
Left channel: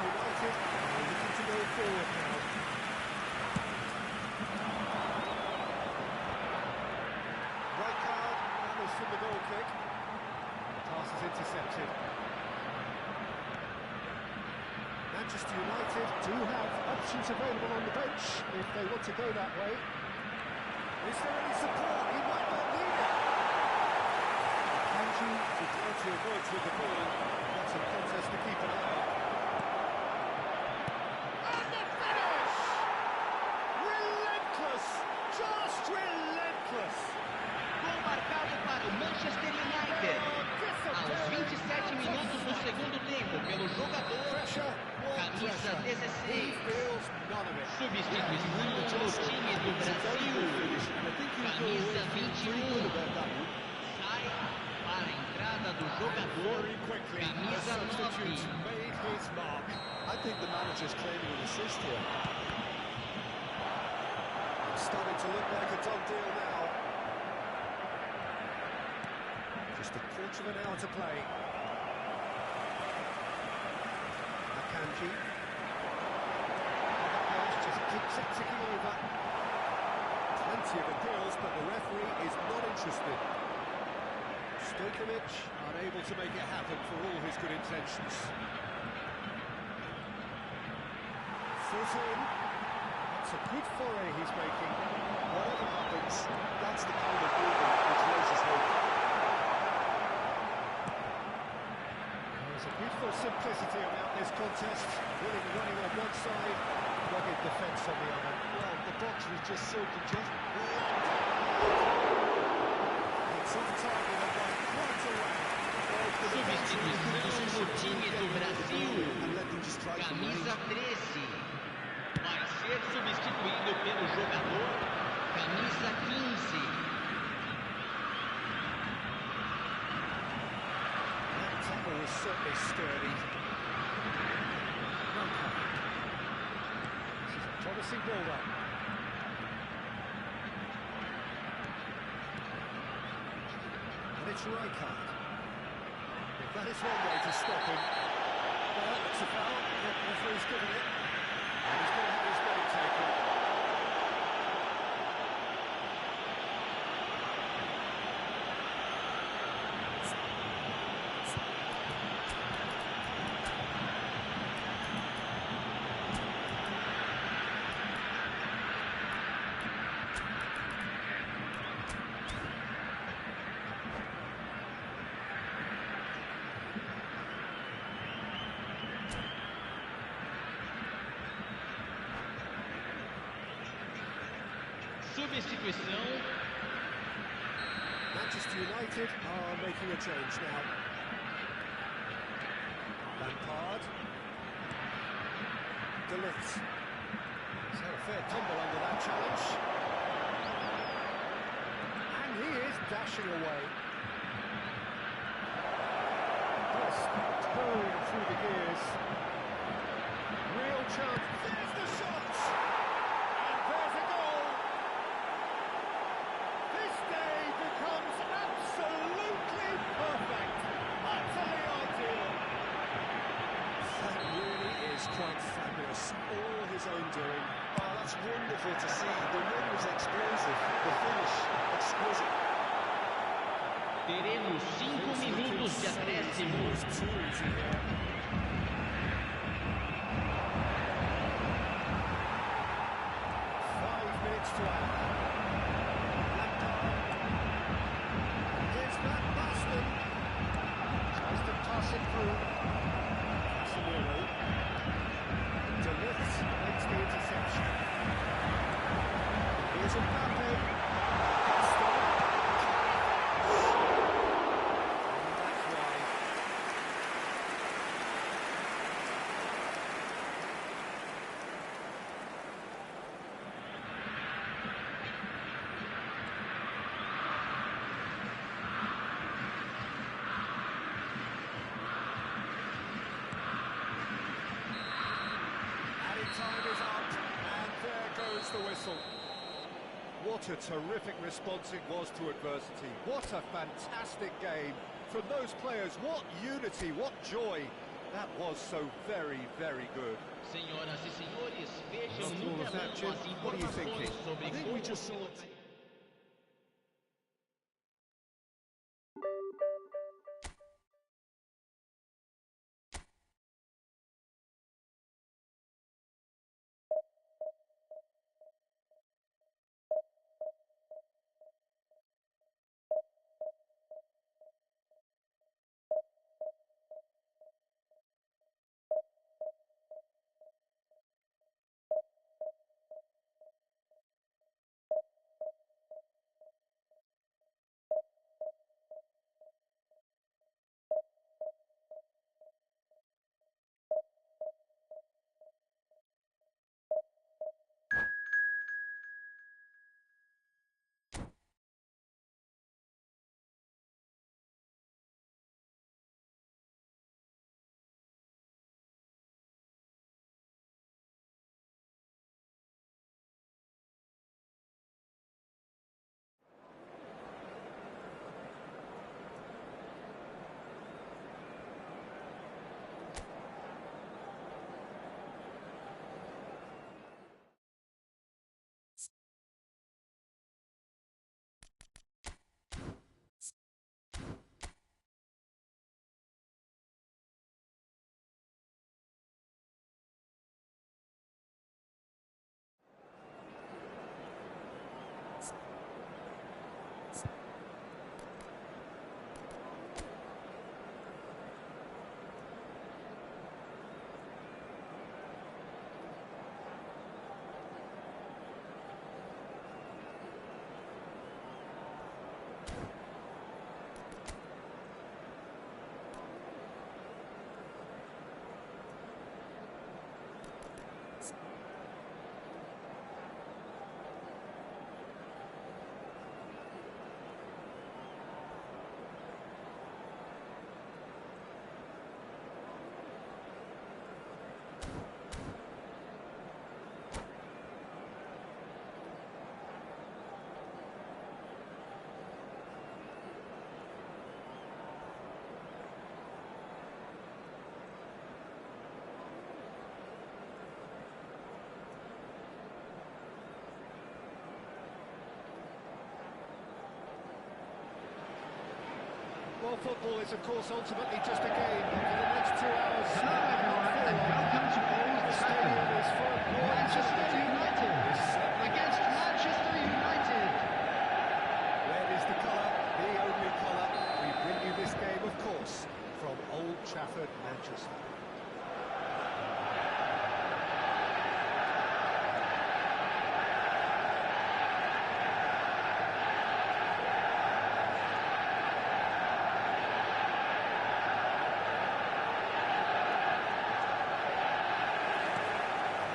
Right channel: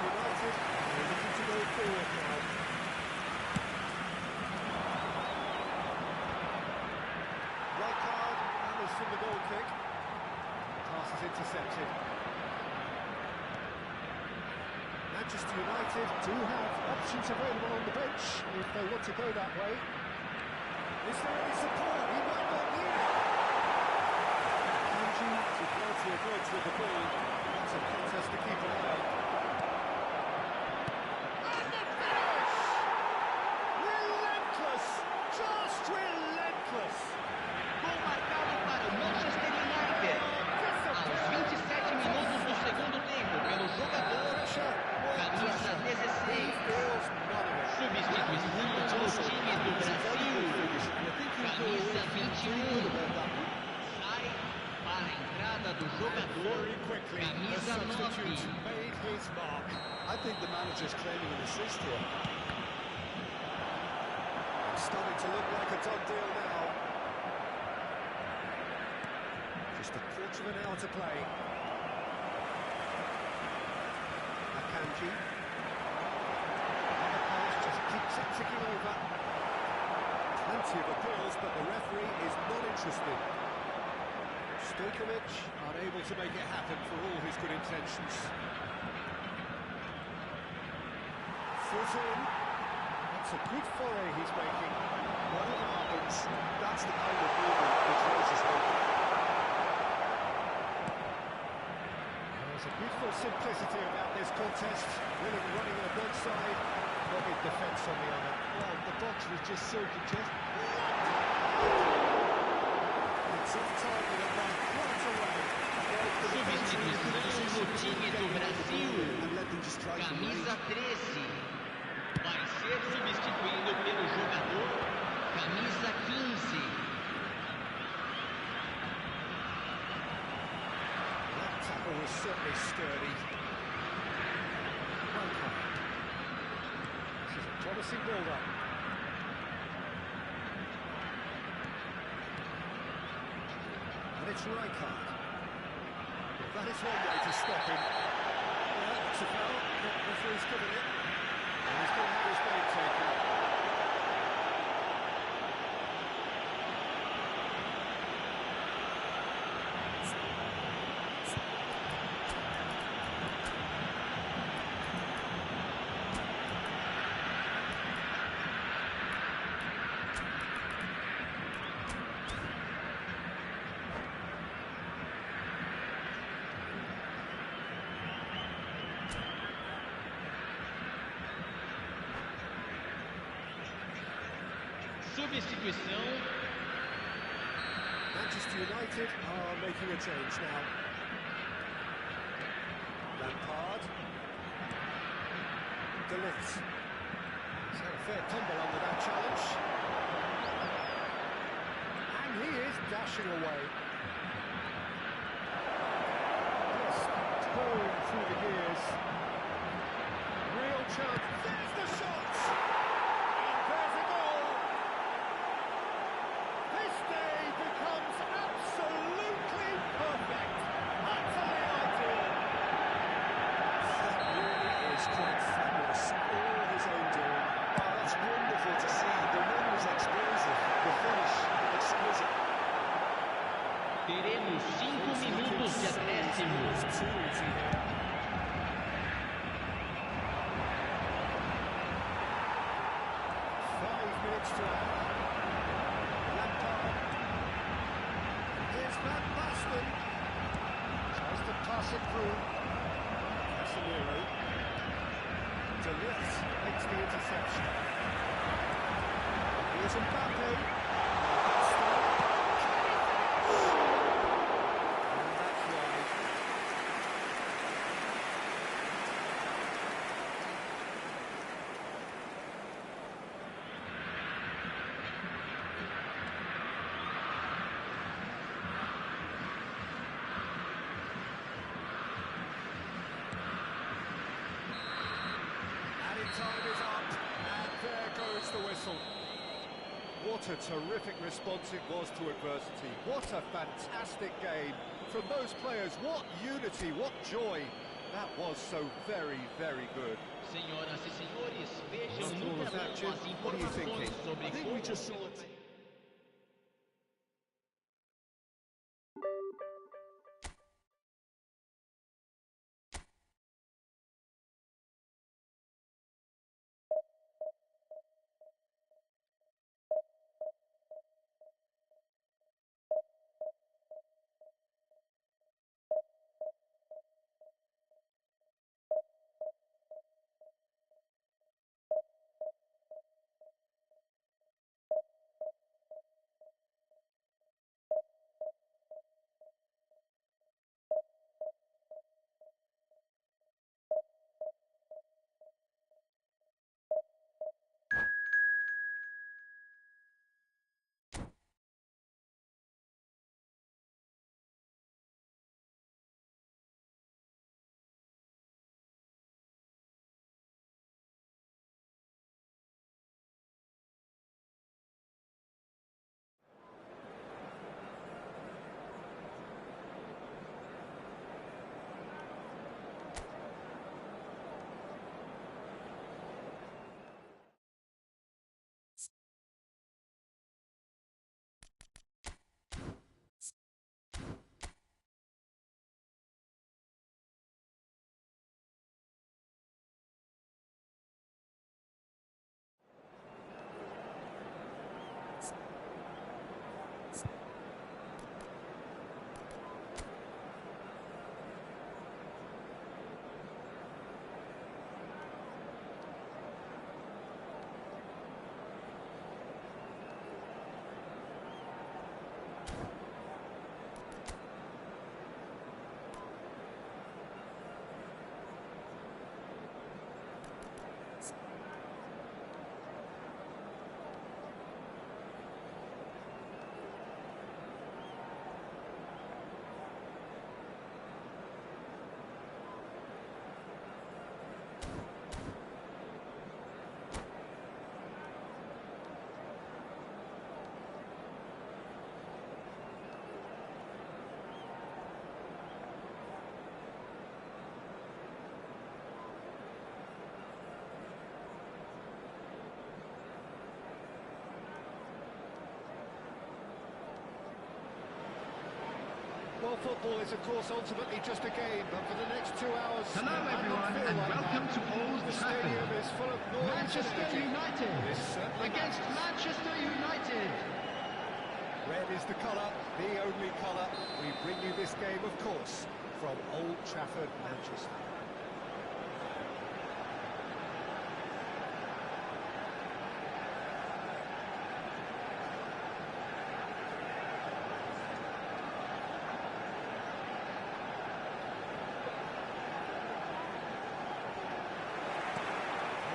United are looking to go forward now. Right card, hammers from the goal kick. The pass is intercepted. Manchester United do have options available on the bench if they want to go that way. Is there any support? He might not need it. Kanji to plenty of goods with the ball. That's a contest to keep an eye on. Just relentless! Gol marcado para o Manchester United. Aos 27 minutos do segundo tempo, pelo jogador camisa 16. Substituição no time do Brasil. Camisa 21. Sai para a entrada do jogador camisa 9. I think the manager's claiming an assist here. Starting to look like a done deal now. Just a quarter of an hour to play. Akanji. Other pass just keeps it ticking over. Plenty of appeals, but the referee is not interested. Stojkovic unable to make it happen for all his good intentions. Foot in. It's a good foray he's making. Whatever happens, that's the kind of movement which raises hope. There's a beautiful simplicity about this contest. Willing running on one side, dogged defence on the other. Well, the box was just so congested. It's off target and by quite a way. Substituição no time do Brasil. Camisa 13. Vai ser substituído pelo jogador camisa 15. That tackle was certainly sturdy. No cover. This is a promising build-up. it's Rijkaard. Well, that is one way to stop him. Well, that's a foul. The referee's given it. And he's going to have his name taken. Substituição. Manchester United are making a change now. Lampard. De Ligt. He's had a fair tumble under that challenge. And he is dashing away. Just towing through the gears. Real chance. There's the shot! And there's a goal! This day becomes absolutely perfect. Utterly ideal. That really is quite fabulous. All his own doing. Oh, that's wonderful to see. The run was explosive, the finish exquisite. Teremos 5 minutos de acréscimo. It's too easy here. 5 minutes to add. Lampard. Here's Van Basten. Tries to pass it through. Casemiro. De Ligt makes the interception. Here's Mbappe. Stop. And that's wide. Added time is up, and there goes the whistle. What a terrific response it was to adversity. What a fantastic game. From those players, what unity, what joy. That was so very, very good. Senhoras e senhores, vejam After no all of that, telão Jim, as what are you informações thinking? sobre I think we just saw como it. Well, football is, of course, ultimately just a game, but for the next 2 hours... Hello everyone, and welcome to Old The Trafford. stadium is full of noise and Manchester energy. United This certainly against matters. Manchester United. Red is the colour, the only colour. We bring you this game, of course, from Old Trafford, Manchester.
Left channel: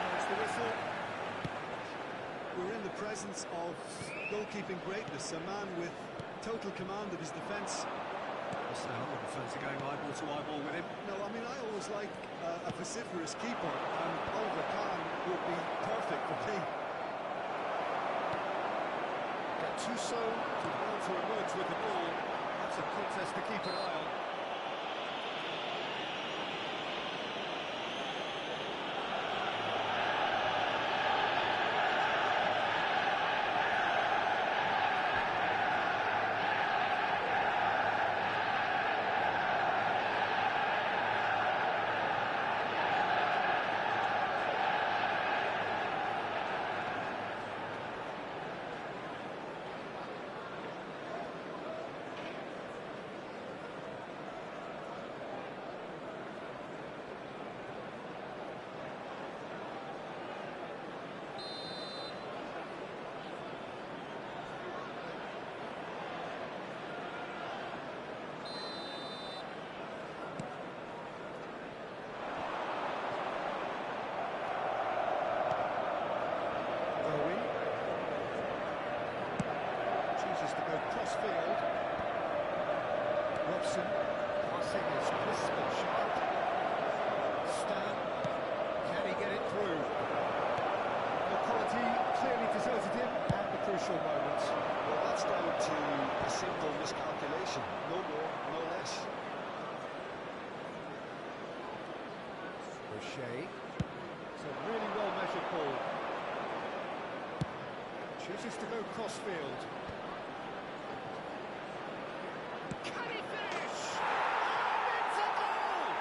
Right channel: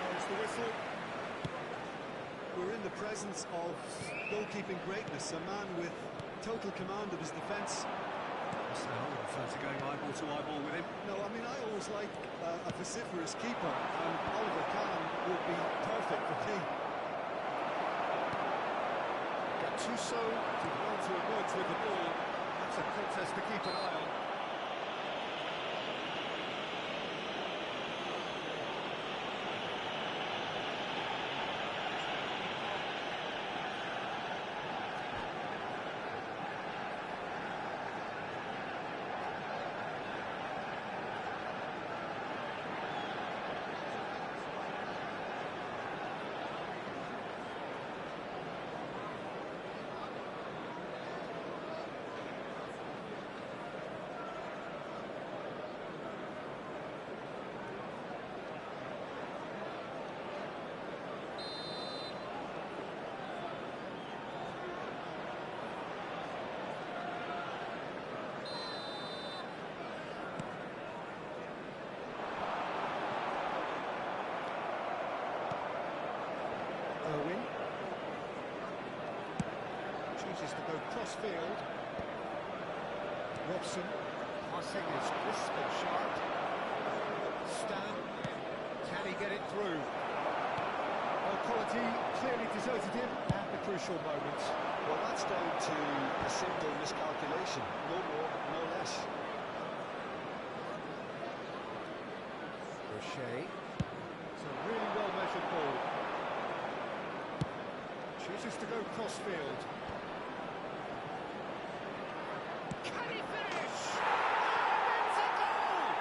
There's the whistle. We're in the presence of goalkeeping greatness, a man with total command of his defence. So I wouldn't fancy going eyeball to eyeball with him. No, I mean, I always like a vociferous keeper, and Oliver Kahn would be perfect for me. Gattuso did well to emerge with the ball. That's a contest to keep an eye on. Owen chooses to go cross-field. Robson, passing is crisp and sharp. Stan, can he get it through? Well, quality clearly deserted him at the crucial moment. Well, that's down to a simple miscalculation, no more, no less. Rocher, it's a really well-measured ball. Chooses to go cross-field. Can he finish? And it's a goal!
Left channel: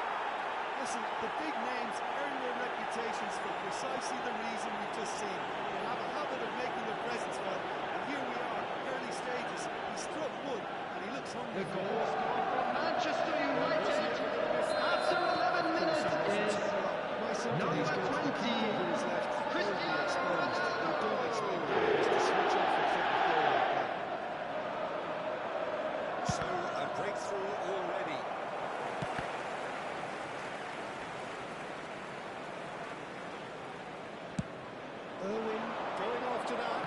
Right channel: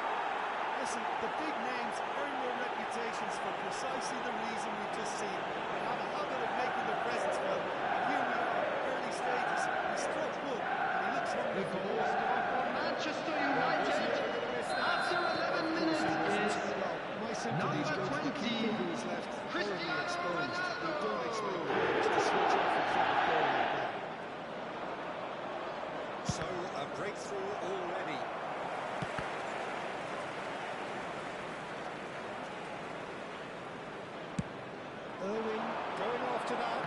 Listen, the big names earn their reputations for precisely the reason we've just seen. They have a habit of making their presence felt, and here we are, early stages. He struck one, and he looks hungry The for goal more. scored for Manchester United after 11 minutes is number 20, Cristiano Ronaldo. You don't expect players to switch off in front of goal like that. So, a breakthrough already. Irwin going after that.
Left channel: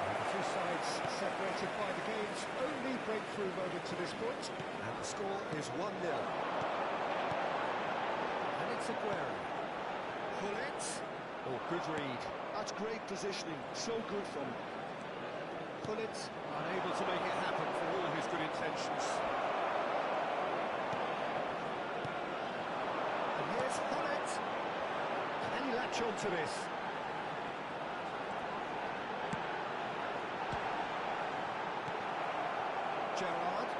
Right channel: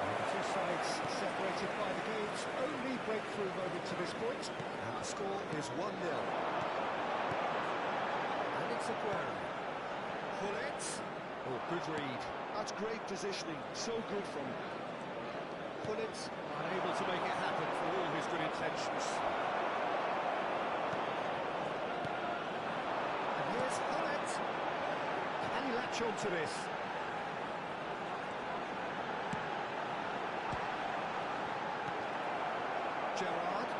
And the two sides separated by the game's only breakthrough moment to this point. And the score is 1-0. And it's Aguero. Pullet. Oh, good read. That's great positioning, so good from him. Pullet unable to make it happen for all his good intentions. And here's Pullet. Can he latch on to this? Gerrard.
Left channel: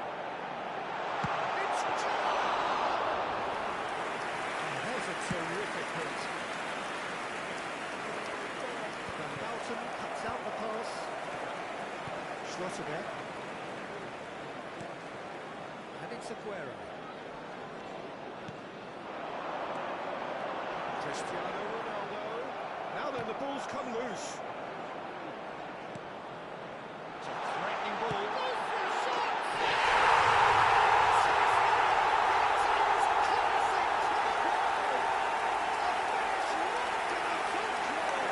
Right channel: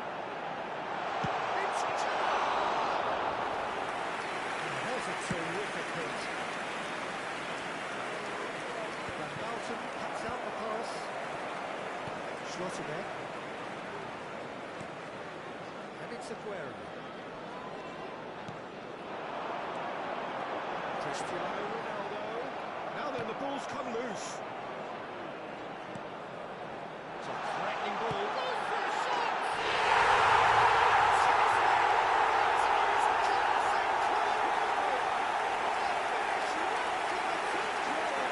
It's Gerrard! And there's a terrific hit. Van Bouten cuts out the pass. Schlotterbeck. And it's Aguero. Cristiano Ronaldo. Now then, the ball's come loose. It's a threatening ball. Goes for a shot! That is classic Cristiano. A finish right to the top drawer.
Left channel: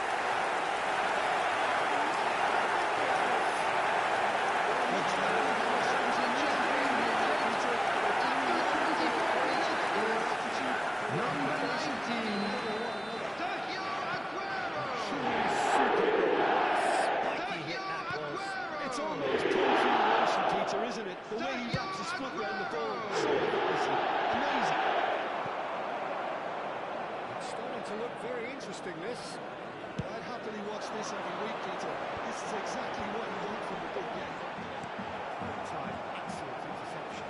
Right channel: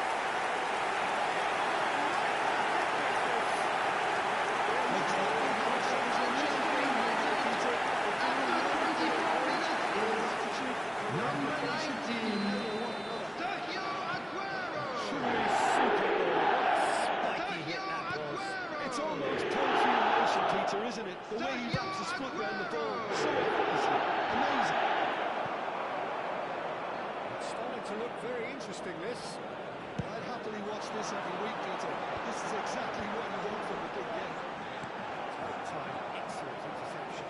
Looks like we have a chance in Manchester United after 24 minutes is number 19, Sergio Aguero. Truly super goal. What a spiky hit Sergio that was. Aguero. It's almost poetry in motion, Peter, isn't it? The way he wraps his foot around the ball so effortlessly. Amazing. It's starting to look very interesting, this. I'd have happily watch this every week, Peter. This is exactly what you want from the big game. Time, excellent interception.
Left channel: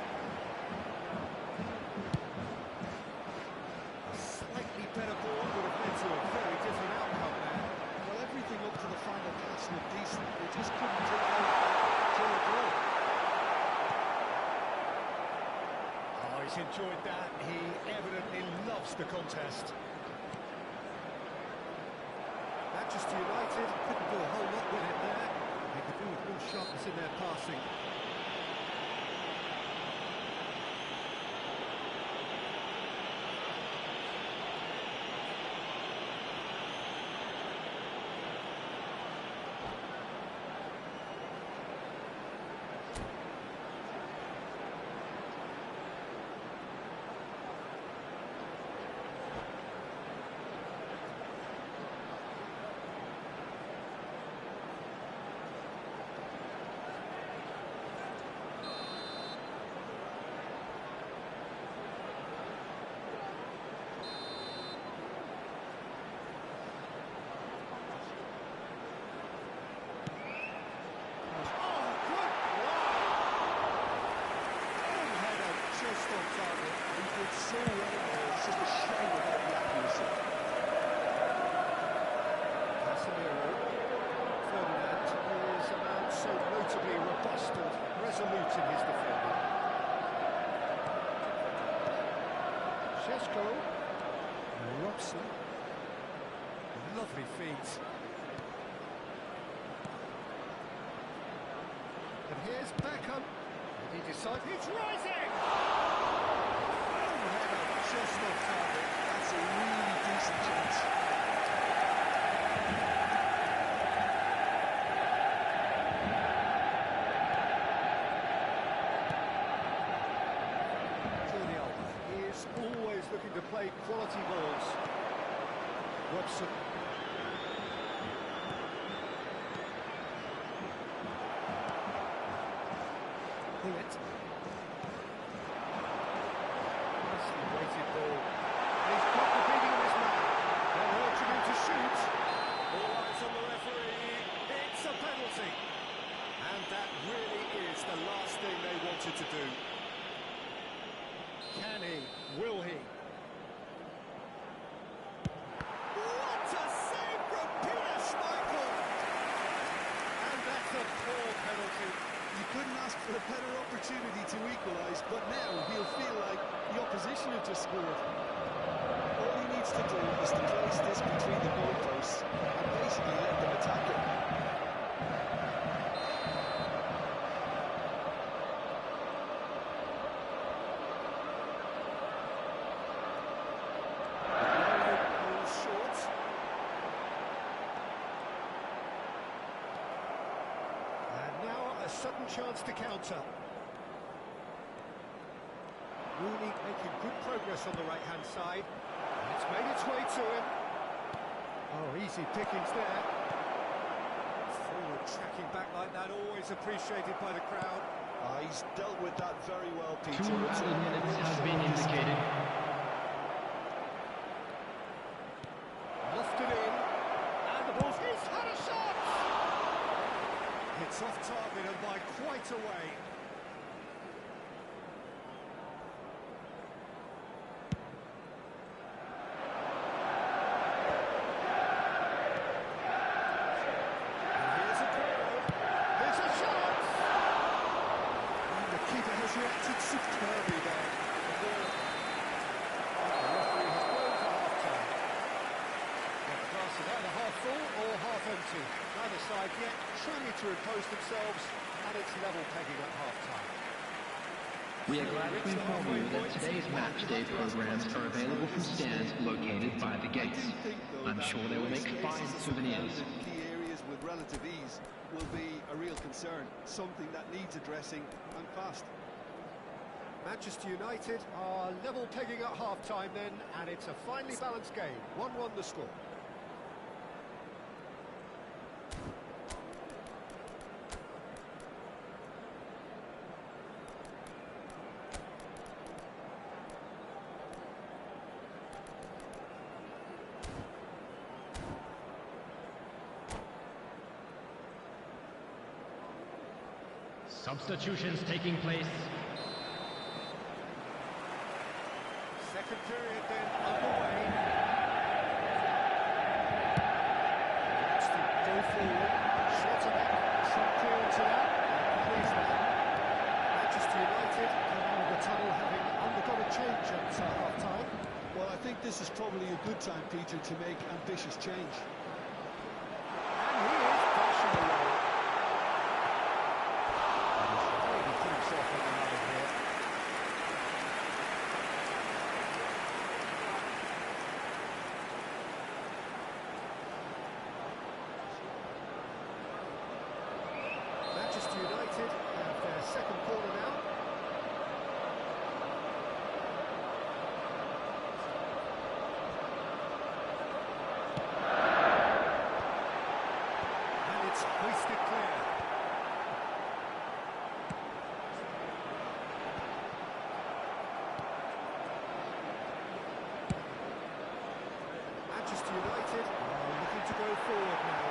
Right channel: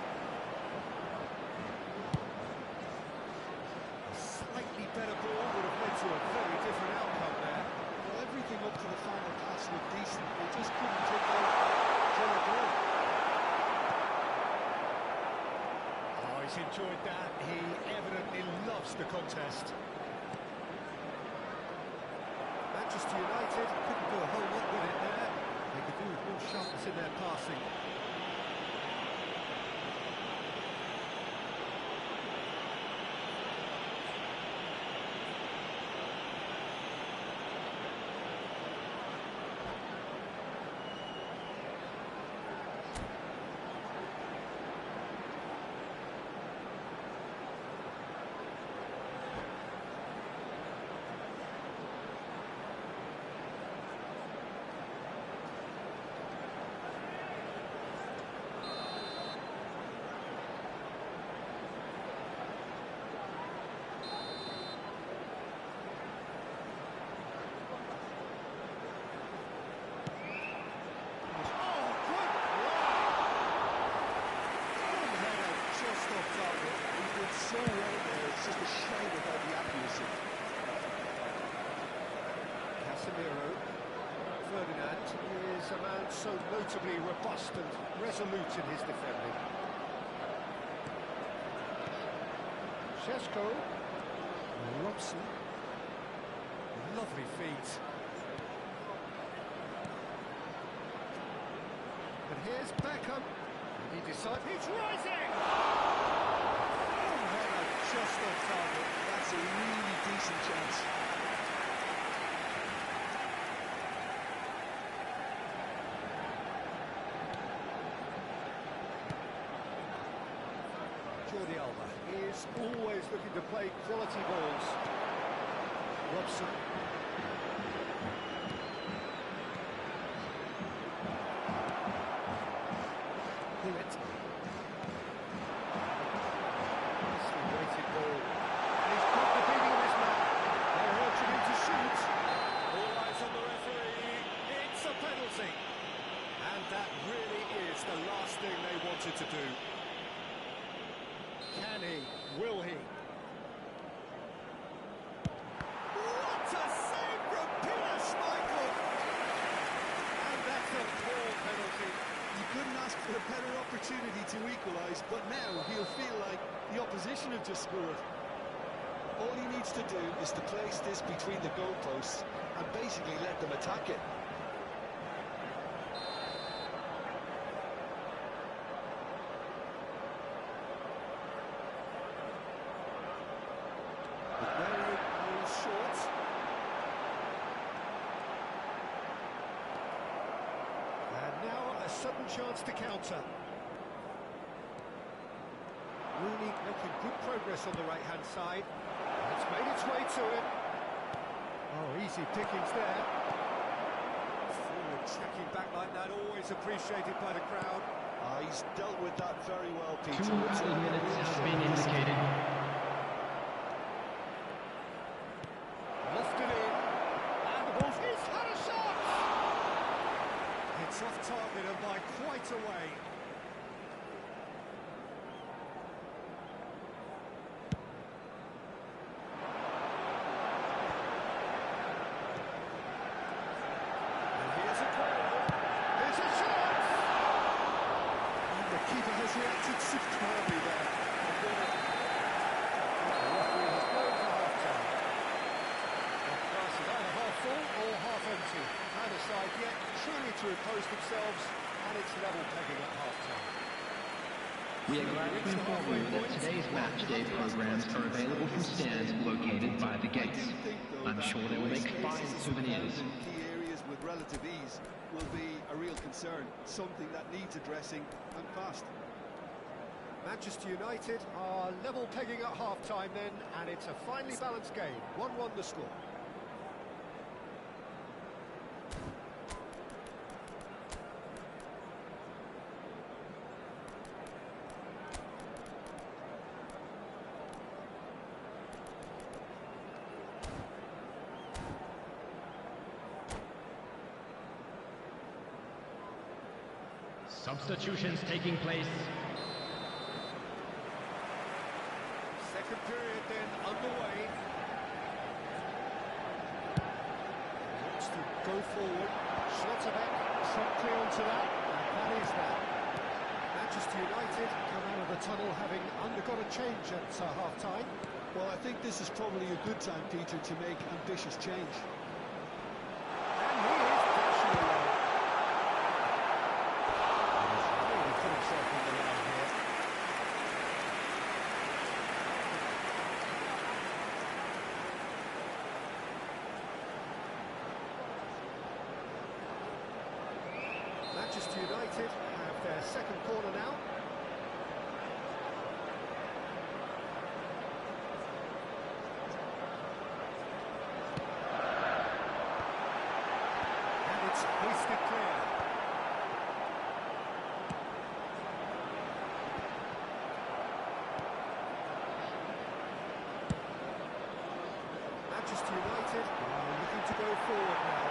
A slightly better ball would have led to a very different outcome there. Well, everything up to the final pass looked decent. They just couldn't take out that killer goal. Oh, he's enjoyed that. He evidently loves the contest. Manchester United couldn't do a whole lot with it there. They could do with more sharpness in their passing. Target. He did so well there, it's just a shame about the accuracy. Casemiro. Ferdinand is a man so notably robust and resolute in his defending. Šeško. Robson. Lovely feet. And here's Beckham. And he decides he's rising! Header just off target. That's a really decent chance. Jordi Alba is always looking to play quality balls. Robson. Hillet. Weighted ball. And he's got the beating of his man. They're urging him to shoot. All eyes on the referee. It's a penalty. And that really is the last thing they wanted to do. Can he? Will he? What a save from Peter Schmeichel! And that's a poor penalty. You couldn't ask for a better opportunity to equalise, but now he'll feel like the opposition have just scored. All he needs to do is to place this between the goalposts and basically let them attack it. Aguero pulls short. And now a sudden chance to counter. Rooney making good progress on the right-hand side. It's made its way to him. Oh, easy pickings there. Forward tracking back like that, always appreciated by the crowd. He's dealt with that very well, Peter. 2 added minutes have been indicated. Lofted in. And the ball's... He's had a shot! It's off target and by quite a way. Reacted superbly there. The referee has blown for half-time. Well, the glass is either half full or half empty. Neither side yet trying to impose themselves, and it's level pegging at half-time. We are glad to inform you that today's match day programs are available from stands located by the gates. I'm sure they will make fine souvenirs. In key areas with relative ease will be a real concern, something that needs addressing and fast. Manchester United are level pegging at half-time then, and it's a finely balanced game. 1-1 the score. Substitutions taking place. Second period then underway. Wants to go forward. Schottenbeck, promptly onto that. And that is that. Manchester United come out of the tunnel having undergone a change at half-time. Well, I think this is probably a good time, Peter, to make ambitious change. And he is dashing away. And he's really put himself on the line here. Manchester United have their second corner now. And it's hoisted clear. Manchester United are looking to go forward now.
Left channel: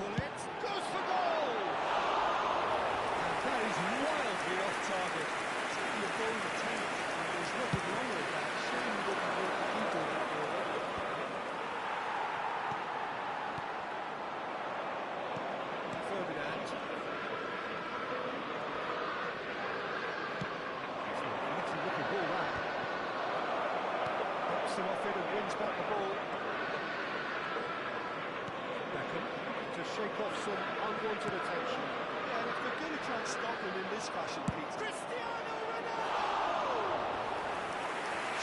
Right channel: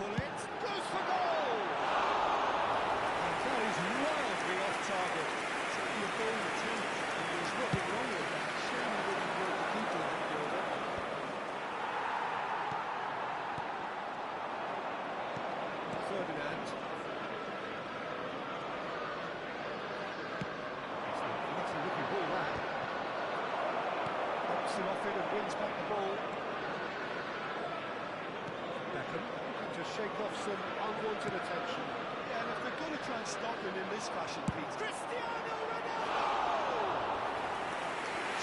It goes for goal! And that is wildly off target. Certainly a bold attempt, and there's nothing wrong with that. Shame he didn't hurt the keeper that they were up. Ferdinand. It's a neatly looking ball, that. Bops him off it and wins back the ball. Beckham to shake off some unwanted attention. Yeah, and if they're going to try and stop him in this fashion, Pete. Cristiano Ronaldo!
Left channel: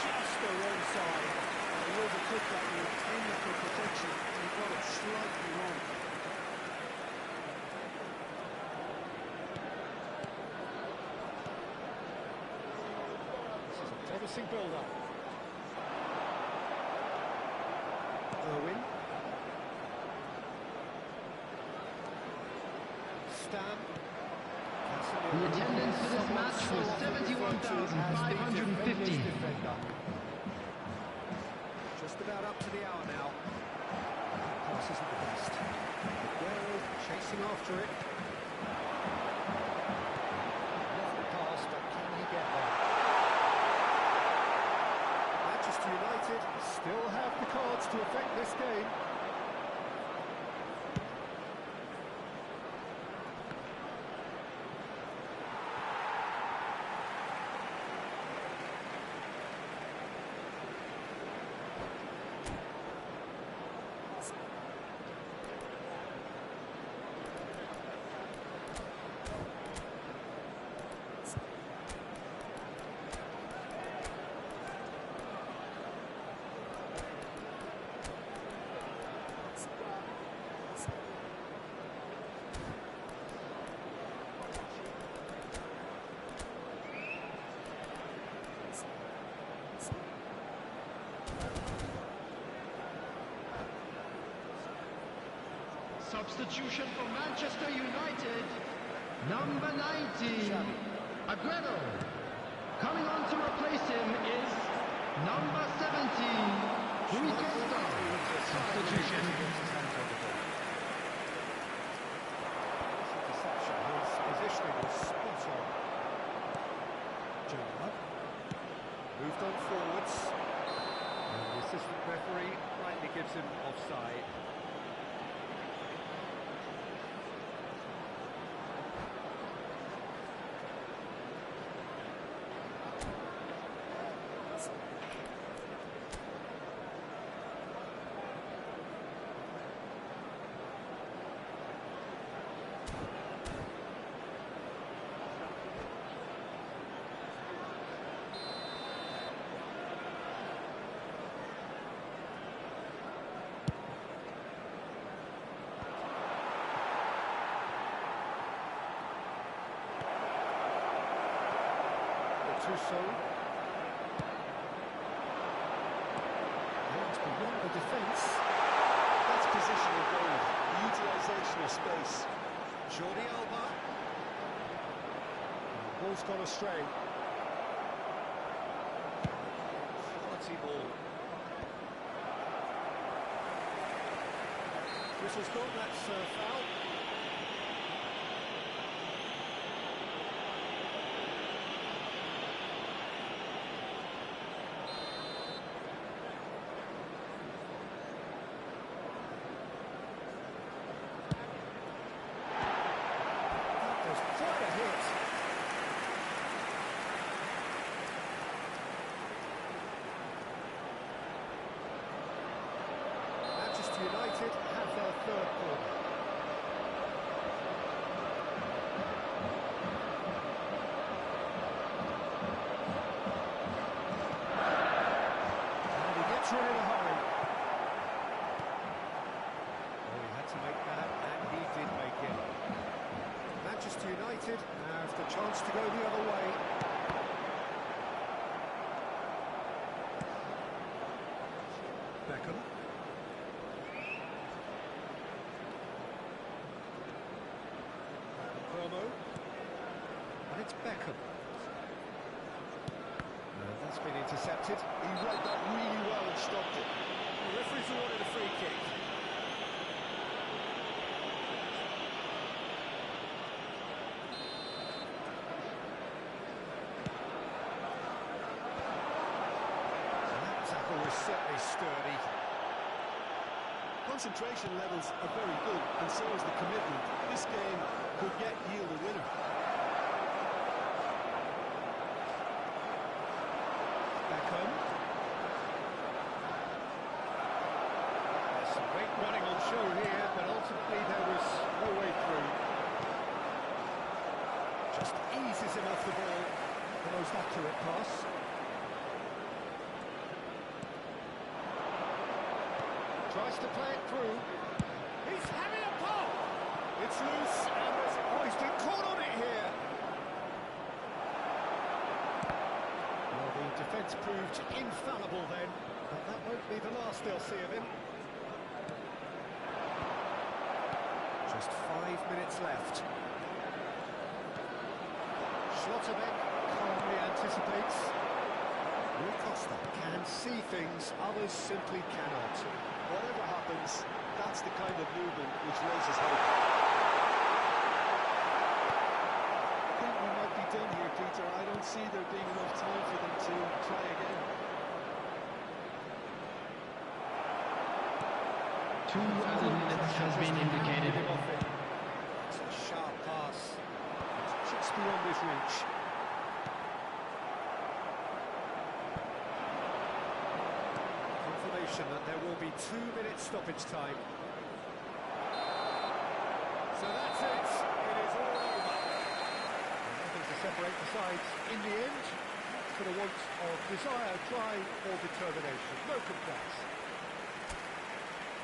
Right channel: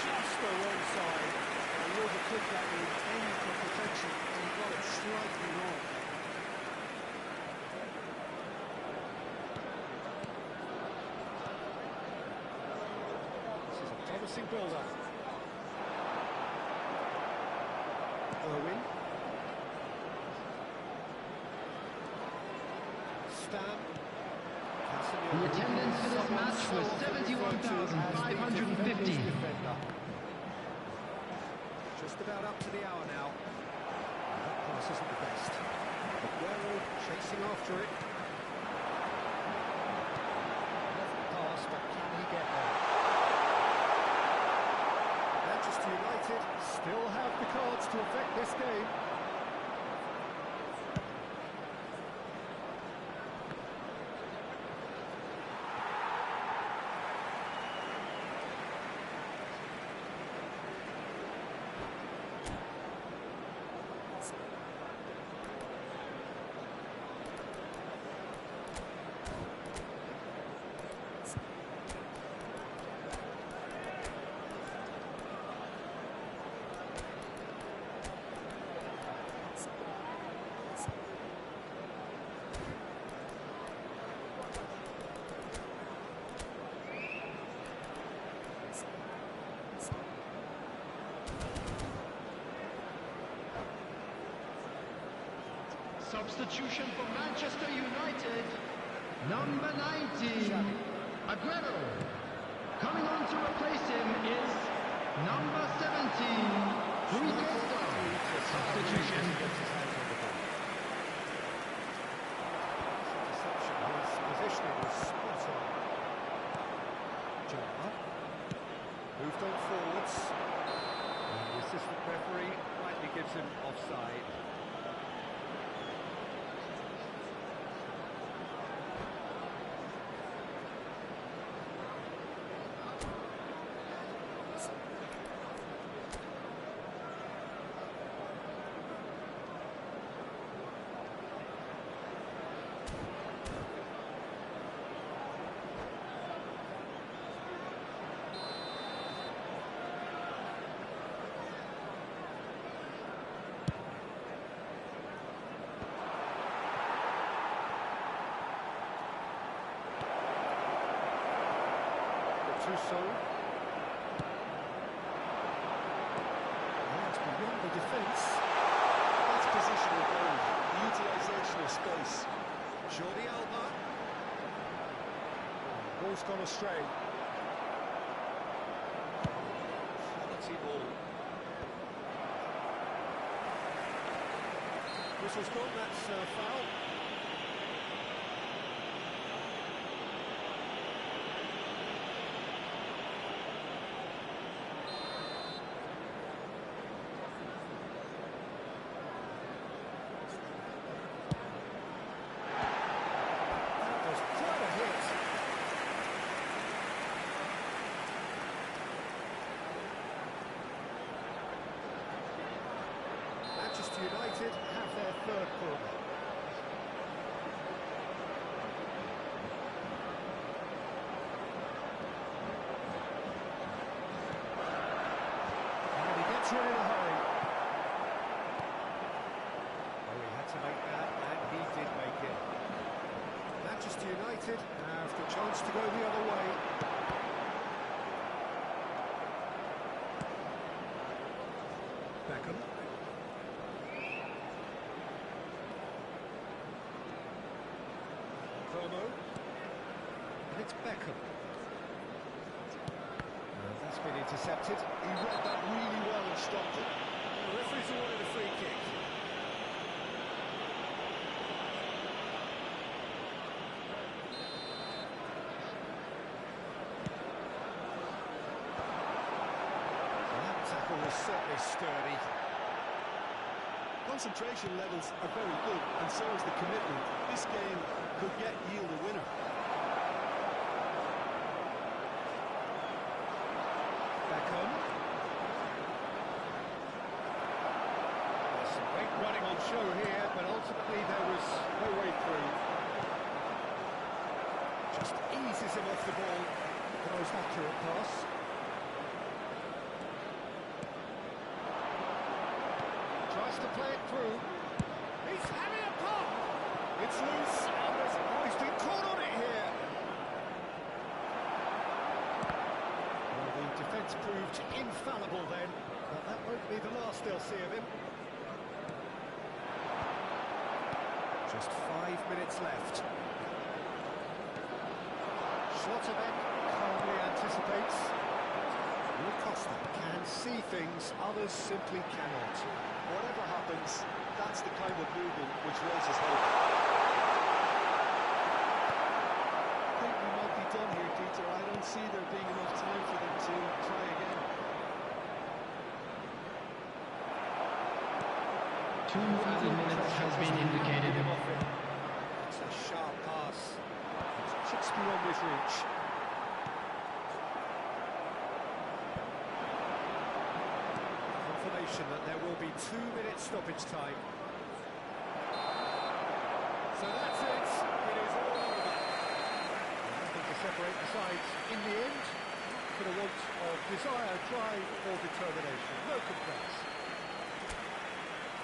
Just the wrong side. He overtook that with aiming for protection, and he got it slightly wrong. This is a promising build-up. Irwin. Stam. The attendance for this match was 71,550. Just about up to the hour now. That pass isn't the best. Aguero chasing after it. Lovely pass, but can he get there? Manchester United still have the cards to affect this game. Substitution for Manchester United. Number 90, Aguero. Coming on to replace him is number 17, Rui Costa. Substitution. Deception. His positioning was spot on. Gerrard moved on forwards. And the assistant referee rightly gives him offside. Gattuso. And beyond the defence. That's positional goal, the utilisation of space. Jordi Alba. The ball's gone astray. Quality ball. Whistle's gone, that's foul. That was quite a hit. Manchester United have their third corner. And he gets rid in a hurry. Oh, he had to make that, and he did make it. Manchester United have the chance to go the other way. Beckham. And it's Beckham. And that's been intercepted. He read that really well and stopped it. The referee's awarded a free kick. So that tackle was certainly sturdy. Concentration levels are very good, and so is the commitment. This game could yield a winner. Beckham. There's some great running on show here, but ultimately there was no way through. Just eases him off the ball. The most accurate pass. Tries to play it through. He's having a pop! It's loose, and he's been caught on it here. Well, the defence proved infallible then, but that won't be the last they'll see of him. Just 5 minutes left. Schlotterbeck calmly anticipates. Rui Costa can see things others simply cannot. Whatever happens, that's the kind of movement which raises hope. I think we might be done here, Peter. I don't see there being enough time for them to try again. 2 added minutes has been indicated. It's a sharp pass. It's just beyond his reach. Confirmation that there will be 2 minutes stoppage time. So that's it. It is all over. Well, nothing to separate the sides in the end. For the want of desire, drive or determination. No complaints.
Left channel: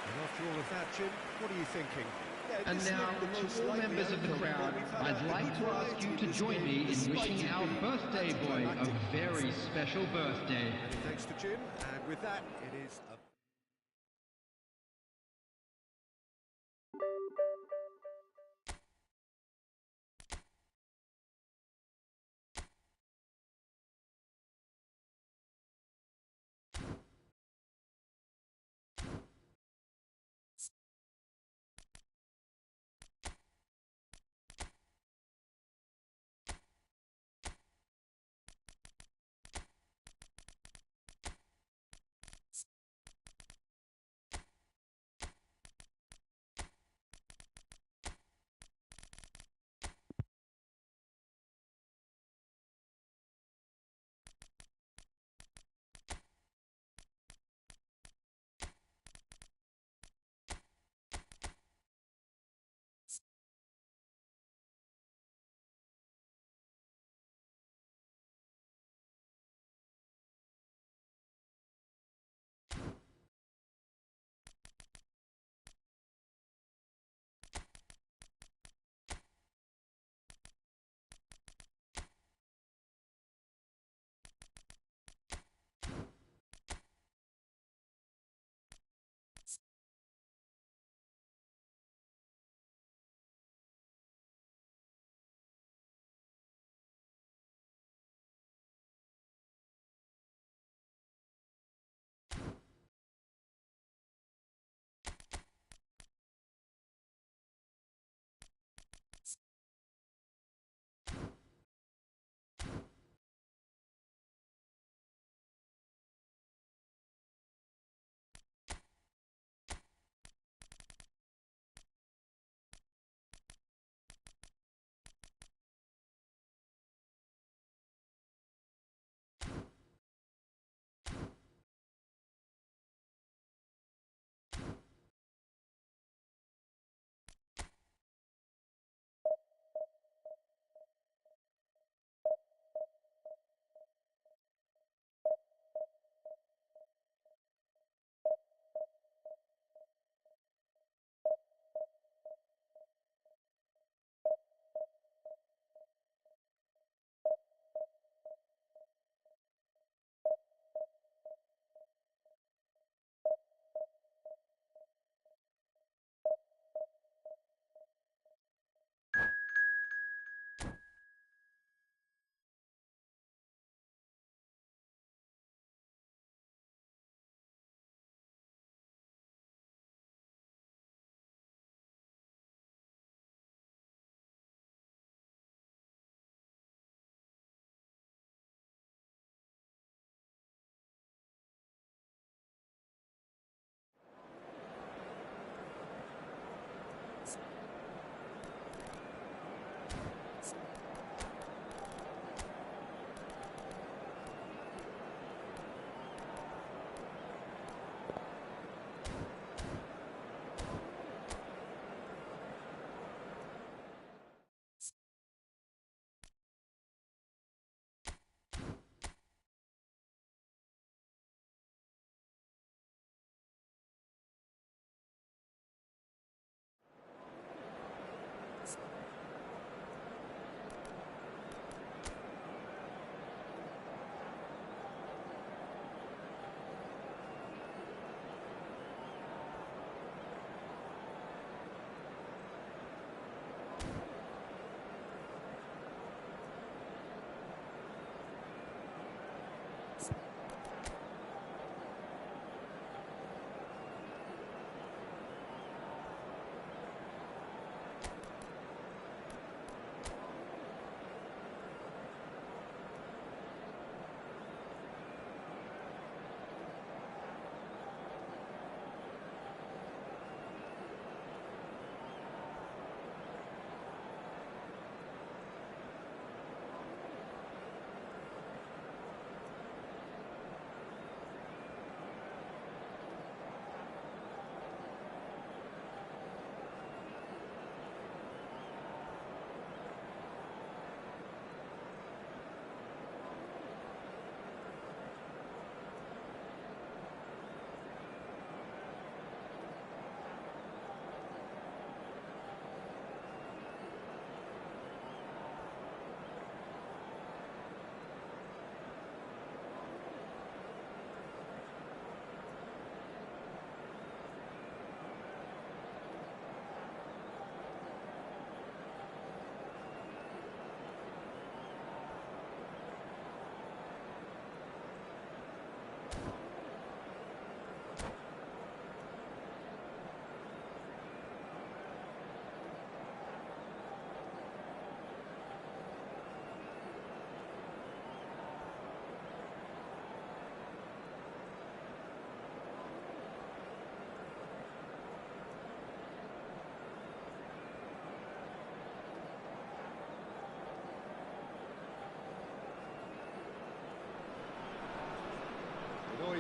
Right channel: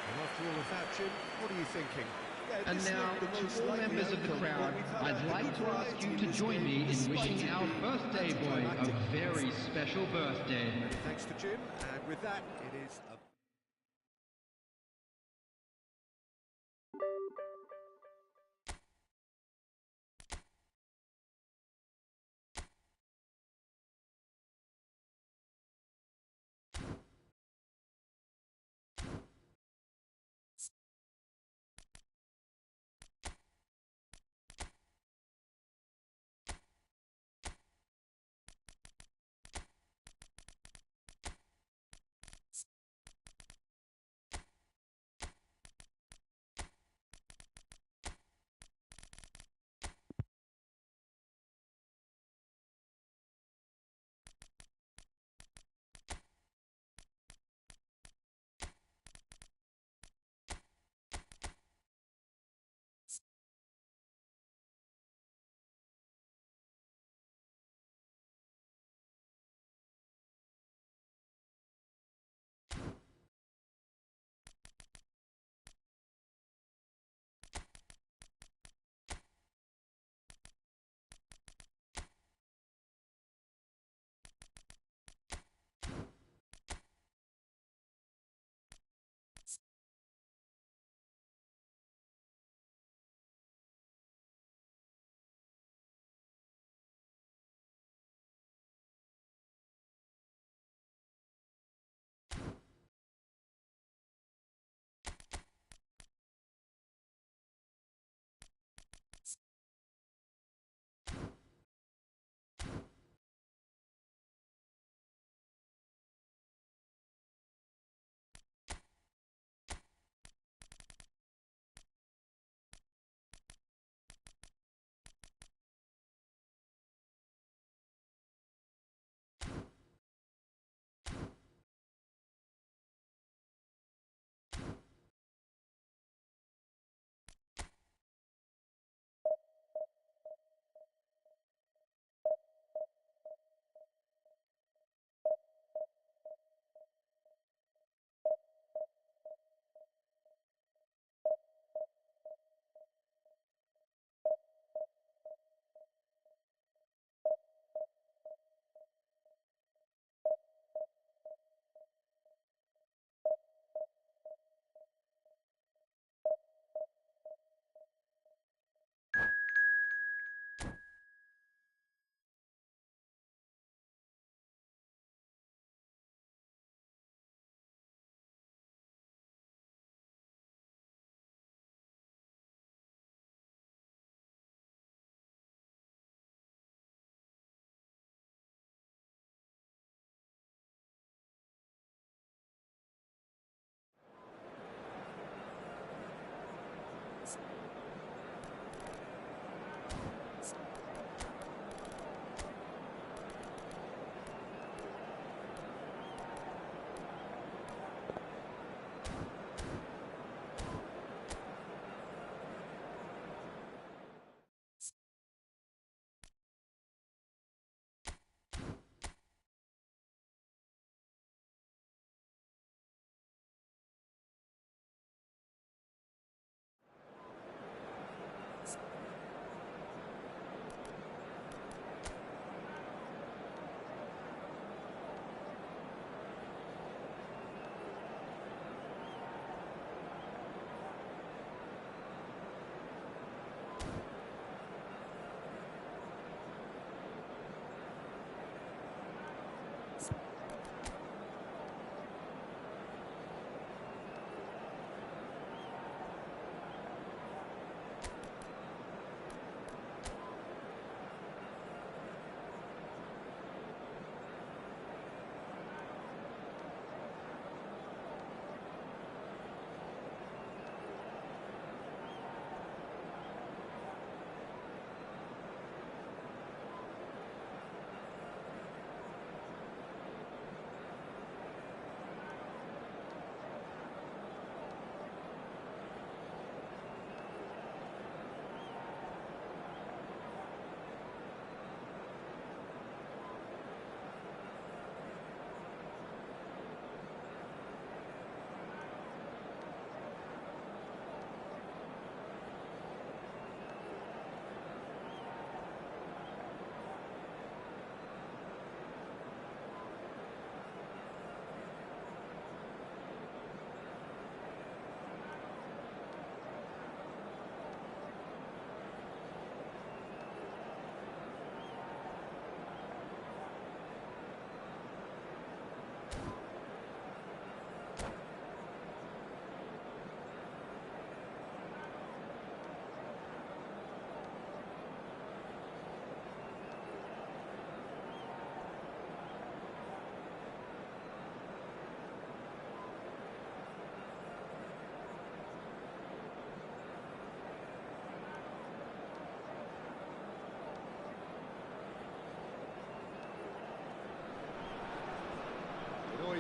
And after all of that, Jim, what are you thinking? And now, to all members of the crowd, I'd like to ask you to join me in wishing our birthday boy a very special birthday. Many thanks to Jim, and with that, it is a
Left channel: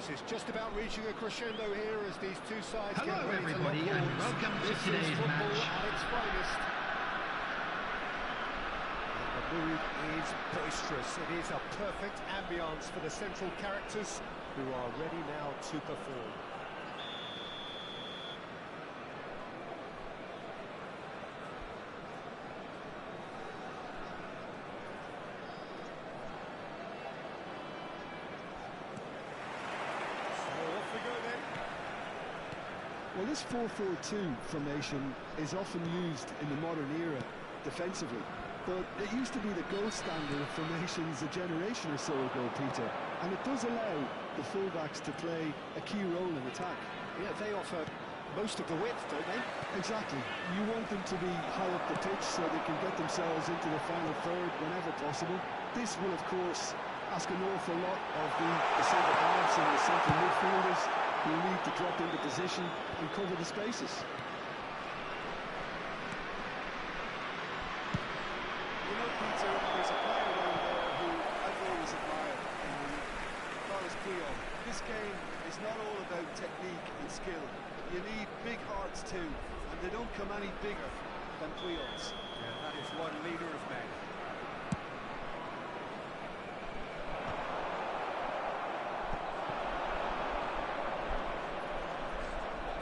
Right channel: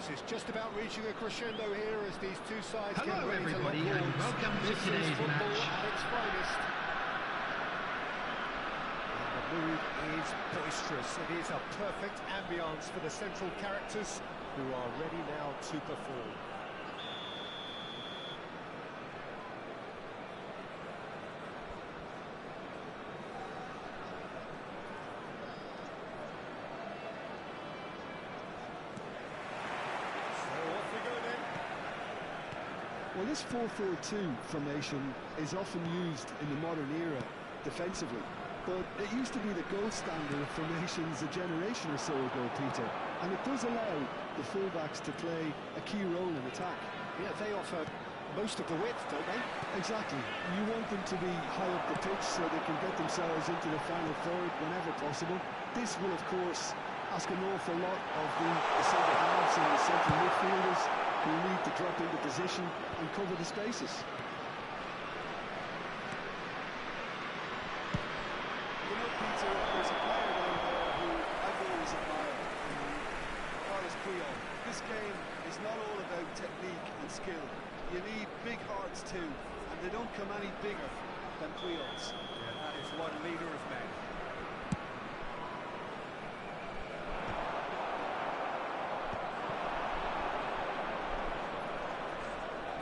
This is just about reaching a crescendo here as these two sides Hello, get ready everybody, to lock and horns. welcome to This today's is football match. at its finest. And the mood is boisterous. It is a perfect ambience for the central characters who are ready now to perform. Well, this 4-4-2 formation is often used in the modern era defensively, but it used to be the gold standard of formations a generation or so ago, Peter, and it does allow the fullbacks to play a key role in attack. Yeah, they offer most of the width, don't they? Exactly. You want them to be high up the pitch so they can get themselves into the final third whenever possible. This will, of course, ask an awful lot of the centre halves and the central midfielders, who need to drop into position and cover the spaces. You know, Peter, there's a player down there who I've always admired, Carlos Chroń. This game is not all about technique and skill. You need big hearts too, and they don't come any bigger than Chroń's. Yeah, that is one leader of men.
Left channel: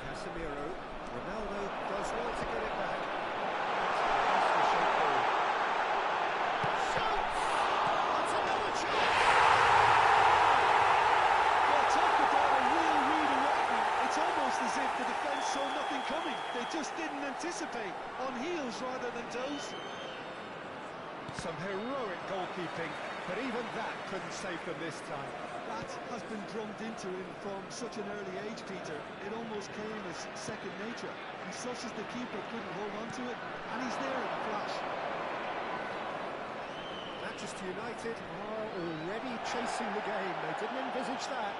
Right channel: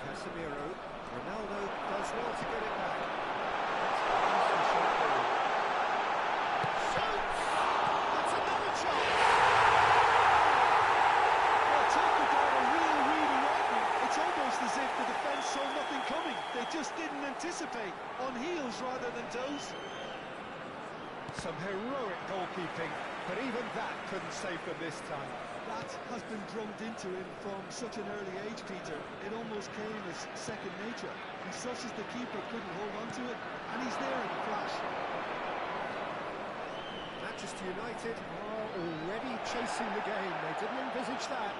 Casemiro, Ronaldo does well to get it back. That's a nicely shot ball. Shoots! That's another chance! Well, talk about a real read-awakening. It's almost as if the defence saw nothing coming. They just didn't anticipate. On heels rather than toes. Some heroic goalkeeping, but even that couldn't save them this time. That has been drummed into him from such an early age, Peter. It almost came as second nature. And such as the keeper couldn't hold on to it, and he's there in a flash. Manchester United are already chasing the game. They didn't envisage that.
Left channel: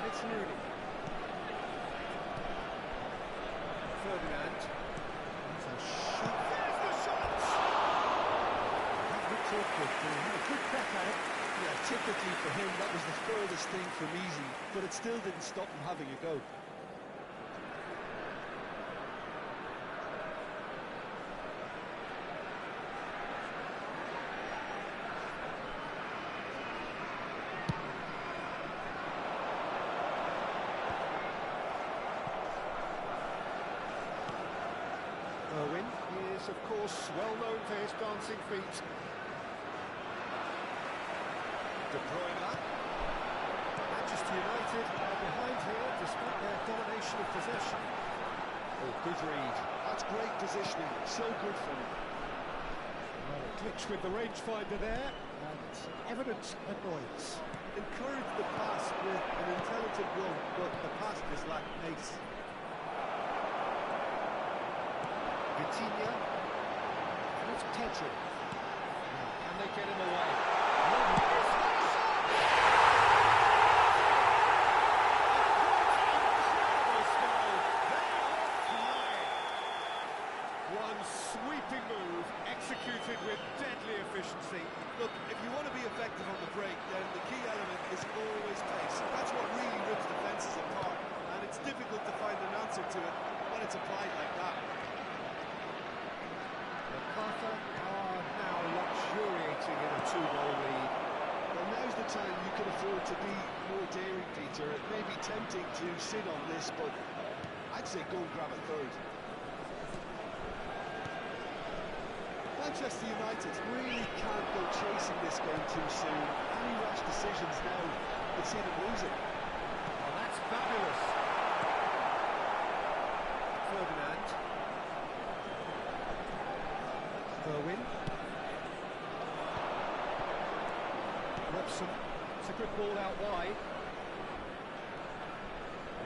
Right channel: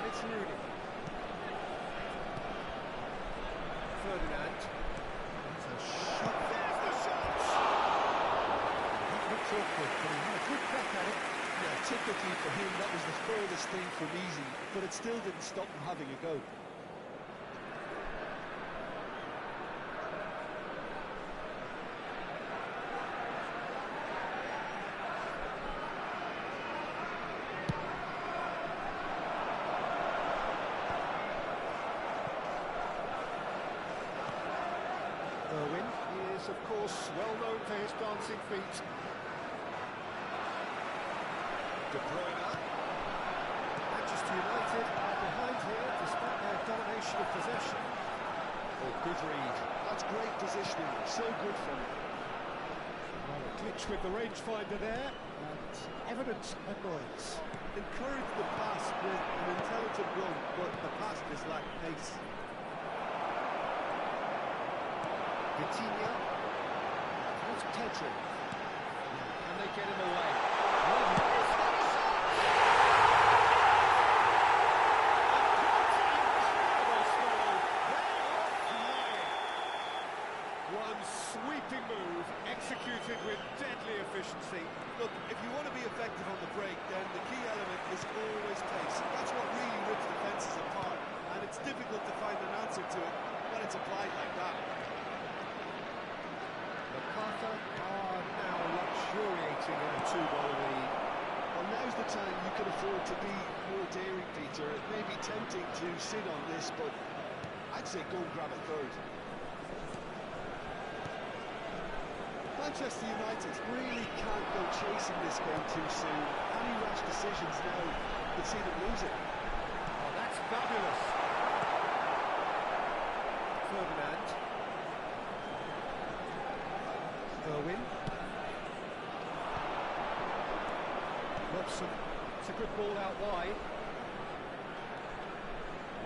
And it's Rooney. Ferdinand. It's a shot. There's the shot! That looked awkward, but he had a good crack at it. Yeah, typically for him, that was the furthest thing from easy, but it still didn't stop him having a go. Irwin, he is, of course, well known for his dancing feet. De Bruyne. Manchester United are behind here despite their domination of possession. Oh, good read. That's great positioning, so good for him. Well, a glitch with the rangefinder there, and evident annoyance. Encourage the pass with an intelligent run, but the pass just lacked pace. Vitinha. What's Pedro? Can they get him away? Lovely. It's got a shot! A quite incredible spell. They are flying. One sweeping move, executed with deadly efficiency. Look, if you want to be effective on the break, then the key element is always pace. That's what really rips defences apart, and it's difficult to find an answer to it when it's applied like that. MacArthur are now luxuriating in a two-goal lead. Well, now's the time you can afford to be more daring, Peter. It may be tempting to sit on this, but I'd say go and grab a third. Manchester United really can't go chasing this game too soon. Any rash decisions now would see them lose it. Oh, that's fabulous. Ferdinand. Irwin. Robson. It's a good ball out wide.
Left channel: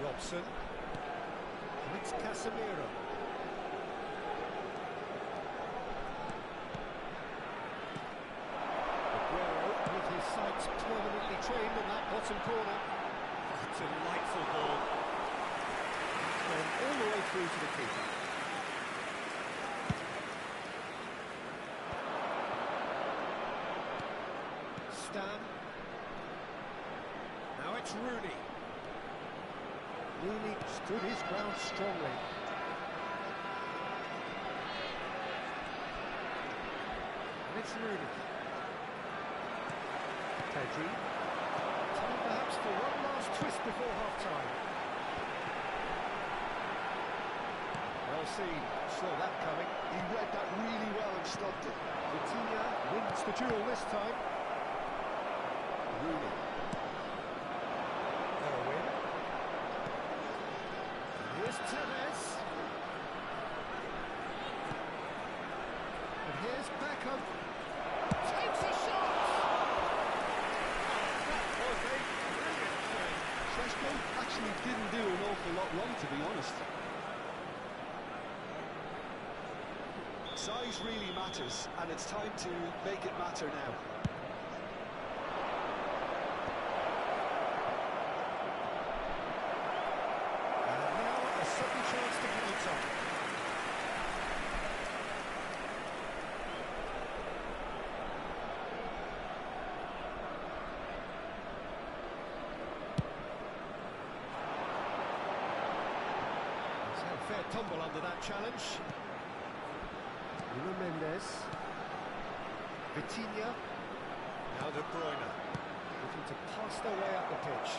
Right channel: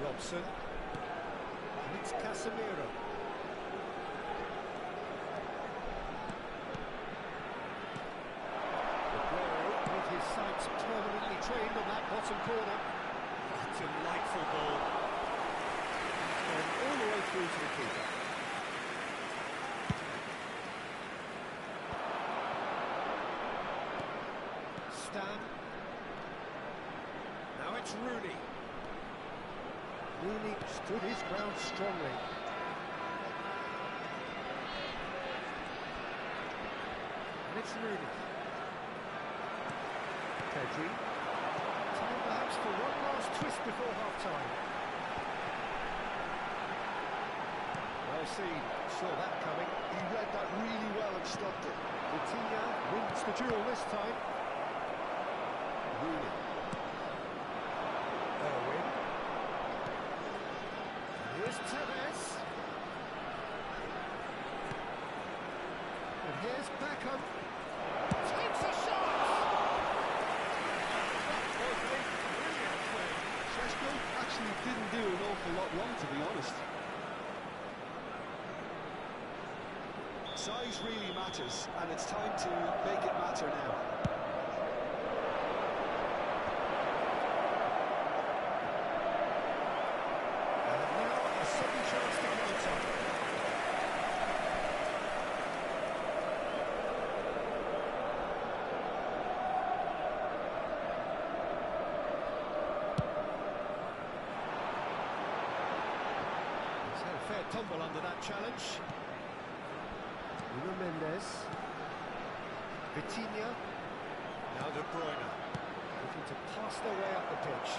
Robson. And it's Casemiro. Aguero with his sights permanently trained on that bottom corner. Oh, delightful ball. It's gone all the way through to the keeper. stand. Now it's Rooney. Rooney stood his ground strongly. And it's Rooney. Pedri. Time perhaps for one last twist before half-time. Well seen, saw that coming. He read that really well and stopped it. Vitinha wins the duel this time. Rooney. Irwin. Here's Tevez. And here's Beckham. Takes a shot! Oh, that was a brilliant play. Šeško actually didn't do an awful lot wrong, to be honest. Size really matters, and it's time to make it matter now. And now a sudden chance to counter. He's had a fair tumble under that challenge. Nuno Mendes. Vitinha. Now De Bruyne. Looking to pass their way up the pitch.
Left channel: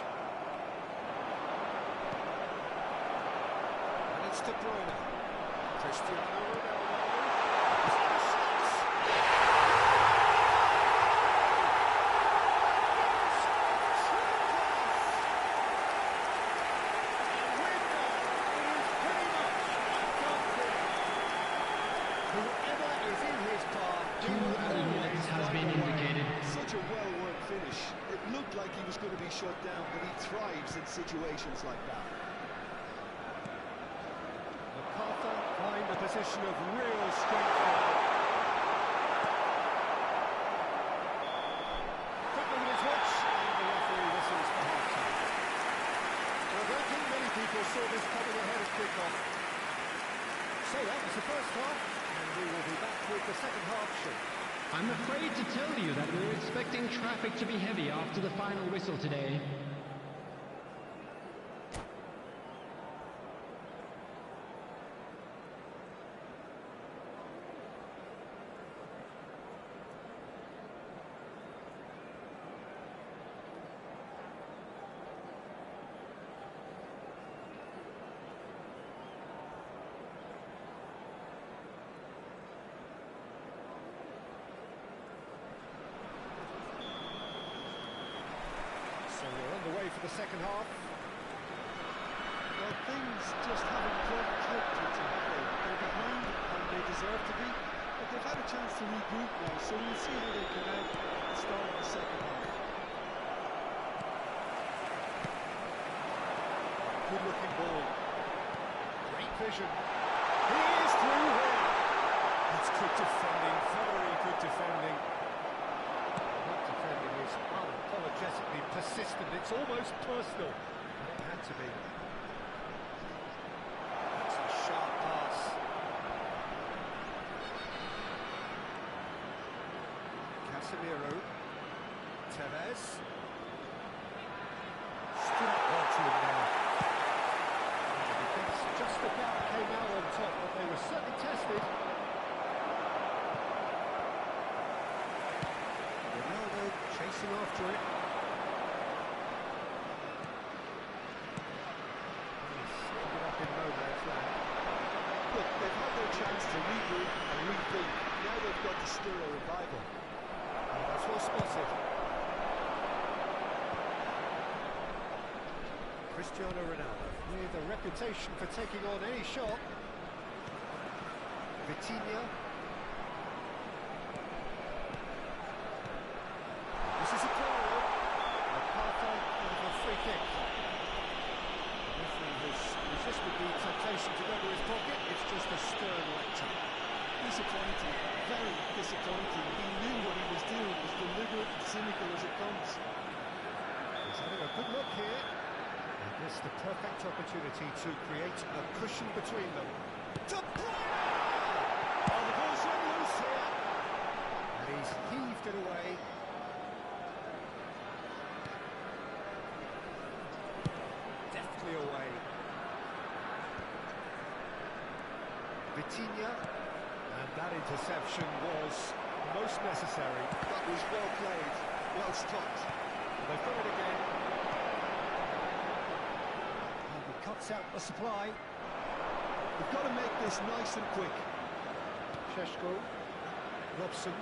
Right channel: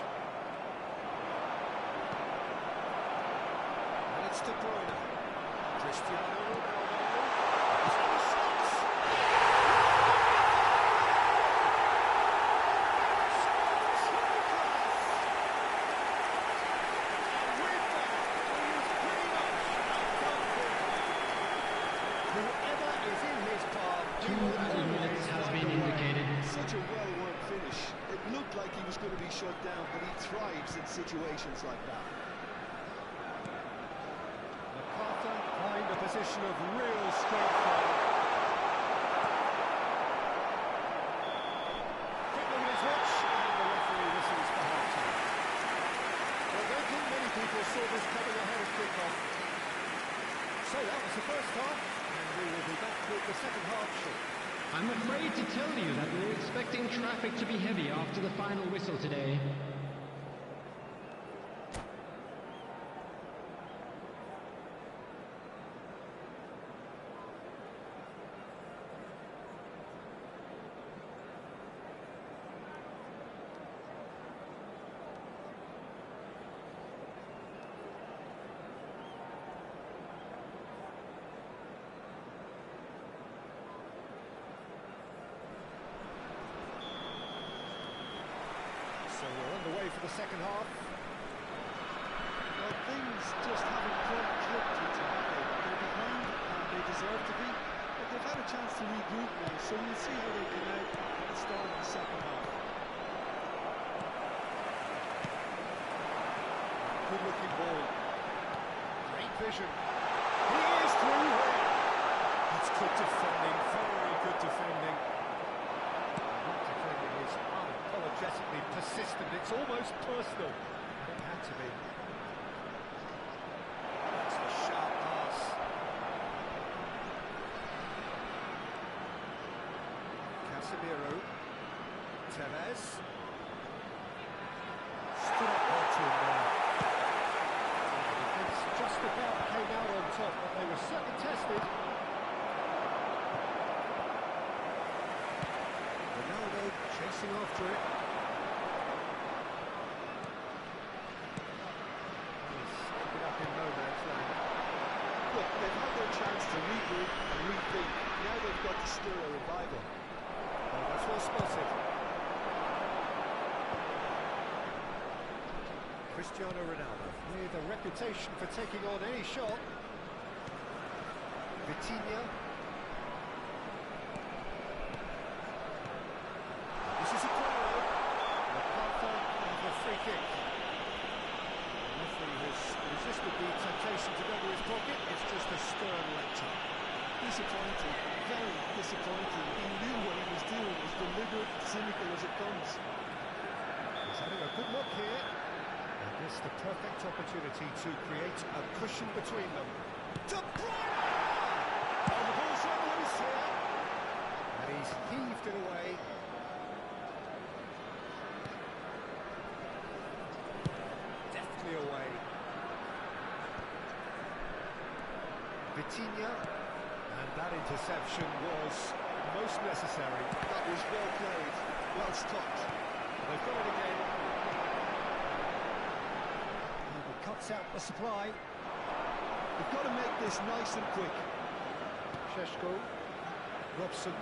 And it's De Bruyne. Cristiano Ronaldo. He's got a shot! Finish of triple class! And with that, it is pretty much a done deal. Whoever is in his path, 2 added minutes has been indicated. Such a well-worked finish. It looked like he was going to be shut down, but he thrives in situations like that. MacArthur find a position of real strength now. Quick look at his watch, and the referee whistles for half-time. Well, I don't think many people saw this coming ahead of kick-off. So that was the first half, and we will be back with the second half shortly. I'm afraid to tell you that we're expecting traffic to be heavy after the final whistle today. So we're underway for the second half. Well, things just haven't quite clicked with Chelsea. They're behind, and they deserve to be, but they've had a chance to regroup now, so we'll see how they come out at the start of the second half. Good looking ball. Great vision. He is through here. It's good defending, very good defending. That defending is unapologetically persistent. It's almost personal, but it had to be. That's a sharp pass. Casemiro. Tevez. Stood up well to him there. The defence just about came out on top, but they were certainly tested. Ronaldo chasing after it. He's ended up in no man's land. Look, they've had their chance to regroup and rethink. Now they've got to stir a revival. Oh, that's well spotted. Cristiano Ronaldo, with a reputation for taking on any shot. Vitinha. This is a corner. MacArthur with a free kick. The referee has resisted the temptation to go to his pocket. It's just a stern lecture. Disappointing, very disappointing. He knew what he was doing, as deliberate, cynical as it comes. He's having a good look here. And this the perfect opportunity to create a cushion between them. De Bruyne! Oh, the ball's run loose here. And he's heaved it away. Vitinha. And that interception was most necessary. That was well played, well stopped. They've got it again. And he cuts out the supply. They've got to make this nice and quick. Sheshko, Robson.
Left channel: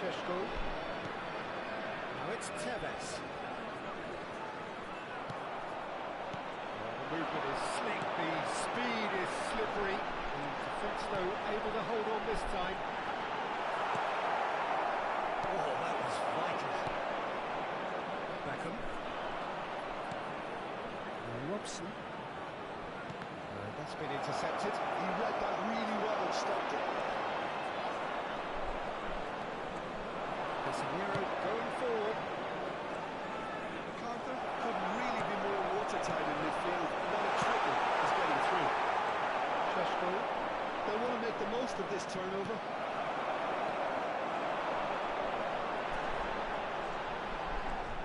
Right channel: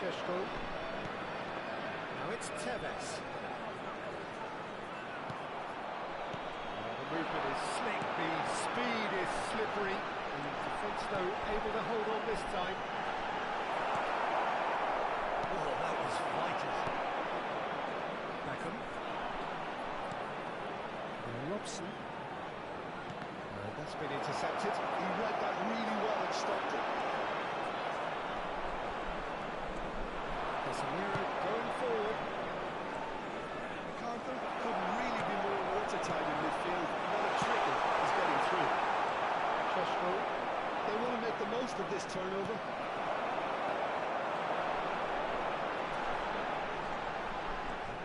Sheshko. Now it's Tevez. Well, the movement is slick, the speed is slippery. The defence, though, able to hold on this time. Oh, that was vital. Beckham. Robson. That's been intercepted. He read that really well and stopped it. Casemiro going forward. MacArthur couldn't really be more watertight in midfield. Not a trickle is getting through. Sheshko. They want to make the most of this turnover.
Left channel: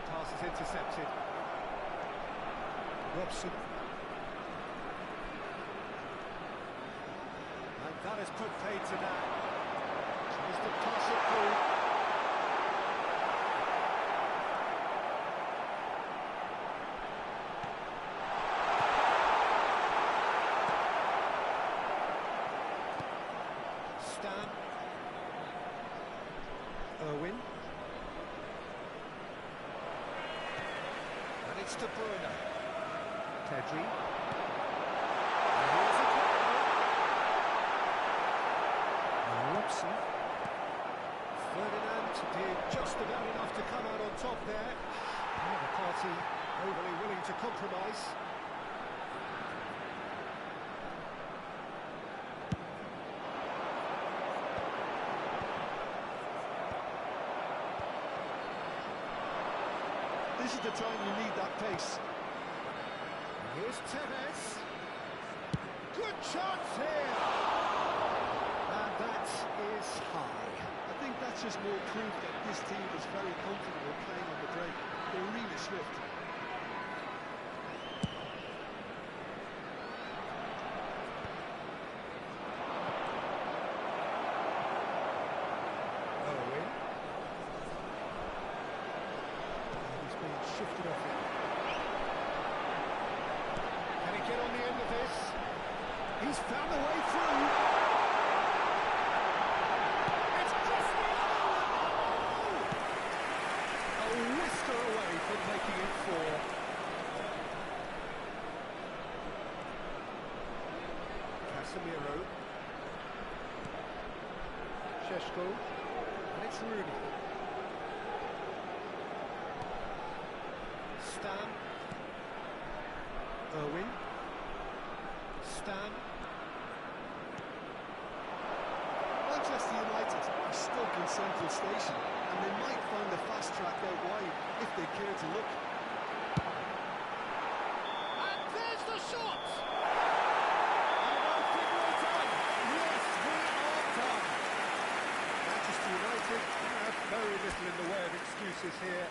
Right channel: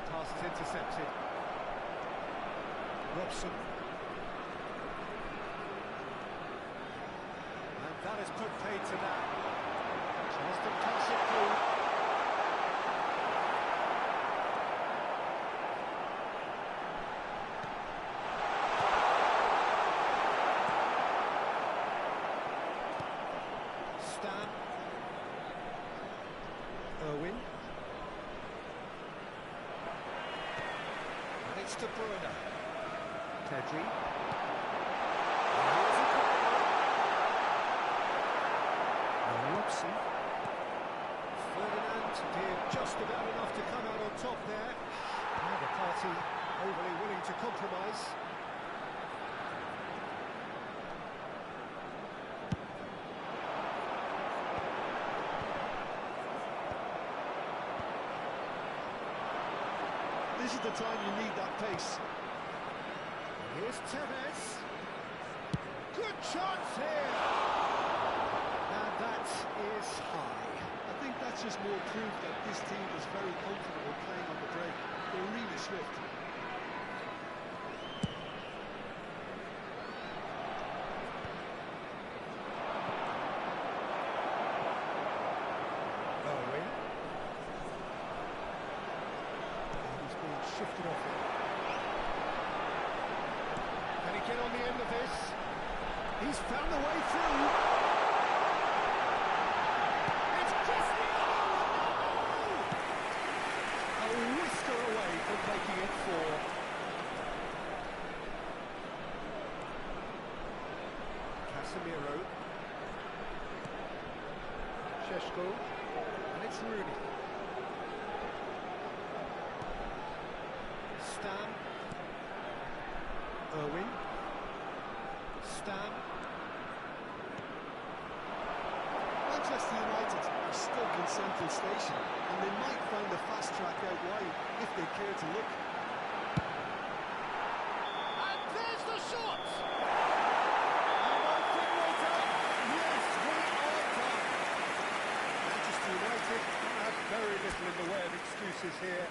Pass is intercepted. Robson. And that has put paid to that. Tries to pass it through. Stan. Irwin. And it's De Bruyne. Pedri. And here's a corner. Robson. Ferdinand did just about enough to come out on top there. Now the party overly willing to compromise. This is the time you need that pace. Here's Tevez. Good chance here. And that is high. I think that's just more proof that this team is very comfortable playing on the break. They're really swift. Owen. And he's being shifted off it. Can he get on the end of this? He's found a way through. It's Cristiano Ronaldo! A whisker away from making it 4. Casemiro. Sheshko. And it's Rooney. Stan. Irwin. Stan. Manchester United are stuck in Central Station, and they might find the fast track out wide if they care to look. And there's the shot! And I think we're done. Yes, we are done. Manchester United have very little in the way of excuses here.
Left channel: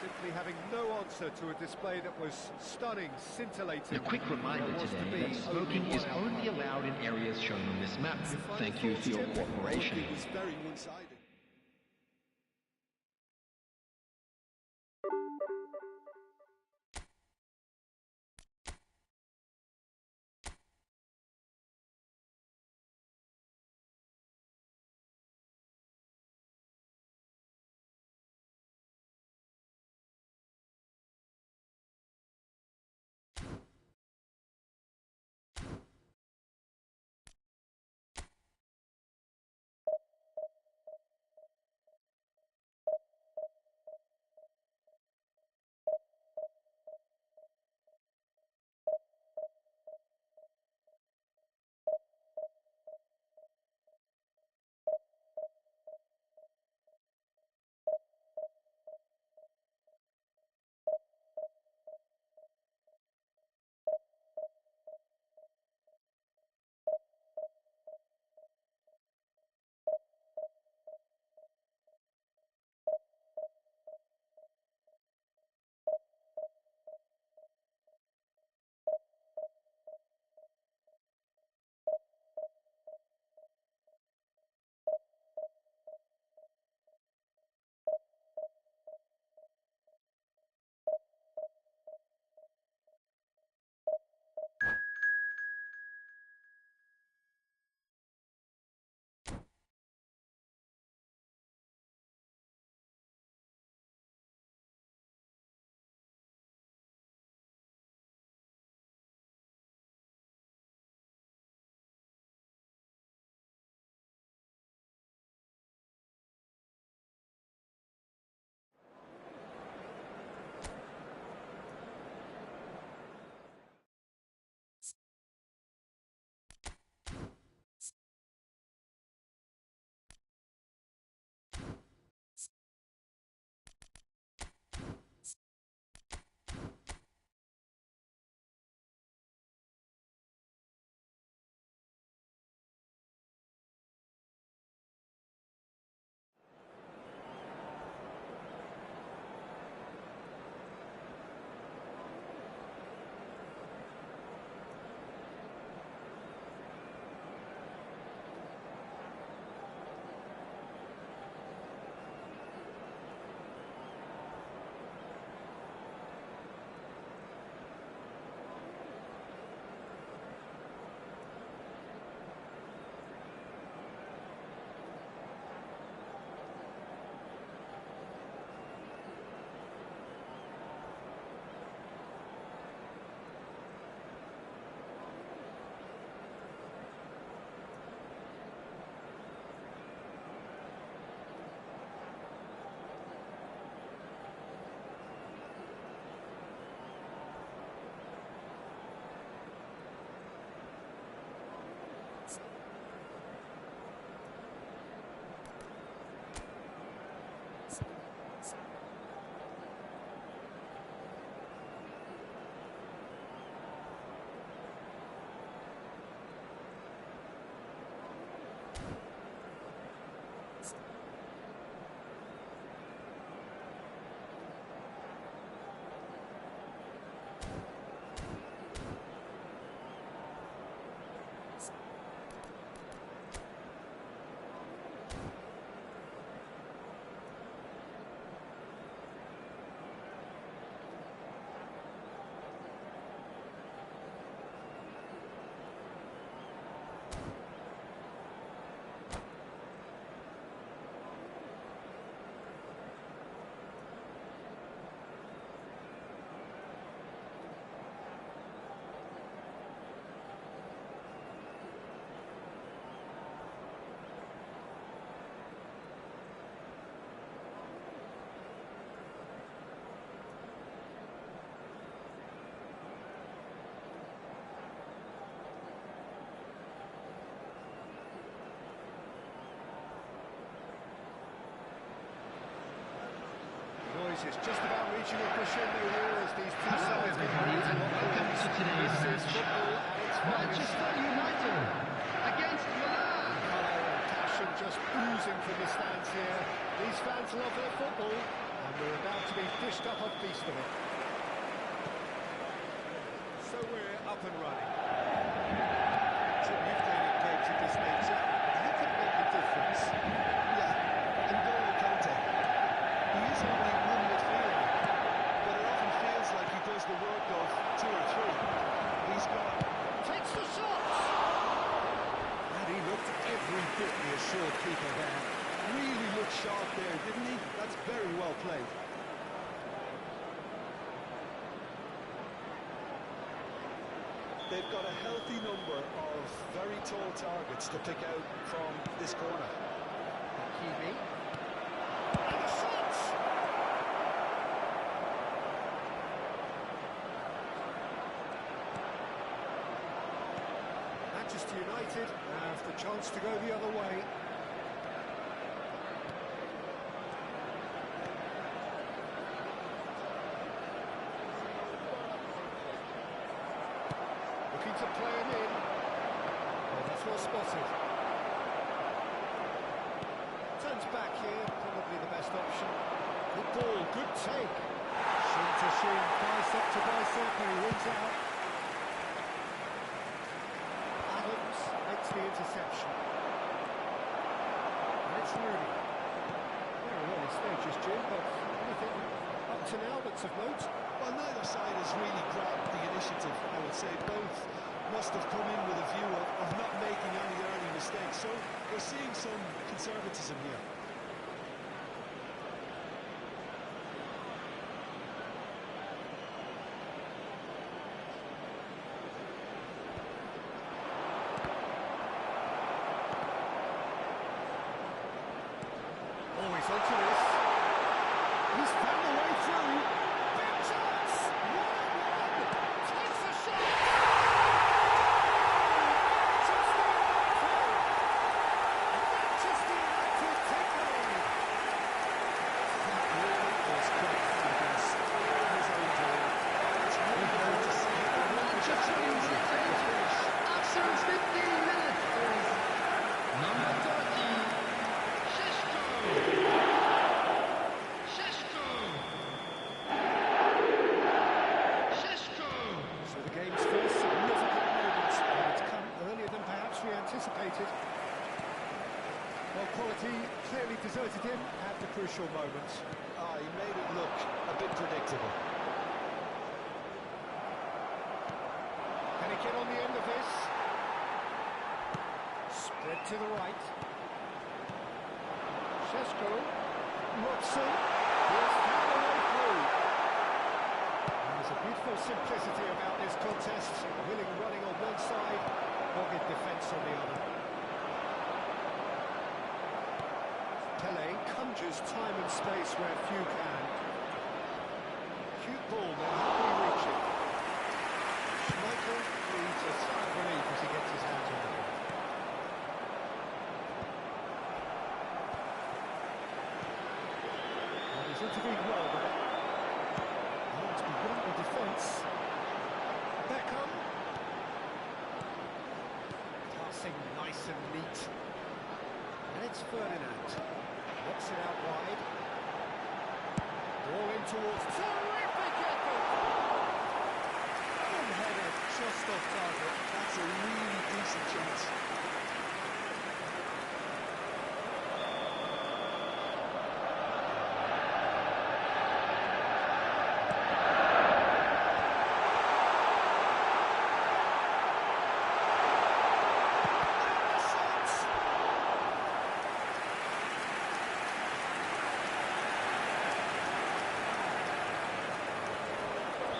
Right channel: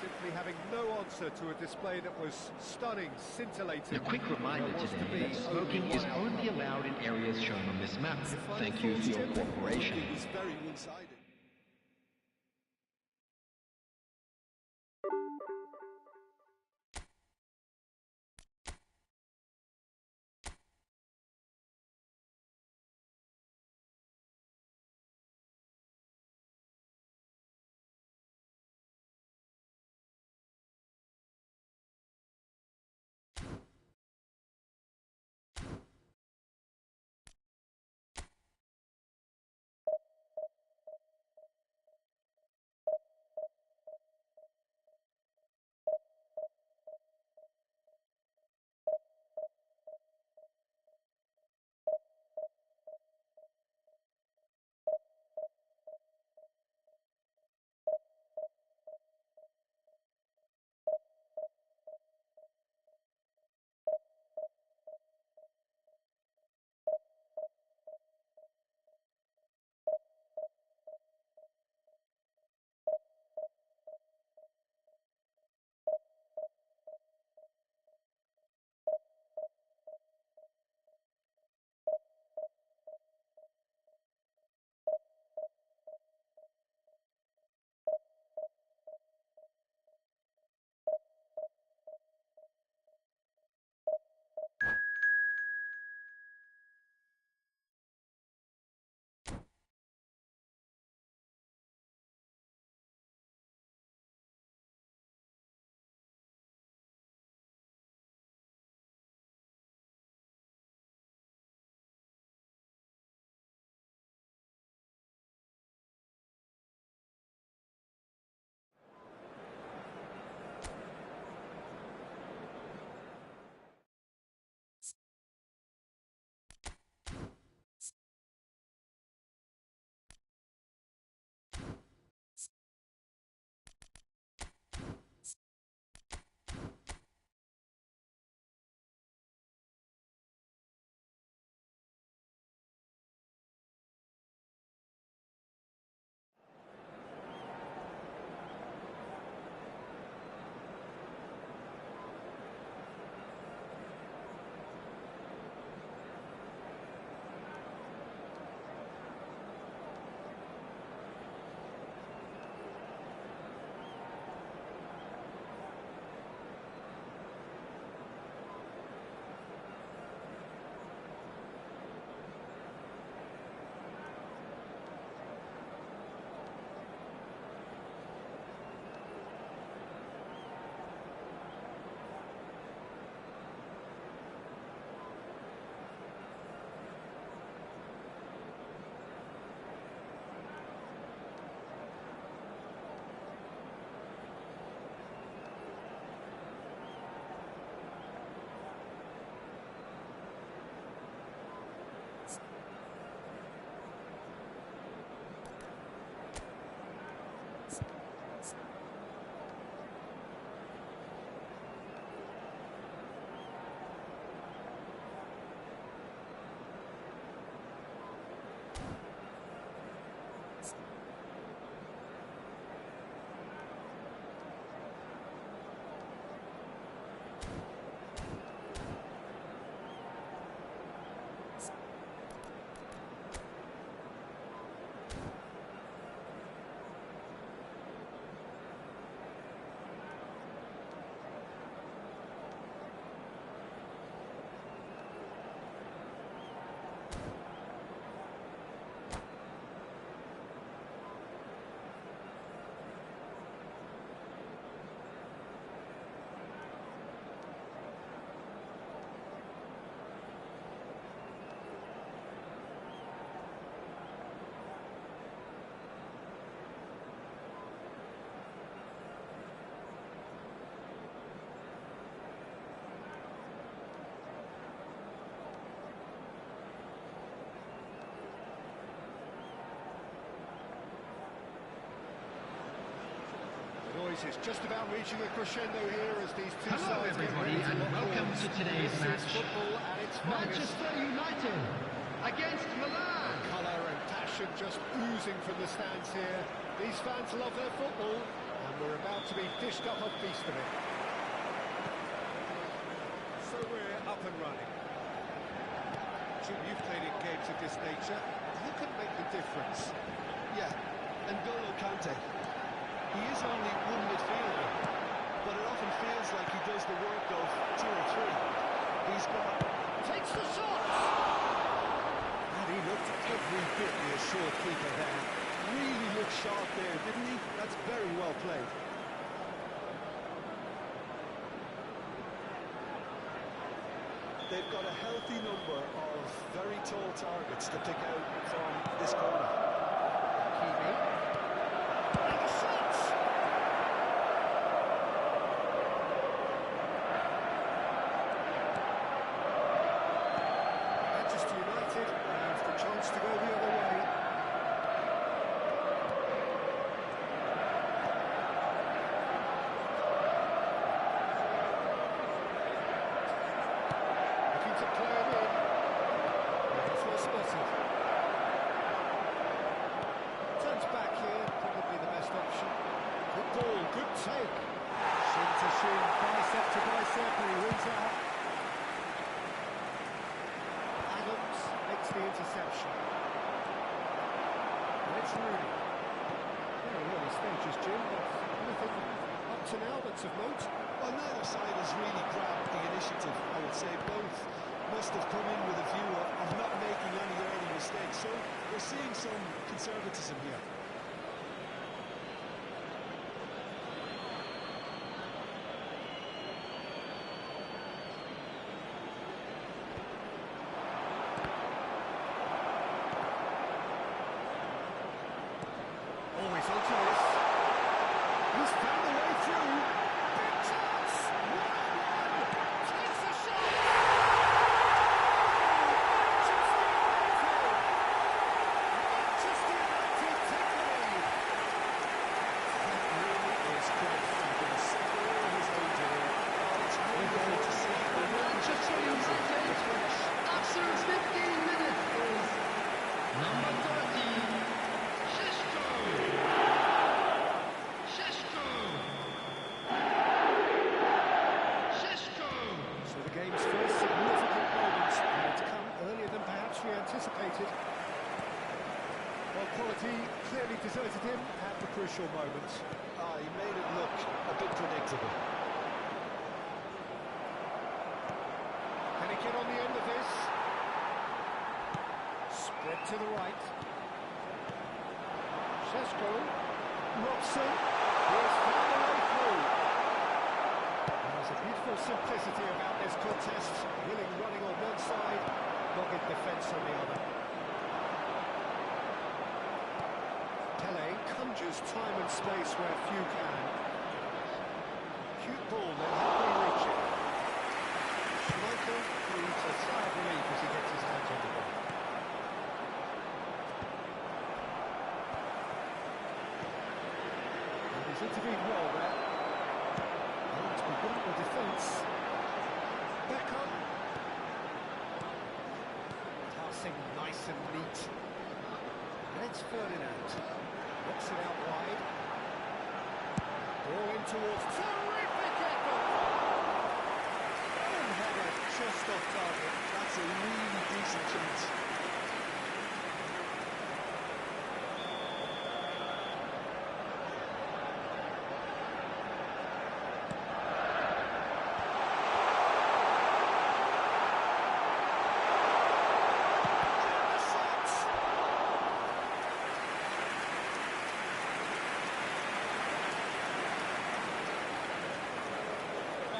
Simply having no answer to a display that was stunning, scintillating. A quick reminder There was to today be that smoking only is one outcome. only allowed in areas shown on this map. Final Thank you thoughts, for your Tim? cooperation. It was very one-sided. noises just about reaching a crescendo here as these two Hello sides get everybody ready to and lock welcome horns. to today's This is match. football at its finest. Manchester United against Milan. Colour and passion just oozing from the stands here. These fans love their football, and we're about to be dished up a feast of it. So we're up and running. Jim, you've played in games of this nature. Who can make the difference? Yeah, and N'Golo Kante. He is only one midfielder, but it often feels like he does the work of two or three. He's got... Takes the shot! And he looked every bit the assured keeper there. Really looked sharp there, didn't he? That's very well played. They've got a healthy number of very tall targets to pick out from this corner. Kimi. And the shot! Manchester United have the chance to go the other way. Looking to play him in. Well, that's well spotted. Turns back here, probably the best option. Good ball, good take. Shin to shin, bicep to bicep, and he wins out. Adams makes the interception. And it's Rooney. Very early stages, Jim, but anything up to now that's of note? Well, neither side has really grabbed the initiative, I would say. Both must have come in with a view of not making any early mistakes. So we're seeing some conservatism here. Always onto this. He's found a way through. Big chance! 1-on-1! Takes a shot! Manchester United! Manchester United take the lead! That really is close to this. All his own doing. Oh, it's wonderful to see. Manchester United after 15 minutes is number 30. So the game's first significant moment, and it's come earlier than perhaps we anticipated. Well, quality clearly deserted him at the crucial moment. He made it look a bit predictable. Can he get on the end of this? Spread to the right. Šeško, Robson, he has found a way through. There's a beautiful simplicity about this contest. Willing running on one side, dogged defence on the other. Pele conjures time and space where few can. Cute ball, then how can he reach it? Schmeichel breathes a sigh of relief as he gets his hands on the ball. And he's intervened well there. Oh, it's beyond the defence. Beckham. Passing nice and neat. And it's Ferdinand. Knocks it out wide. Ball in towards... Terrific effort! Boom header, just off target. That's a really decent chance.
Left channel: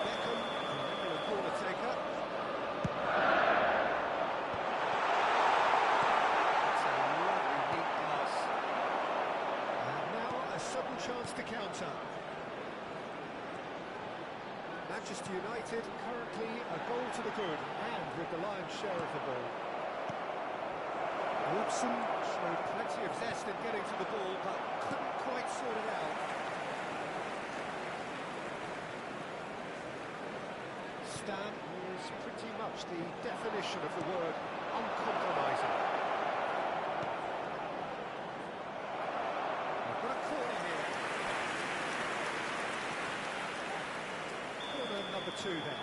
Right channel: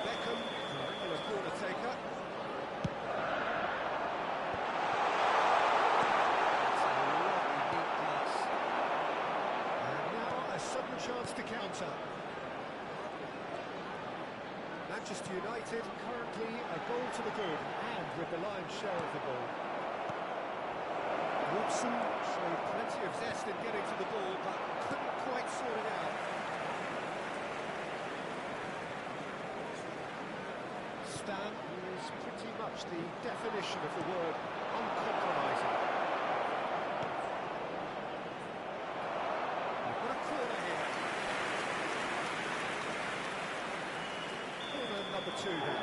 Beckham, the regular corner taker. It's a lovely neat pass. And now a sudden chance to counter. Manchester United currently a goal to the good and with the lion's share of the ball. Robson showed plenty of zest in getting to the ball but couldn't quite sort it out. Stan is pretty much the definition of the word uncompromising. We've got a corner here. Corner number 2 then.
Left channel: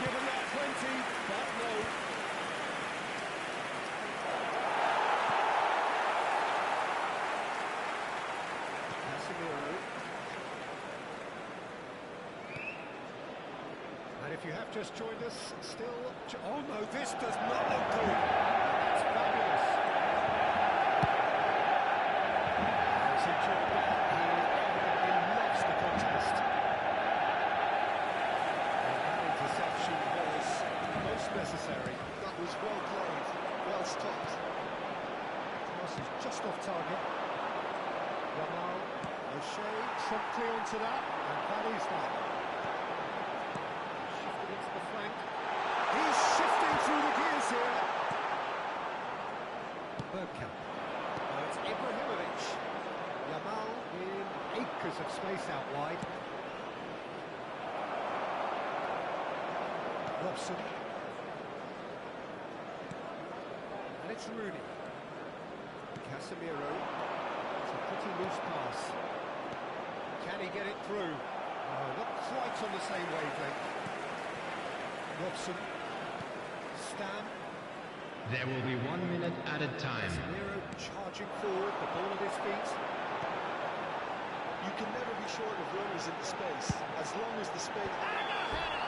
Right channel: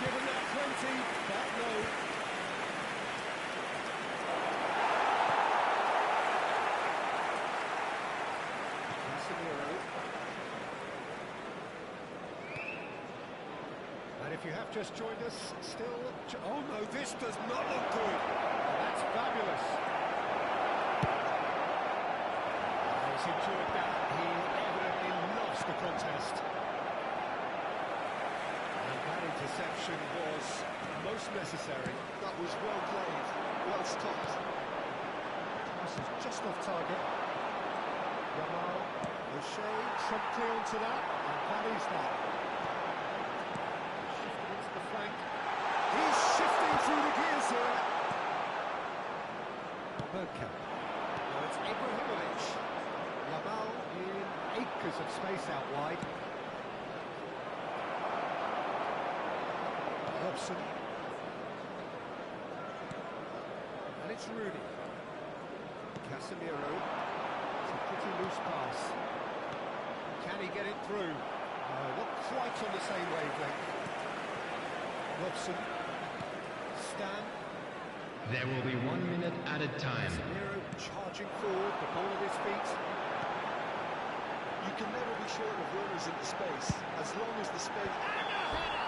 Given that plenty, but no. Casemiro. And if you have just joined us, still... Oh no, this does not look good. That's fabulous. He's enjoyed that. He evidently loves the contest. Interception was most necessary. That was well played, well stopped. Pass is just off target. Yamal, O'Shea promptly onto that, and that is that. Shifted into the flank. He's shifting through the gears here. Bergkamp. Now it's Ibrahimovic. Yamal in acres of space out wide. Robson. And it's Rooney. Casemiro. It's a pretty loose pass. Can he get it through? No, not quite on the same wavelength. Robson. Stan. There will be 1 minute added time. Casemiro charging forward, the ball at his feet. You can never be short of runners in the space, as long as the space... And a header!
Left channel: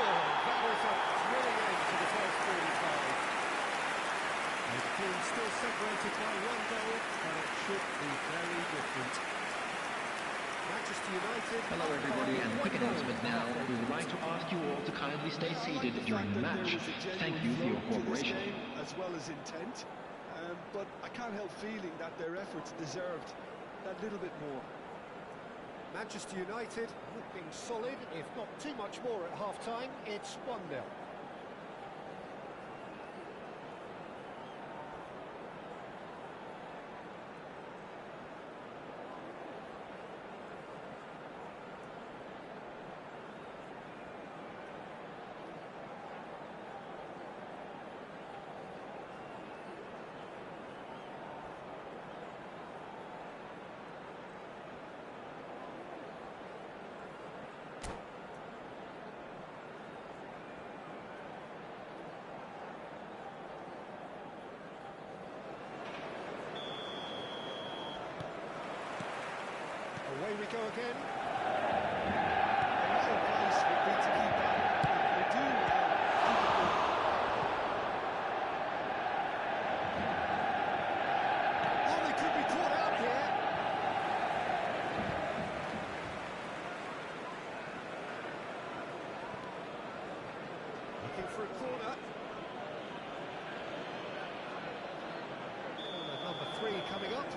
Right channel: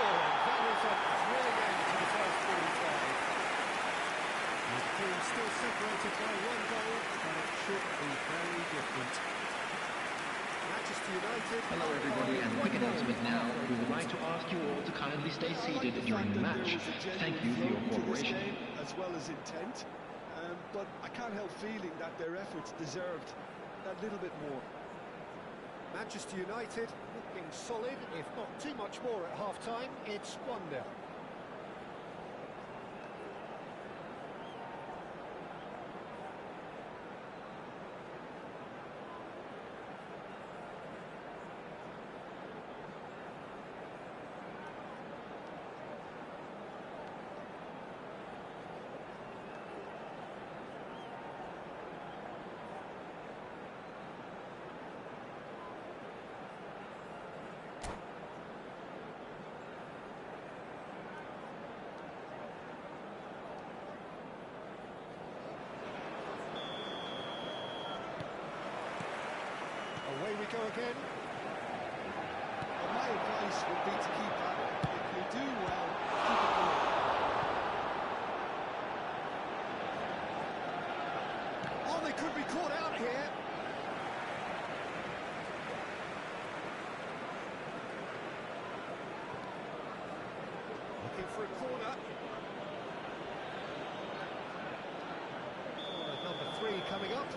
That is a thrilling end to the first 45. The team still separated by 1 goal, but it should be very different. Manchester United... Hello everybody, and a quick announcement now. We would like to ask you all to kindly stay seated during the match. Thank you for your cooperation. As well as intent, but I can't help feeling that their efforts deserved that little bit more. Manchester United looking solid, if not too much more at half-time. It's 1-0. Away we go again. And my advice would be to keep at it. If you do well, keep it going. Oh, they could be caught out here. Looking for a corner. Corner number 3 coming up.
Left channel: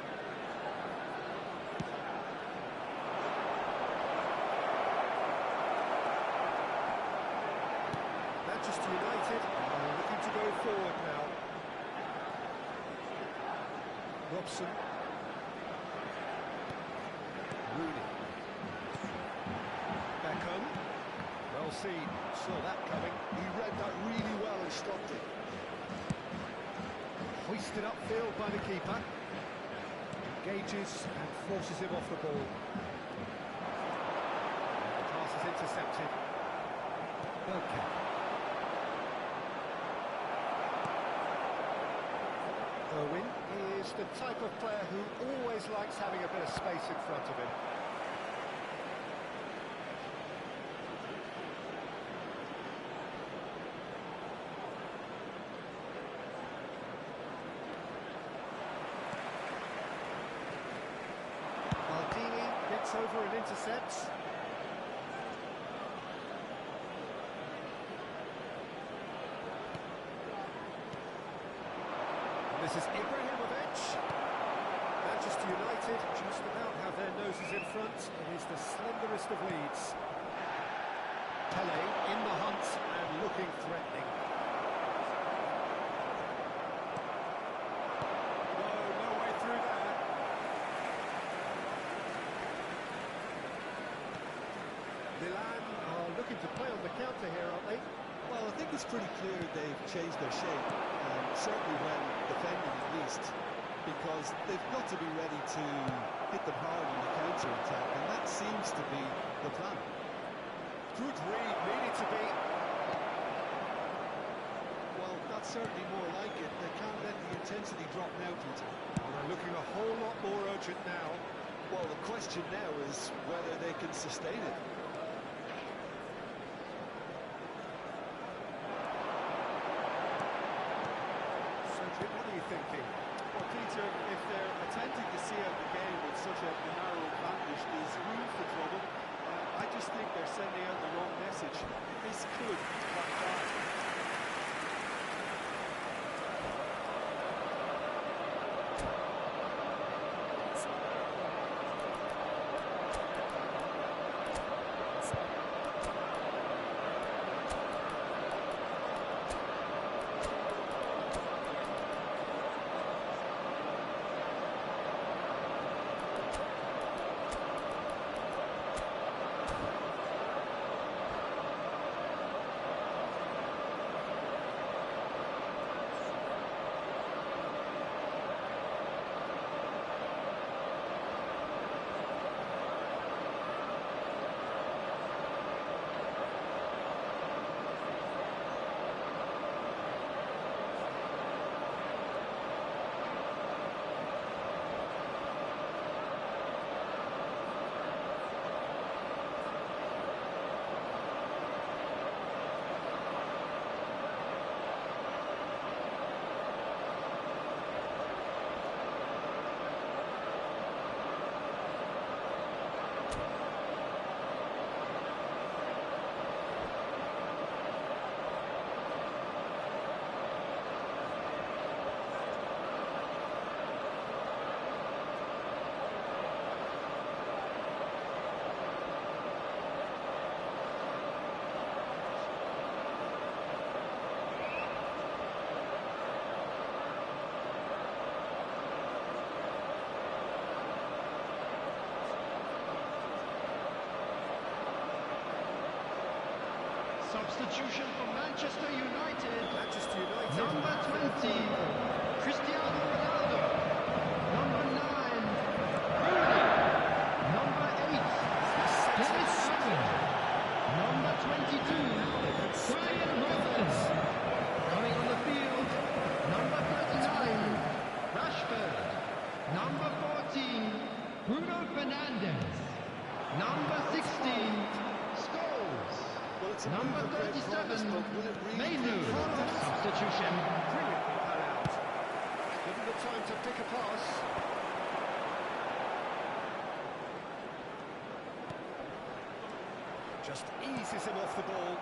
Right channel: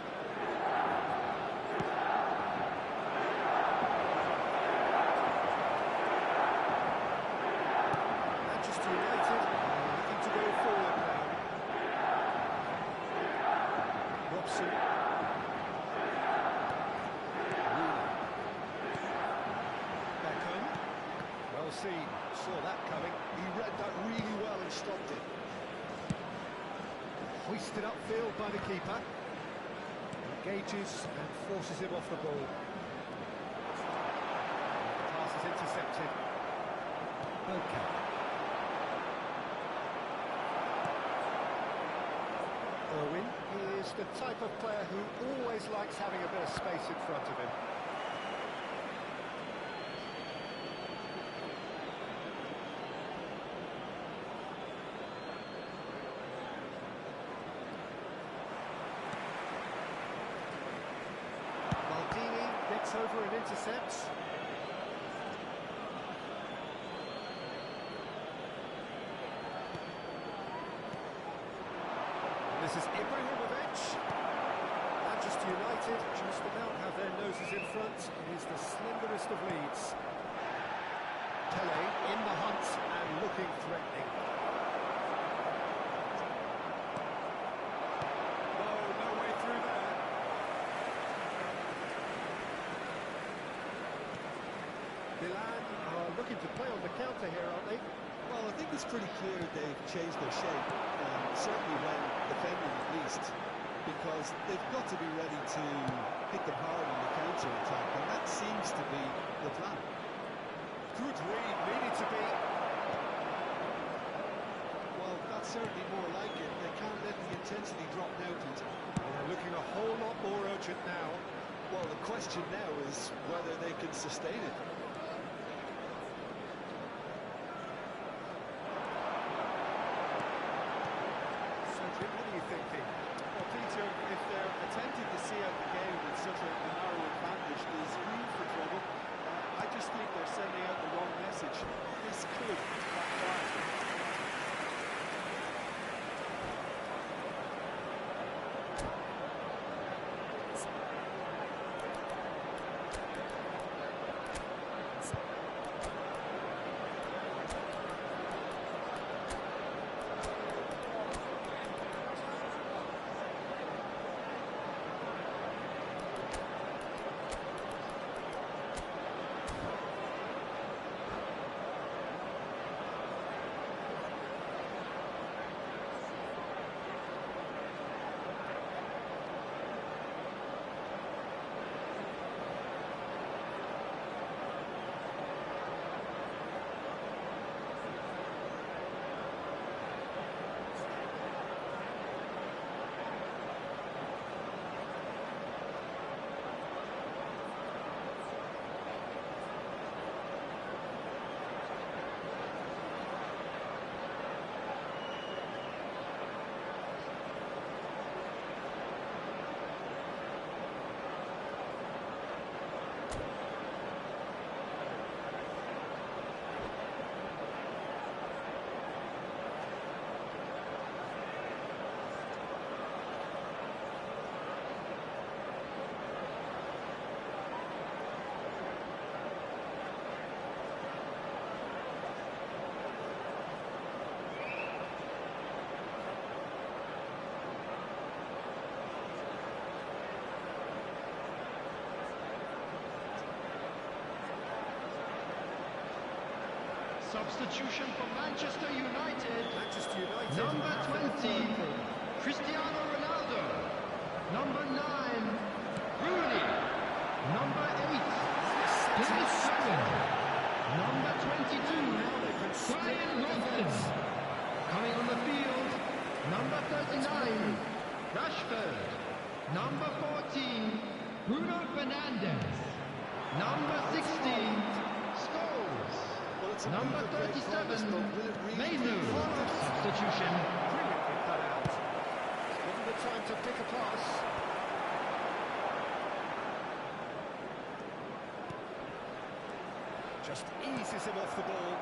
Manchester United are looking to go forward now. Robson. Rooney. Beckham. Well seen. Saw that coming. He read that really well and stopped it. Hoisted upfield by the keeper. Engages and forces him off the ball. The pass is intercepted. Bergkamp. Irwin is the type of player who always likes having a bit of space in front of him. Maldini gets over and intercepts. This is Ibrahimovic. Manchester United just about have their noses in front. It is the slenderest of leads. Pele in the hunt and looking threatening. No way through there. Milan are looking to play on the counter here, aren't they? Well, I think it's pretty clear they've changed their shape, certainly when defending at least, because they've got to be ready to hit them hard on the counter-attack, and that seems to be the plan. Good read, needed to be. Well, that's certainly more like it. They can't let the intensity drop now, Peter. Well, they're looking a whole lot more urgent now. Well, the question now is whether they can sustain it. What are you thinking? Well, Peter, if they're attempting to see out the game with such a narrow advantage, there's room for trouble. I just think they're sending out the wrong message. This could backfire. Substitution for Manchester United. Manchester United. Number 20, Cristiano Ronaldo. Number 9, Rooney. Number 8, Dennis Irwin. Number 22, Brian Robson. Coming on the field, number 39, Rashford. Number 14, Bruno Fernandes. Number 16, Scholes. Number 37, Menu. Substitution. Brilliantly cut out. Given the time to pick a pass. Just eases him off the ball.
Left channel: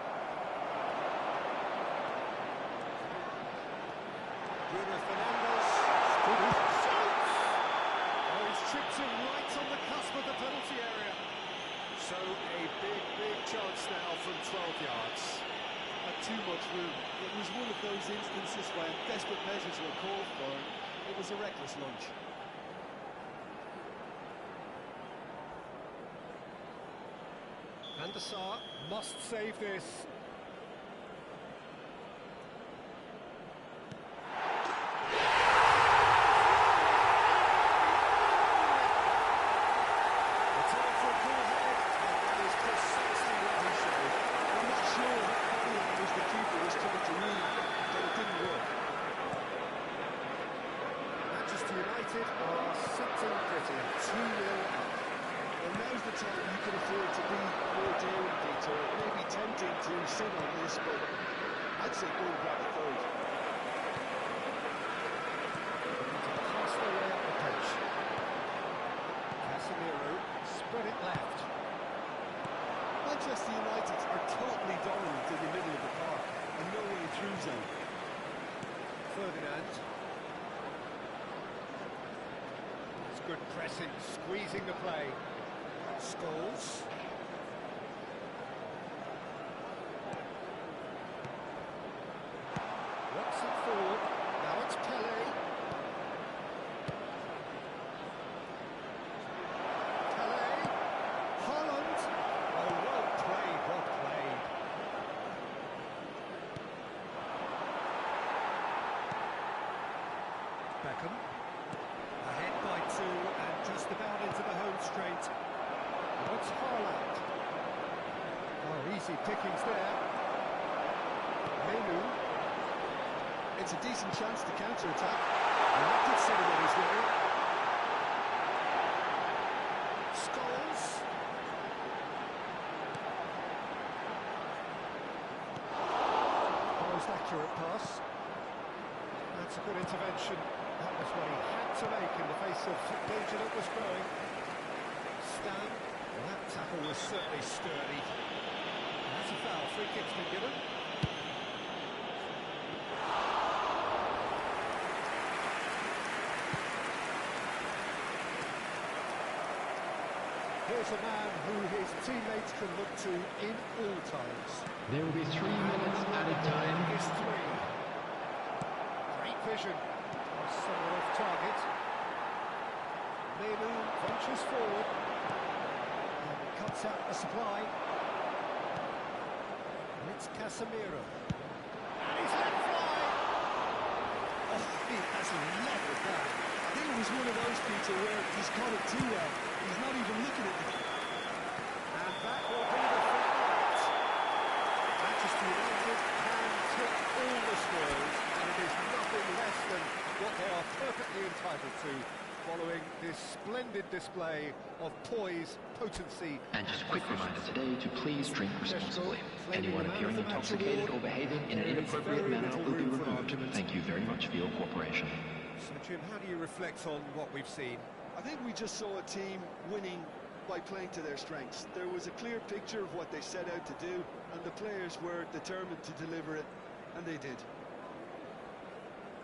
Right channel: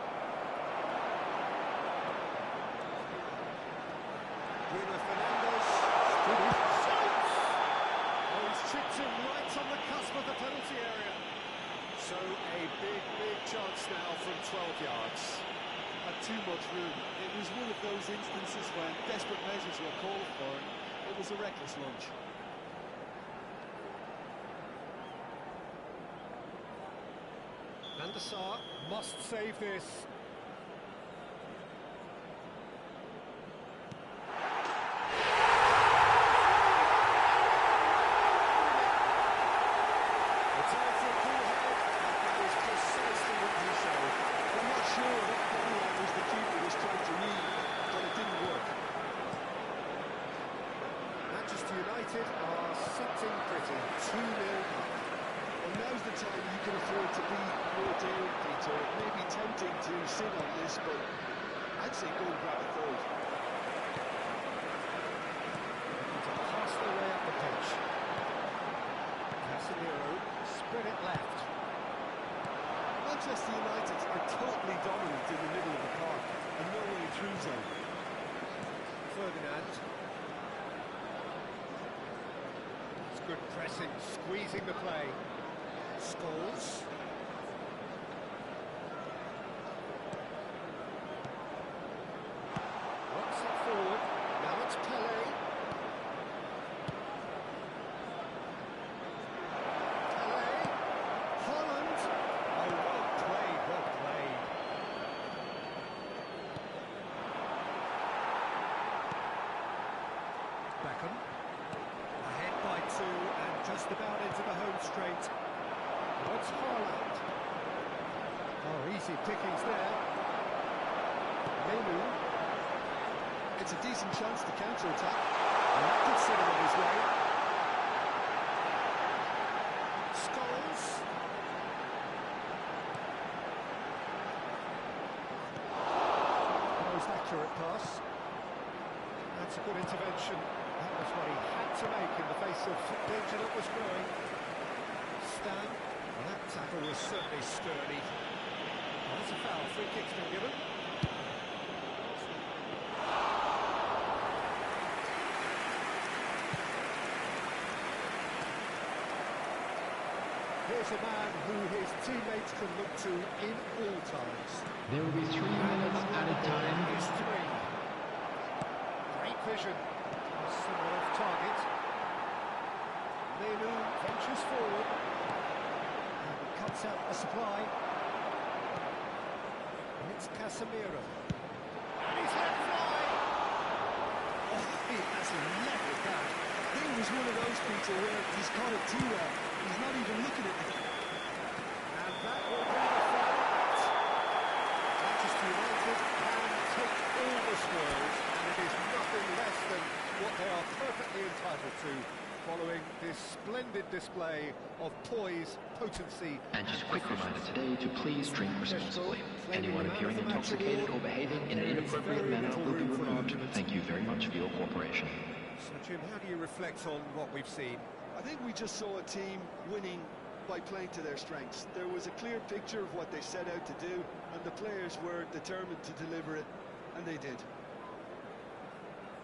Bruno Fernandes. Shoots! Oh, he's tripped him right on the cusp of the penalty area. So a big chance now from 12 yards. Had too much room. It was one of those instances when desperate measures were called for, and it was a reckless lunge. Van der Sar must save this. United are sitting pretty, 2-0 up. Well, now's the time you can afford to be more daring, Peter. It may be tempting to sit on this, but I'd say go and grab a third. Looking to pass their way up the pitch. Casemiro spread it left. Manchester United are totally dominant in the middle of the park and no way through zone. Ferdinand. Good pressing, squeezing the play. Scholes. about into the home straight. What's Haaland? Oh, easy pickings there. Menu. It's a decent chance to counter-attack. And that could set him on his way. Scholes. Most accurate pass. That's a good intervention. That was what he had to make in the face of danger that was growing. Stan. Well, that tackle was certainly sturdy. And that's a foul. Free kick's been given. Here's a man who his teammates can look to in all times. There will be 3 minutes added time. Is 3. Great vision. Was somewhat off target. Menu ventures forward. And cuts out a supply. And it's Casemiro. And he's let fly. Oh, he has leveled that. I think it was one of those, Peter, where he's caught it too well. He's not even looking at it. And that will be the final act. Manchester United can take all the spoils, and it is nothing less than what they are perfectly entitled to, following this splendid display of poise, potency, And just a quick reminder today to please drink responsibly. Anyone appearing intoxicated or behaving in an inappropriate manner will be removed. Thank you very much for your cooperation. So, Jim, how do you reflect on what we've seen? I think we just saw a team winning by playing to their strengths. There was a clear picture of what they set out to do, and the players were determined to deliver it, and they did.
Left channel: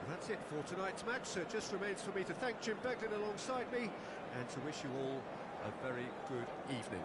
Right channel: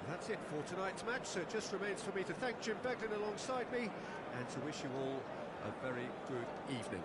That's it for tonight's match, so it just remains for me to thank Jim Beglin alongside me and to wish you all a very good evening.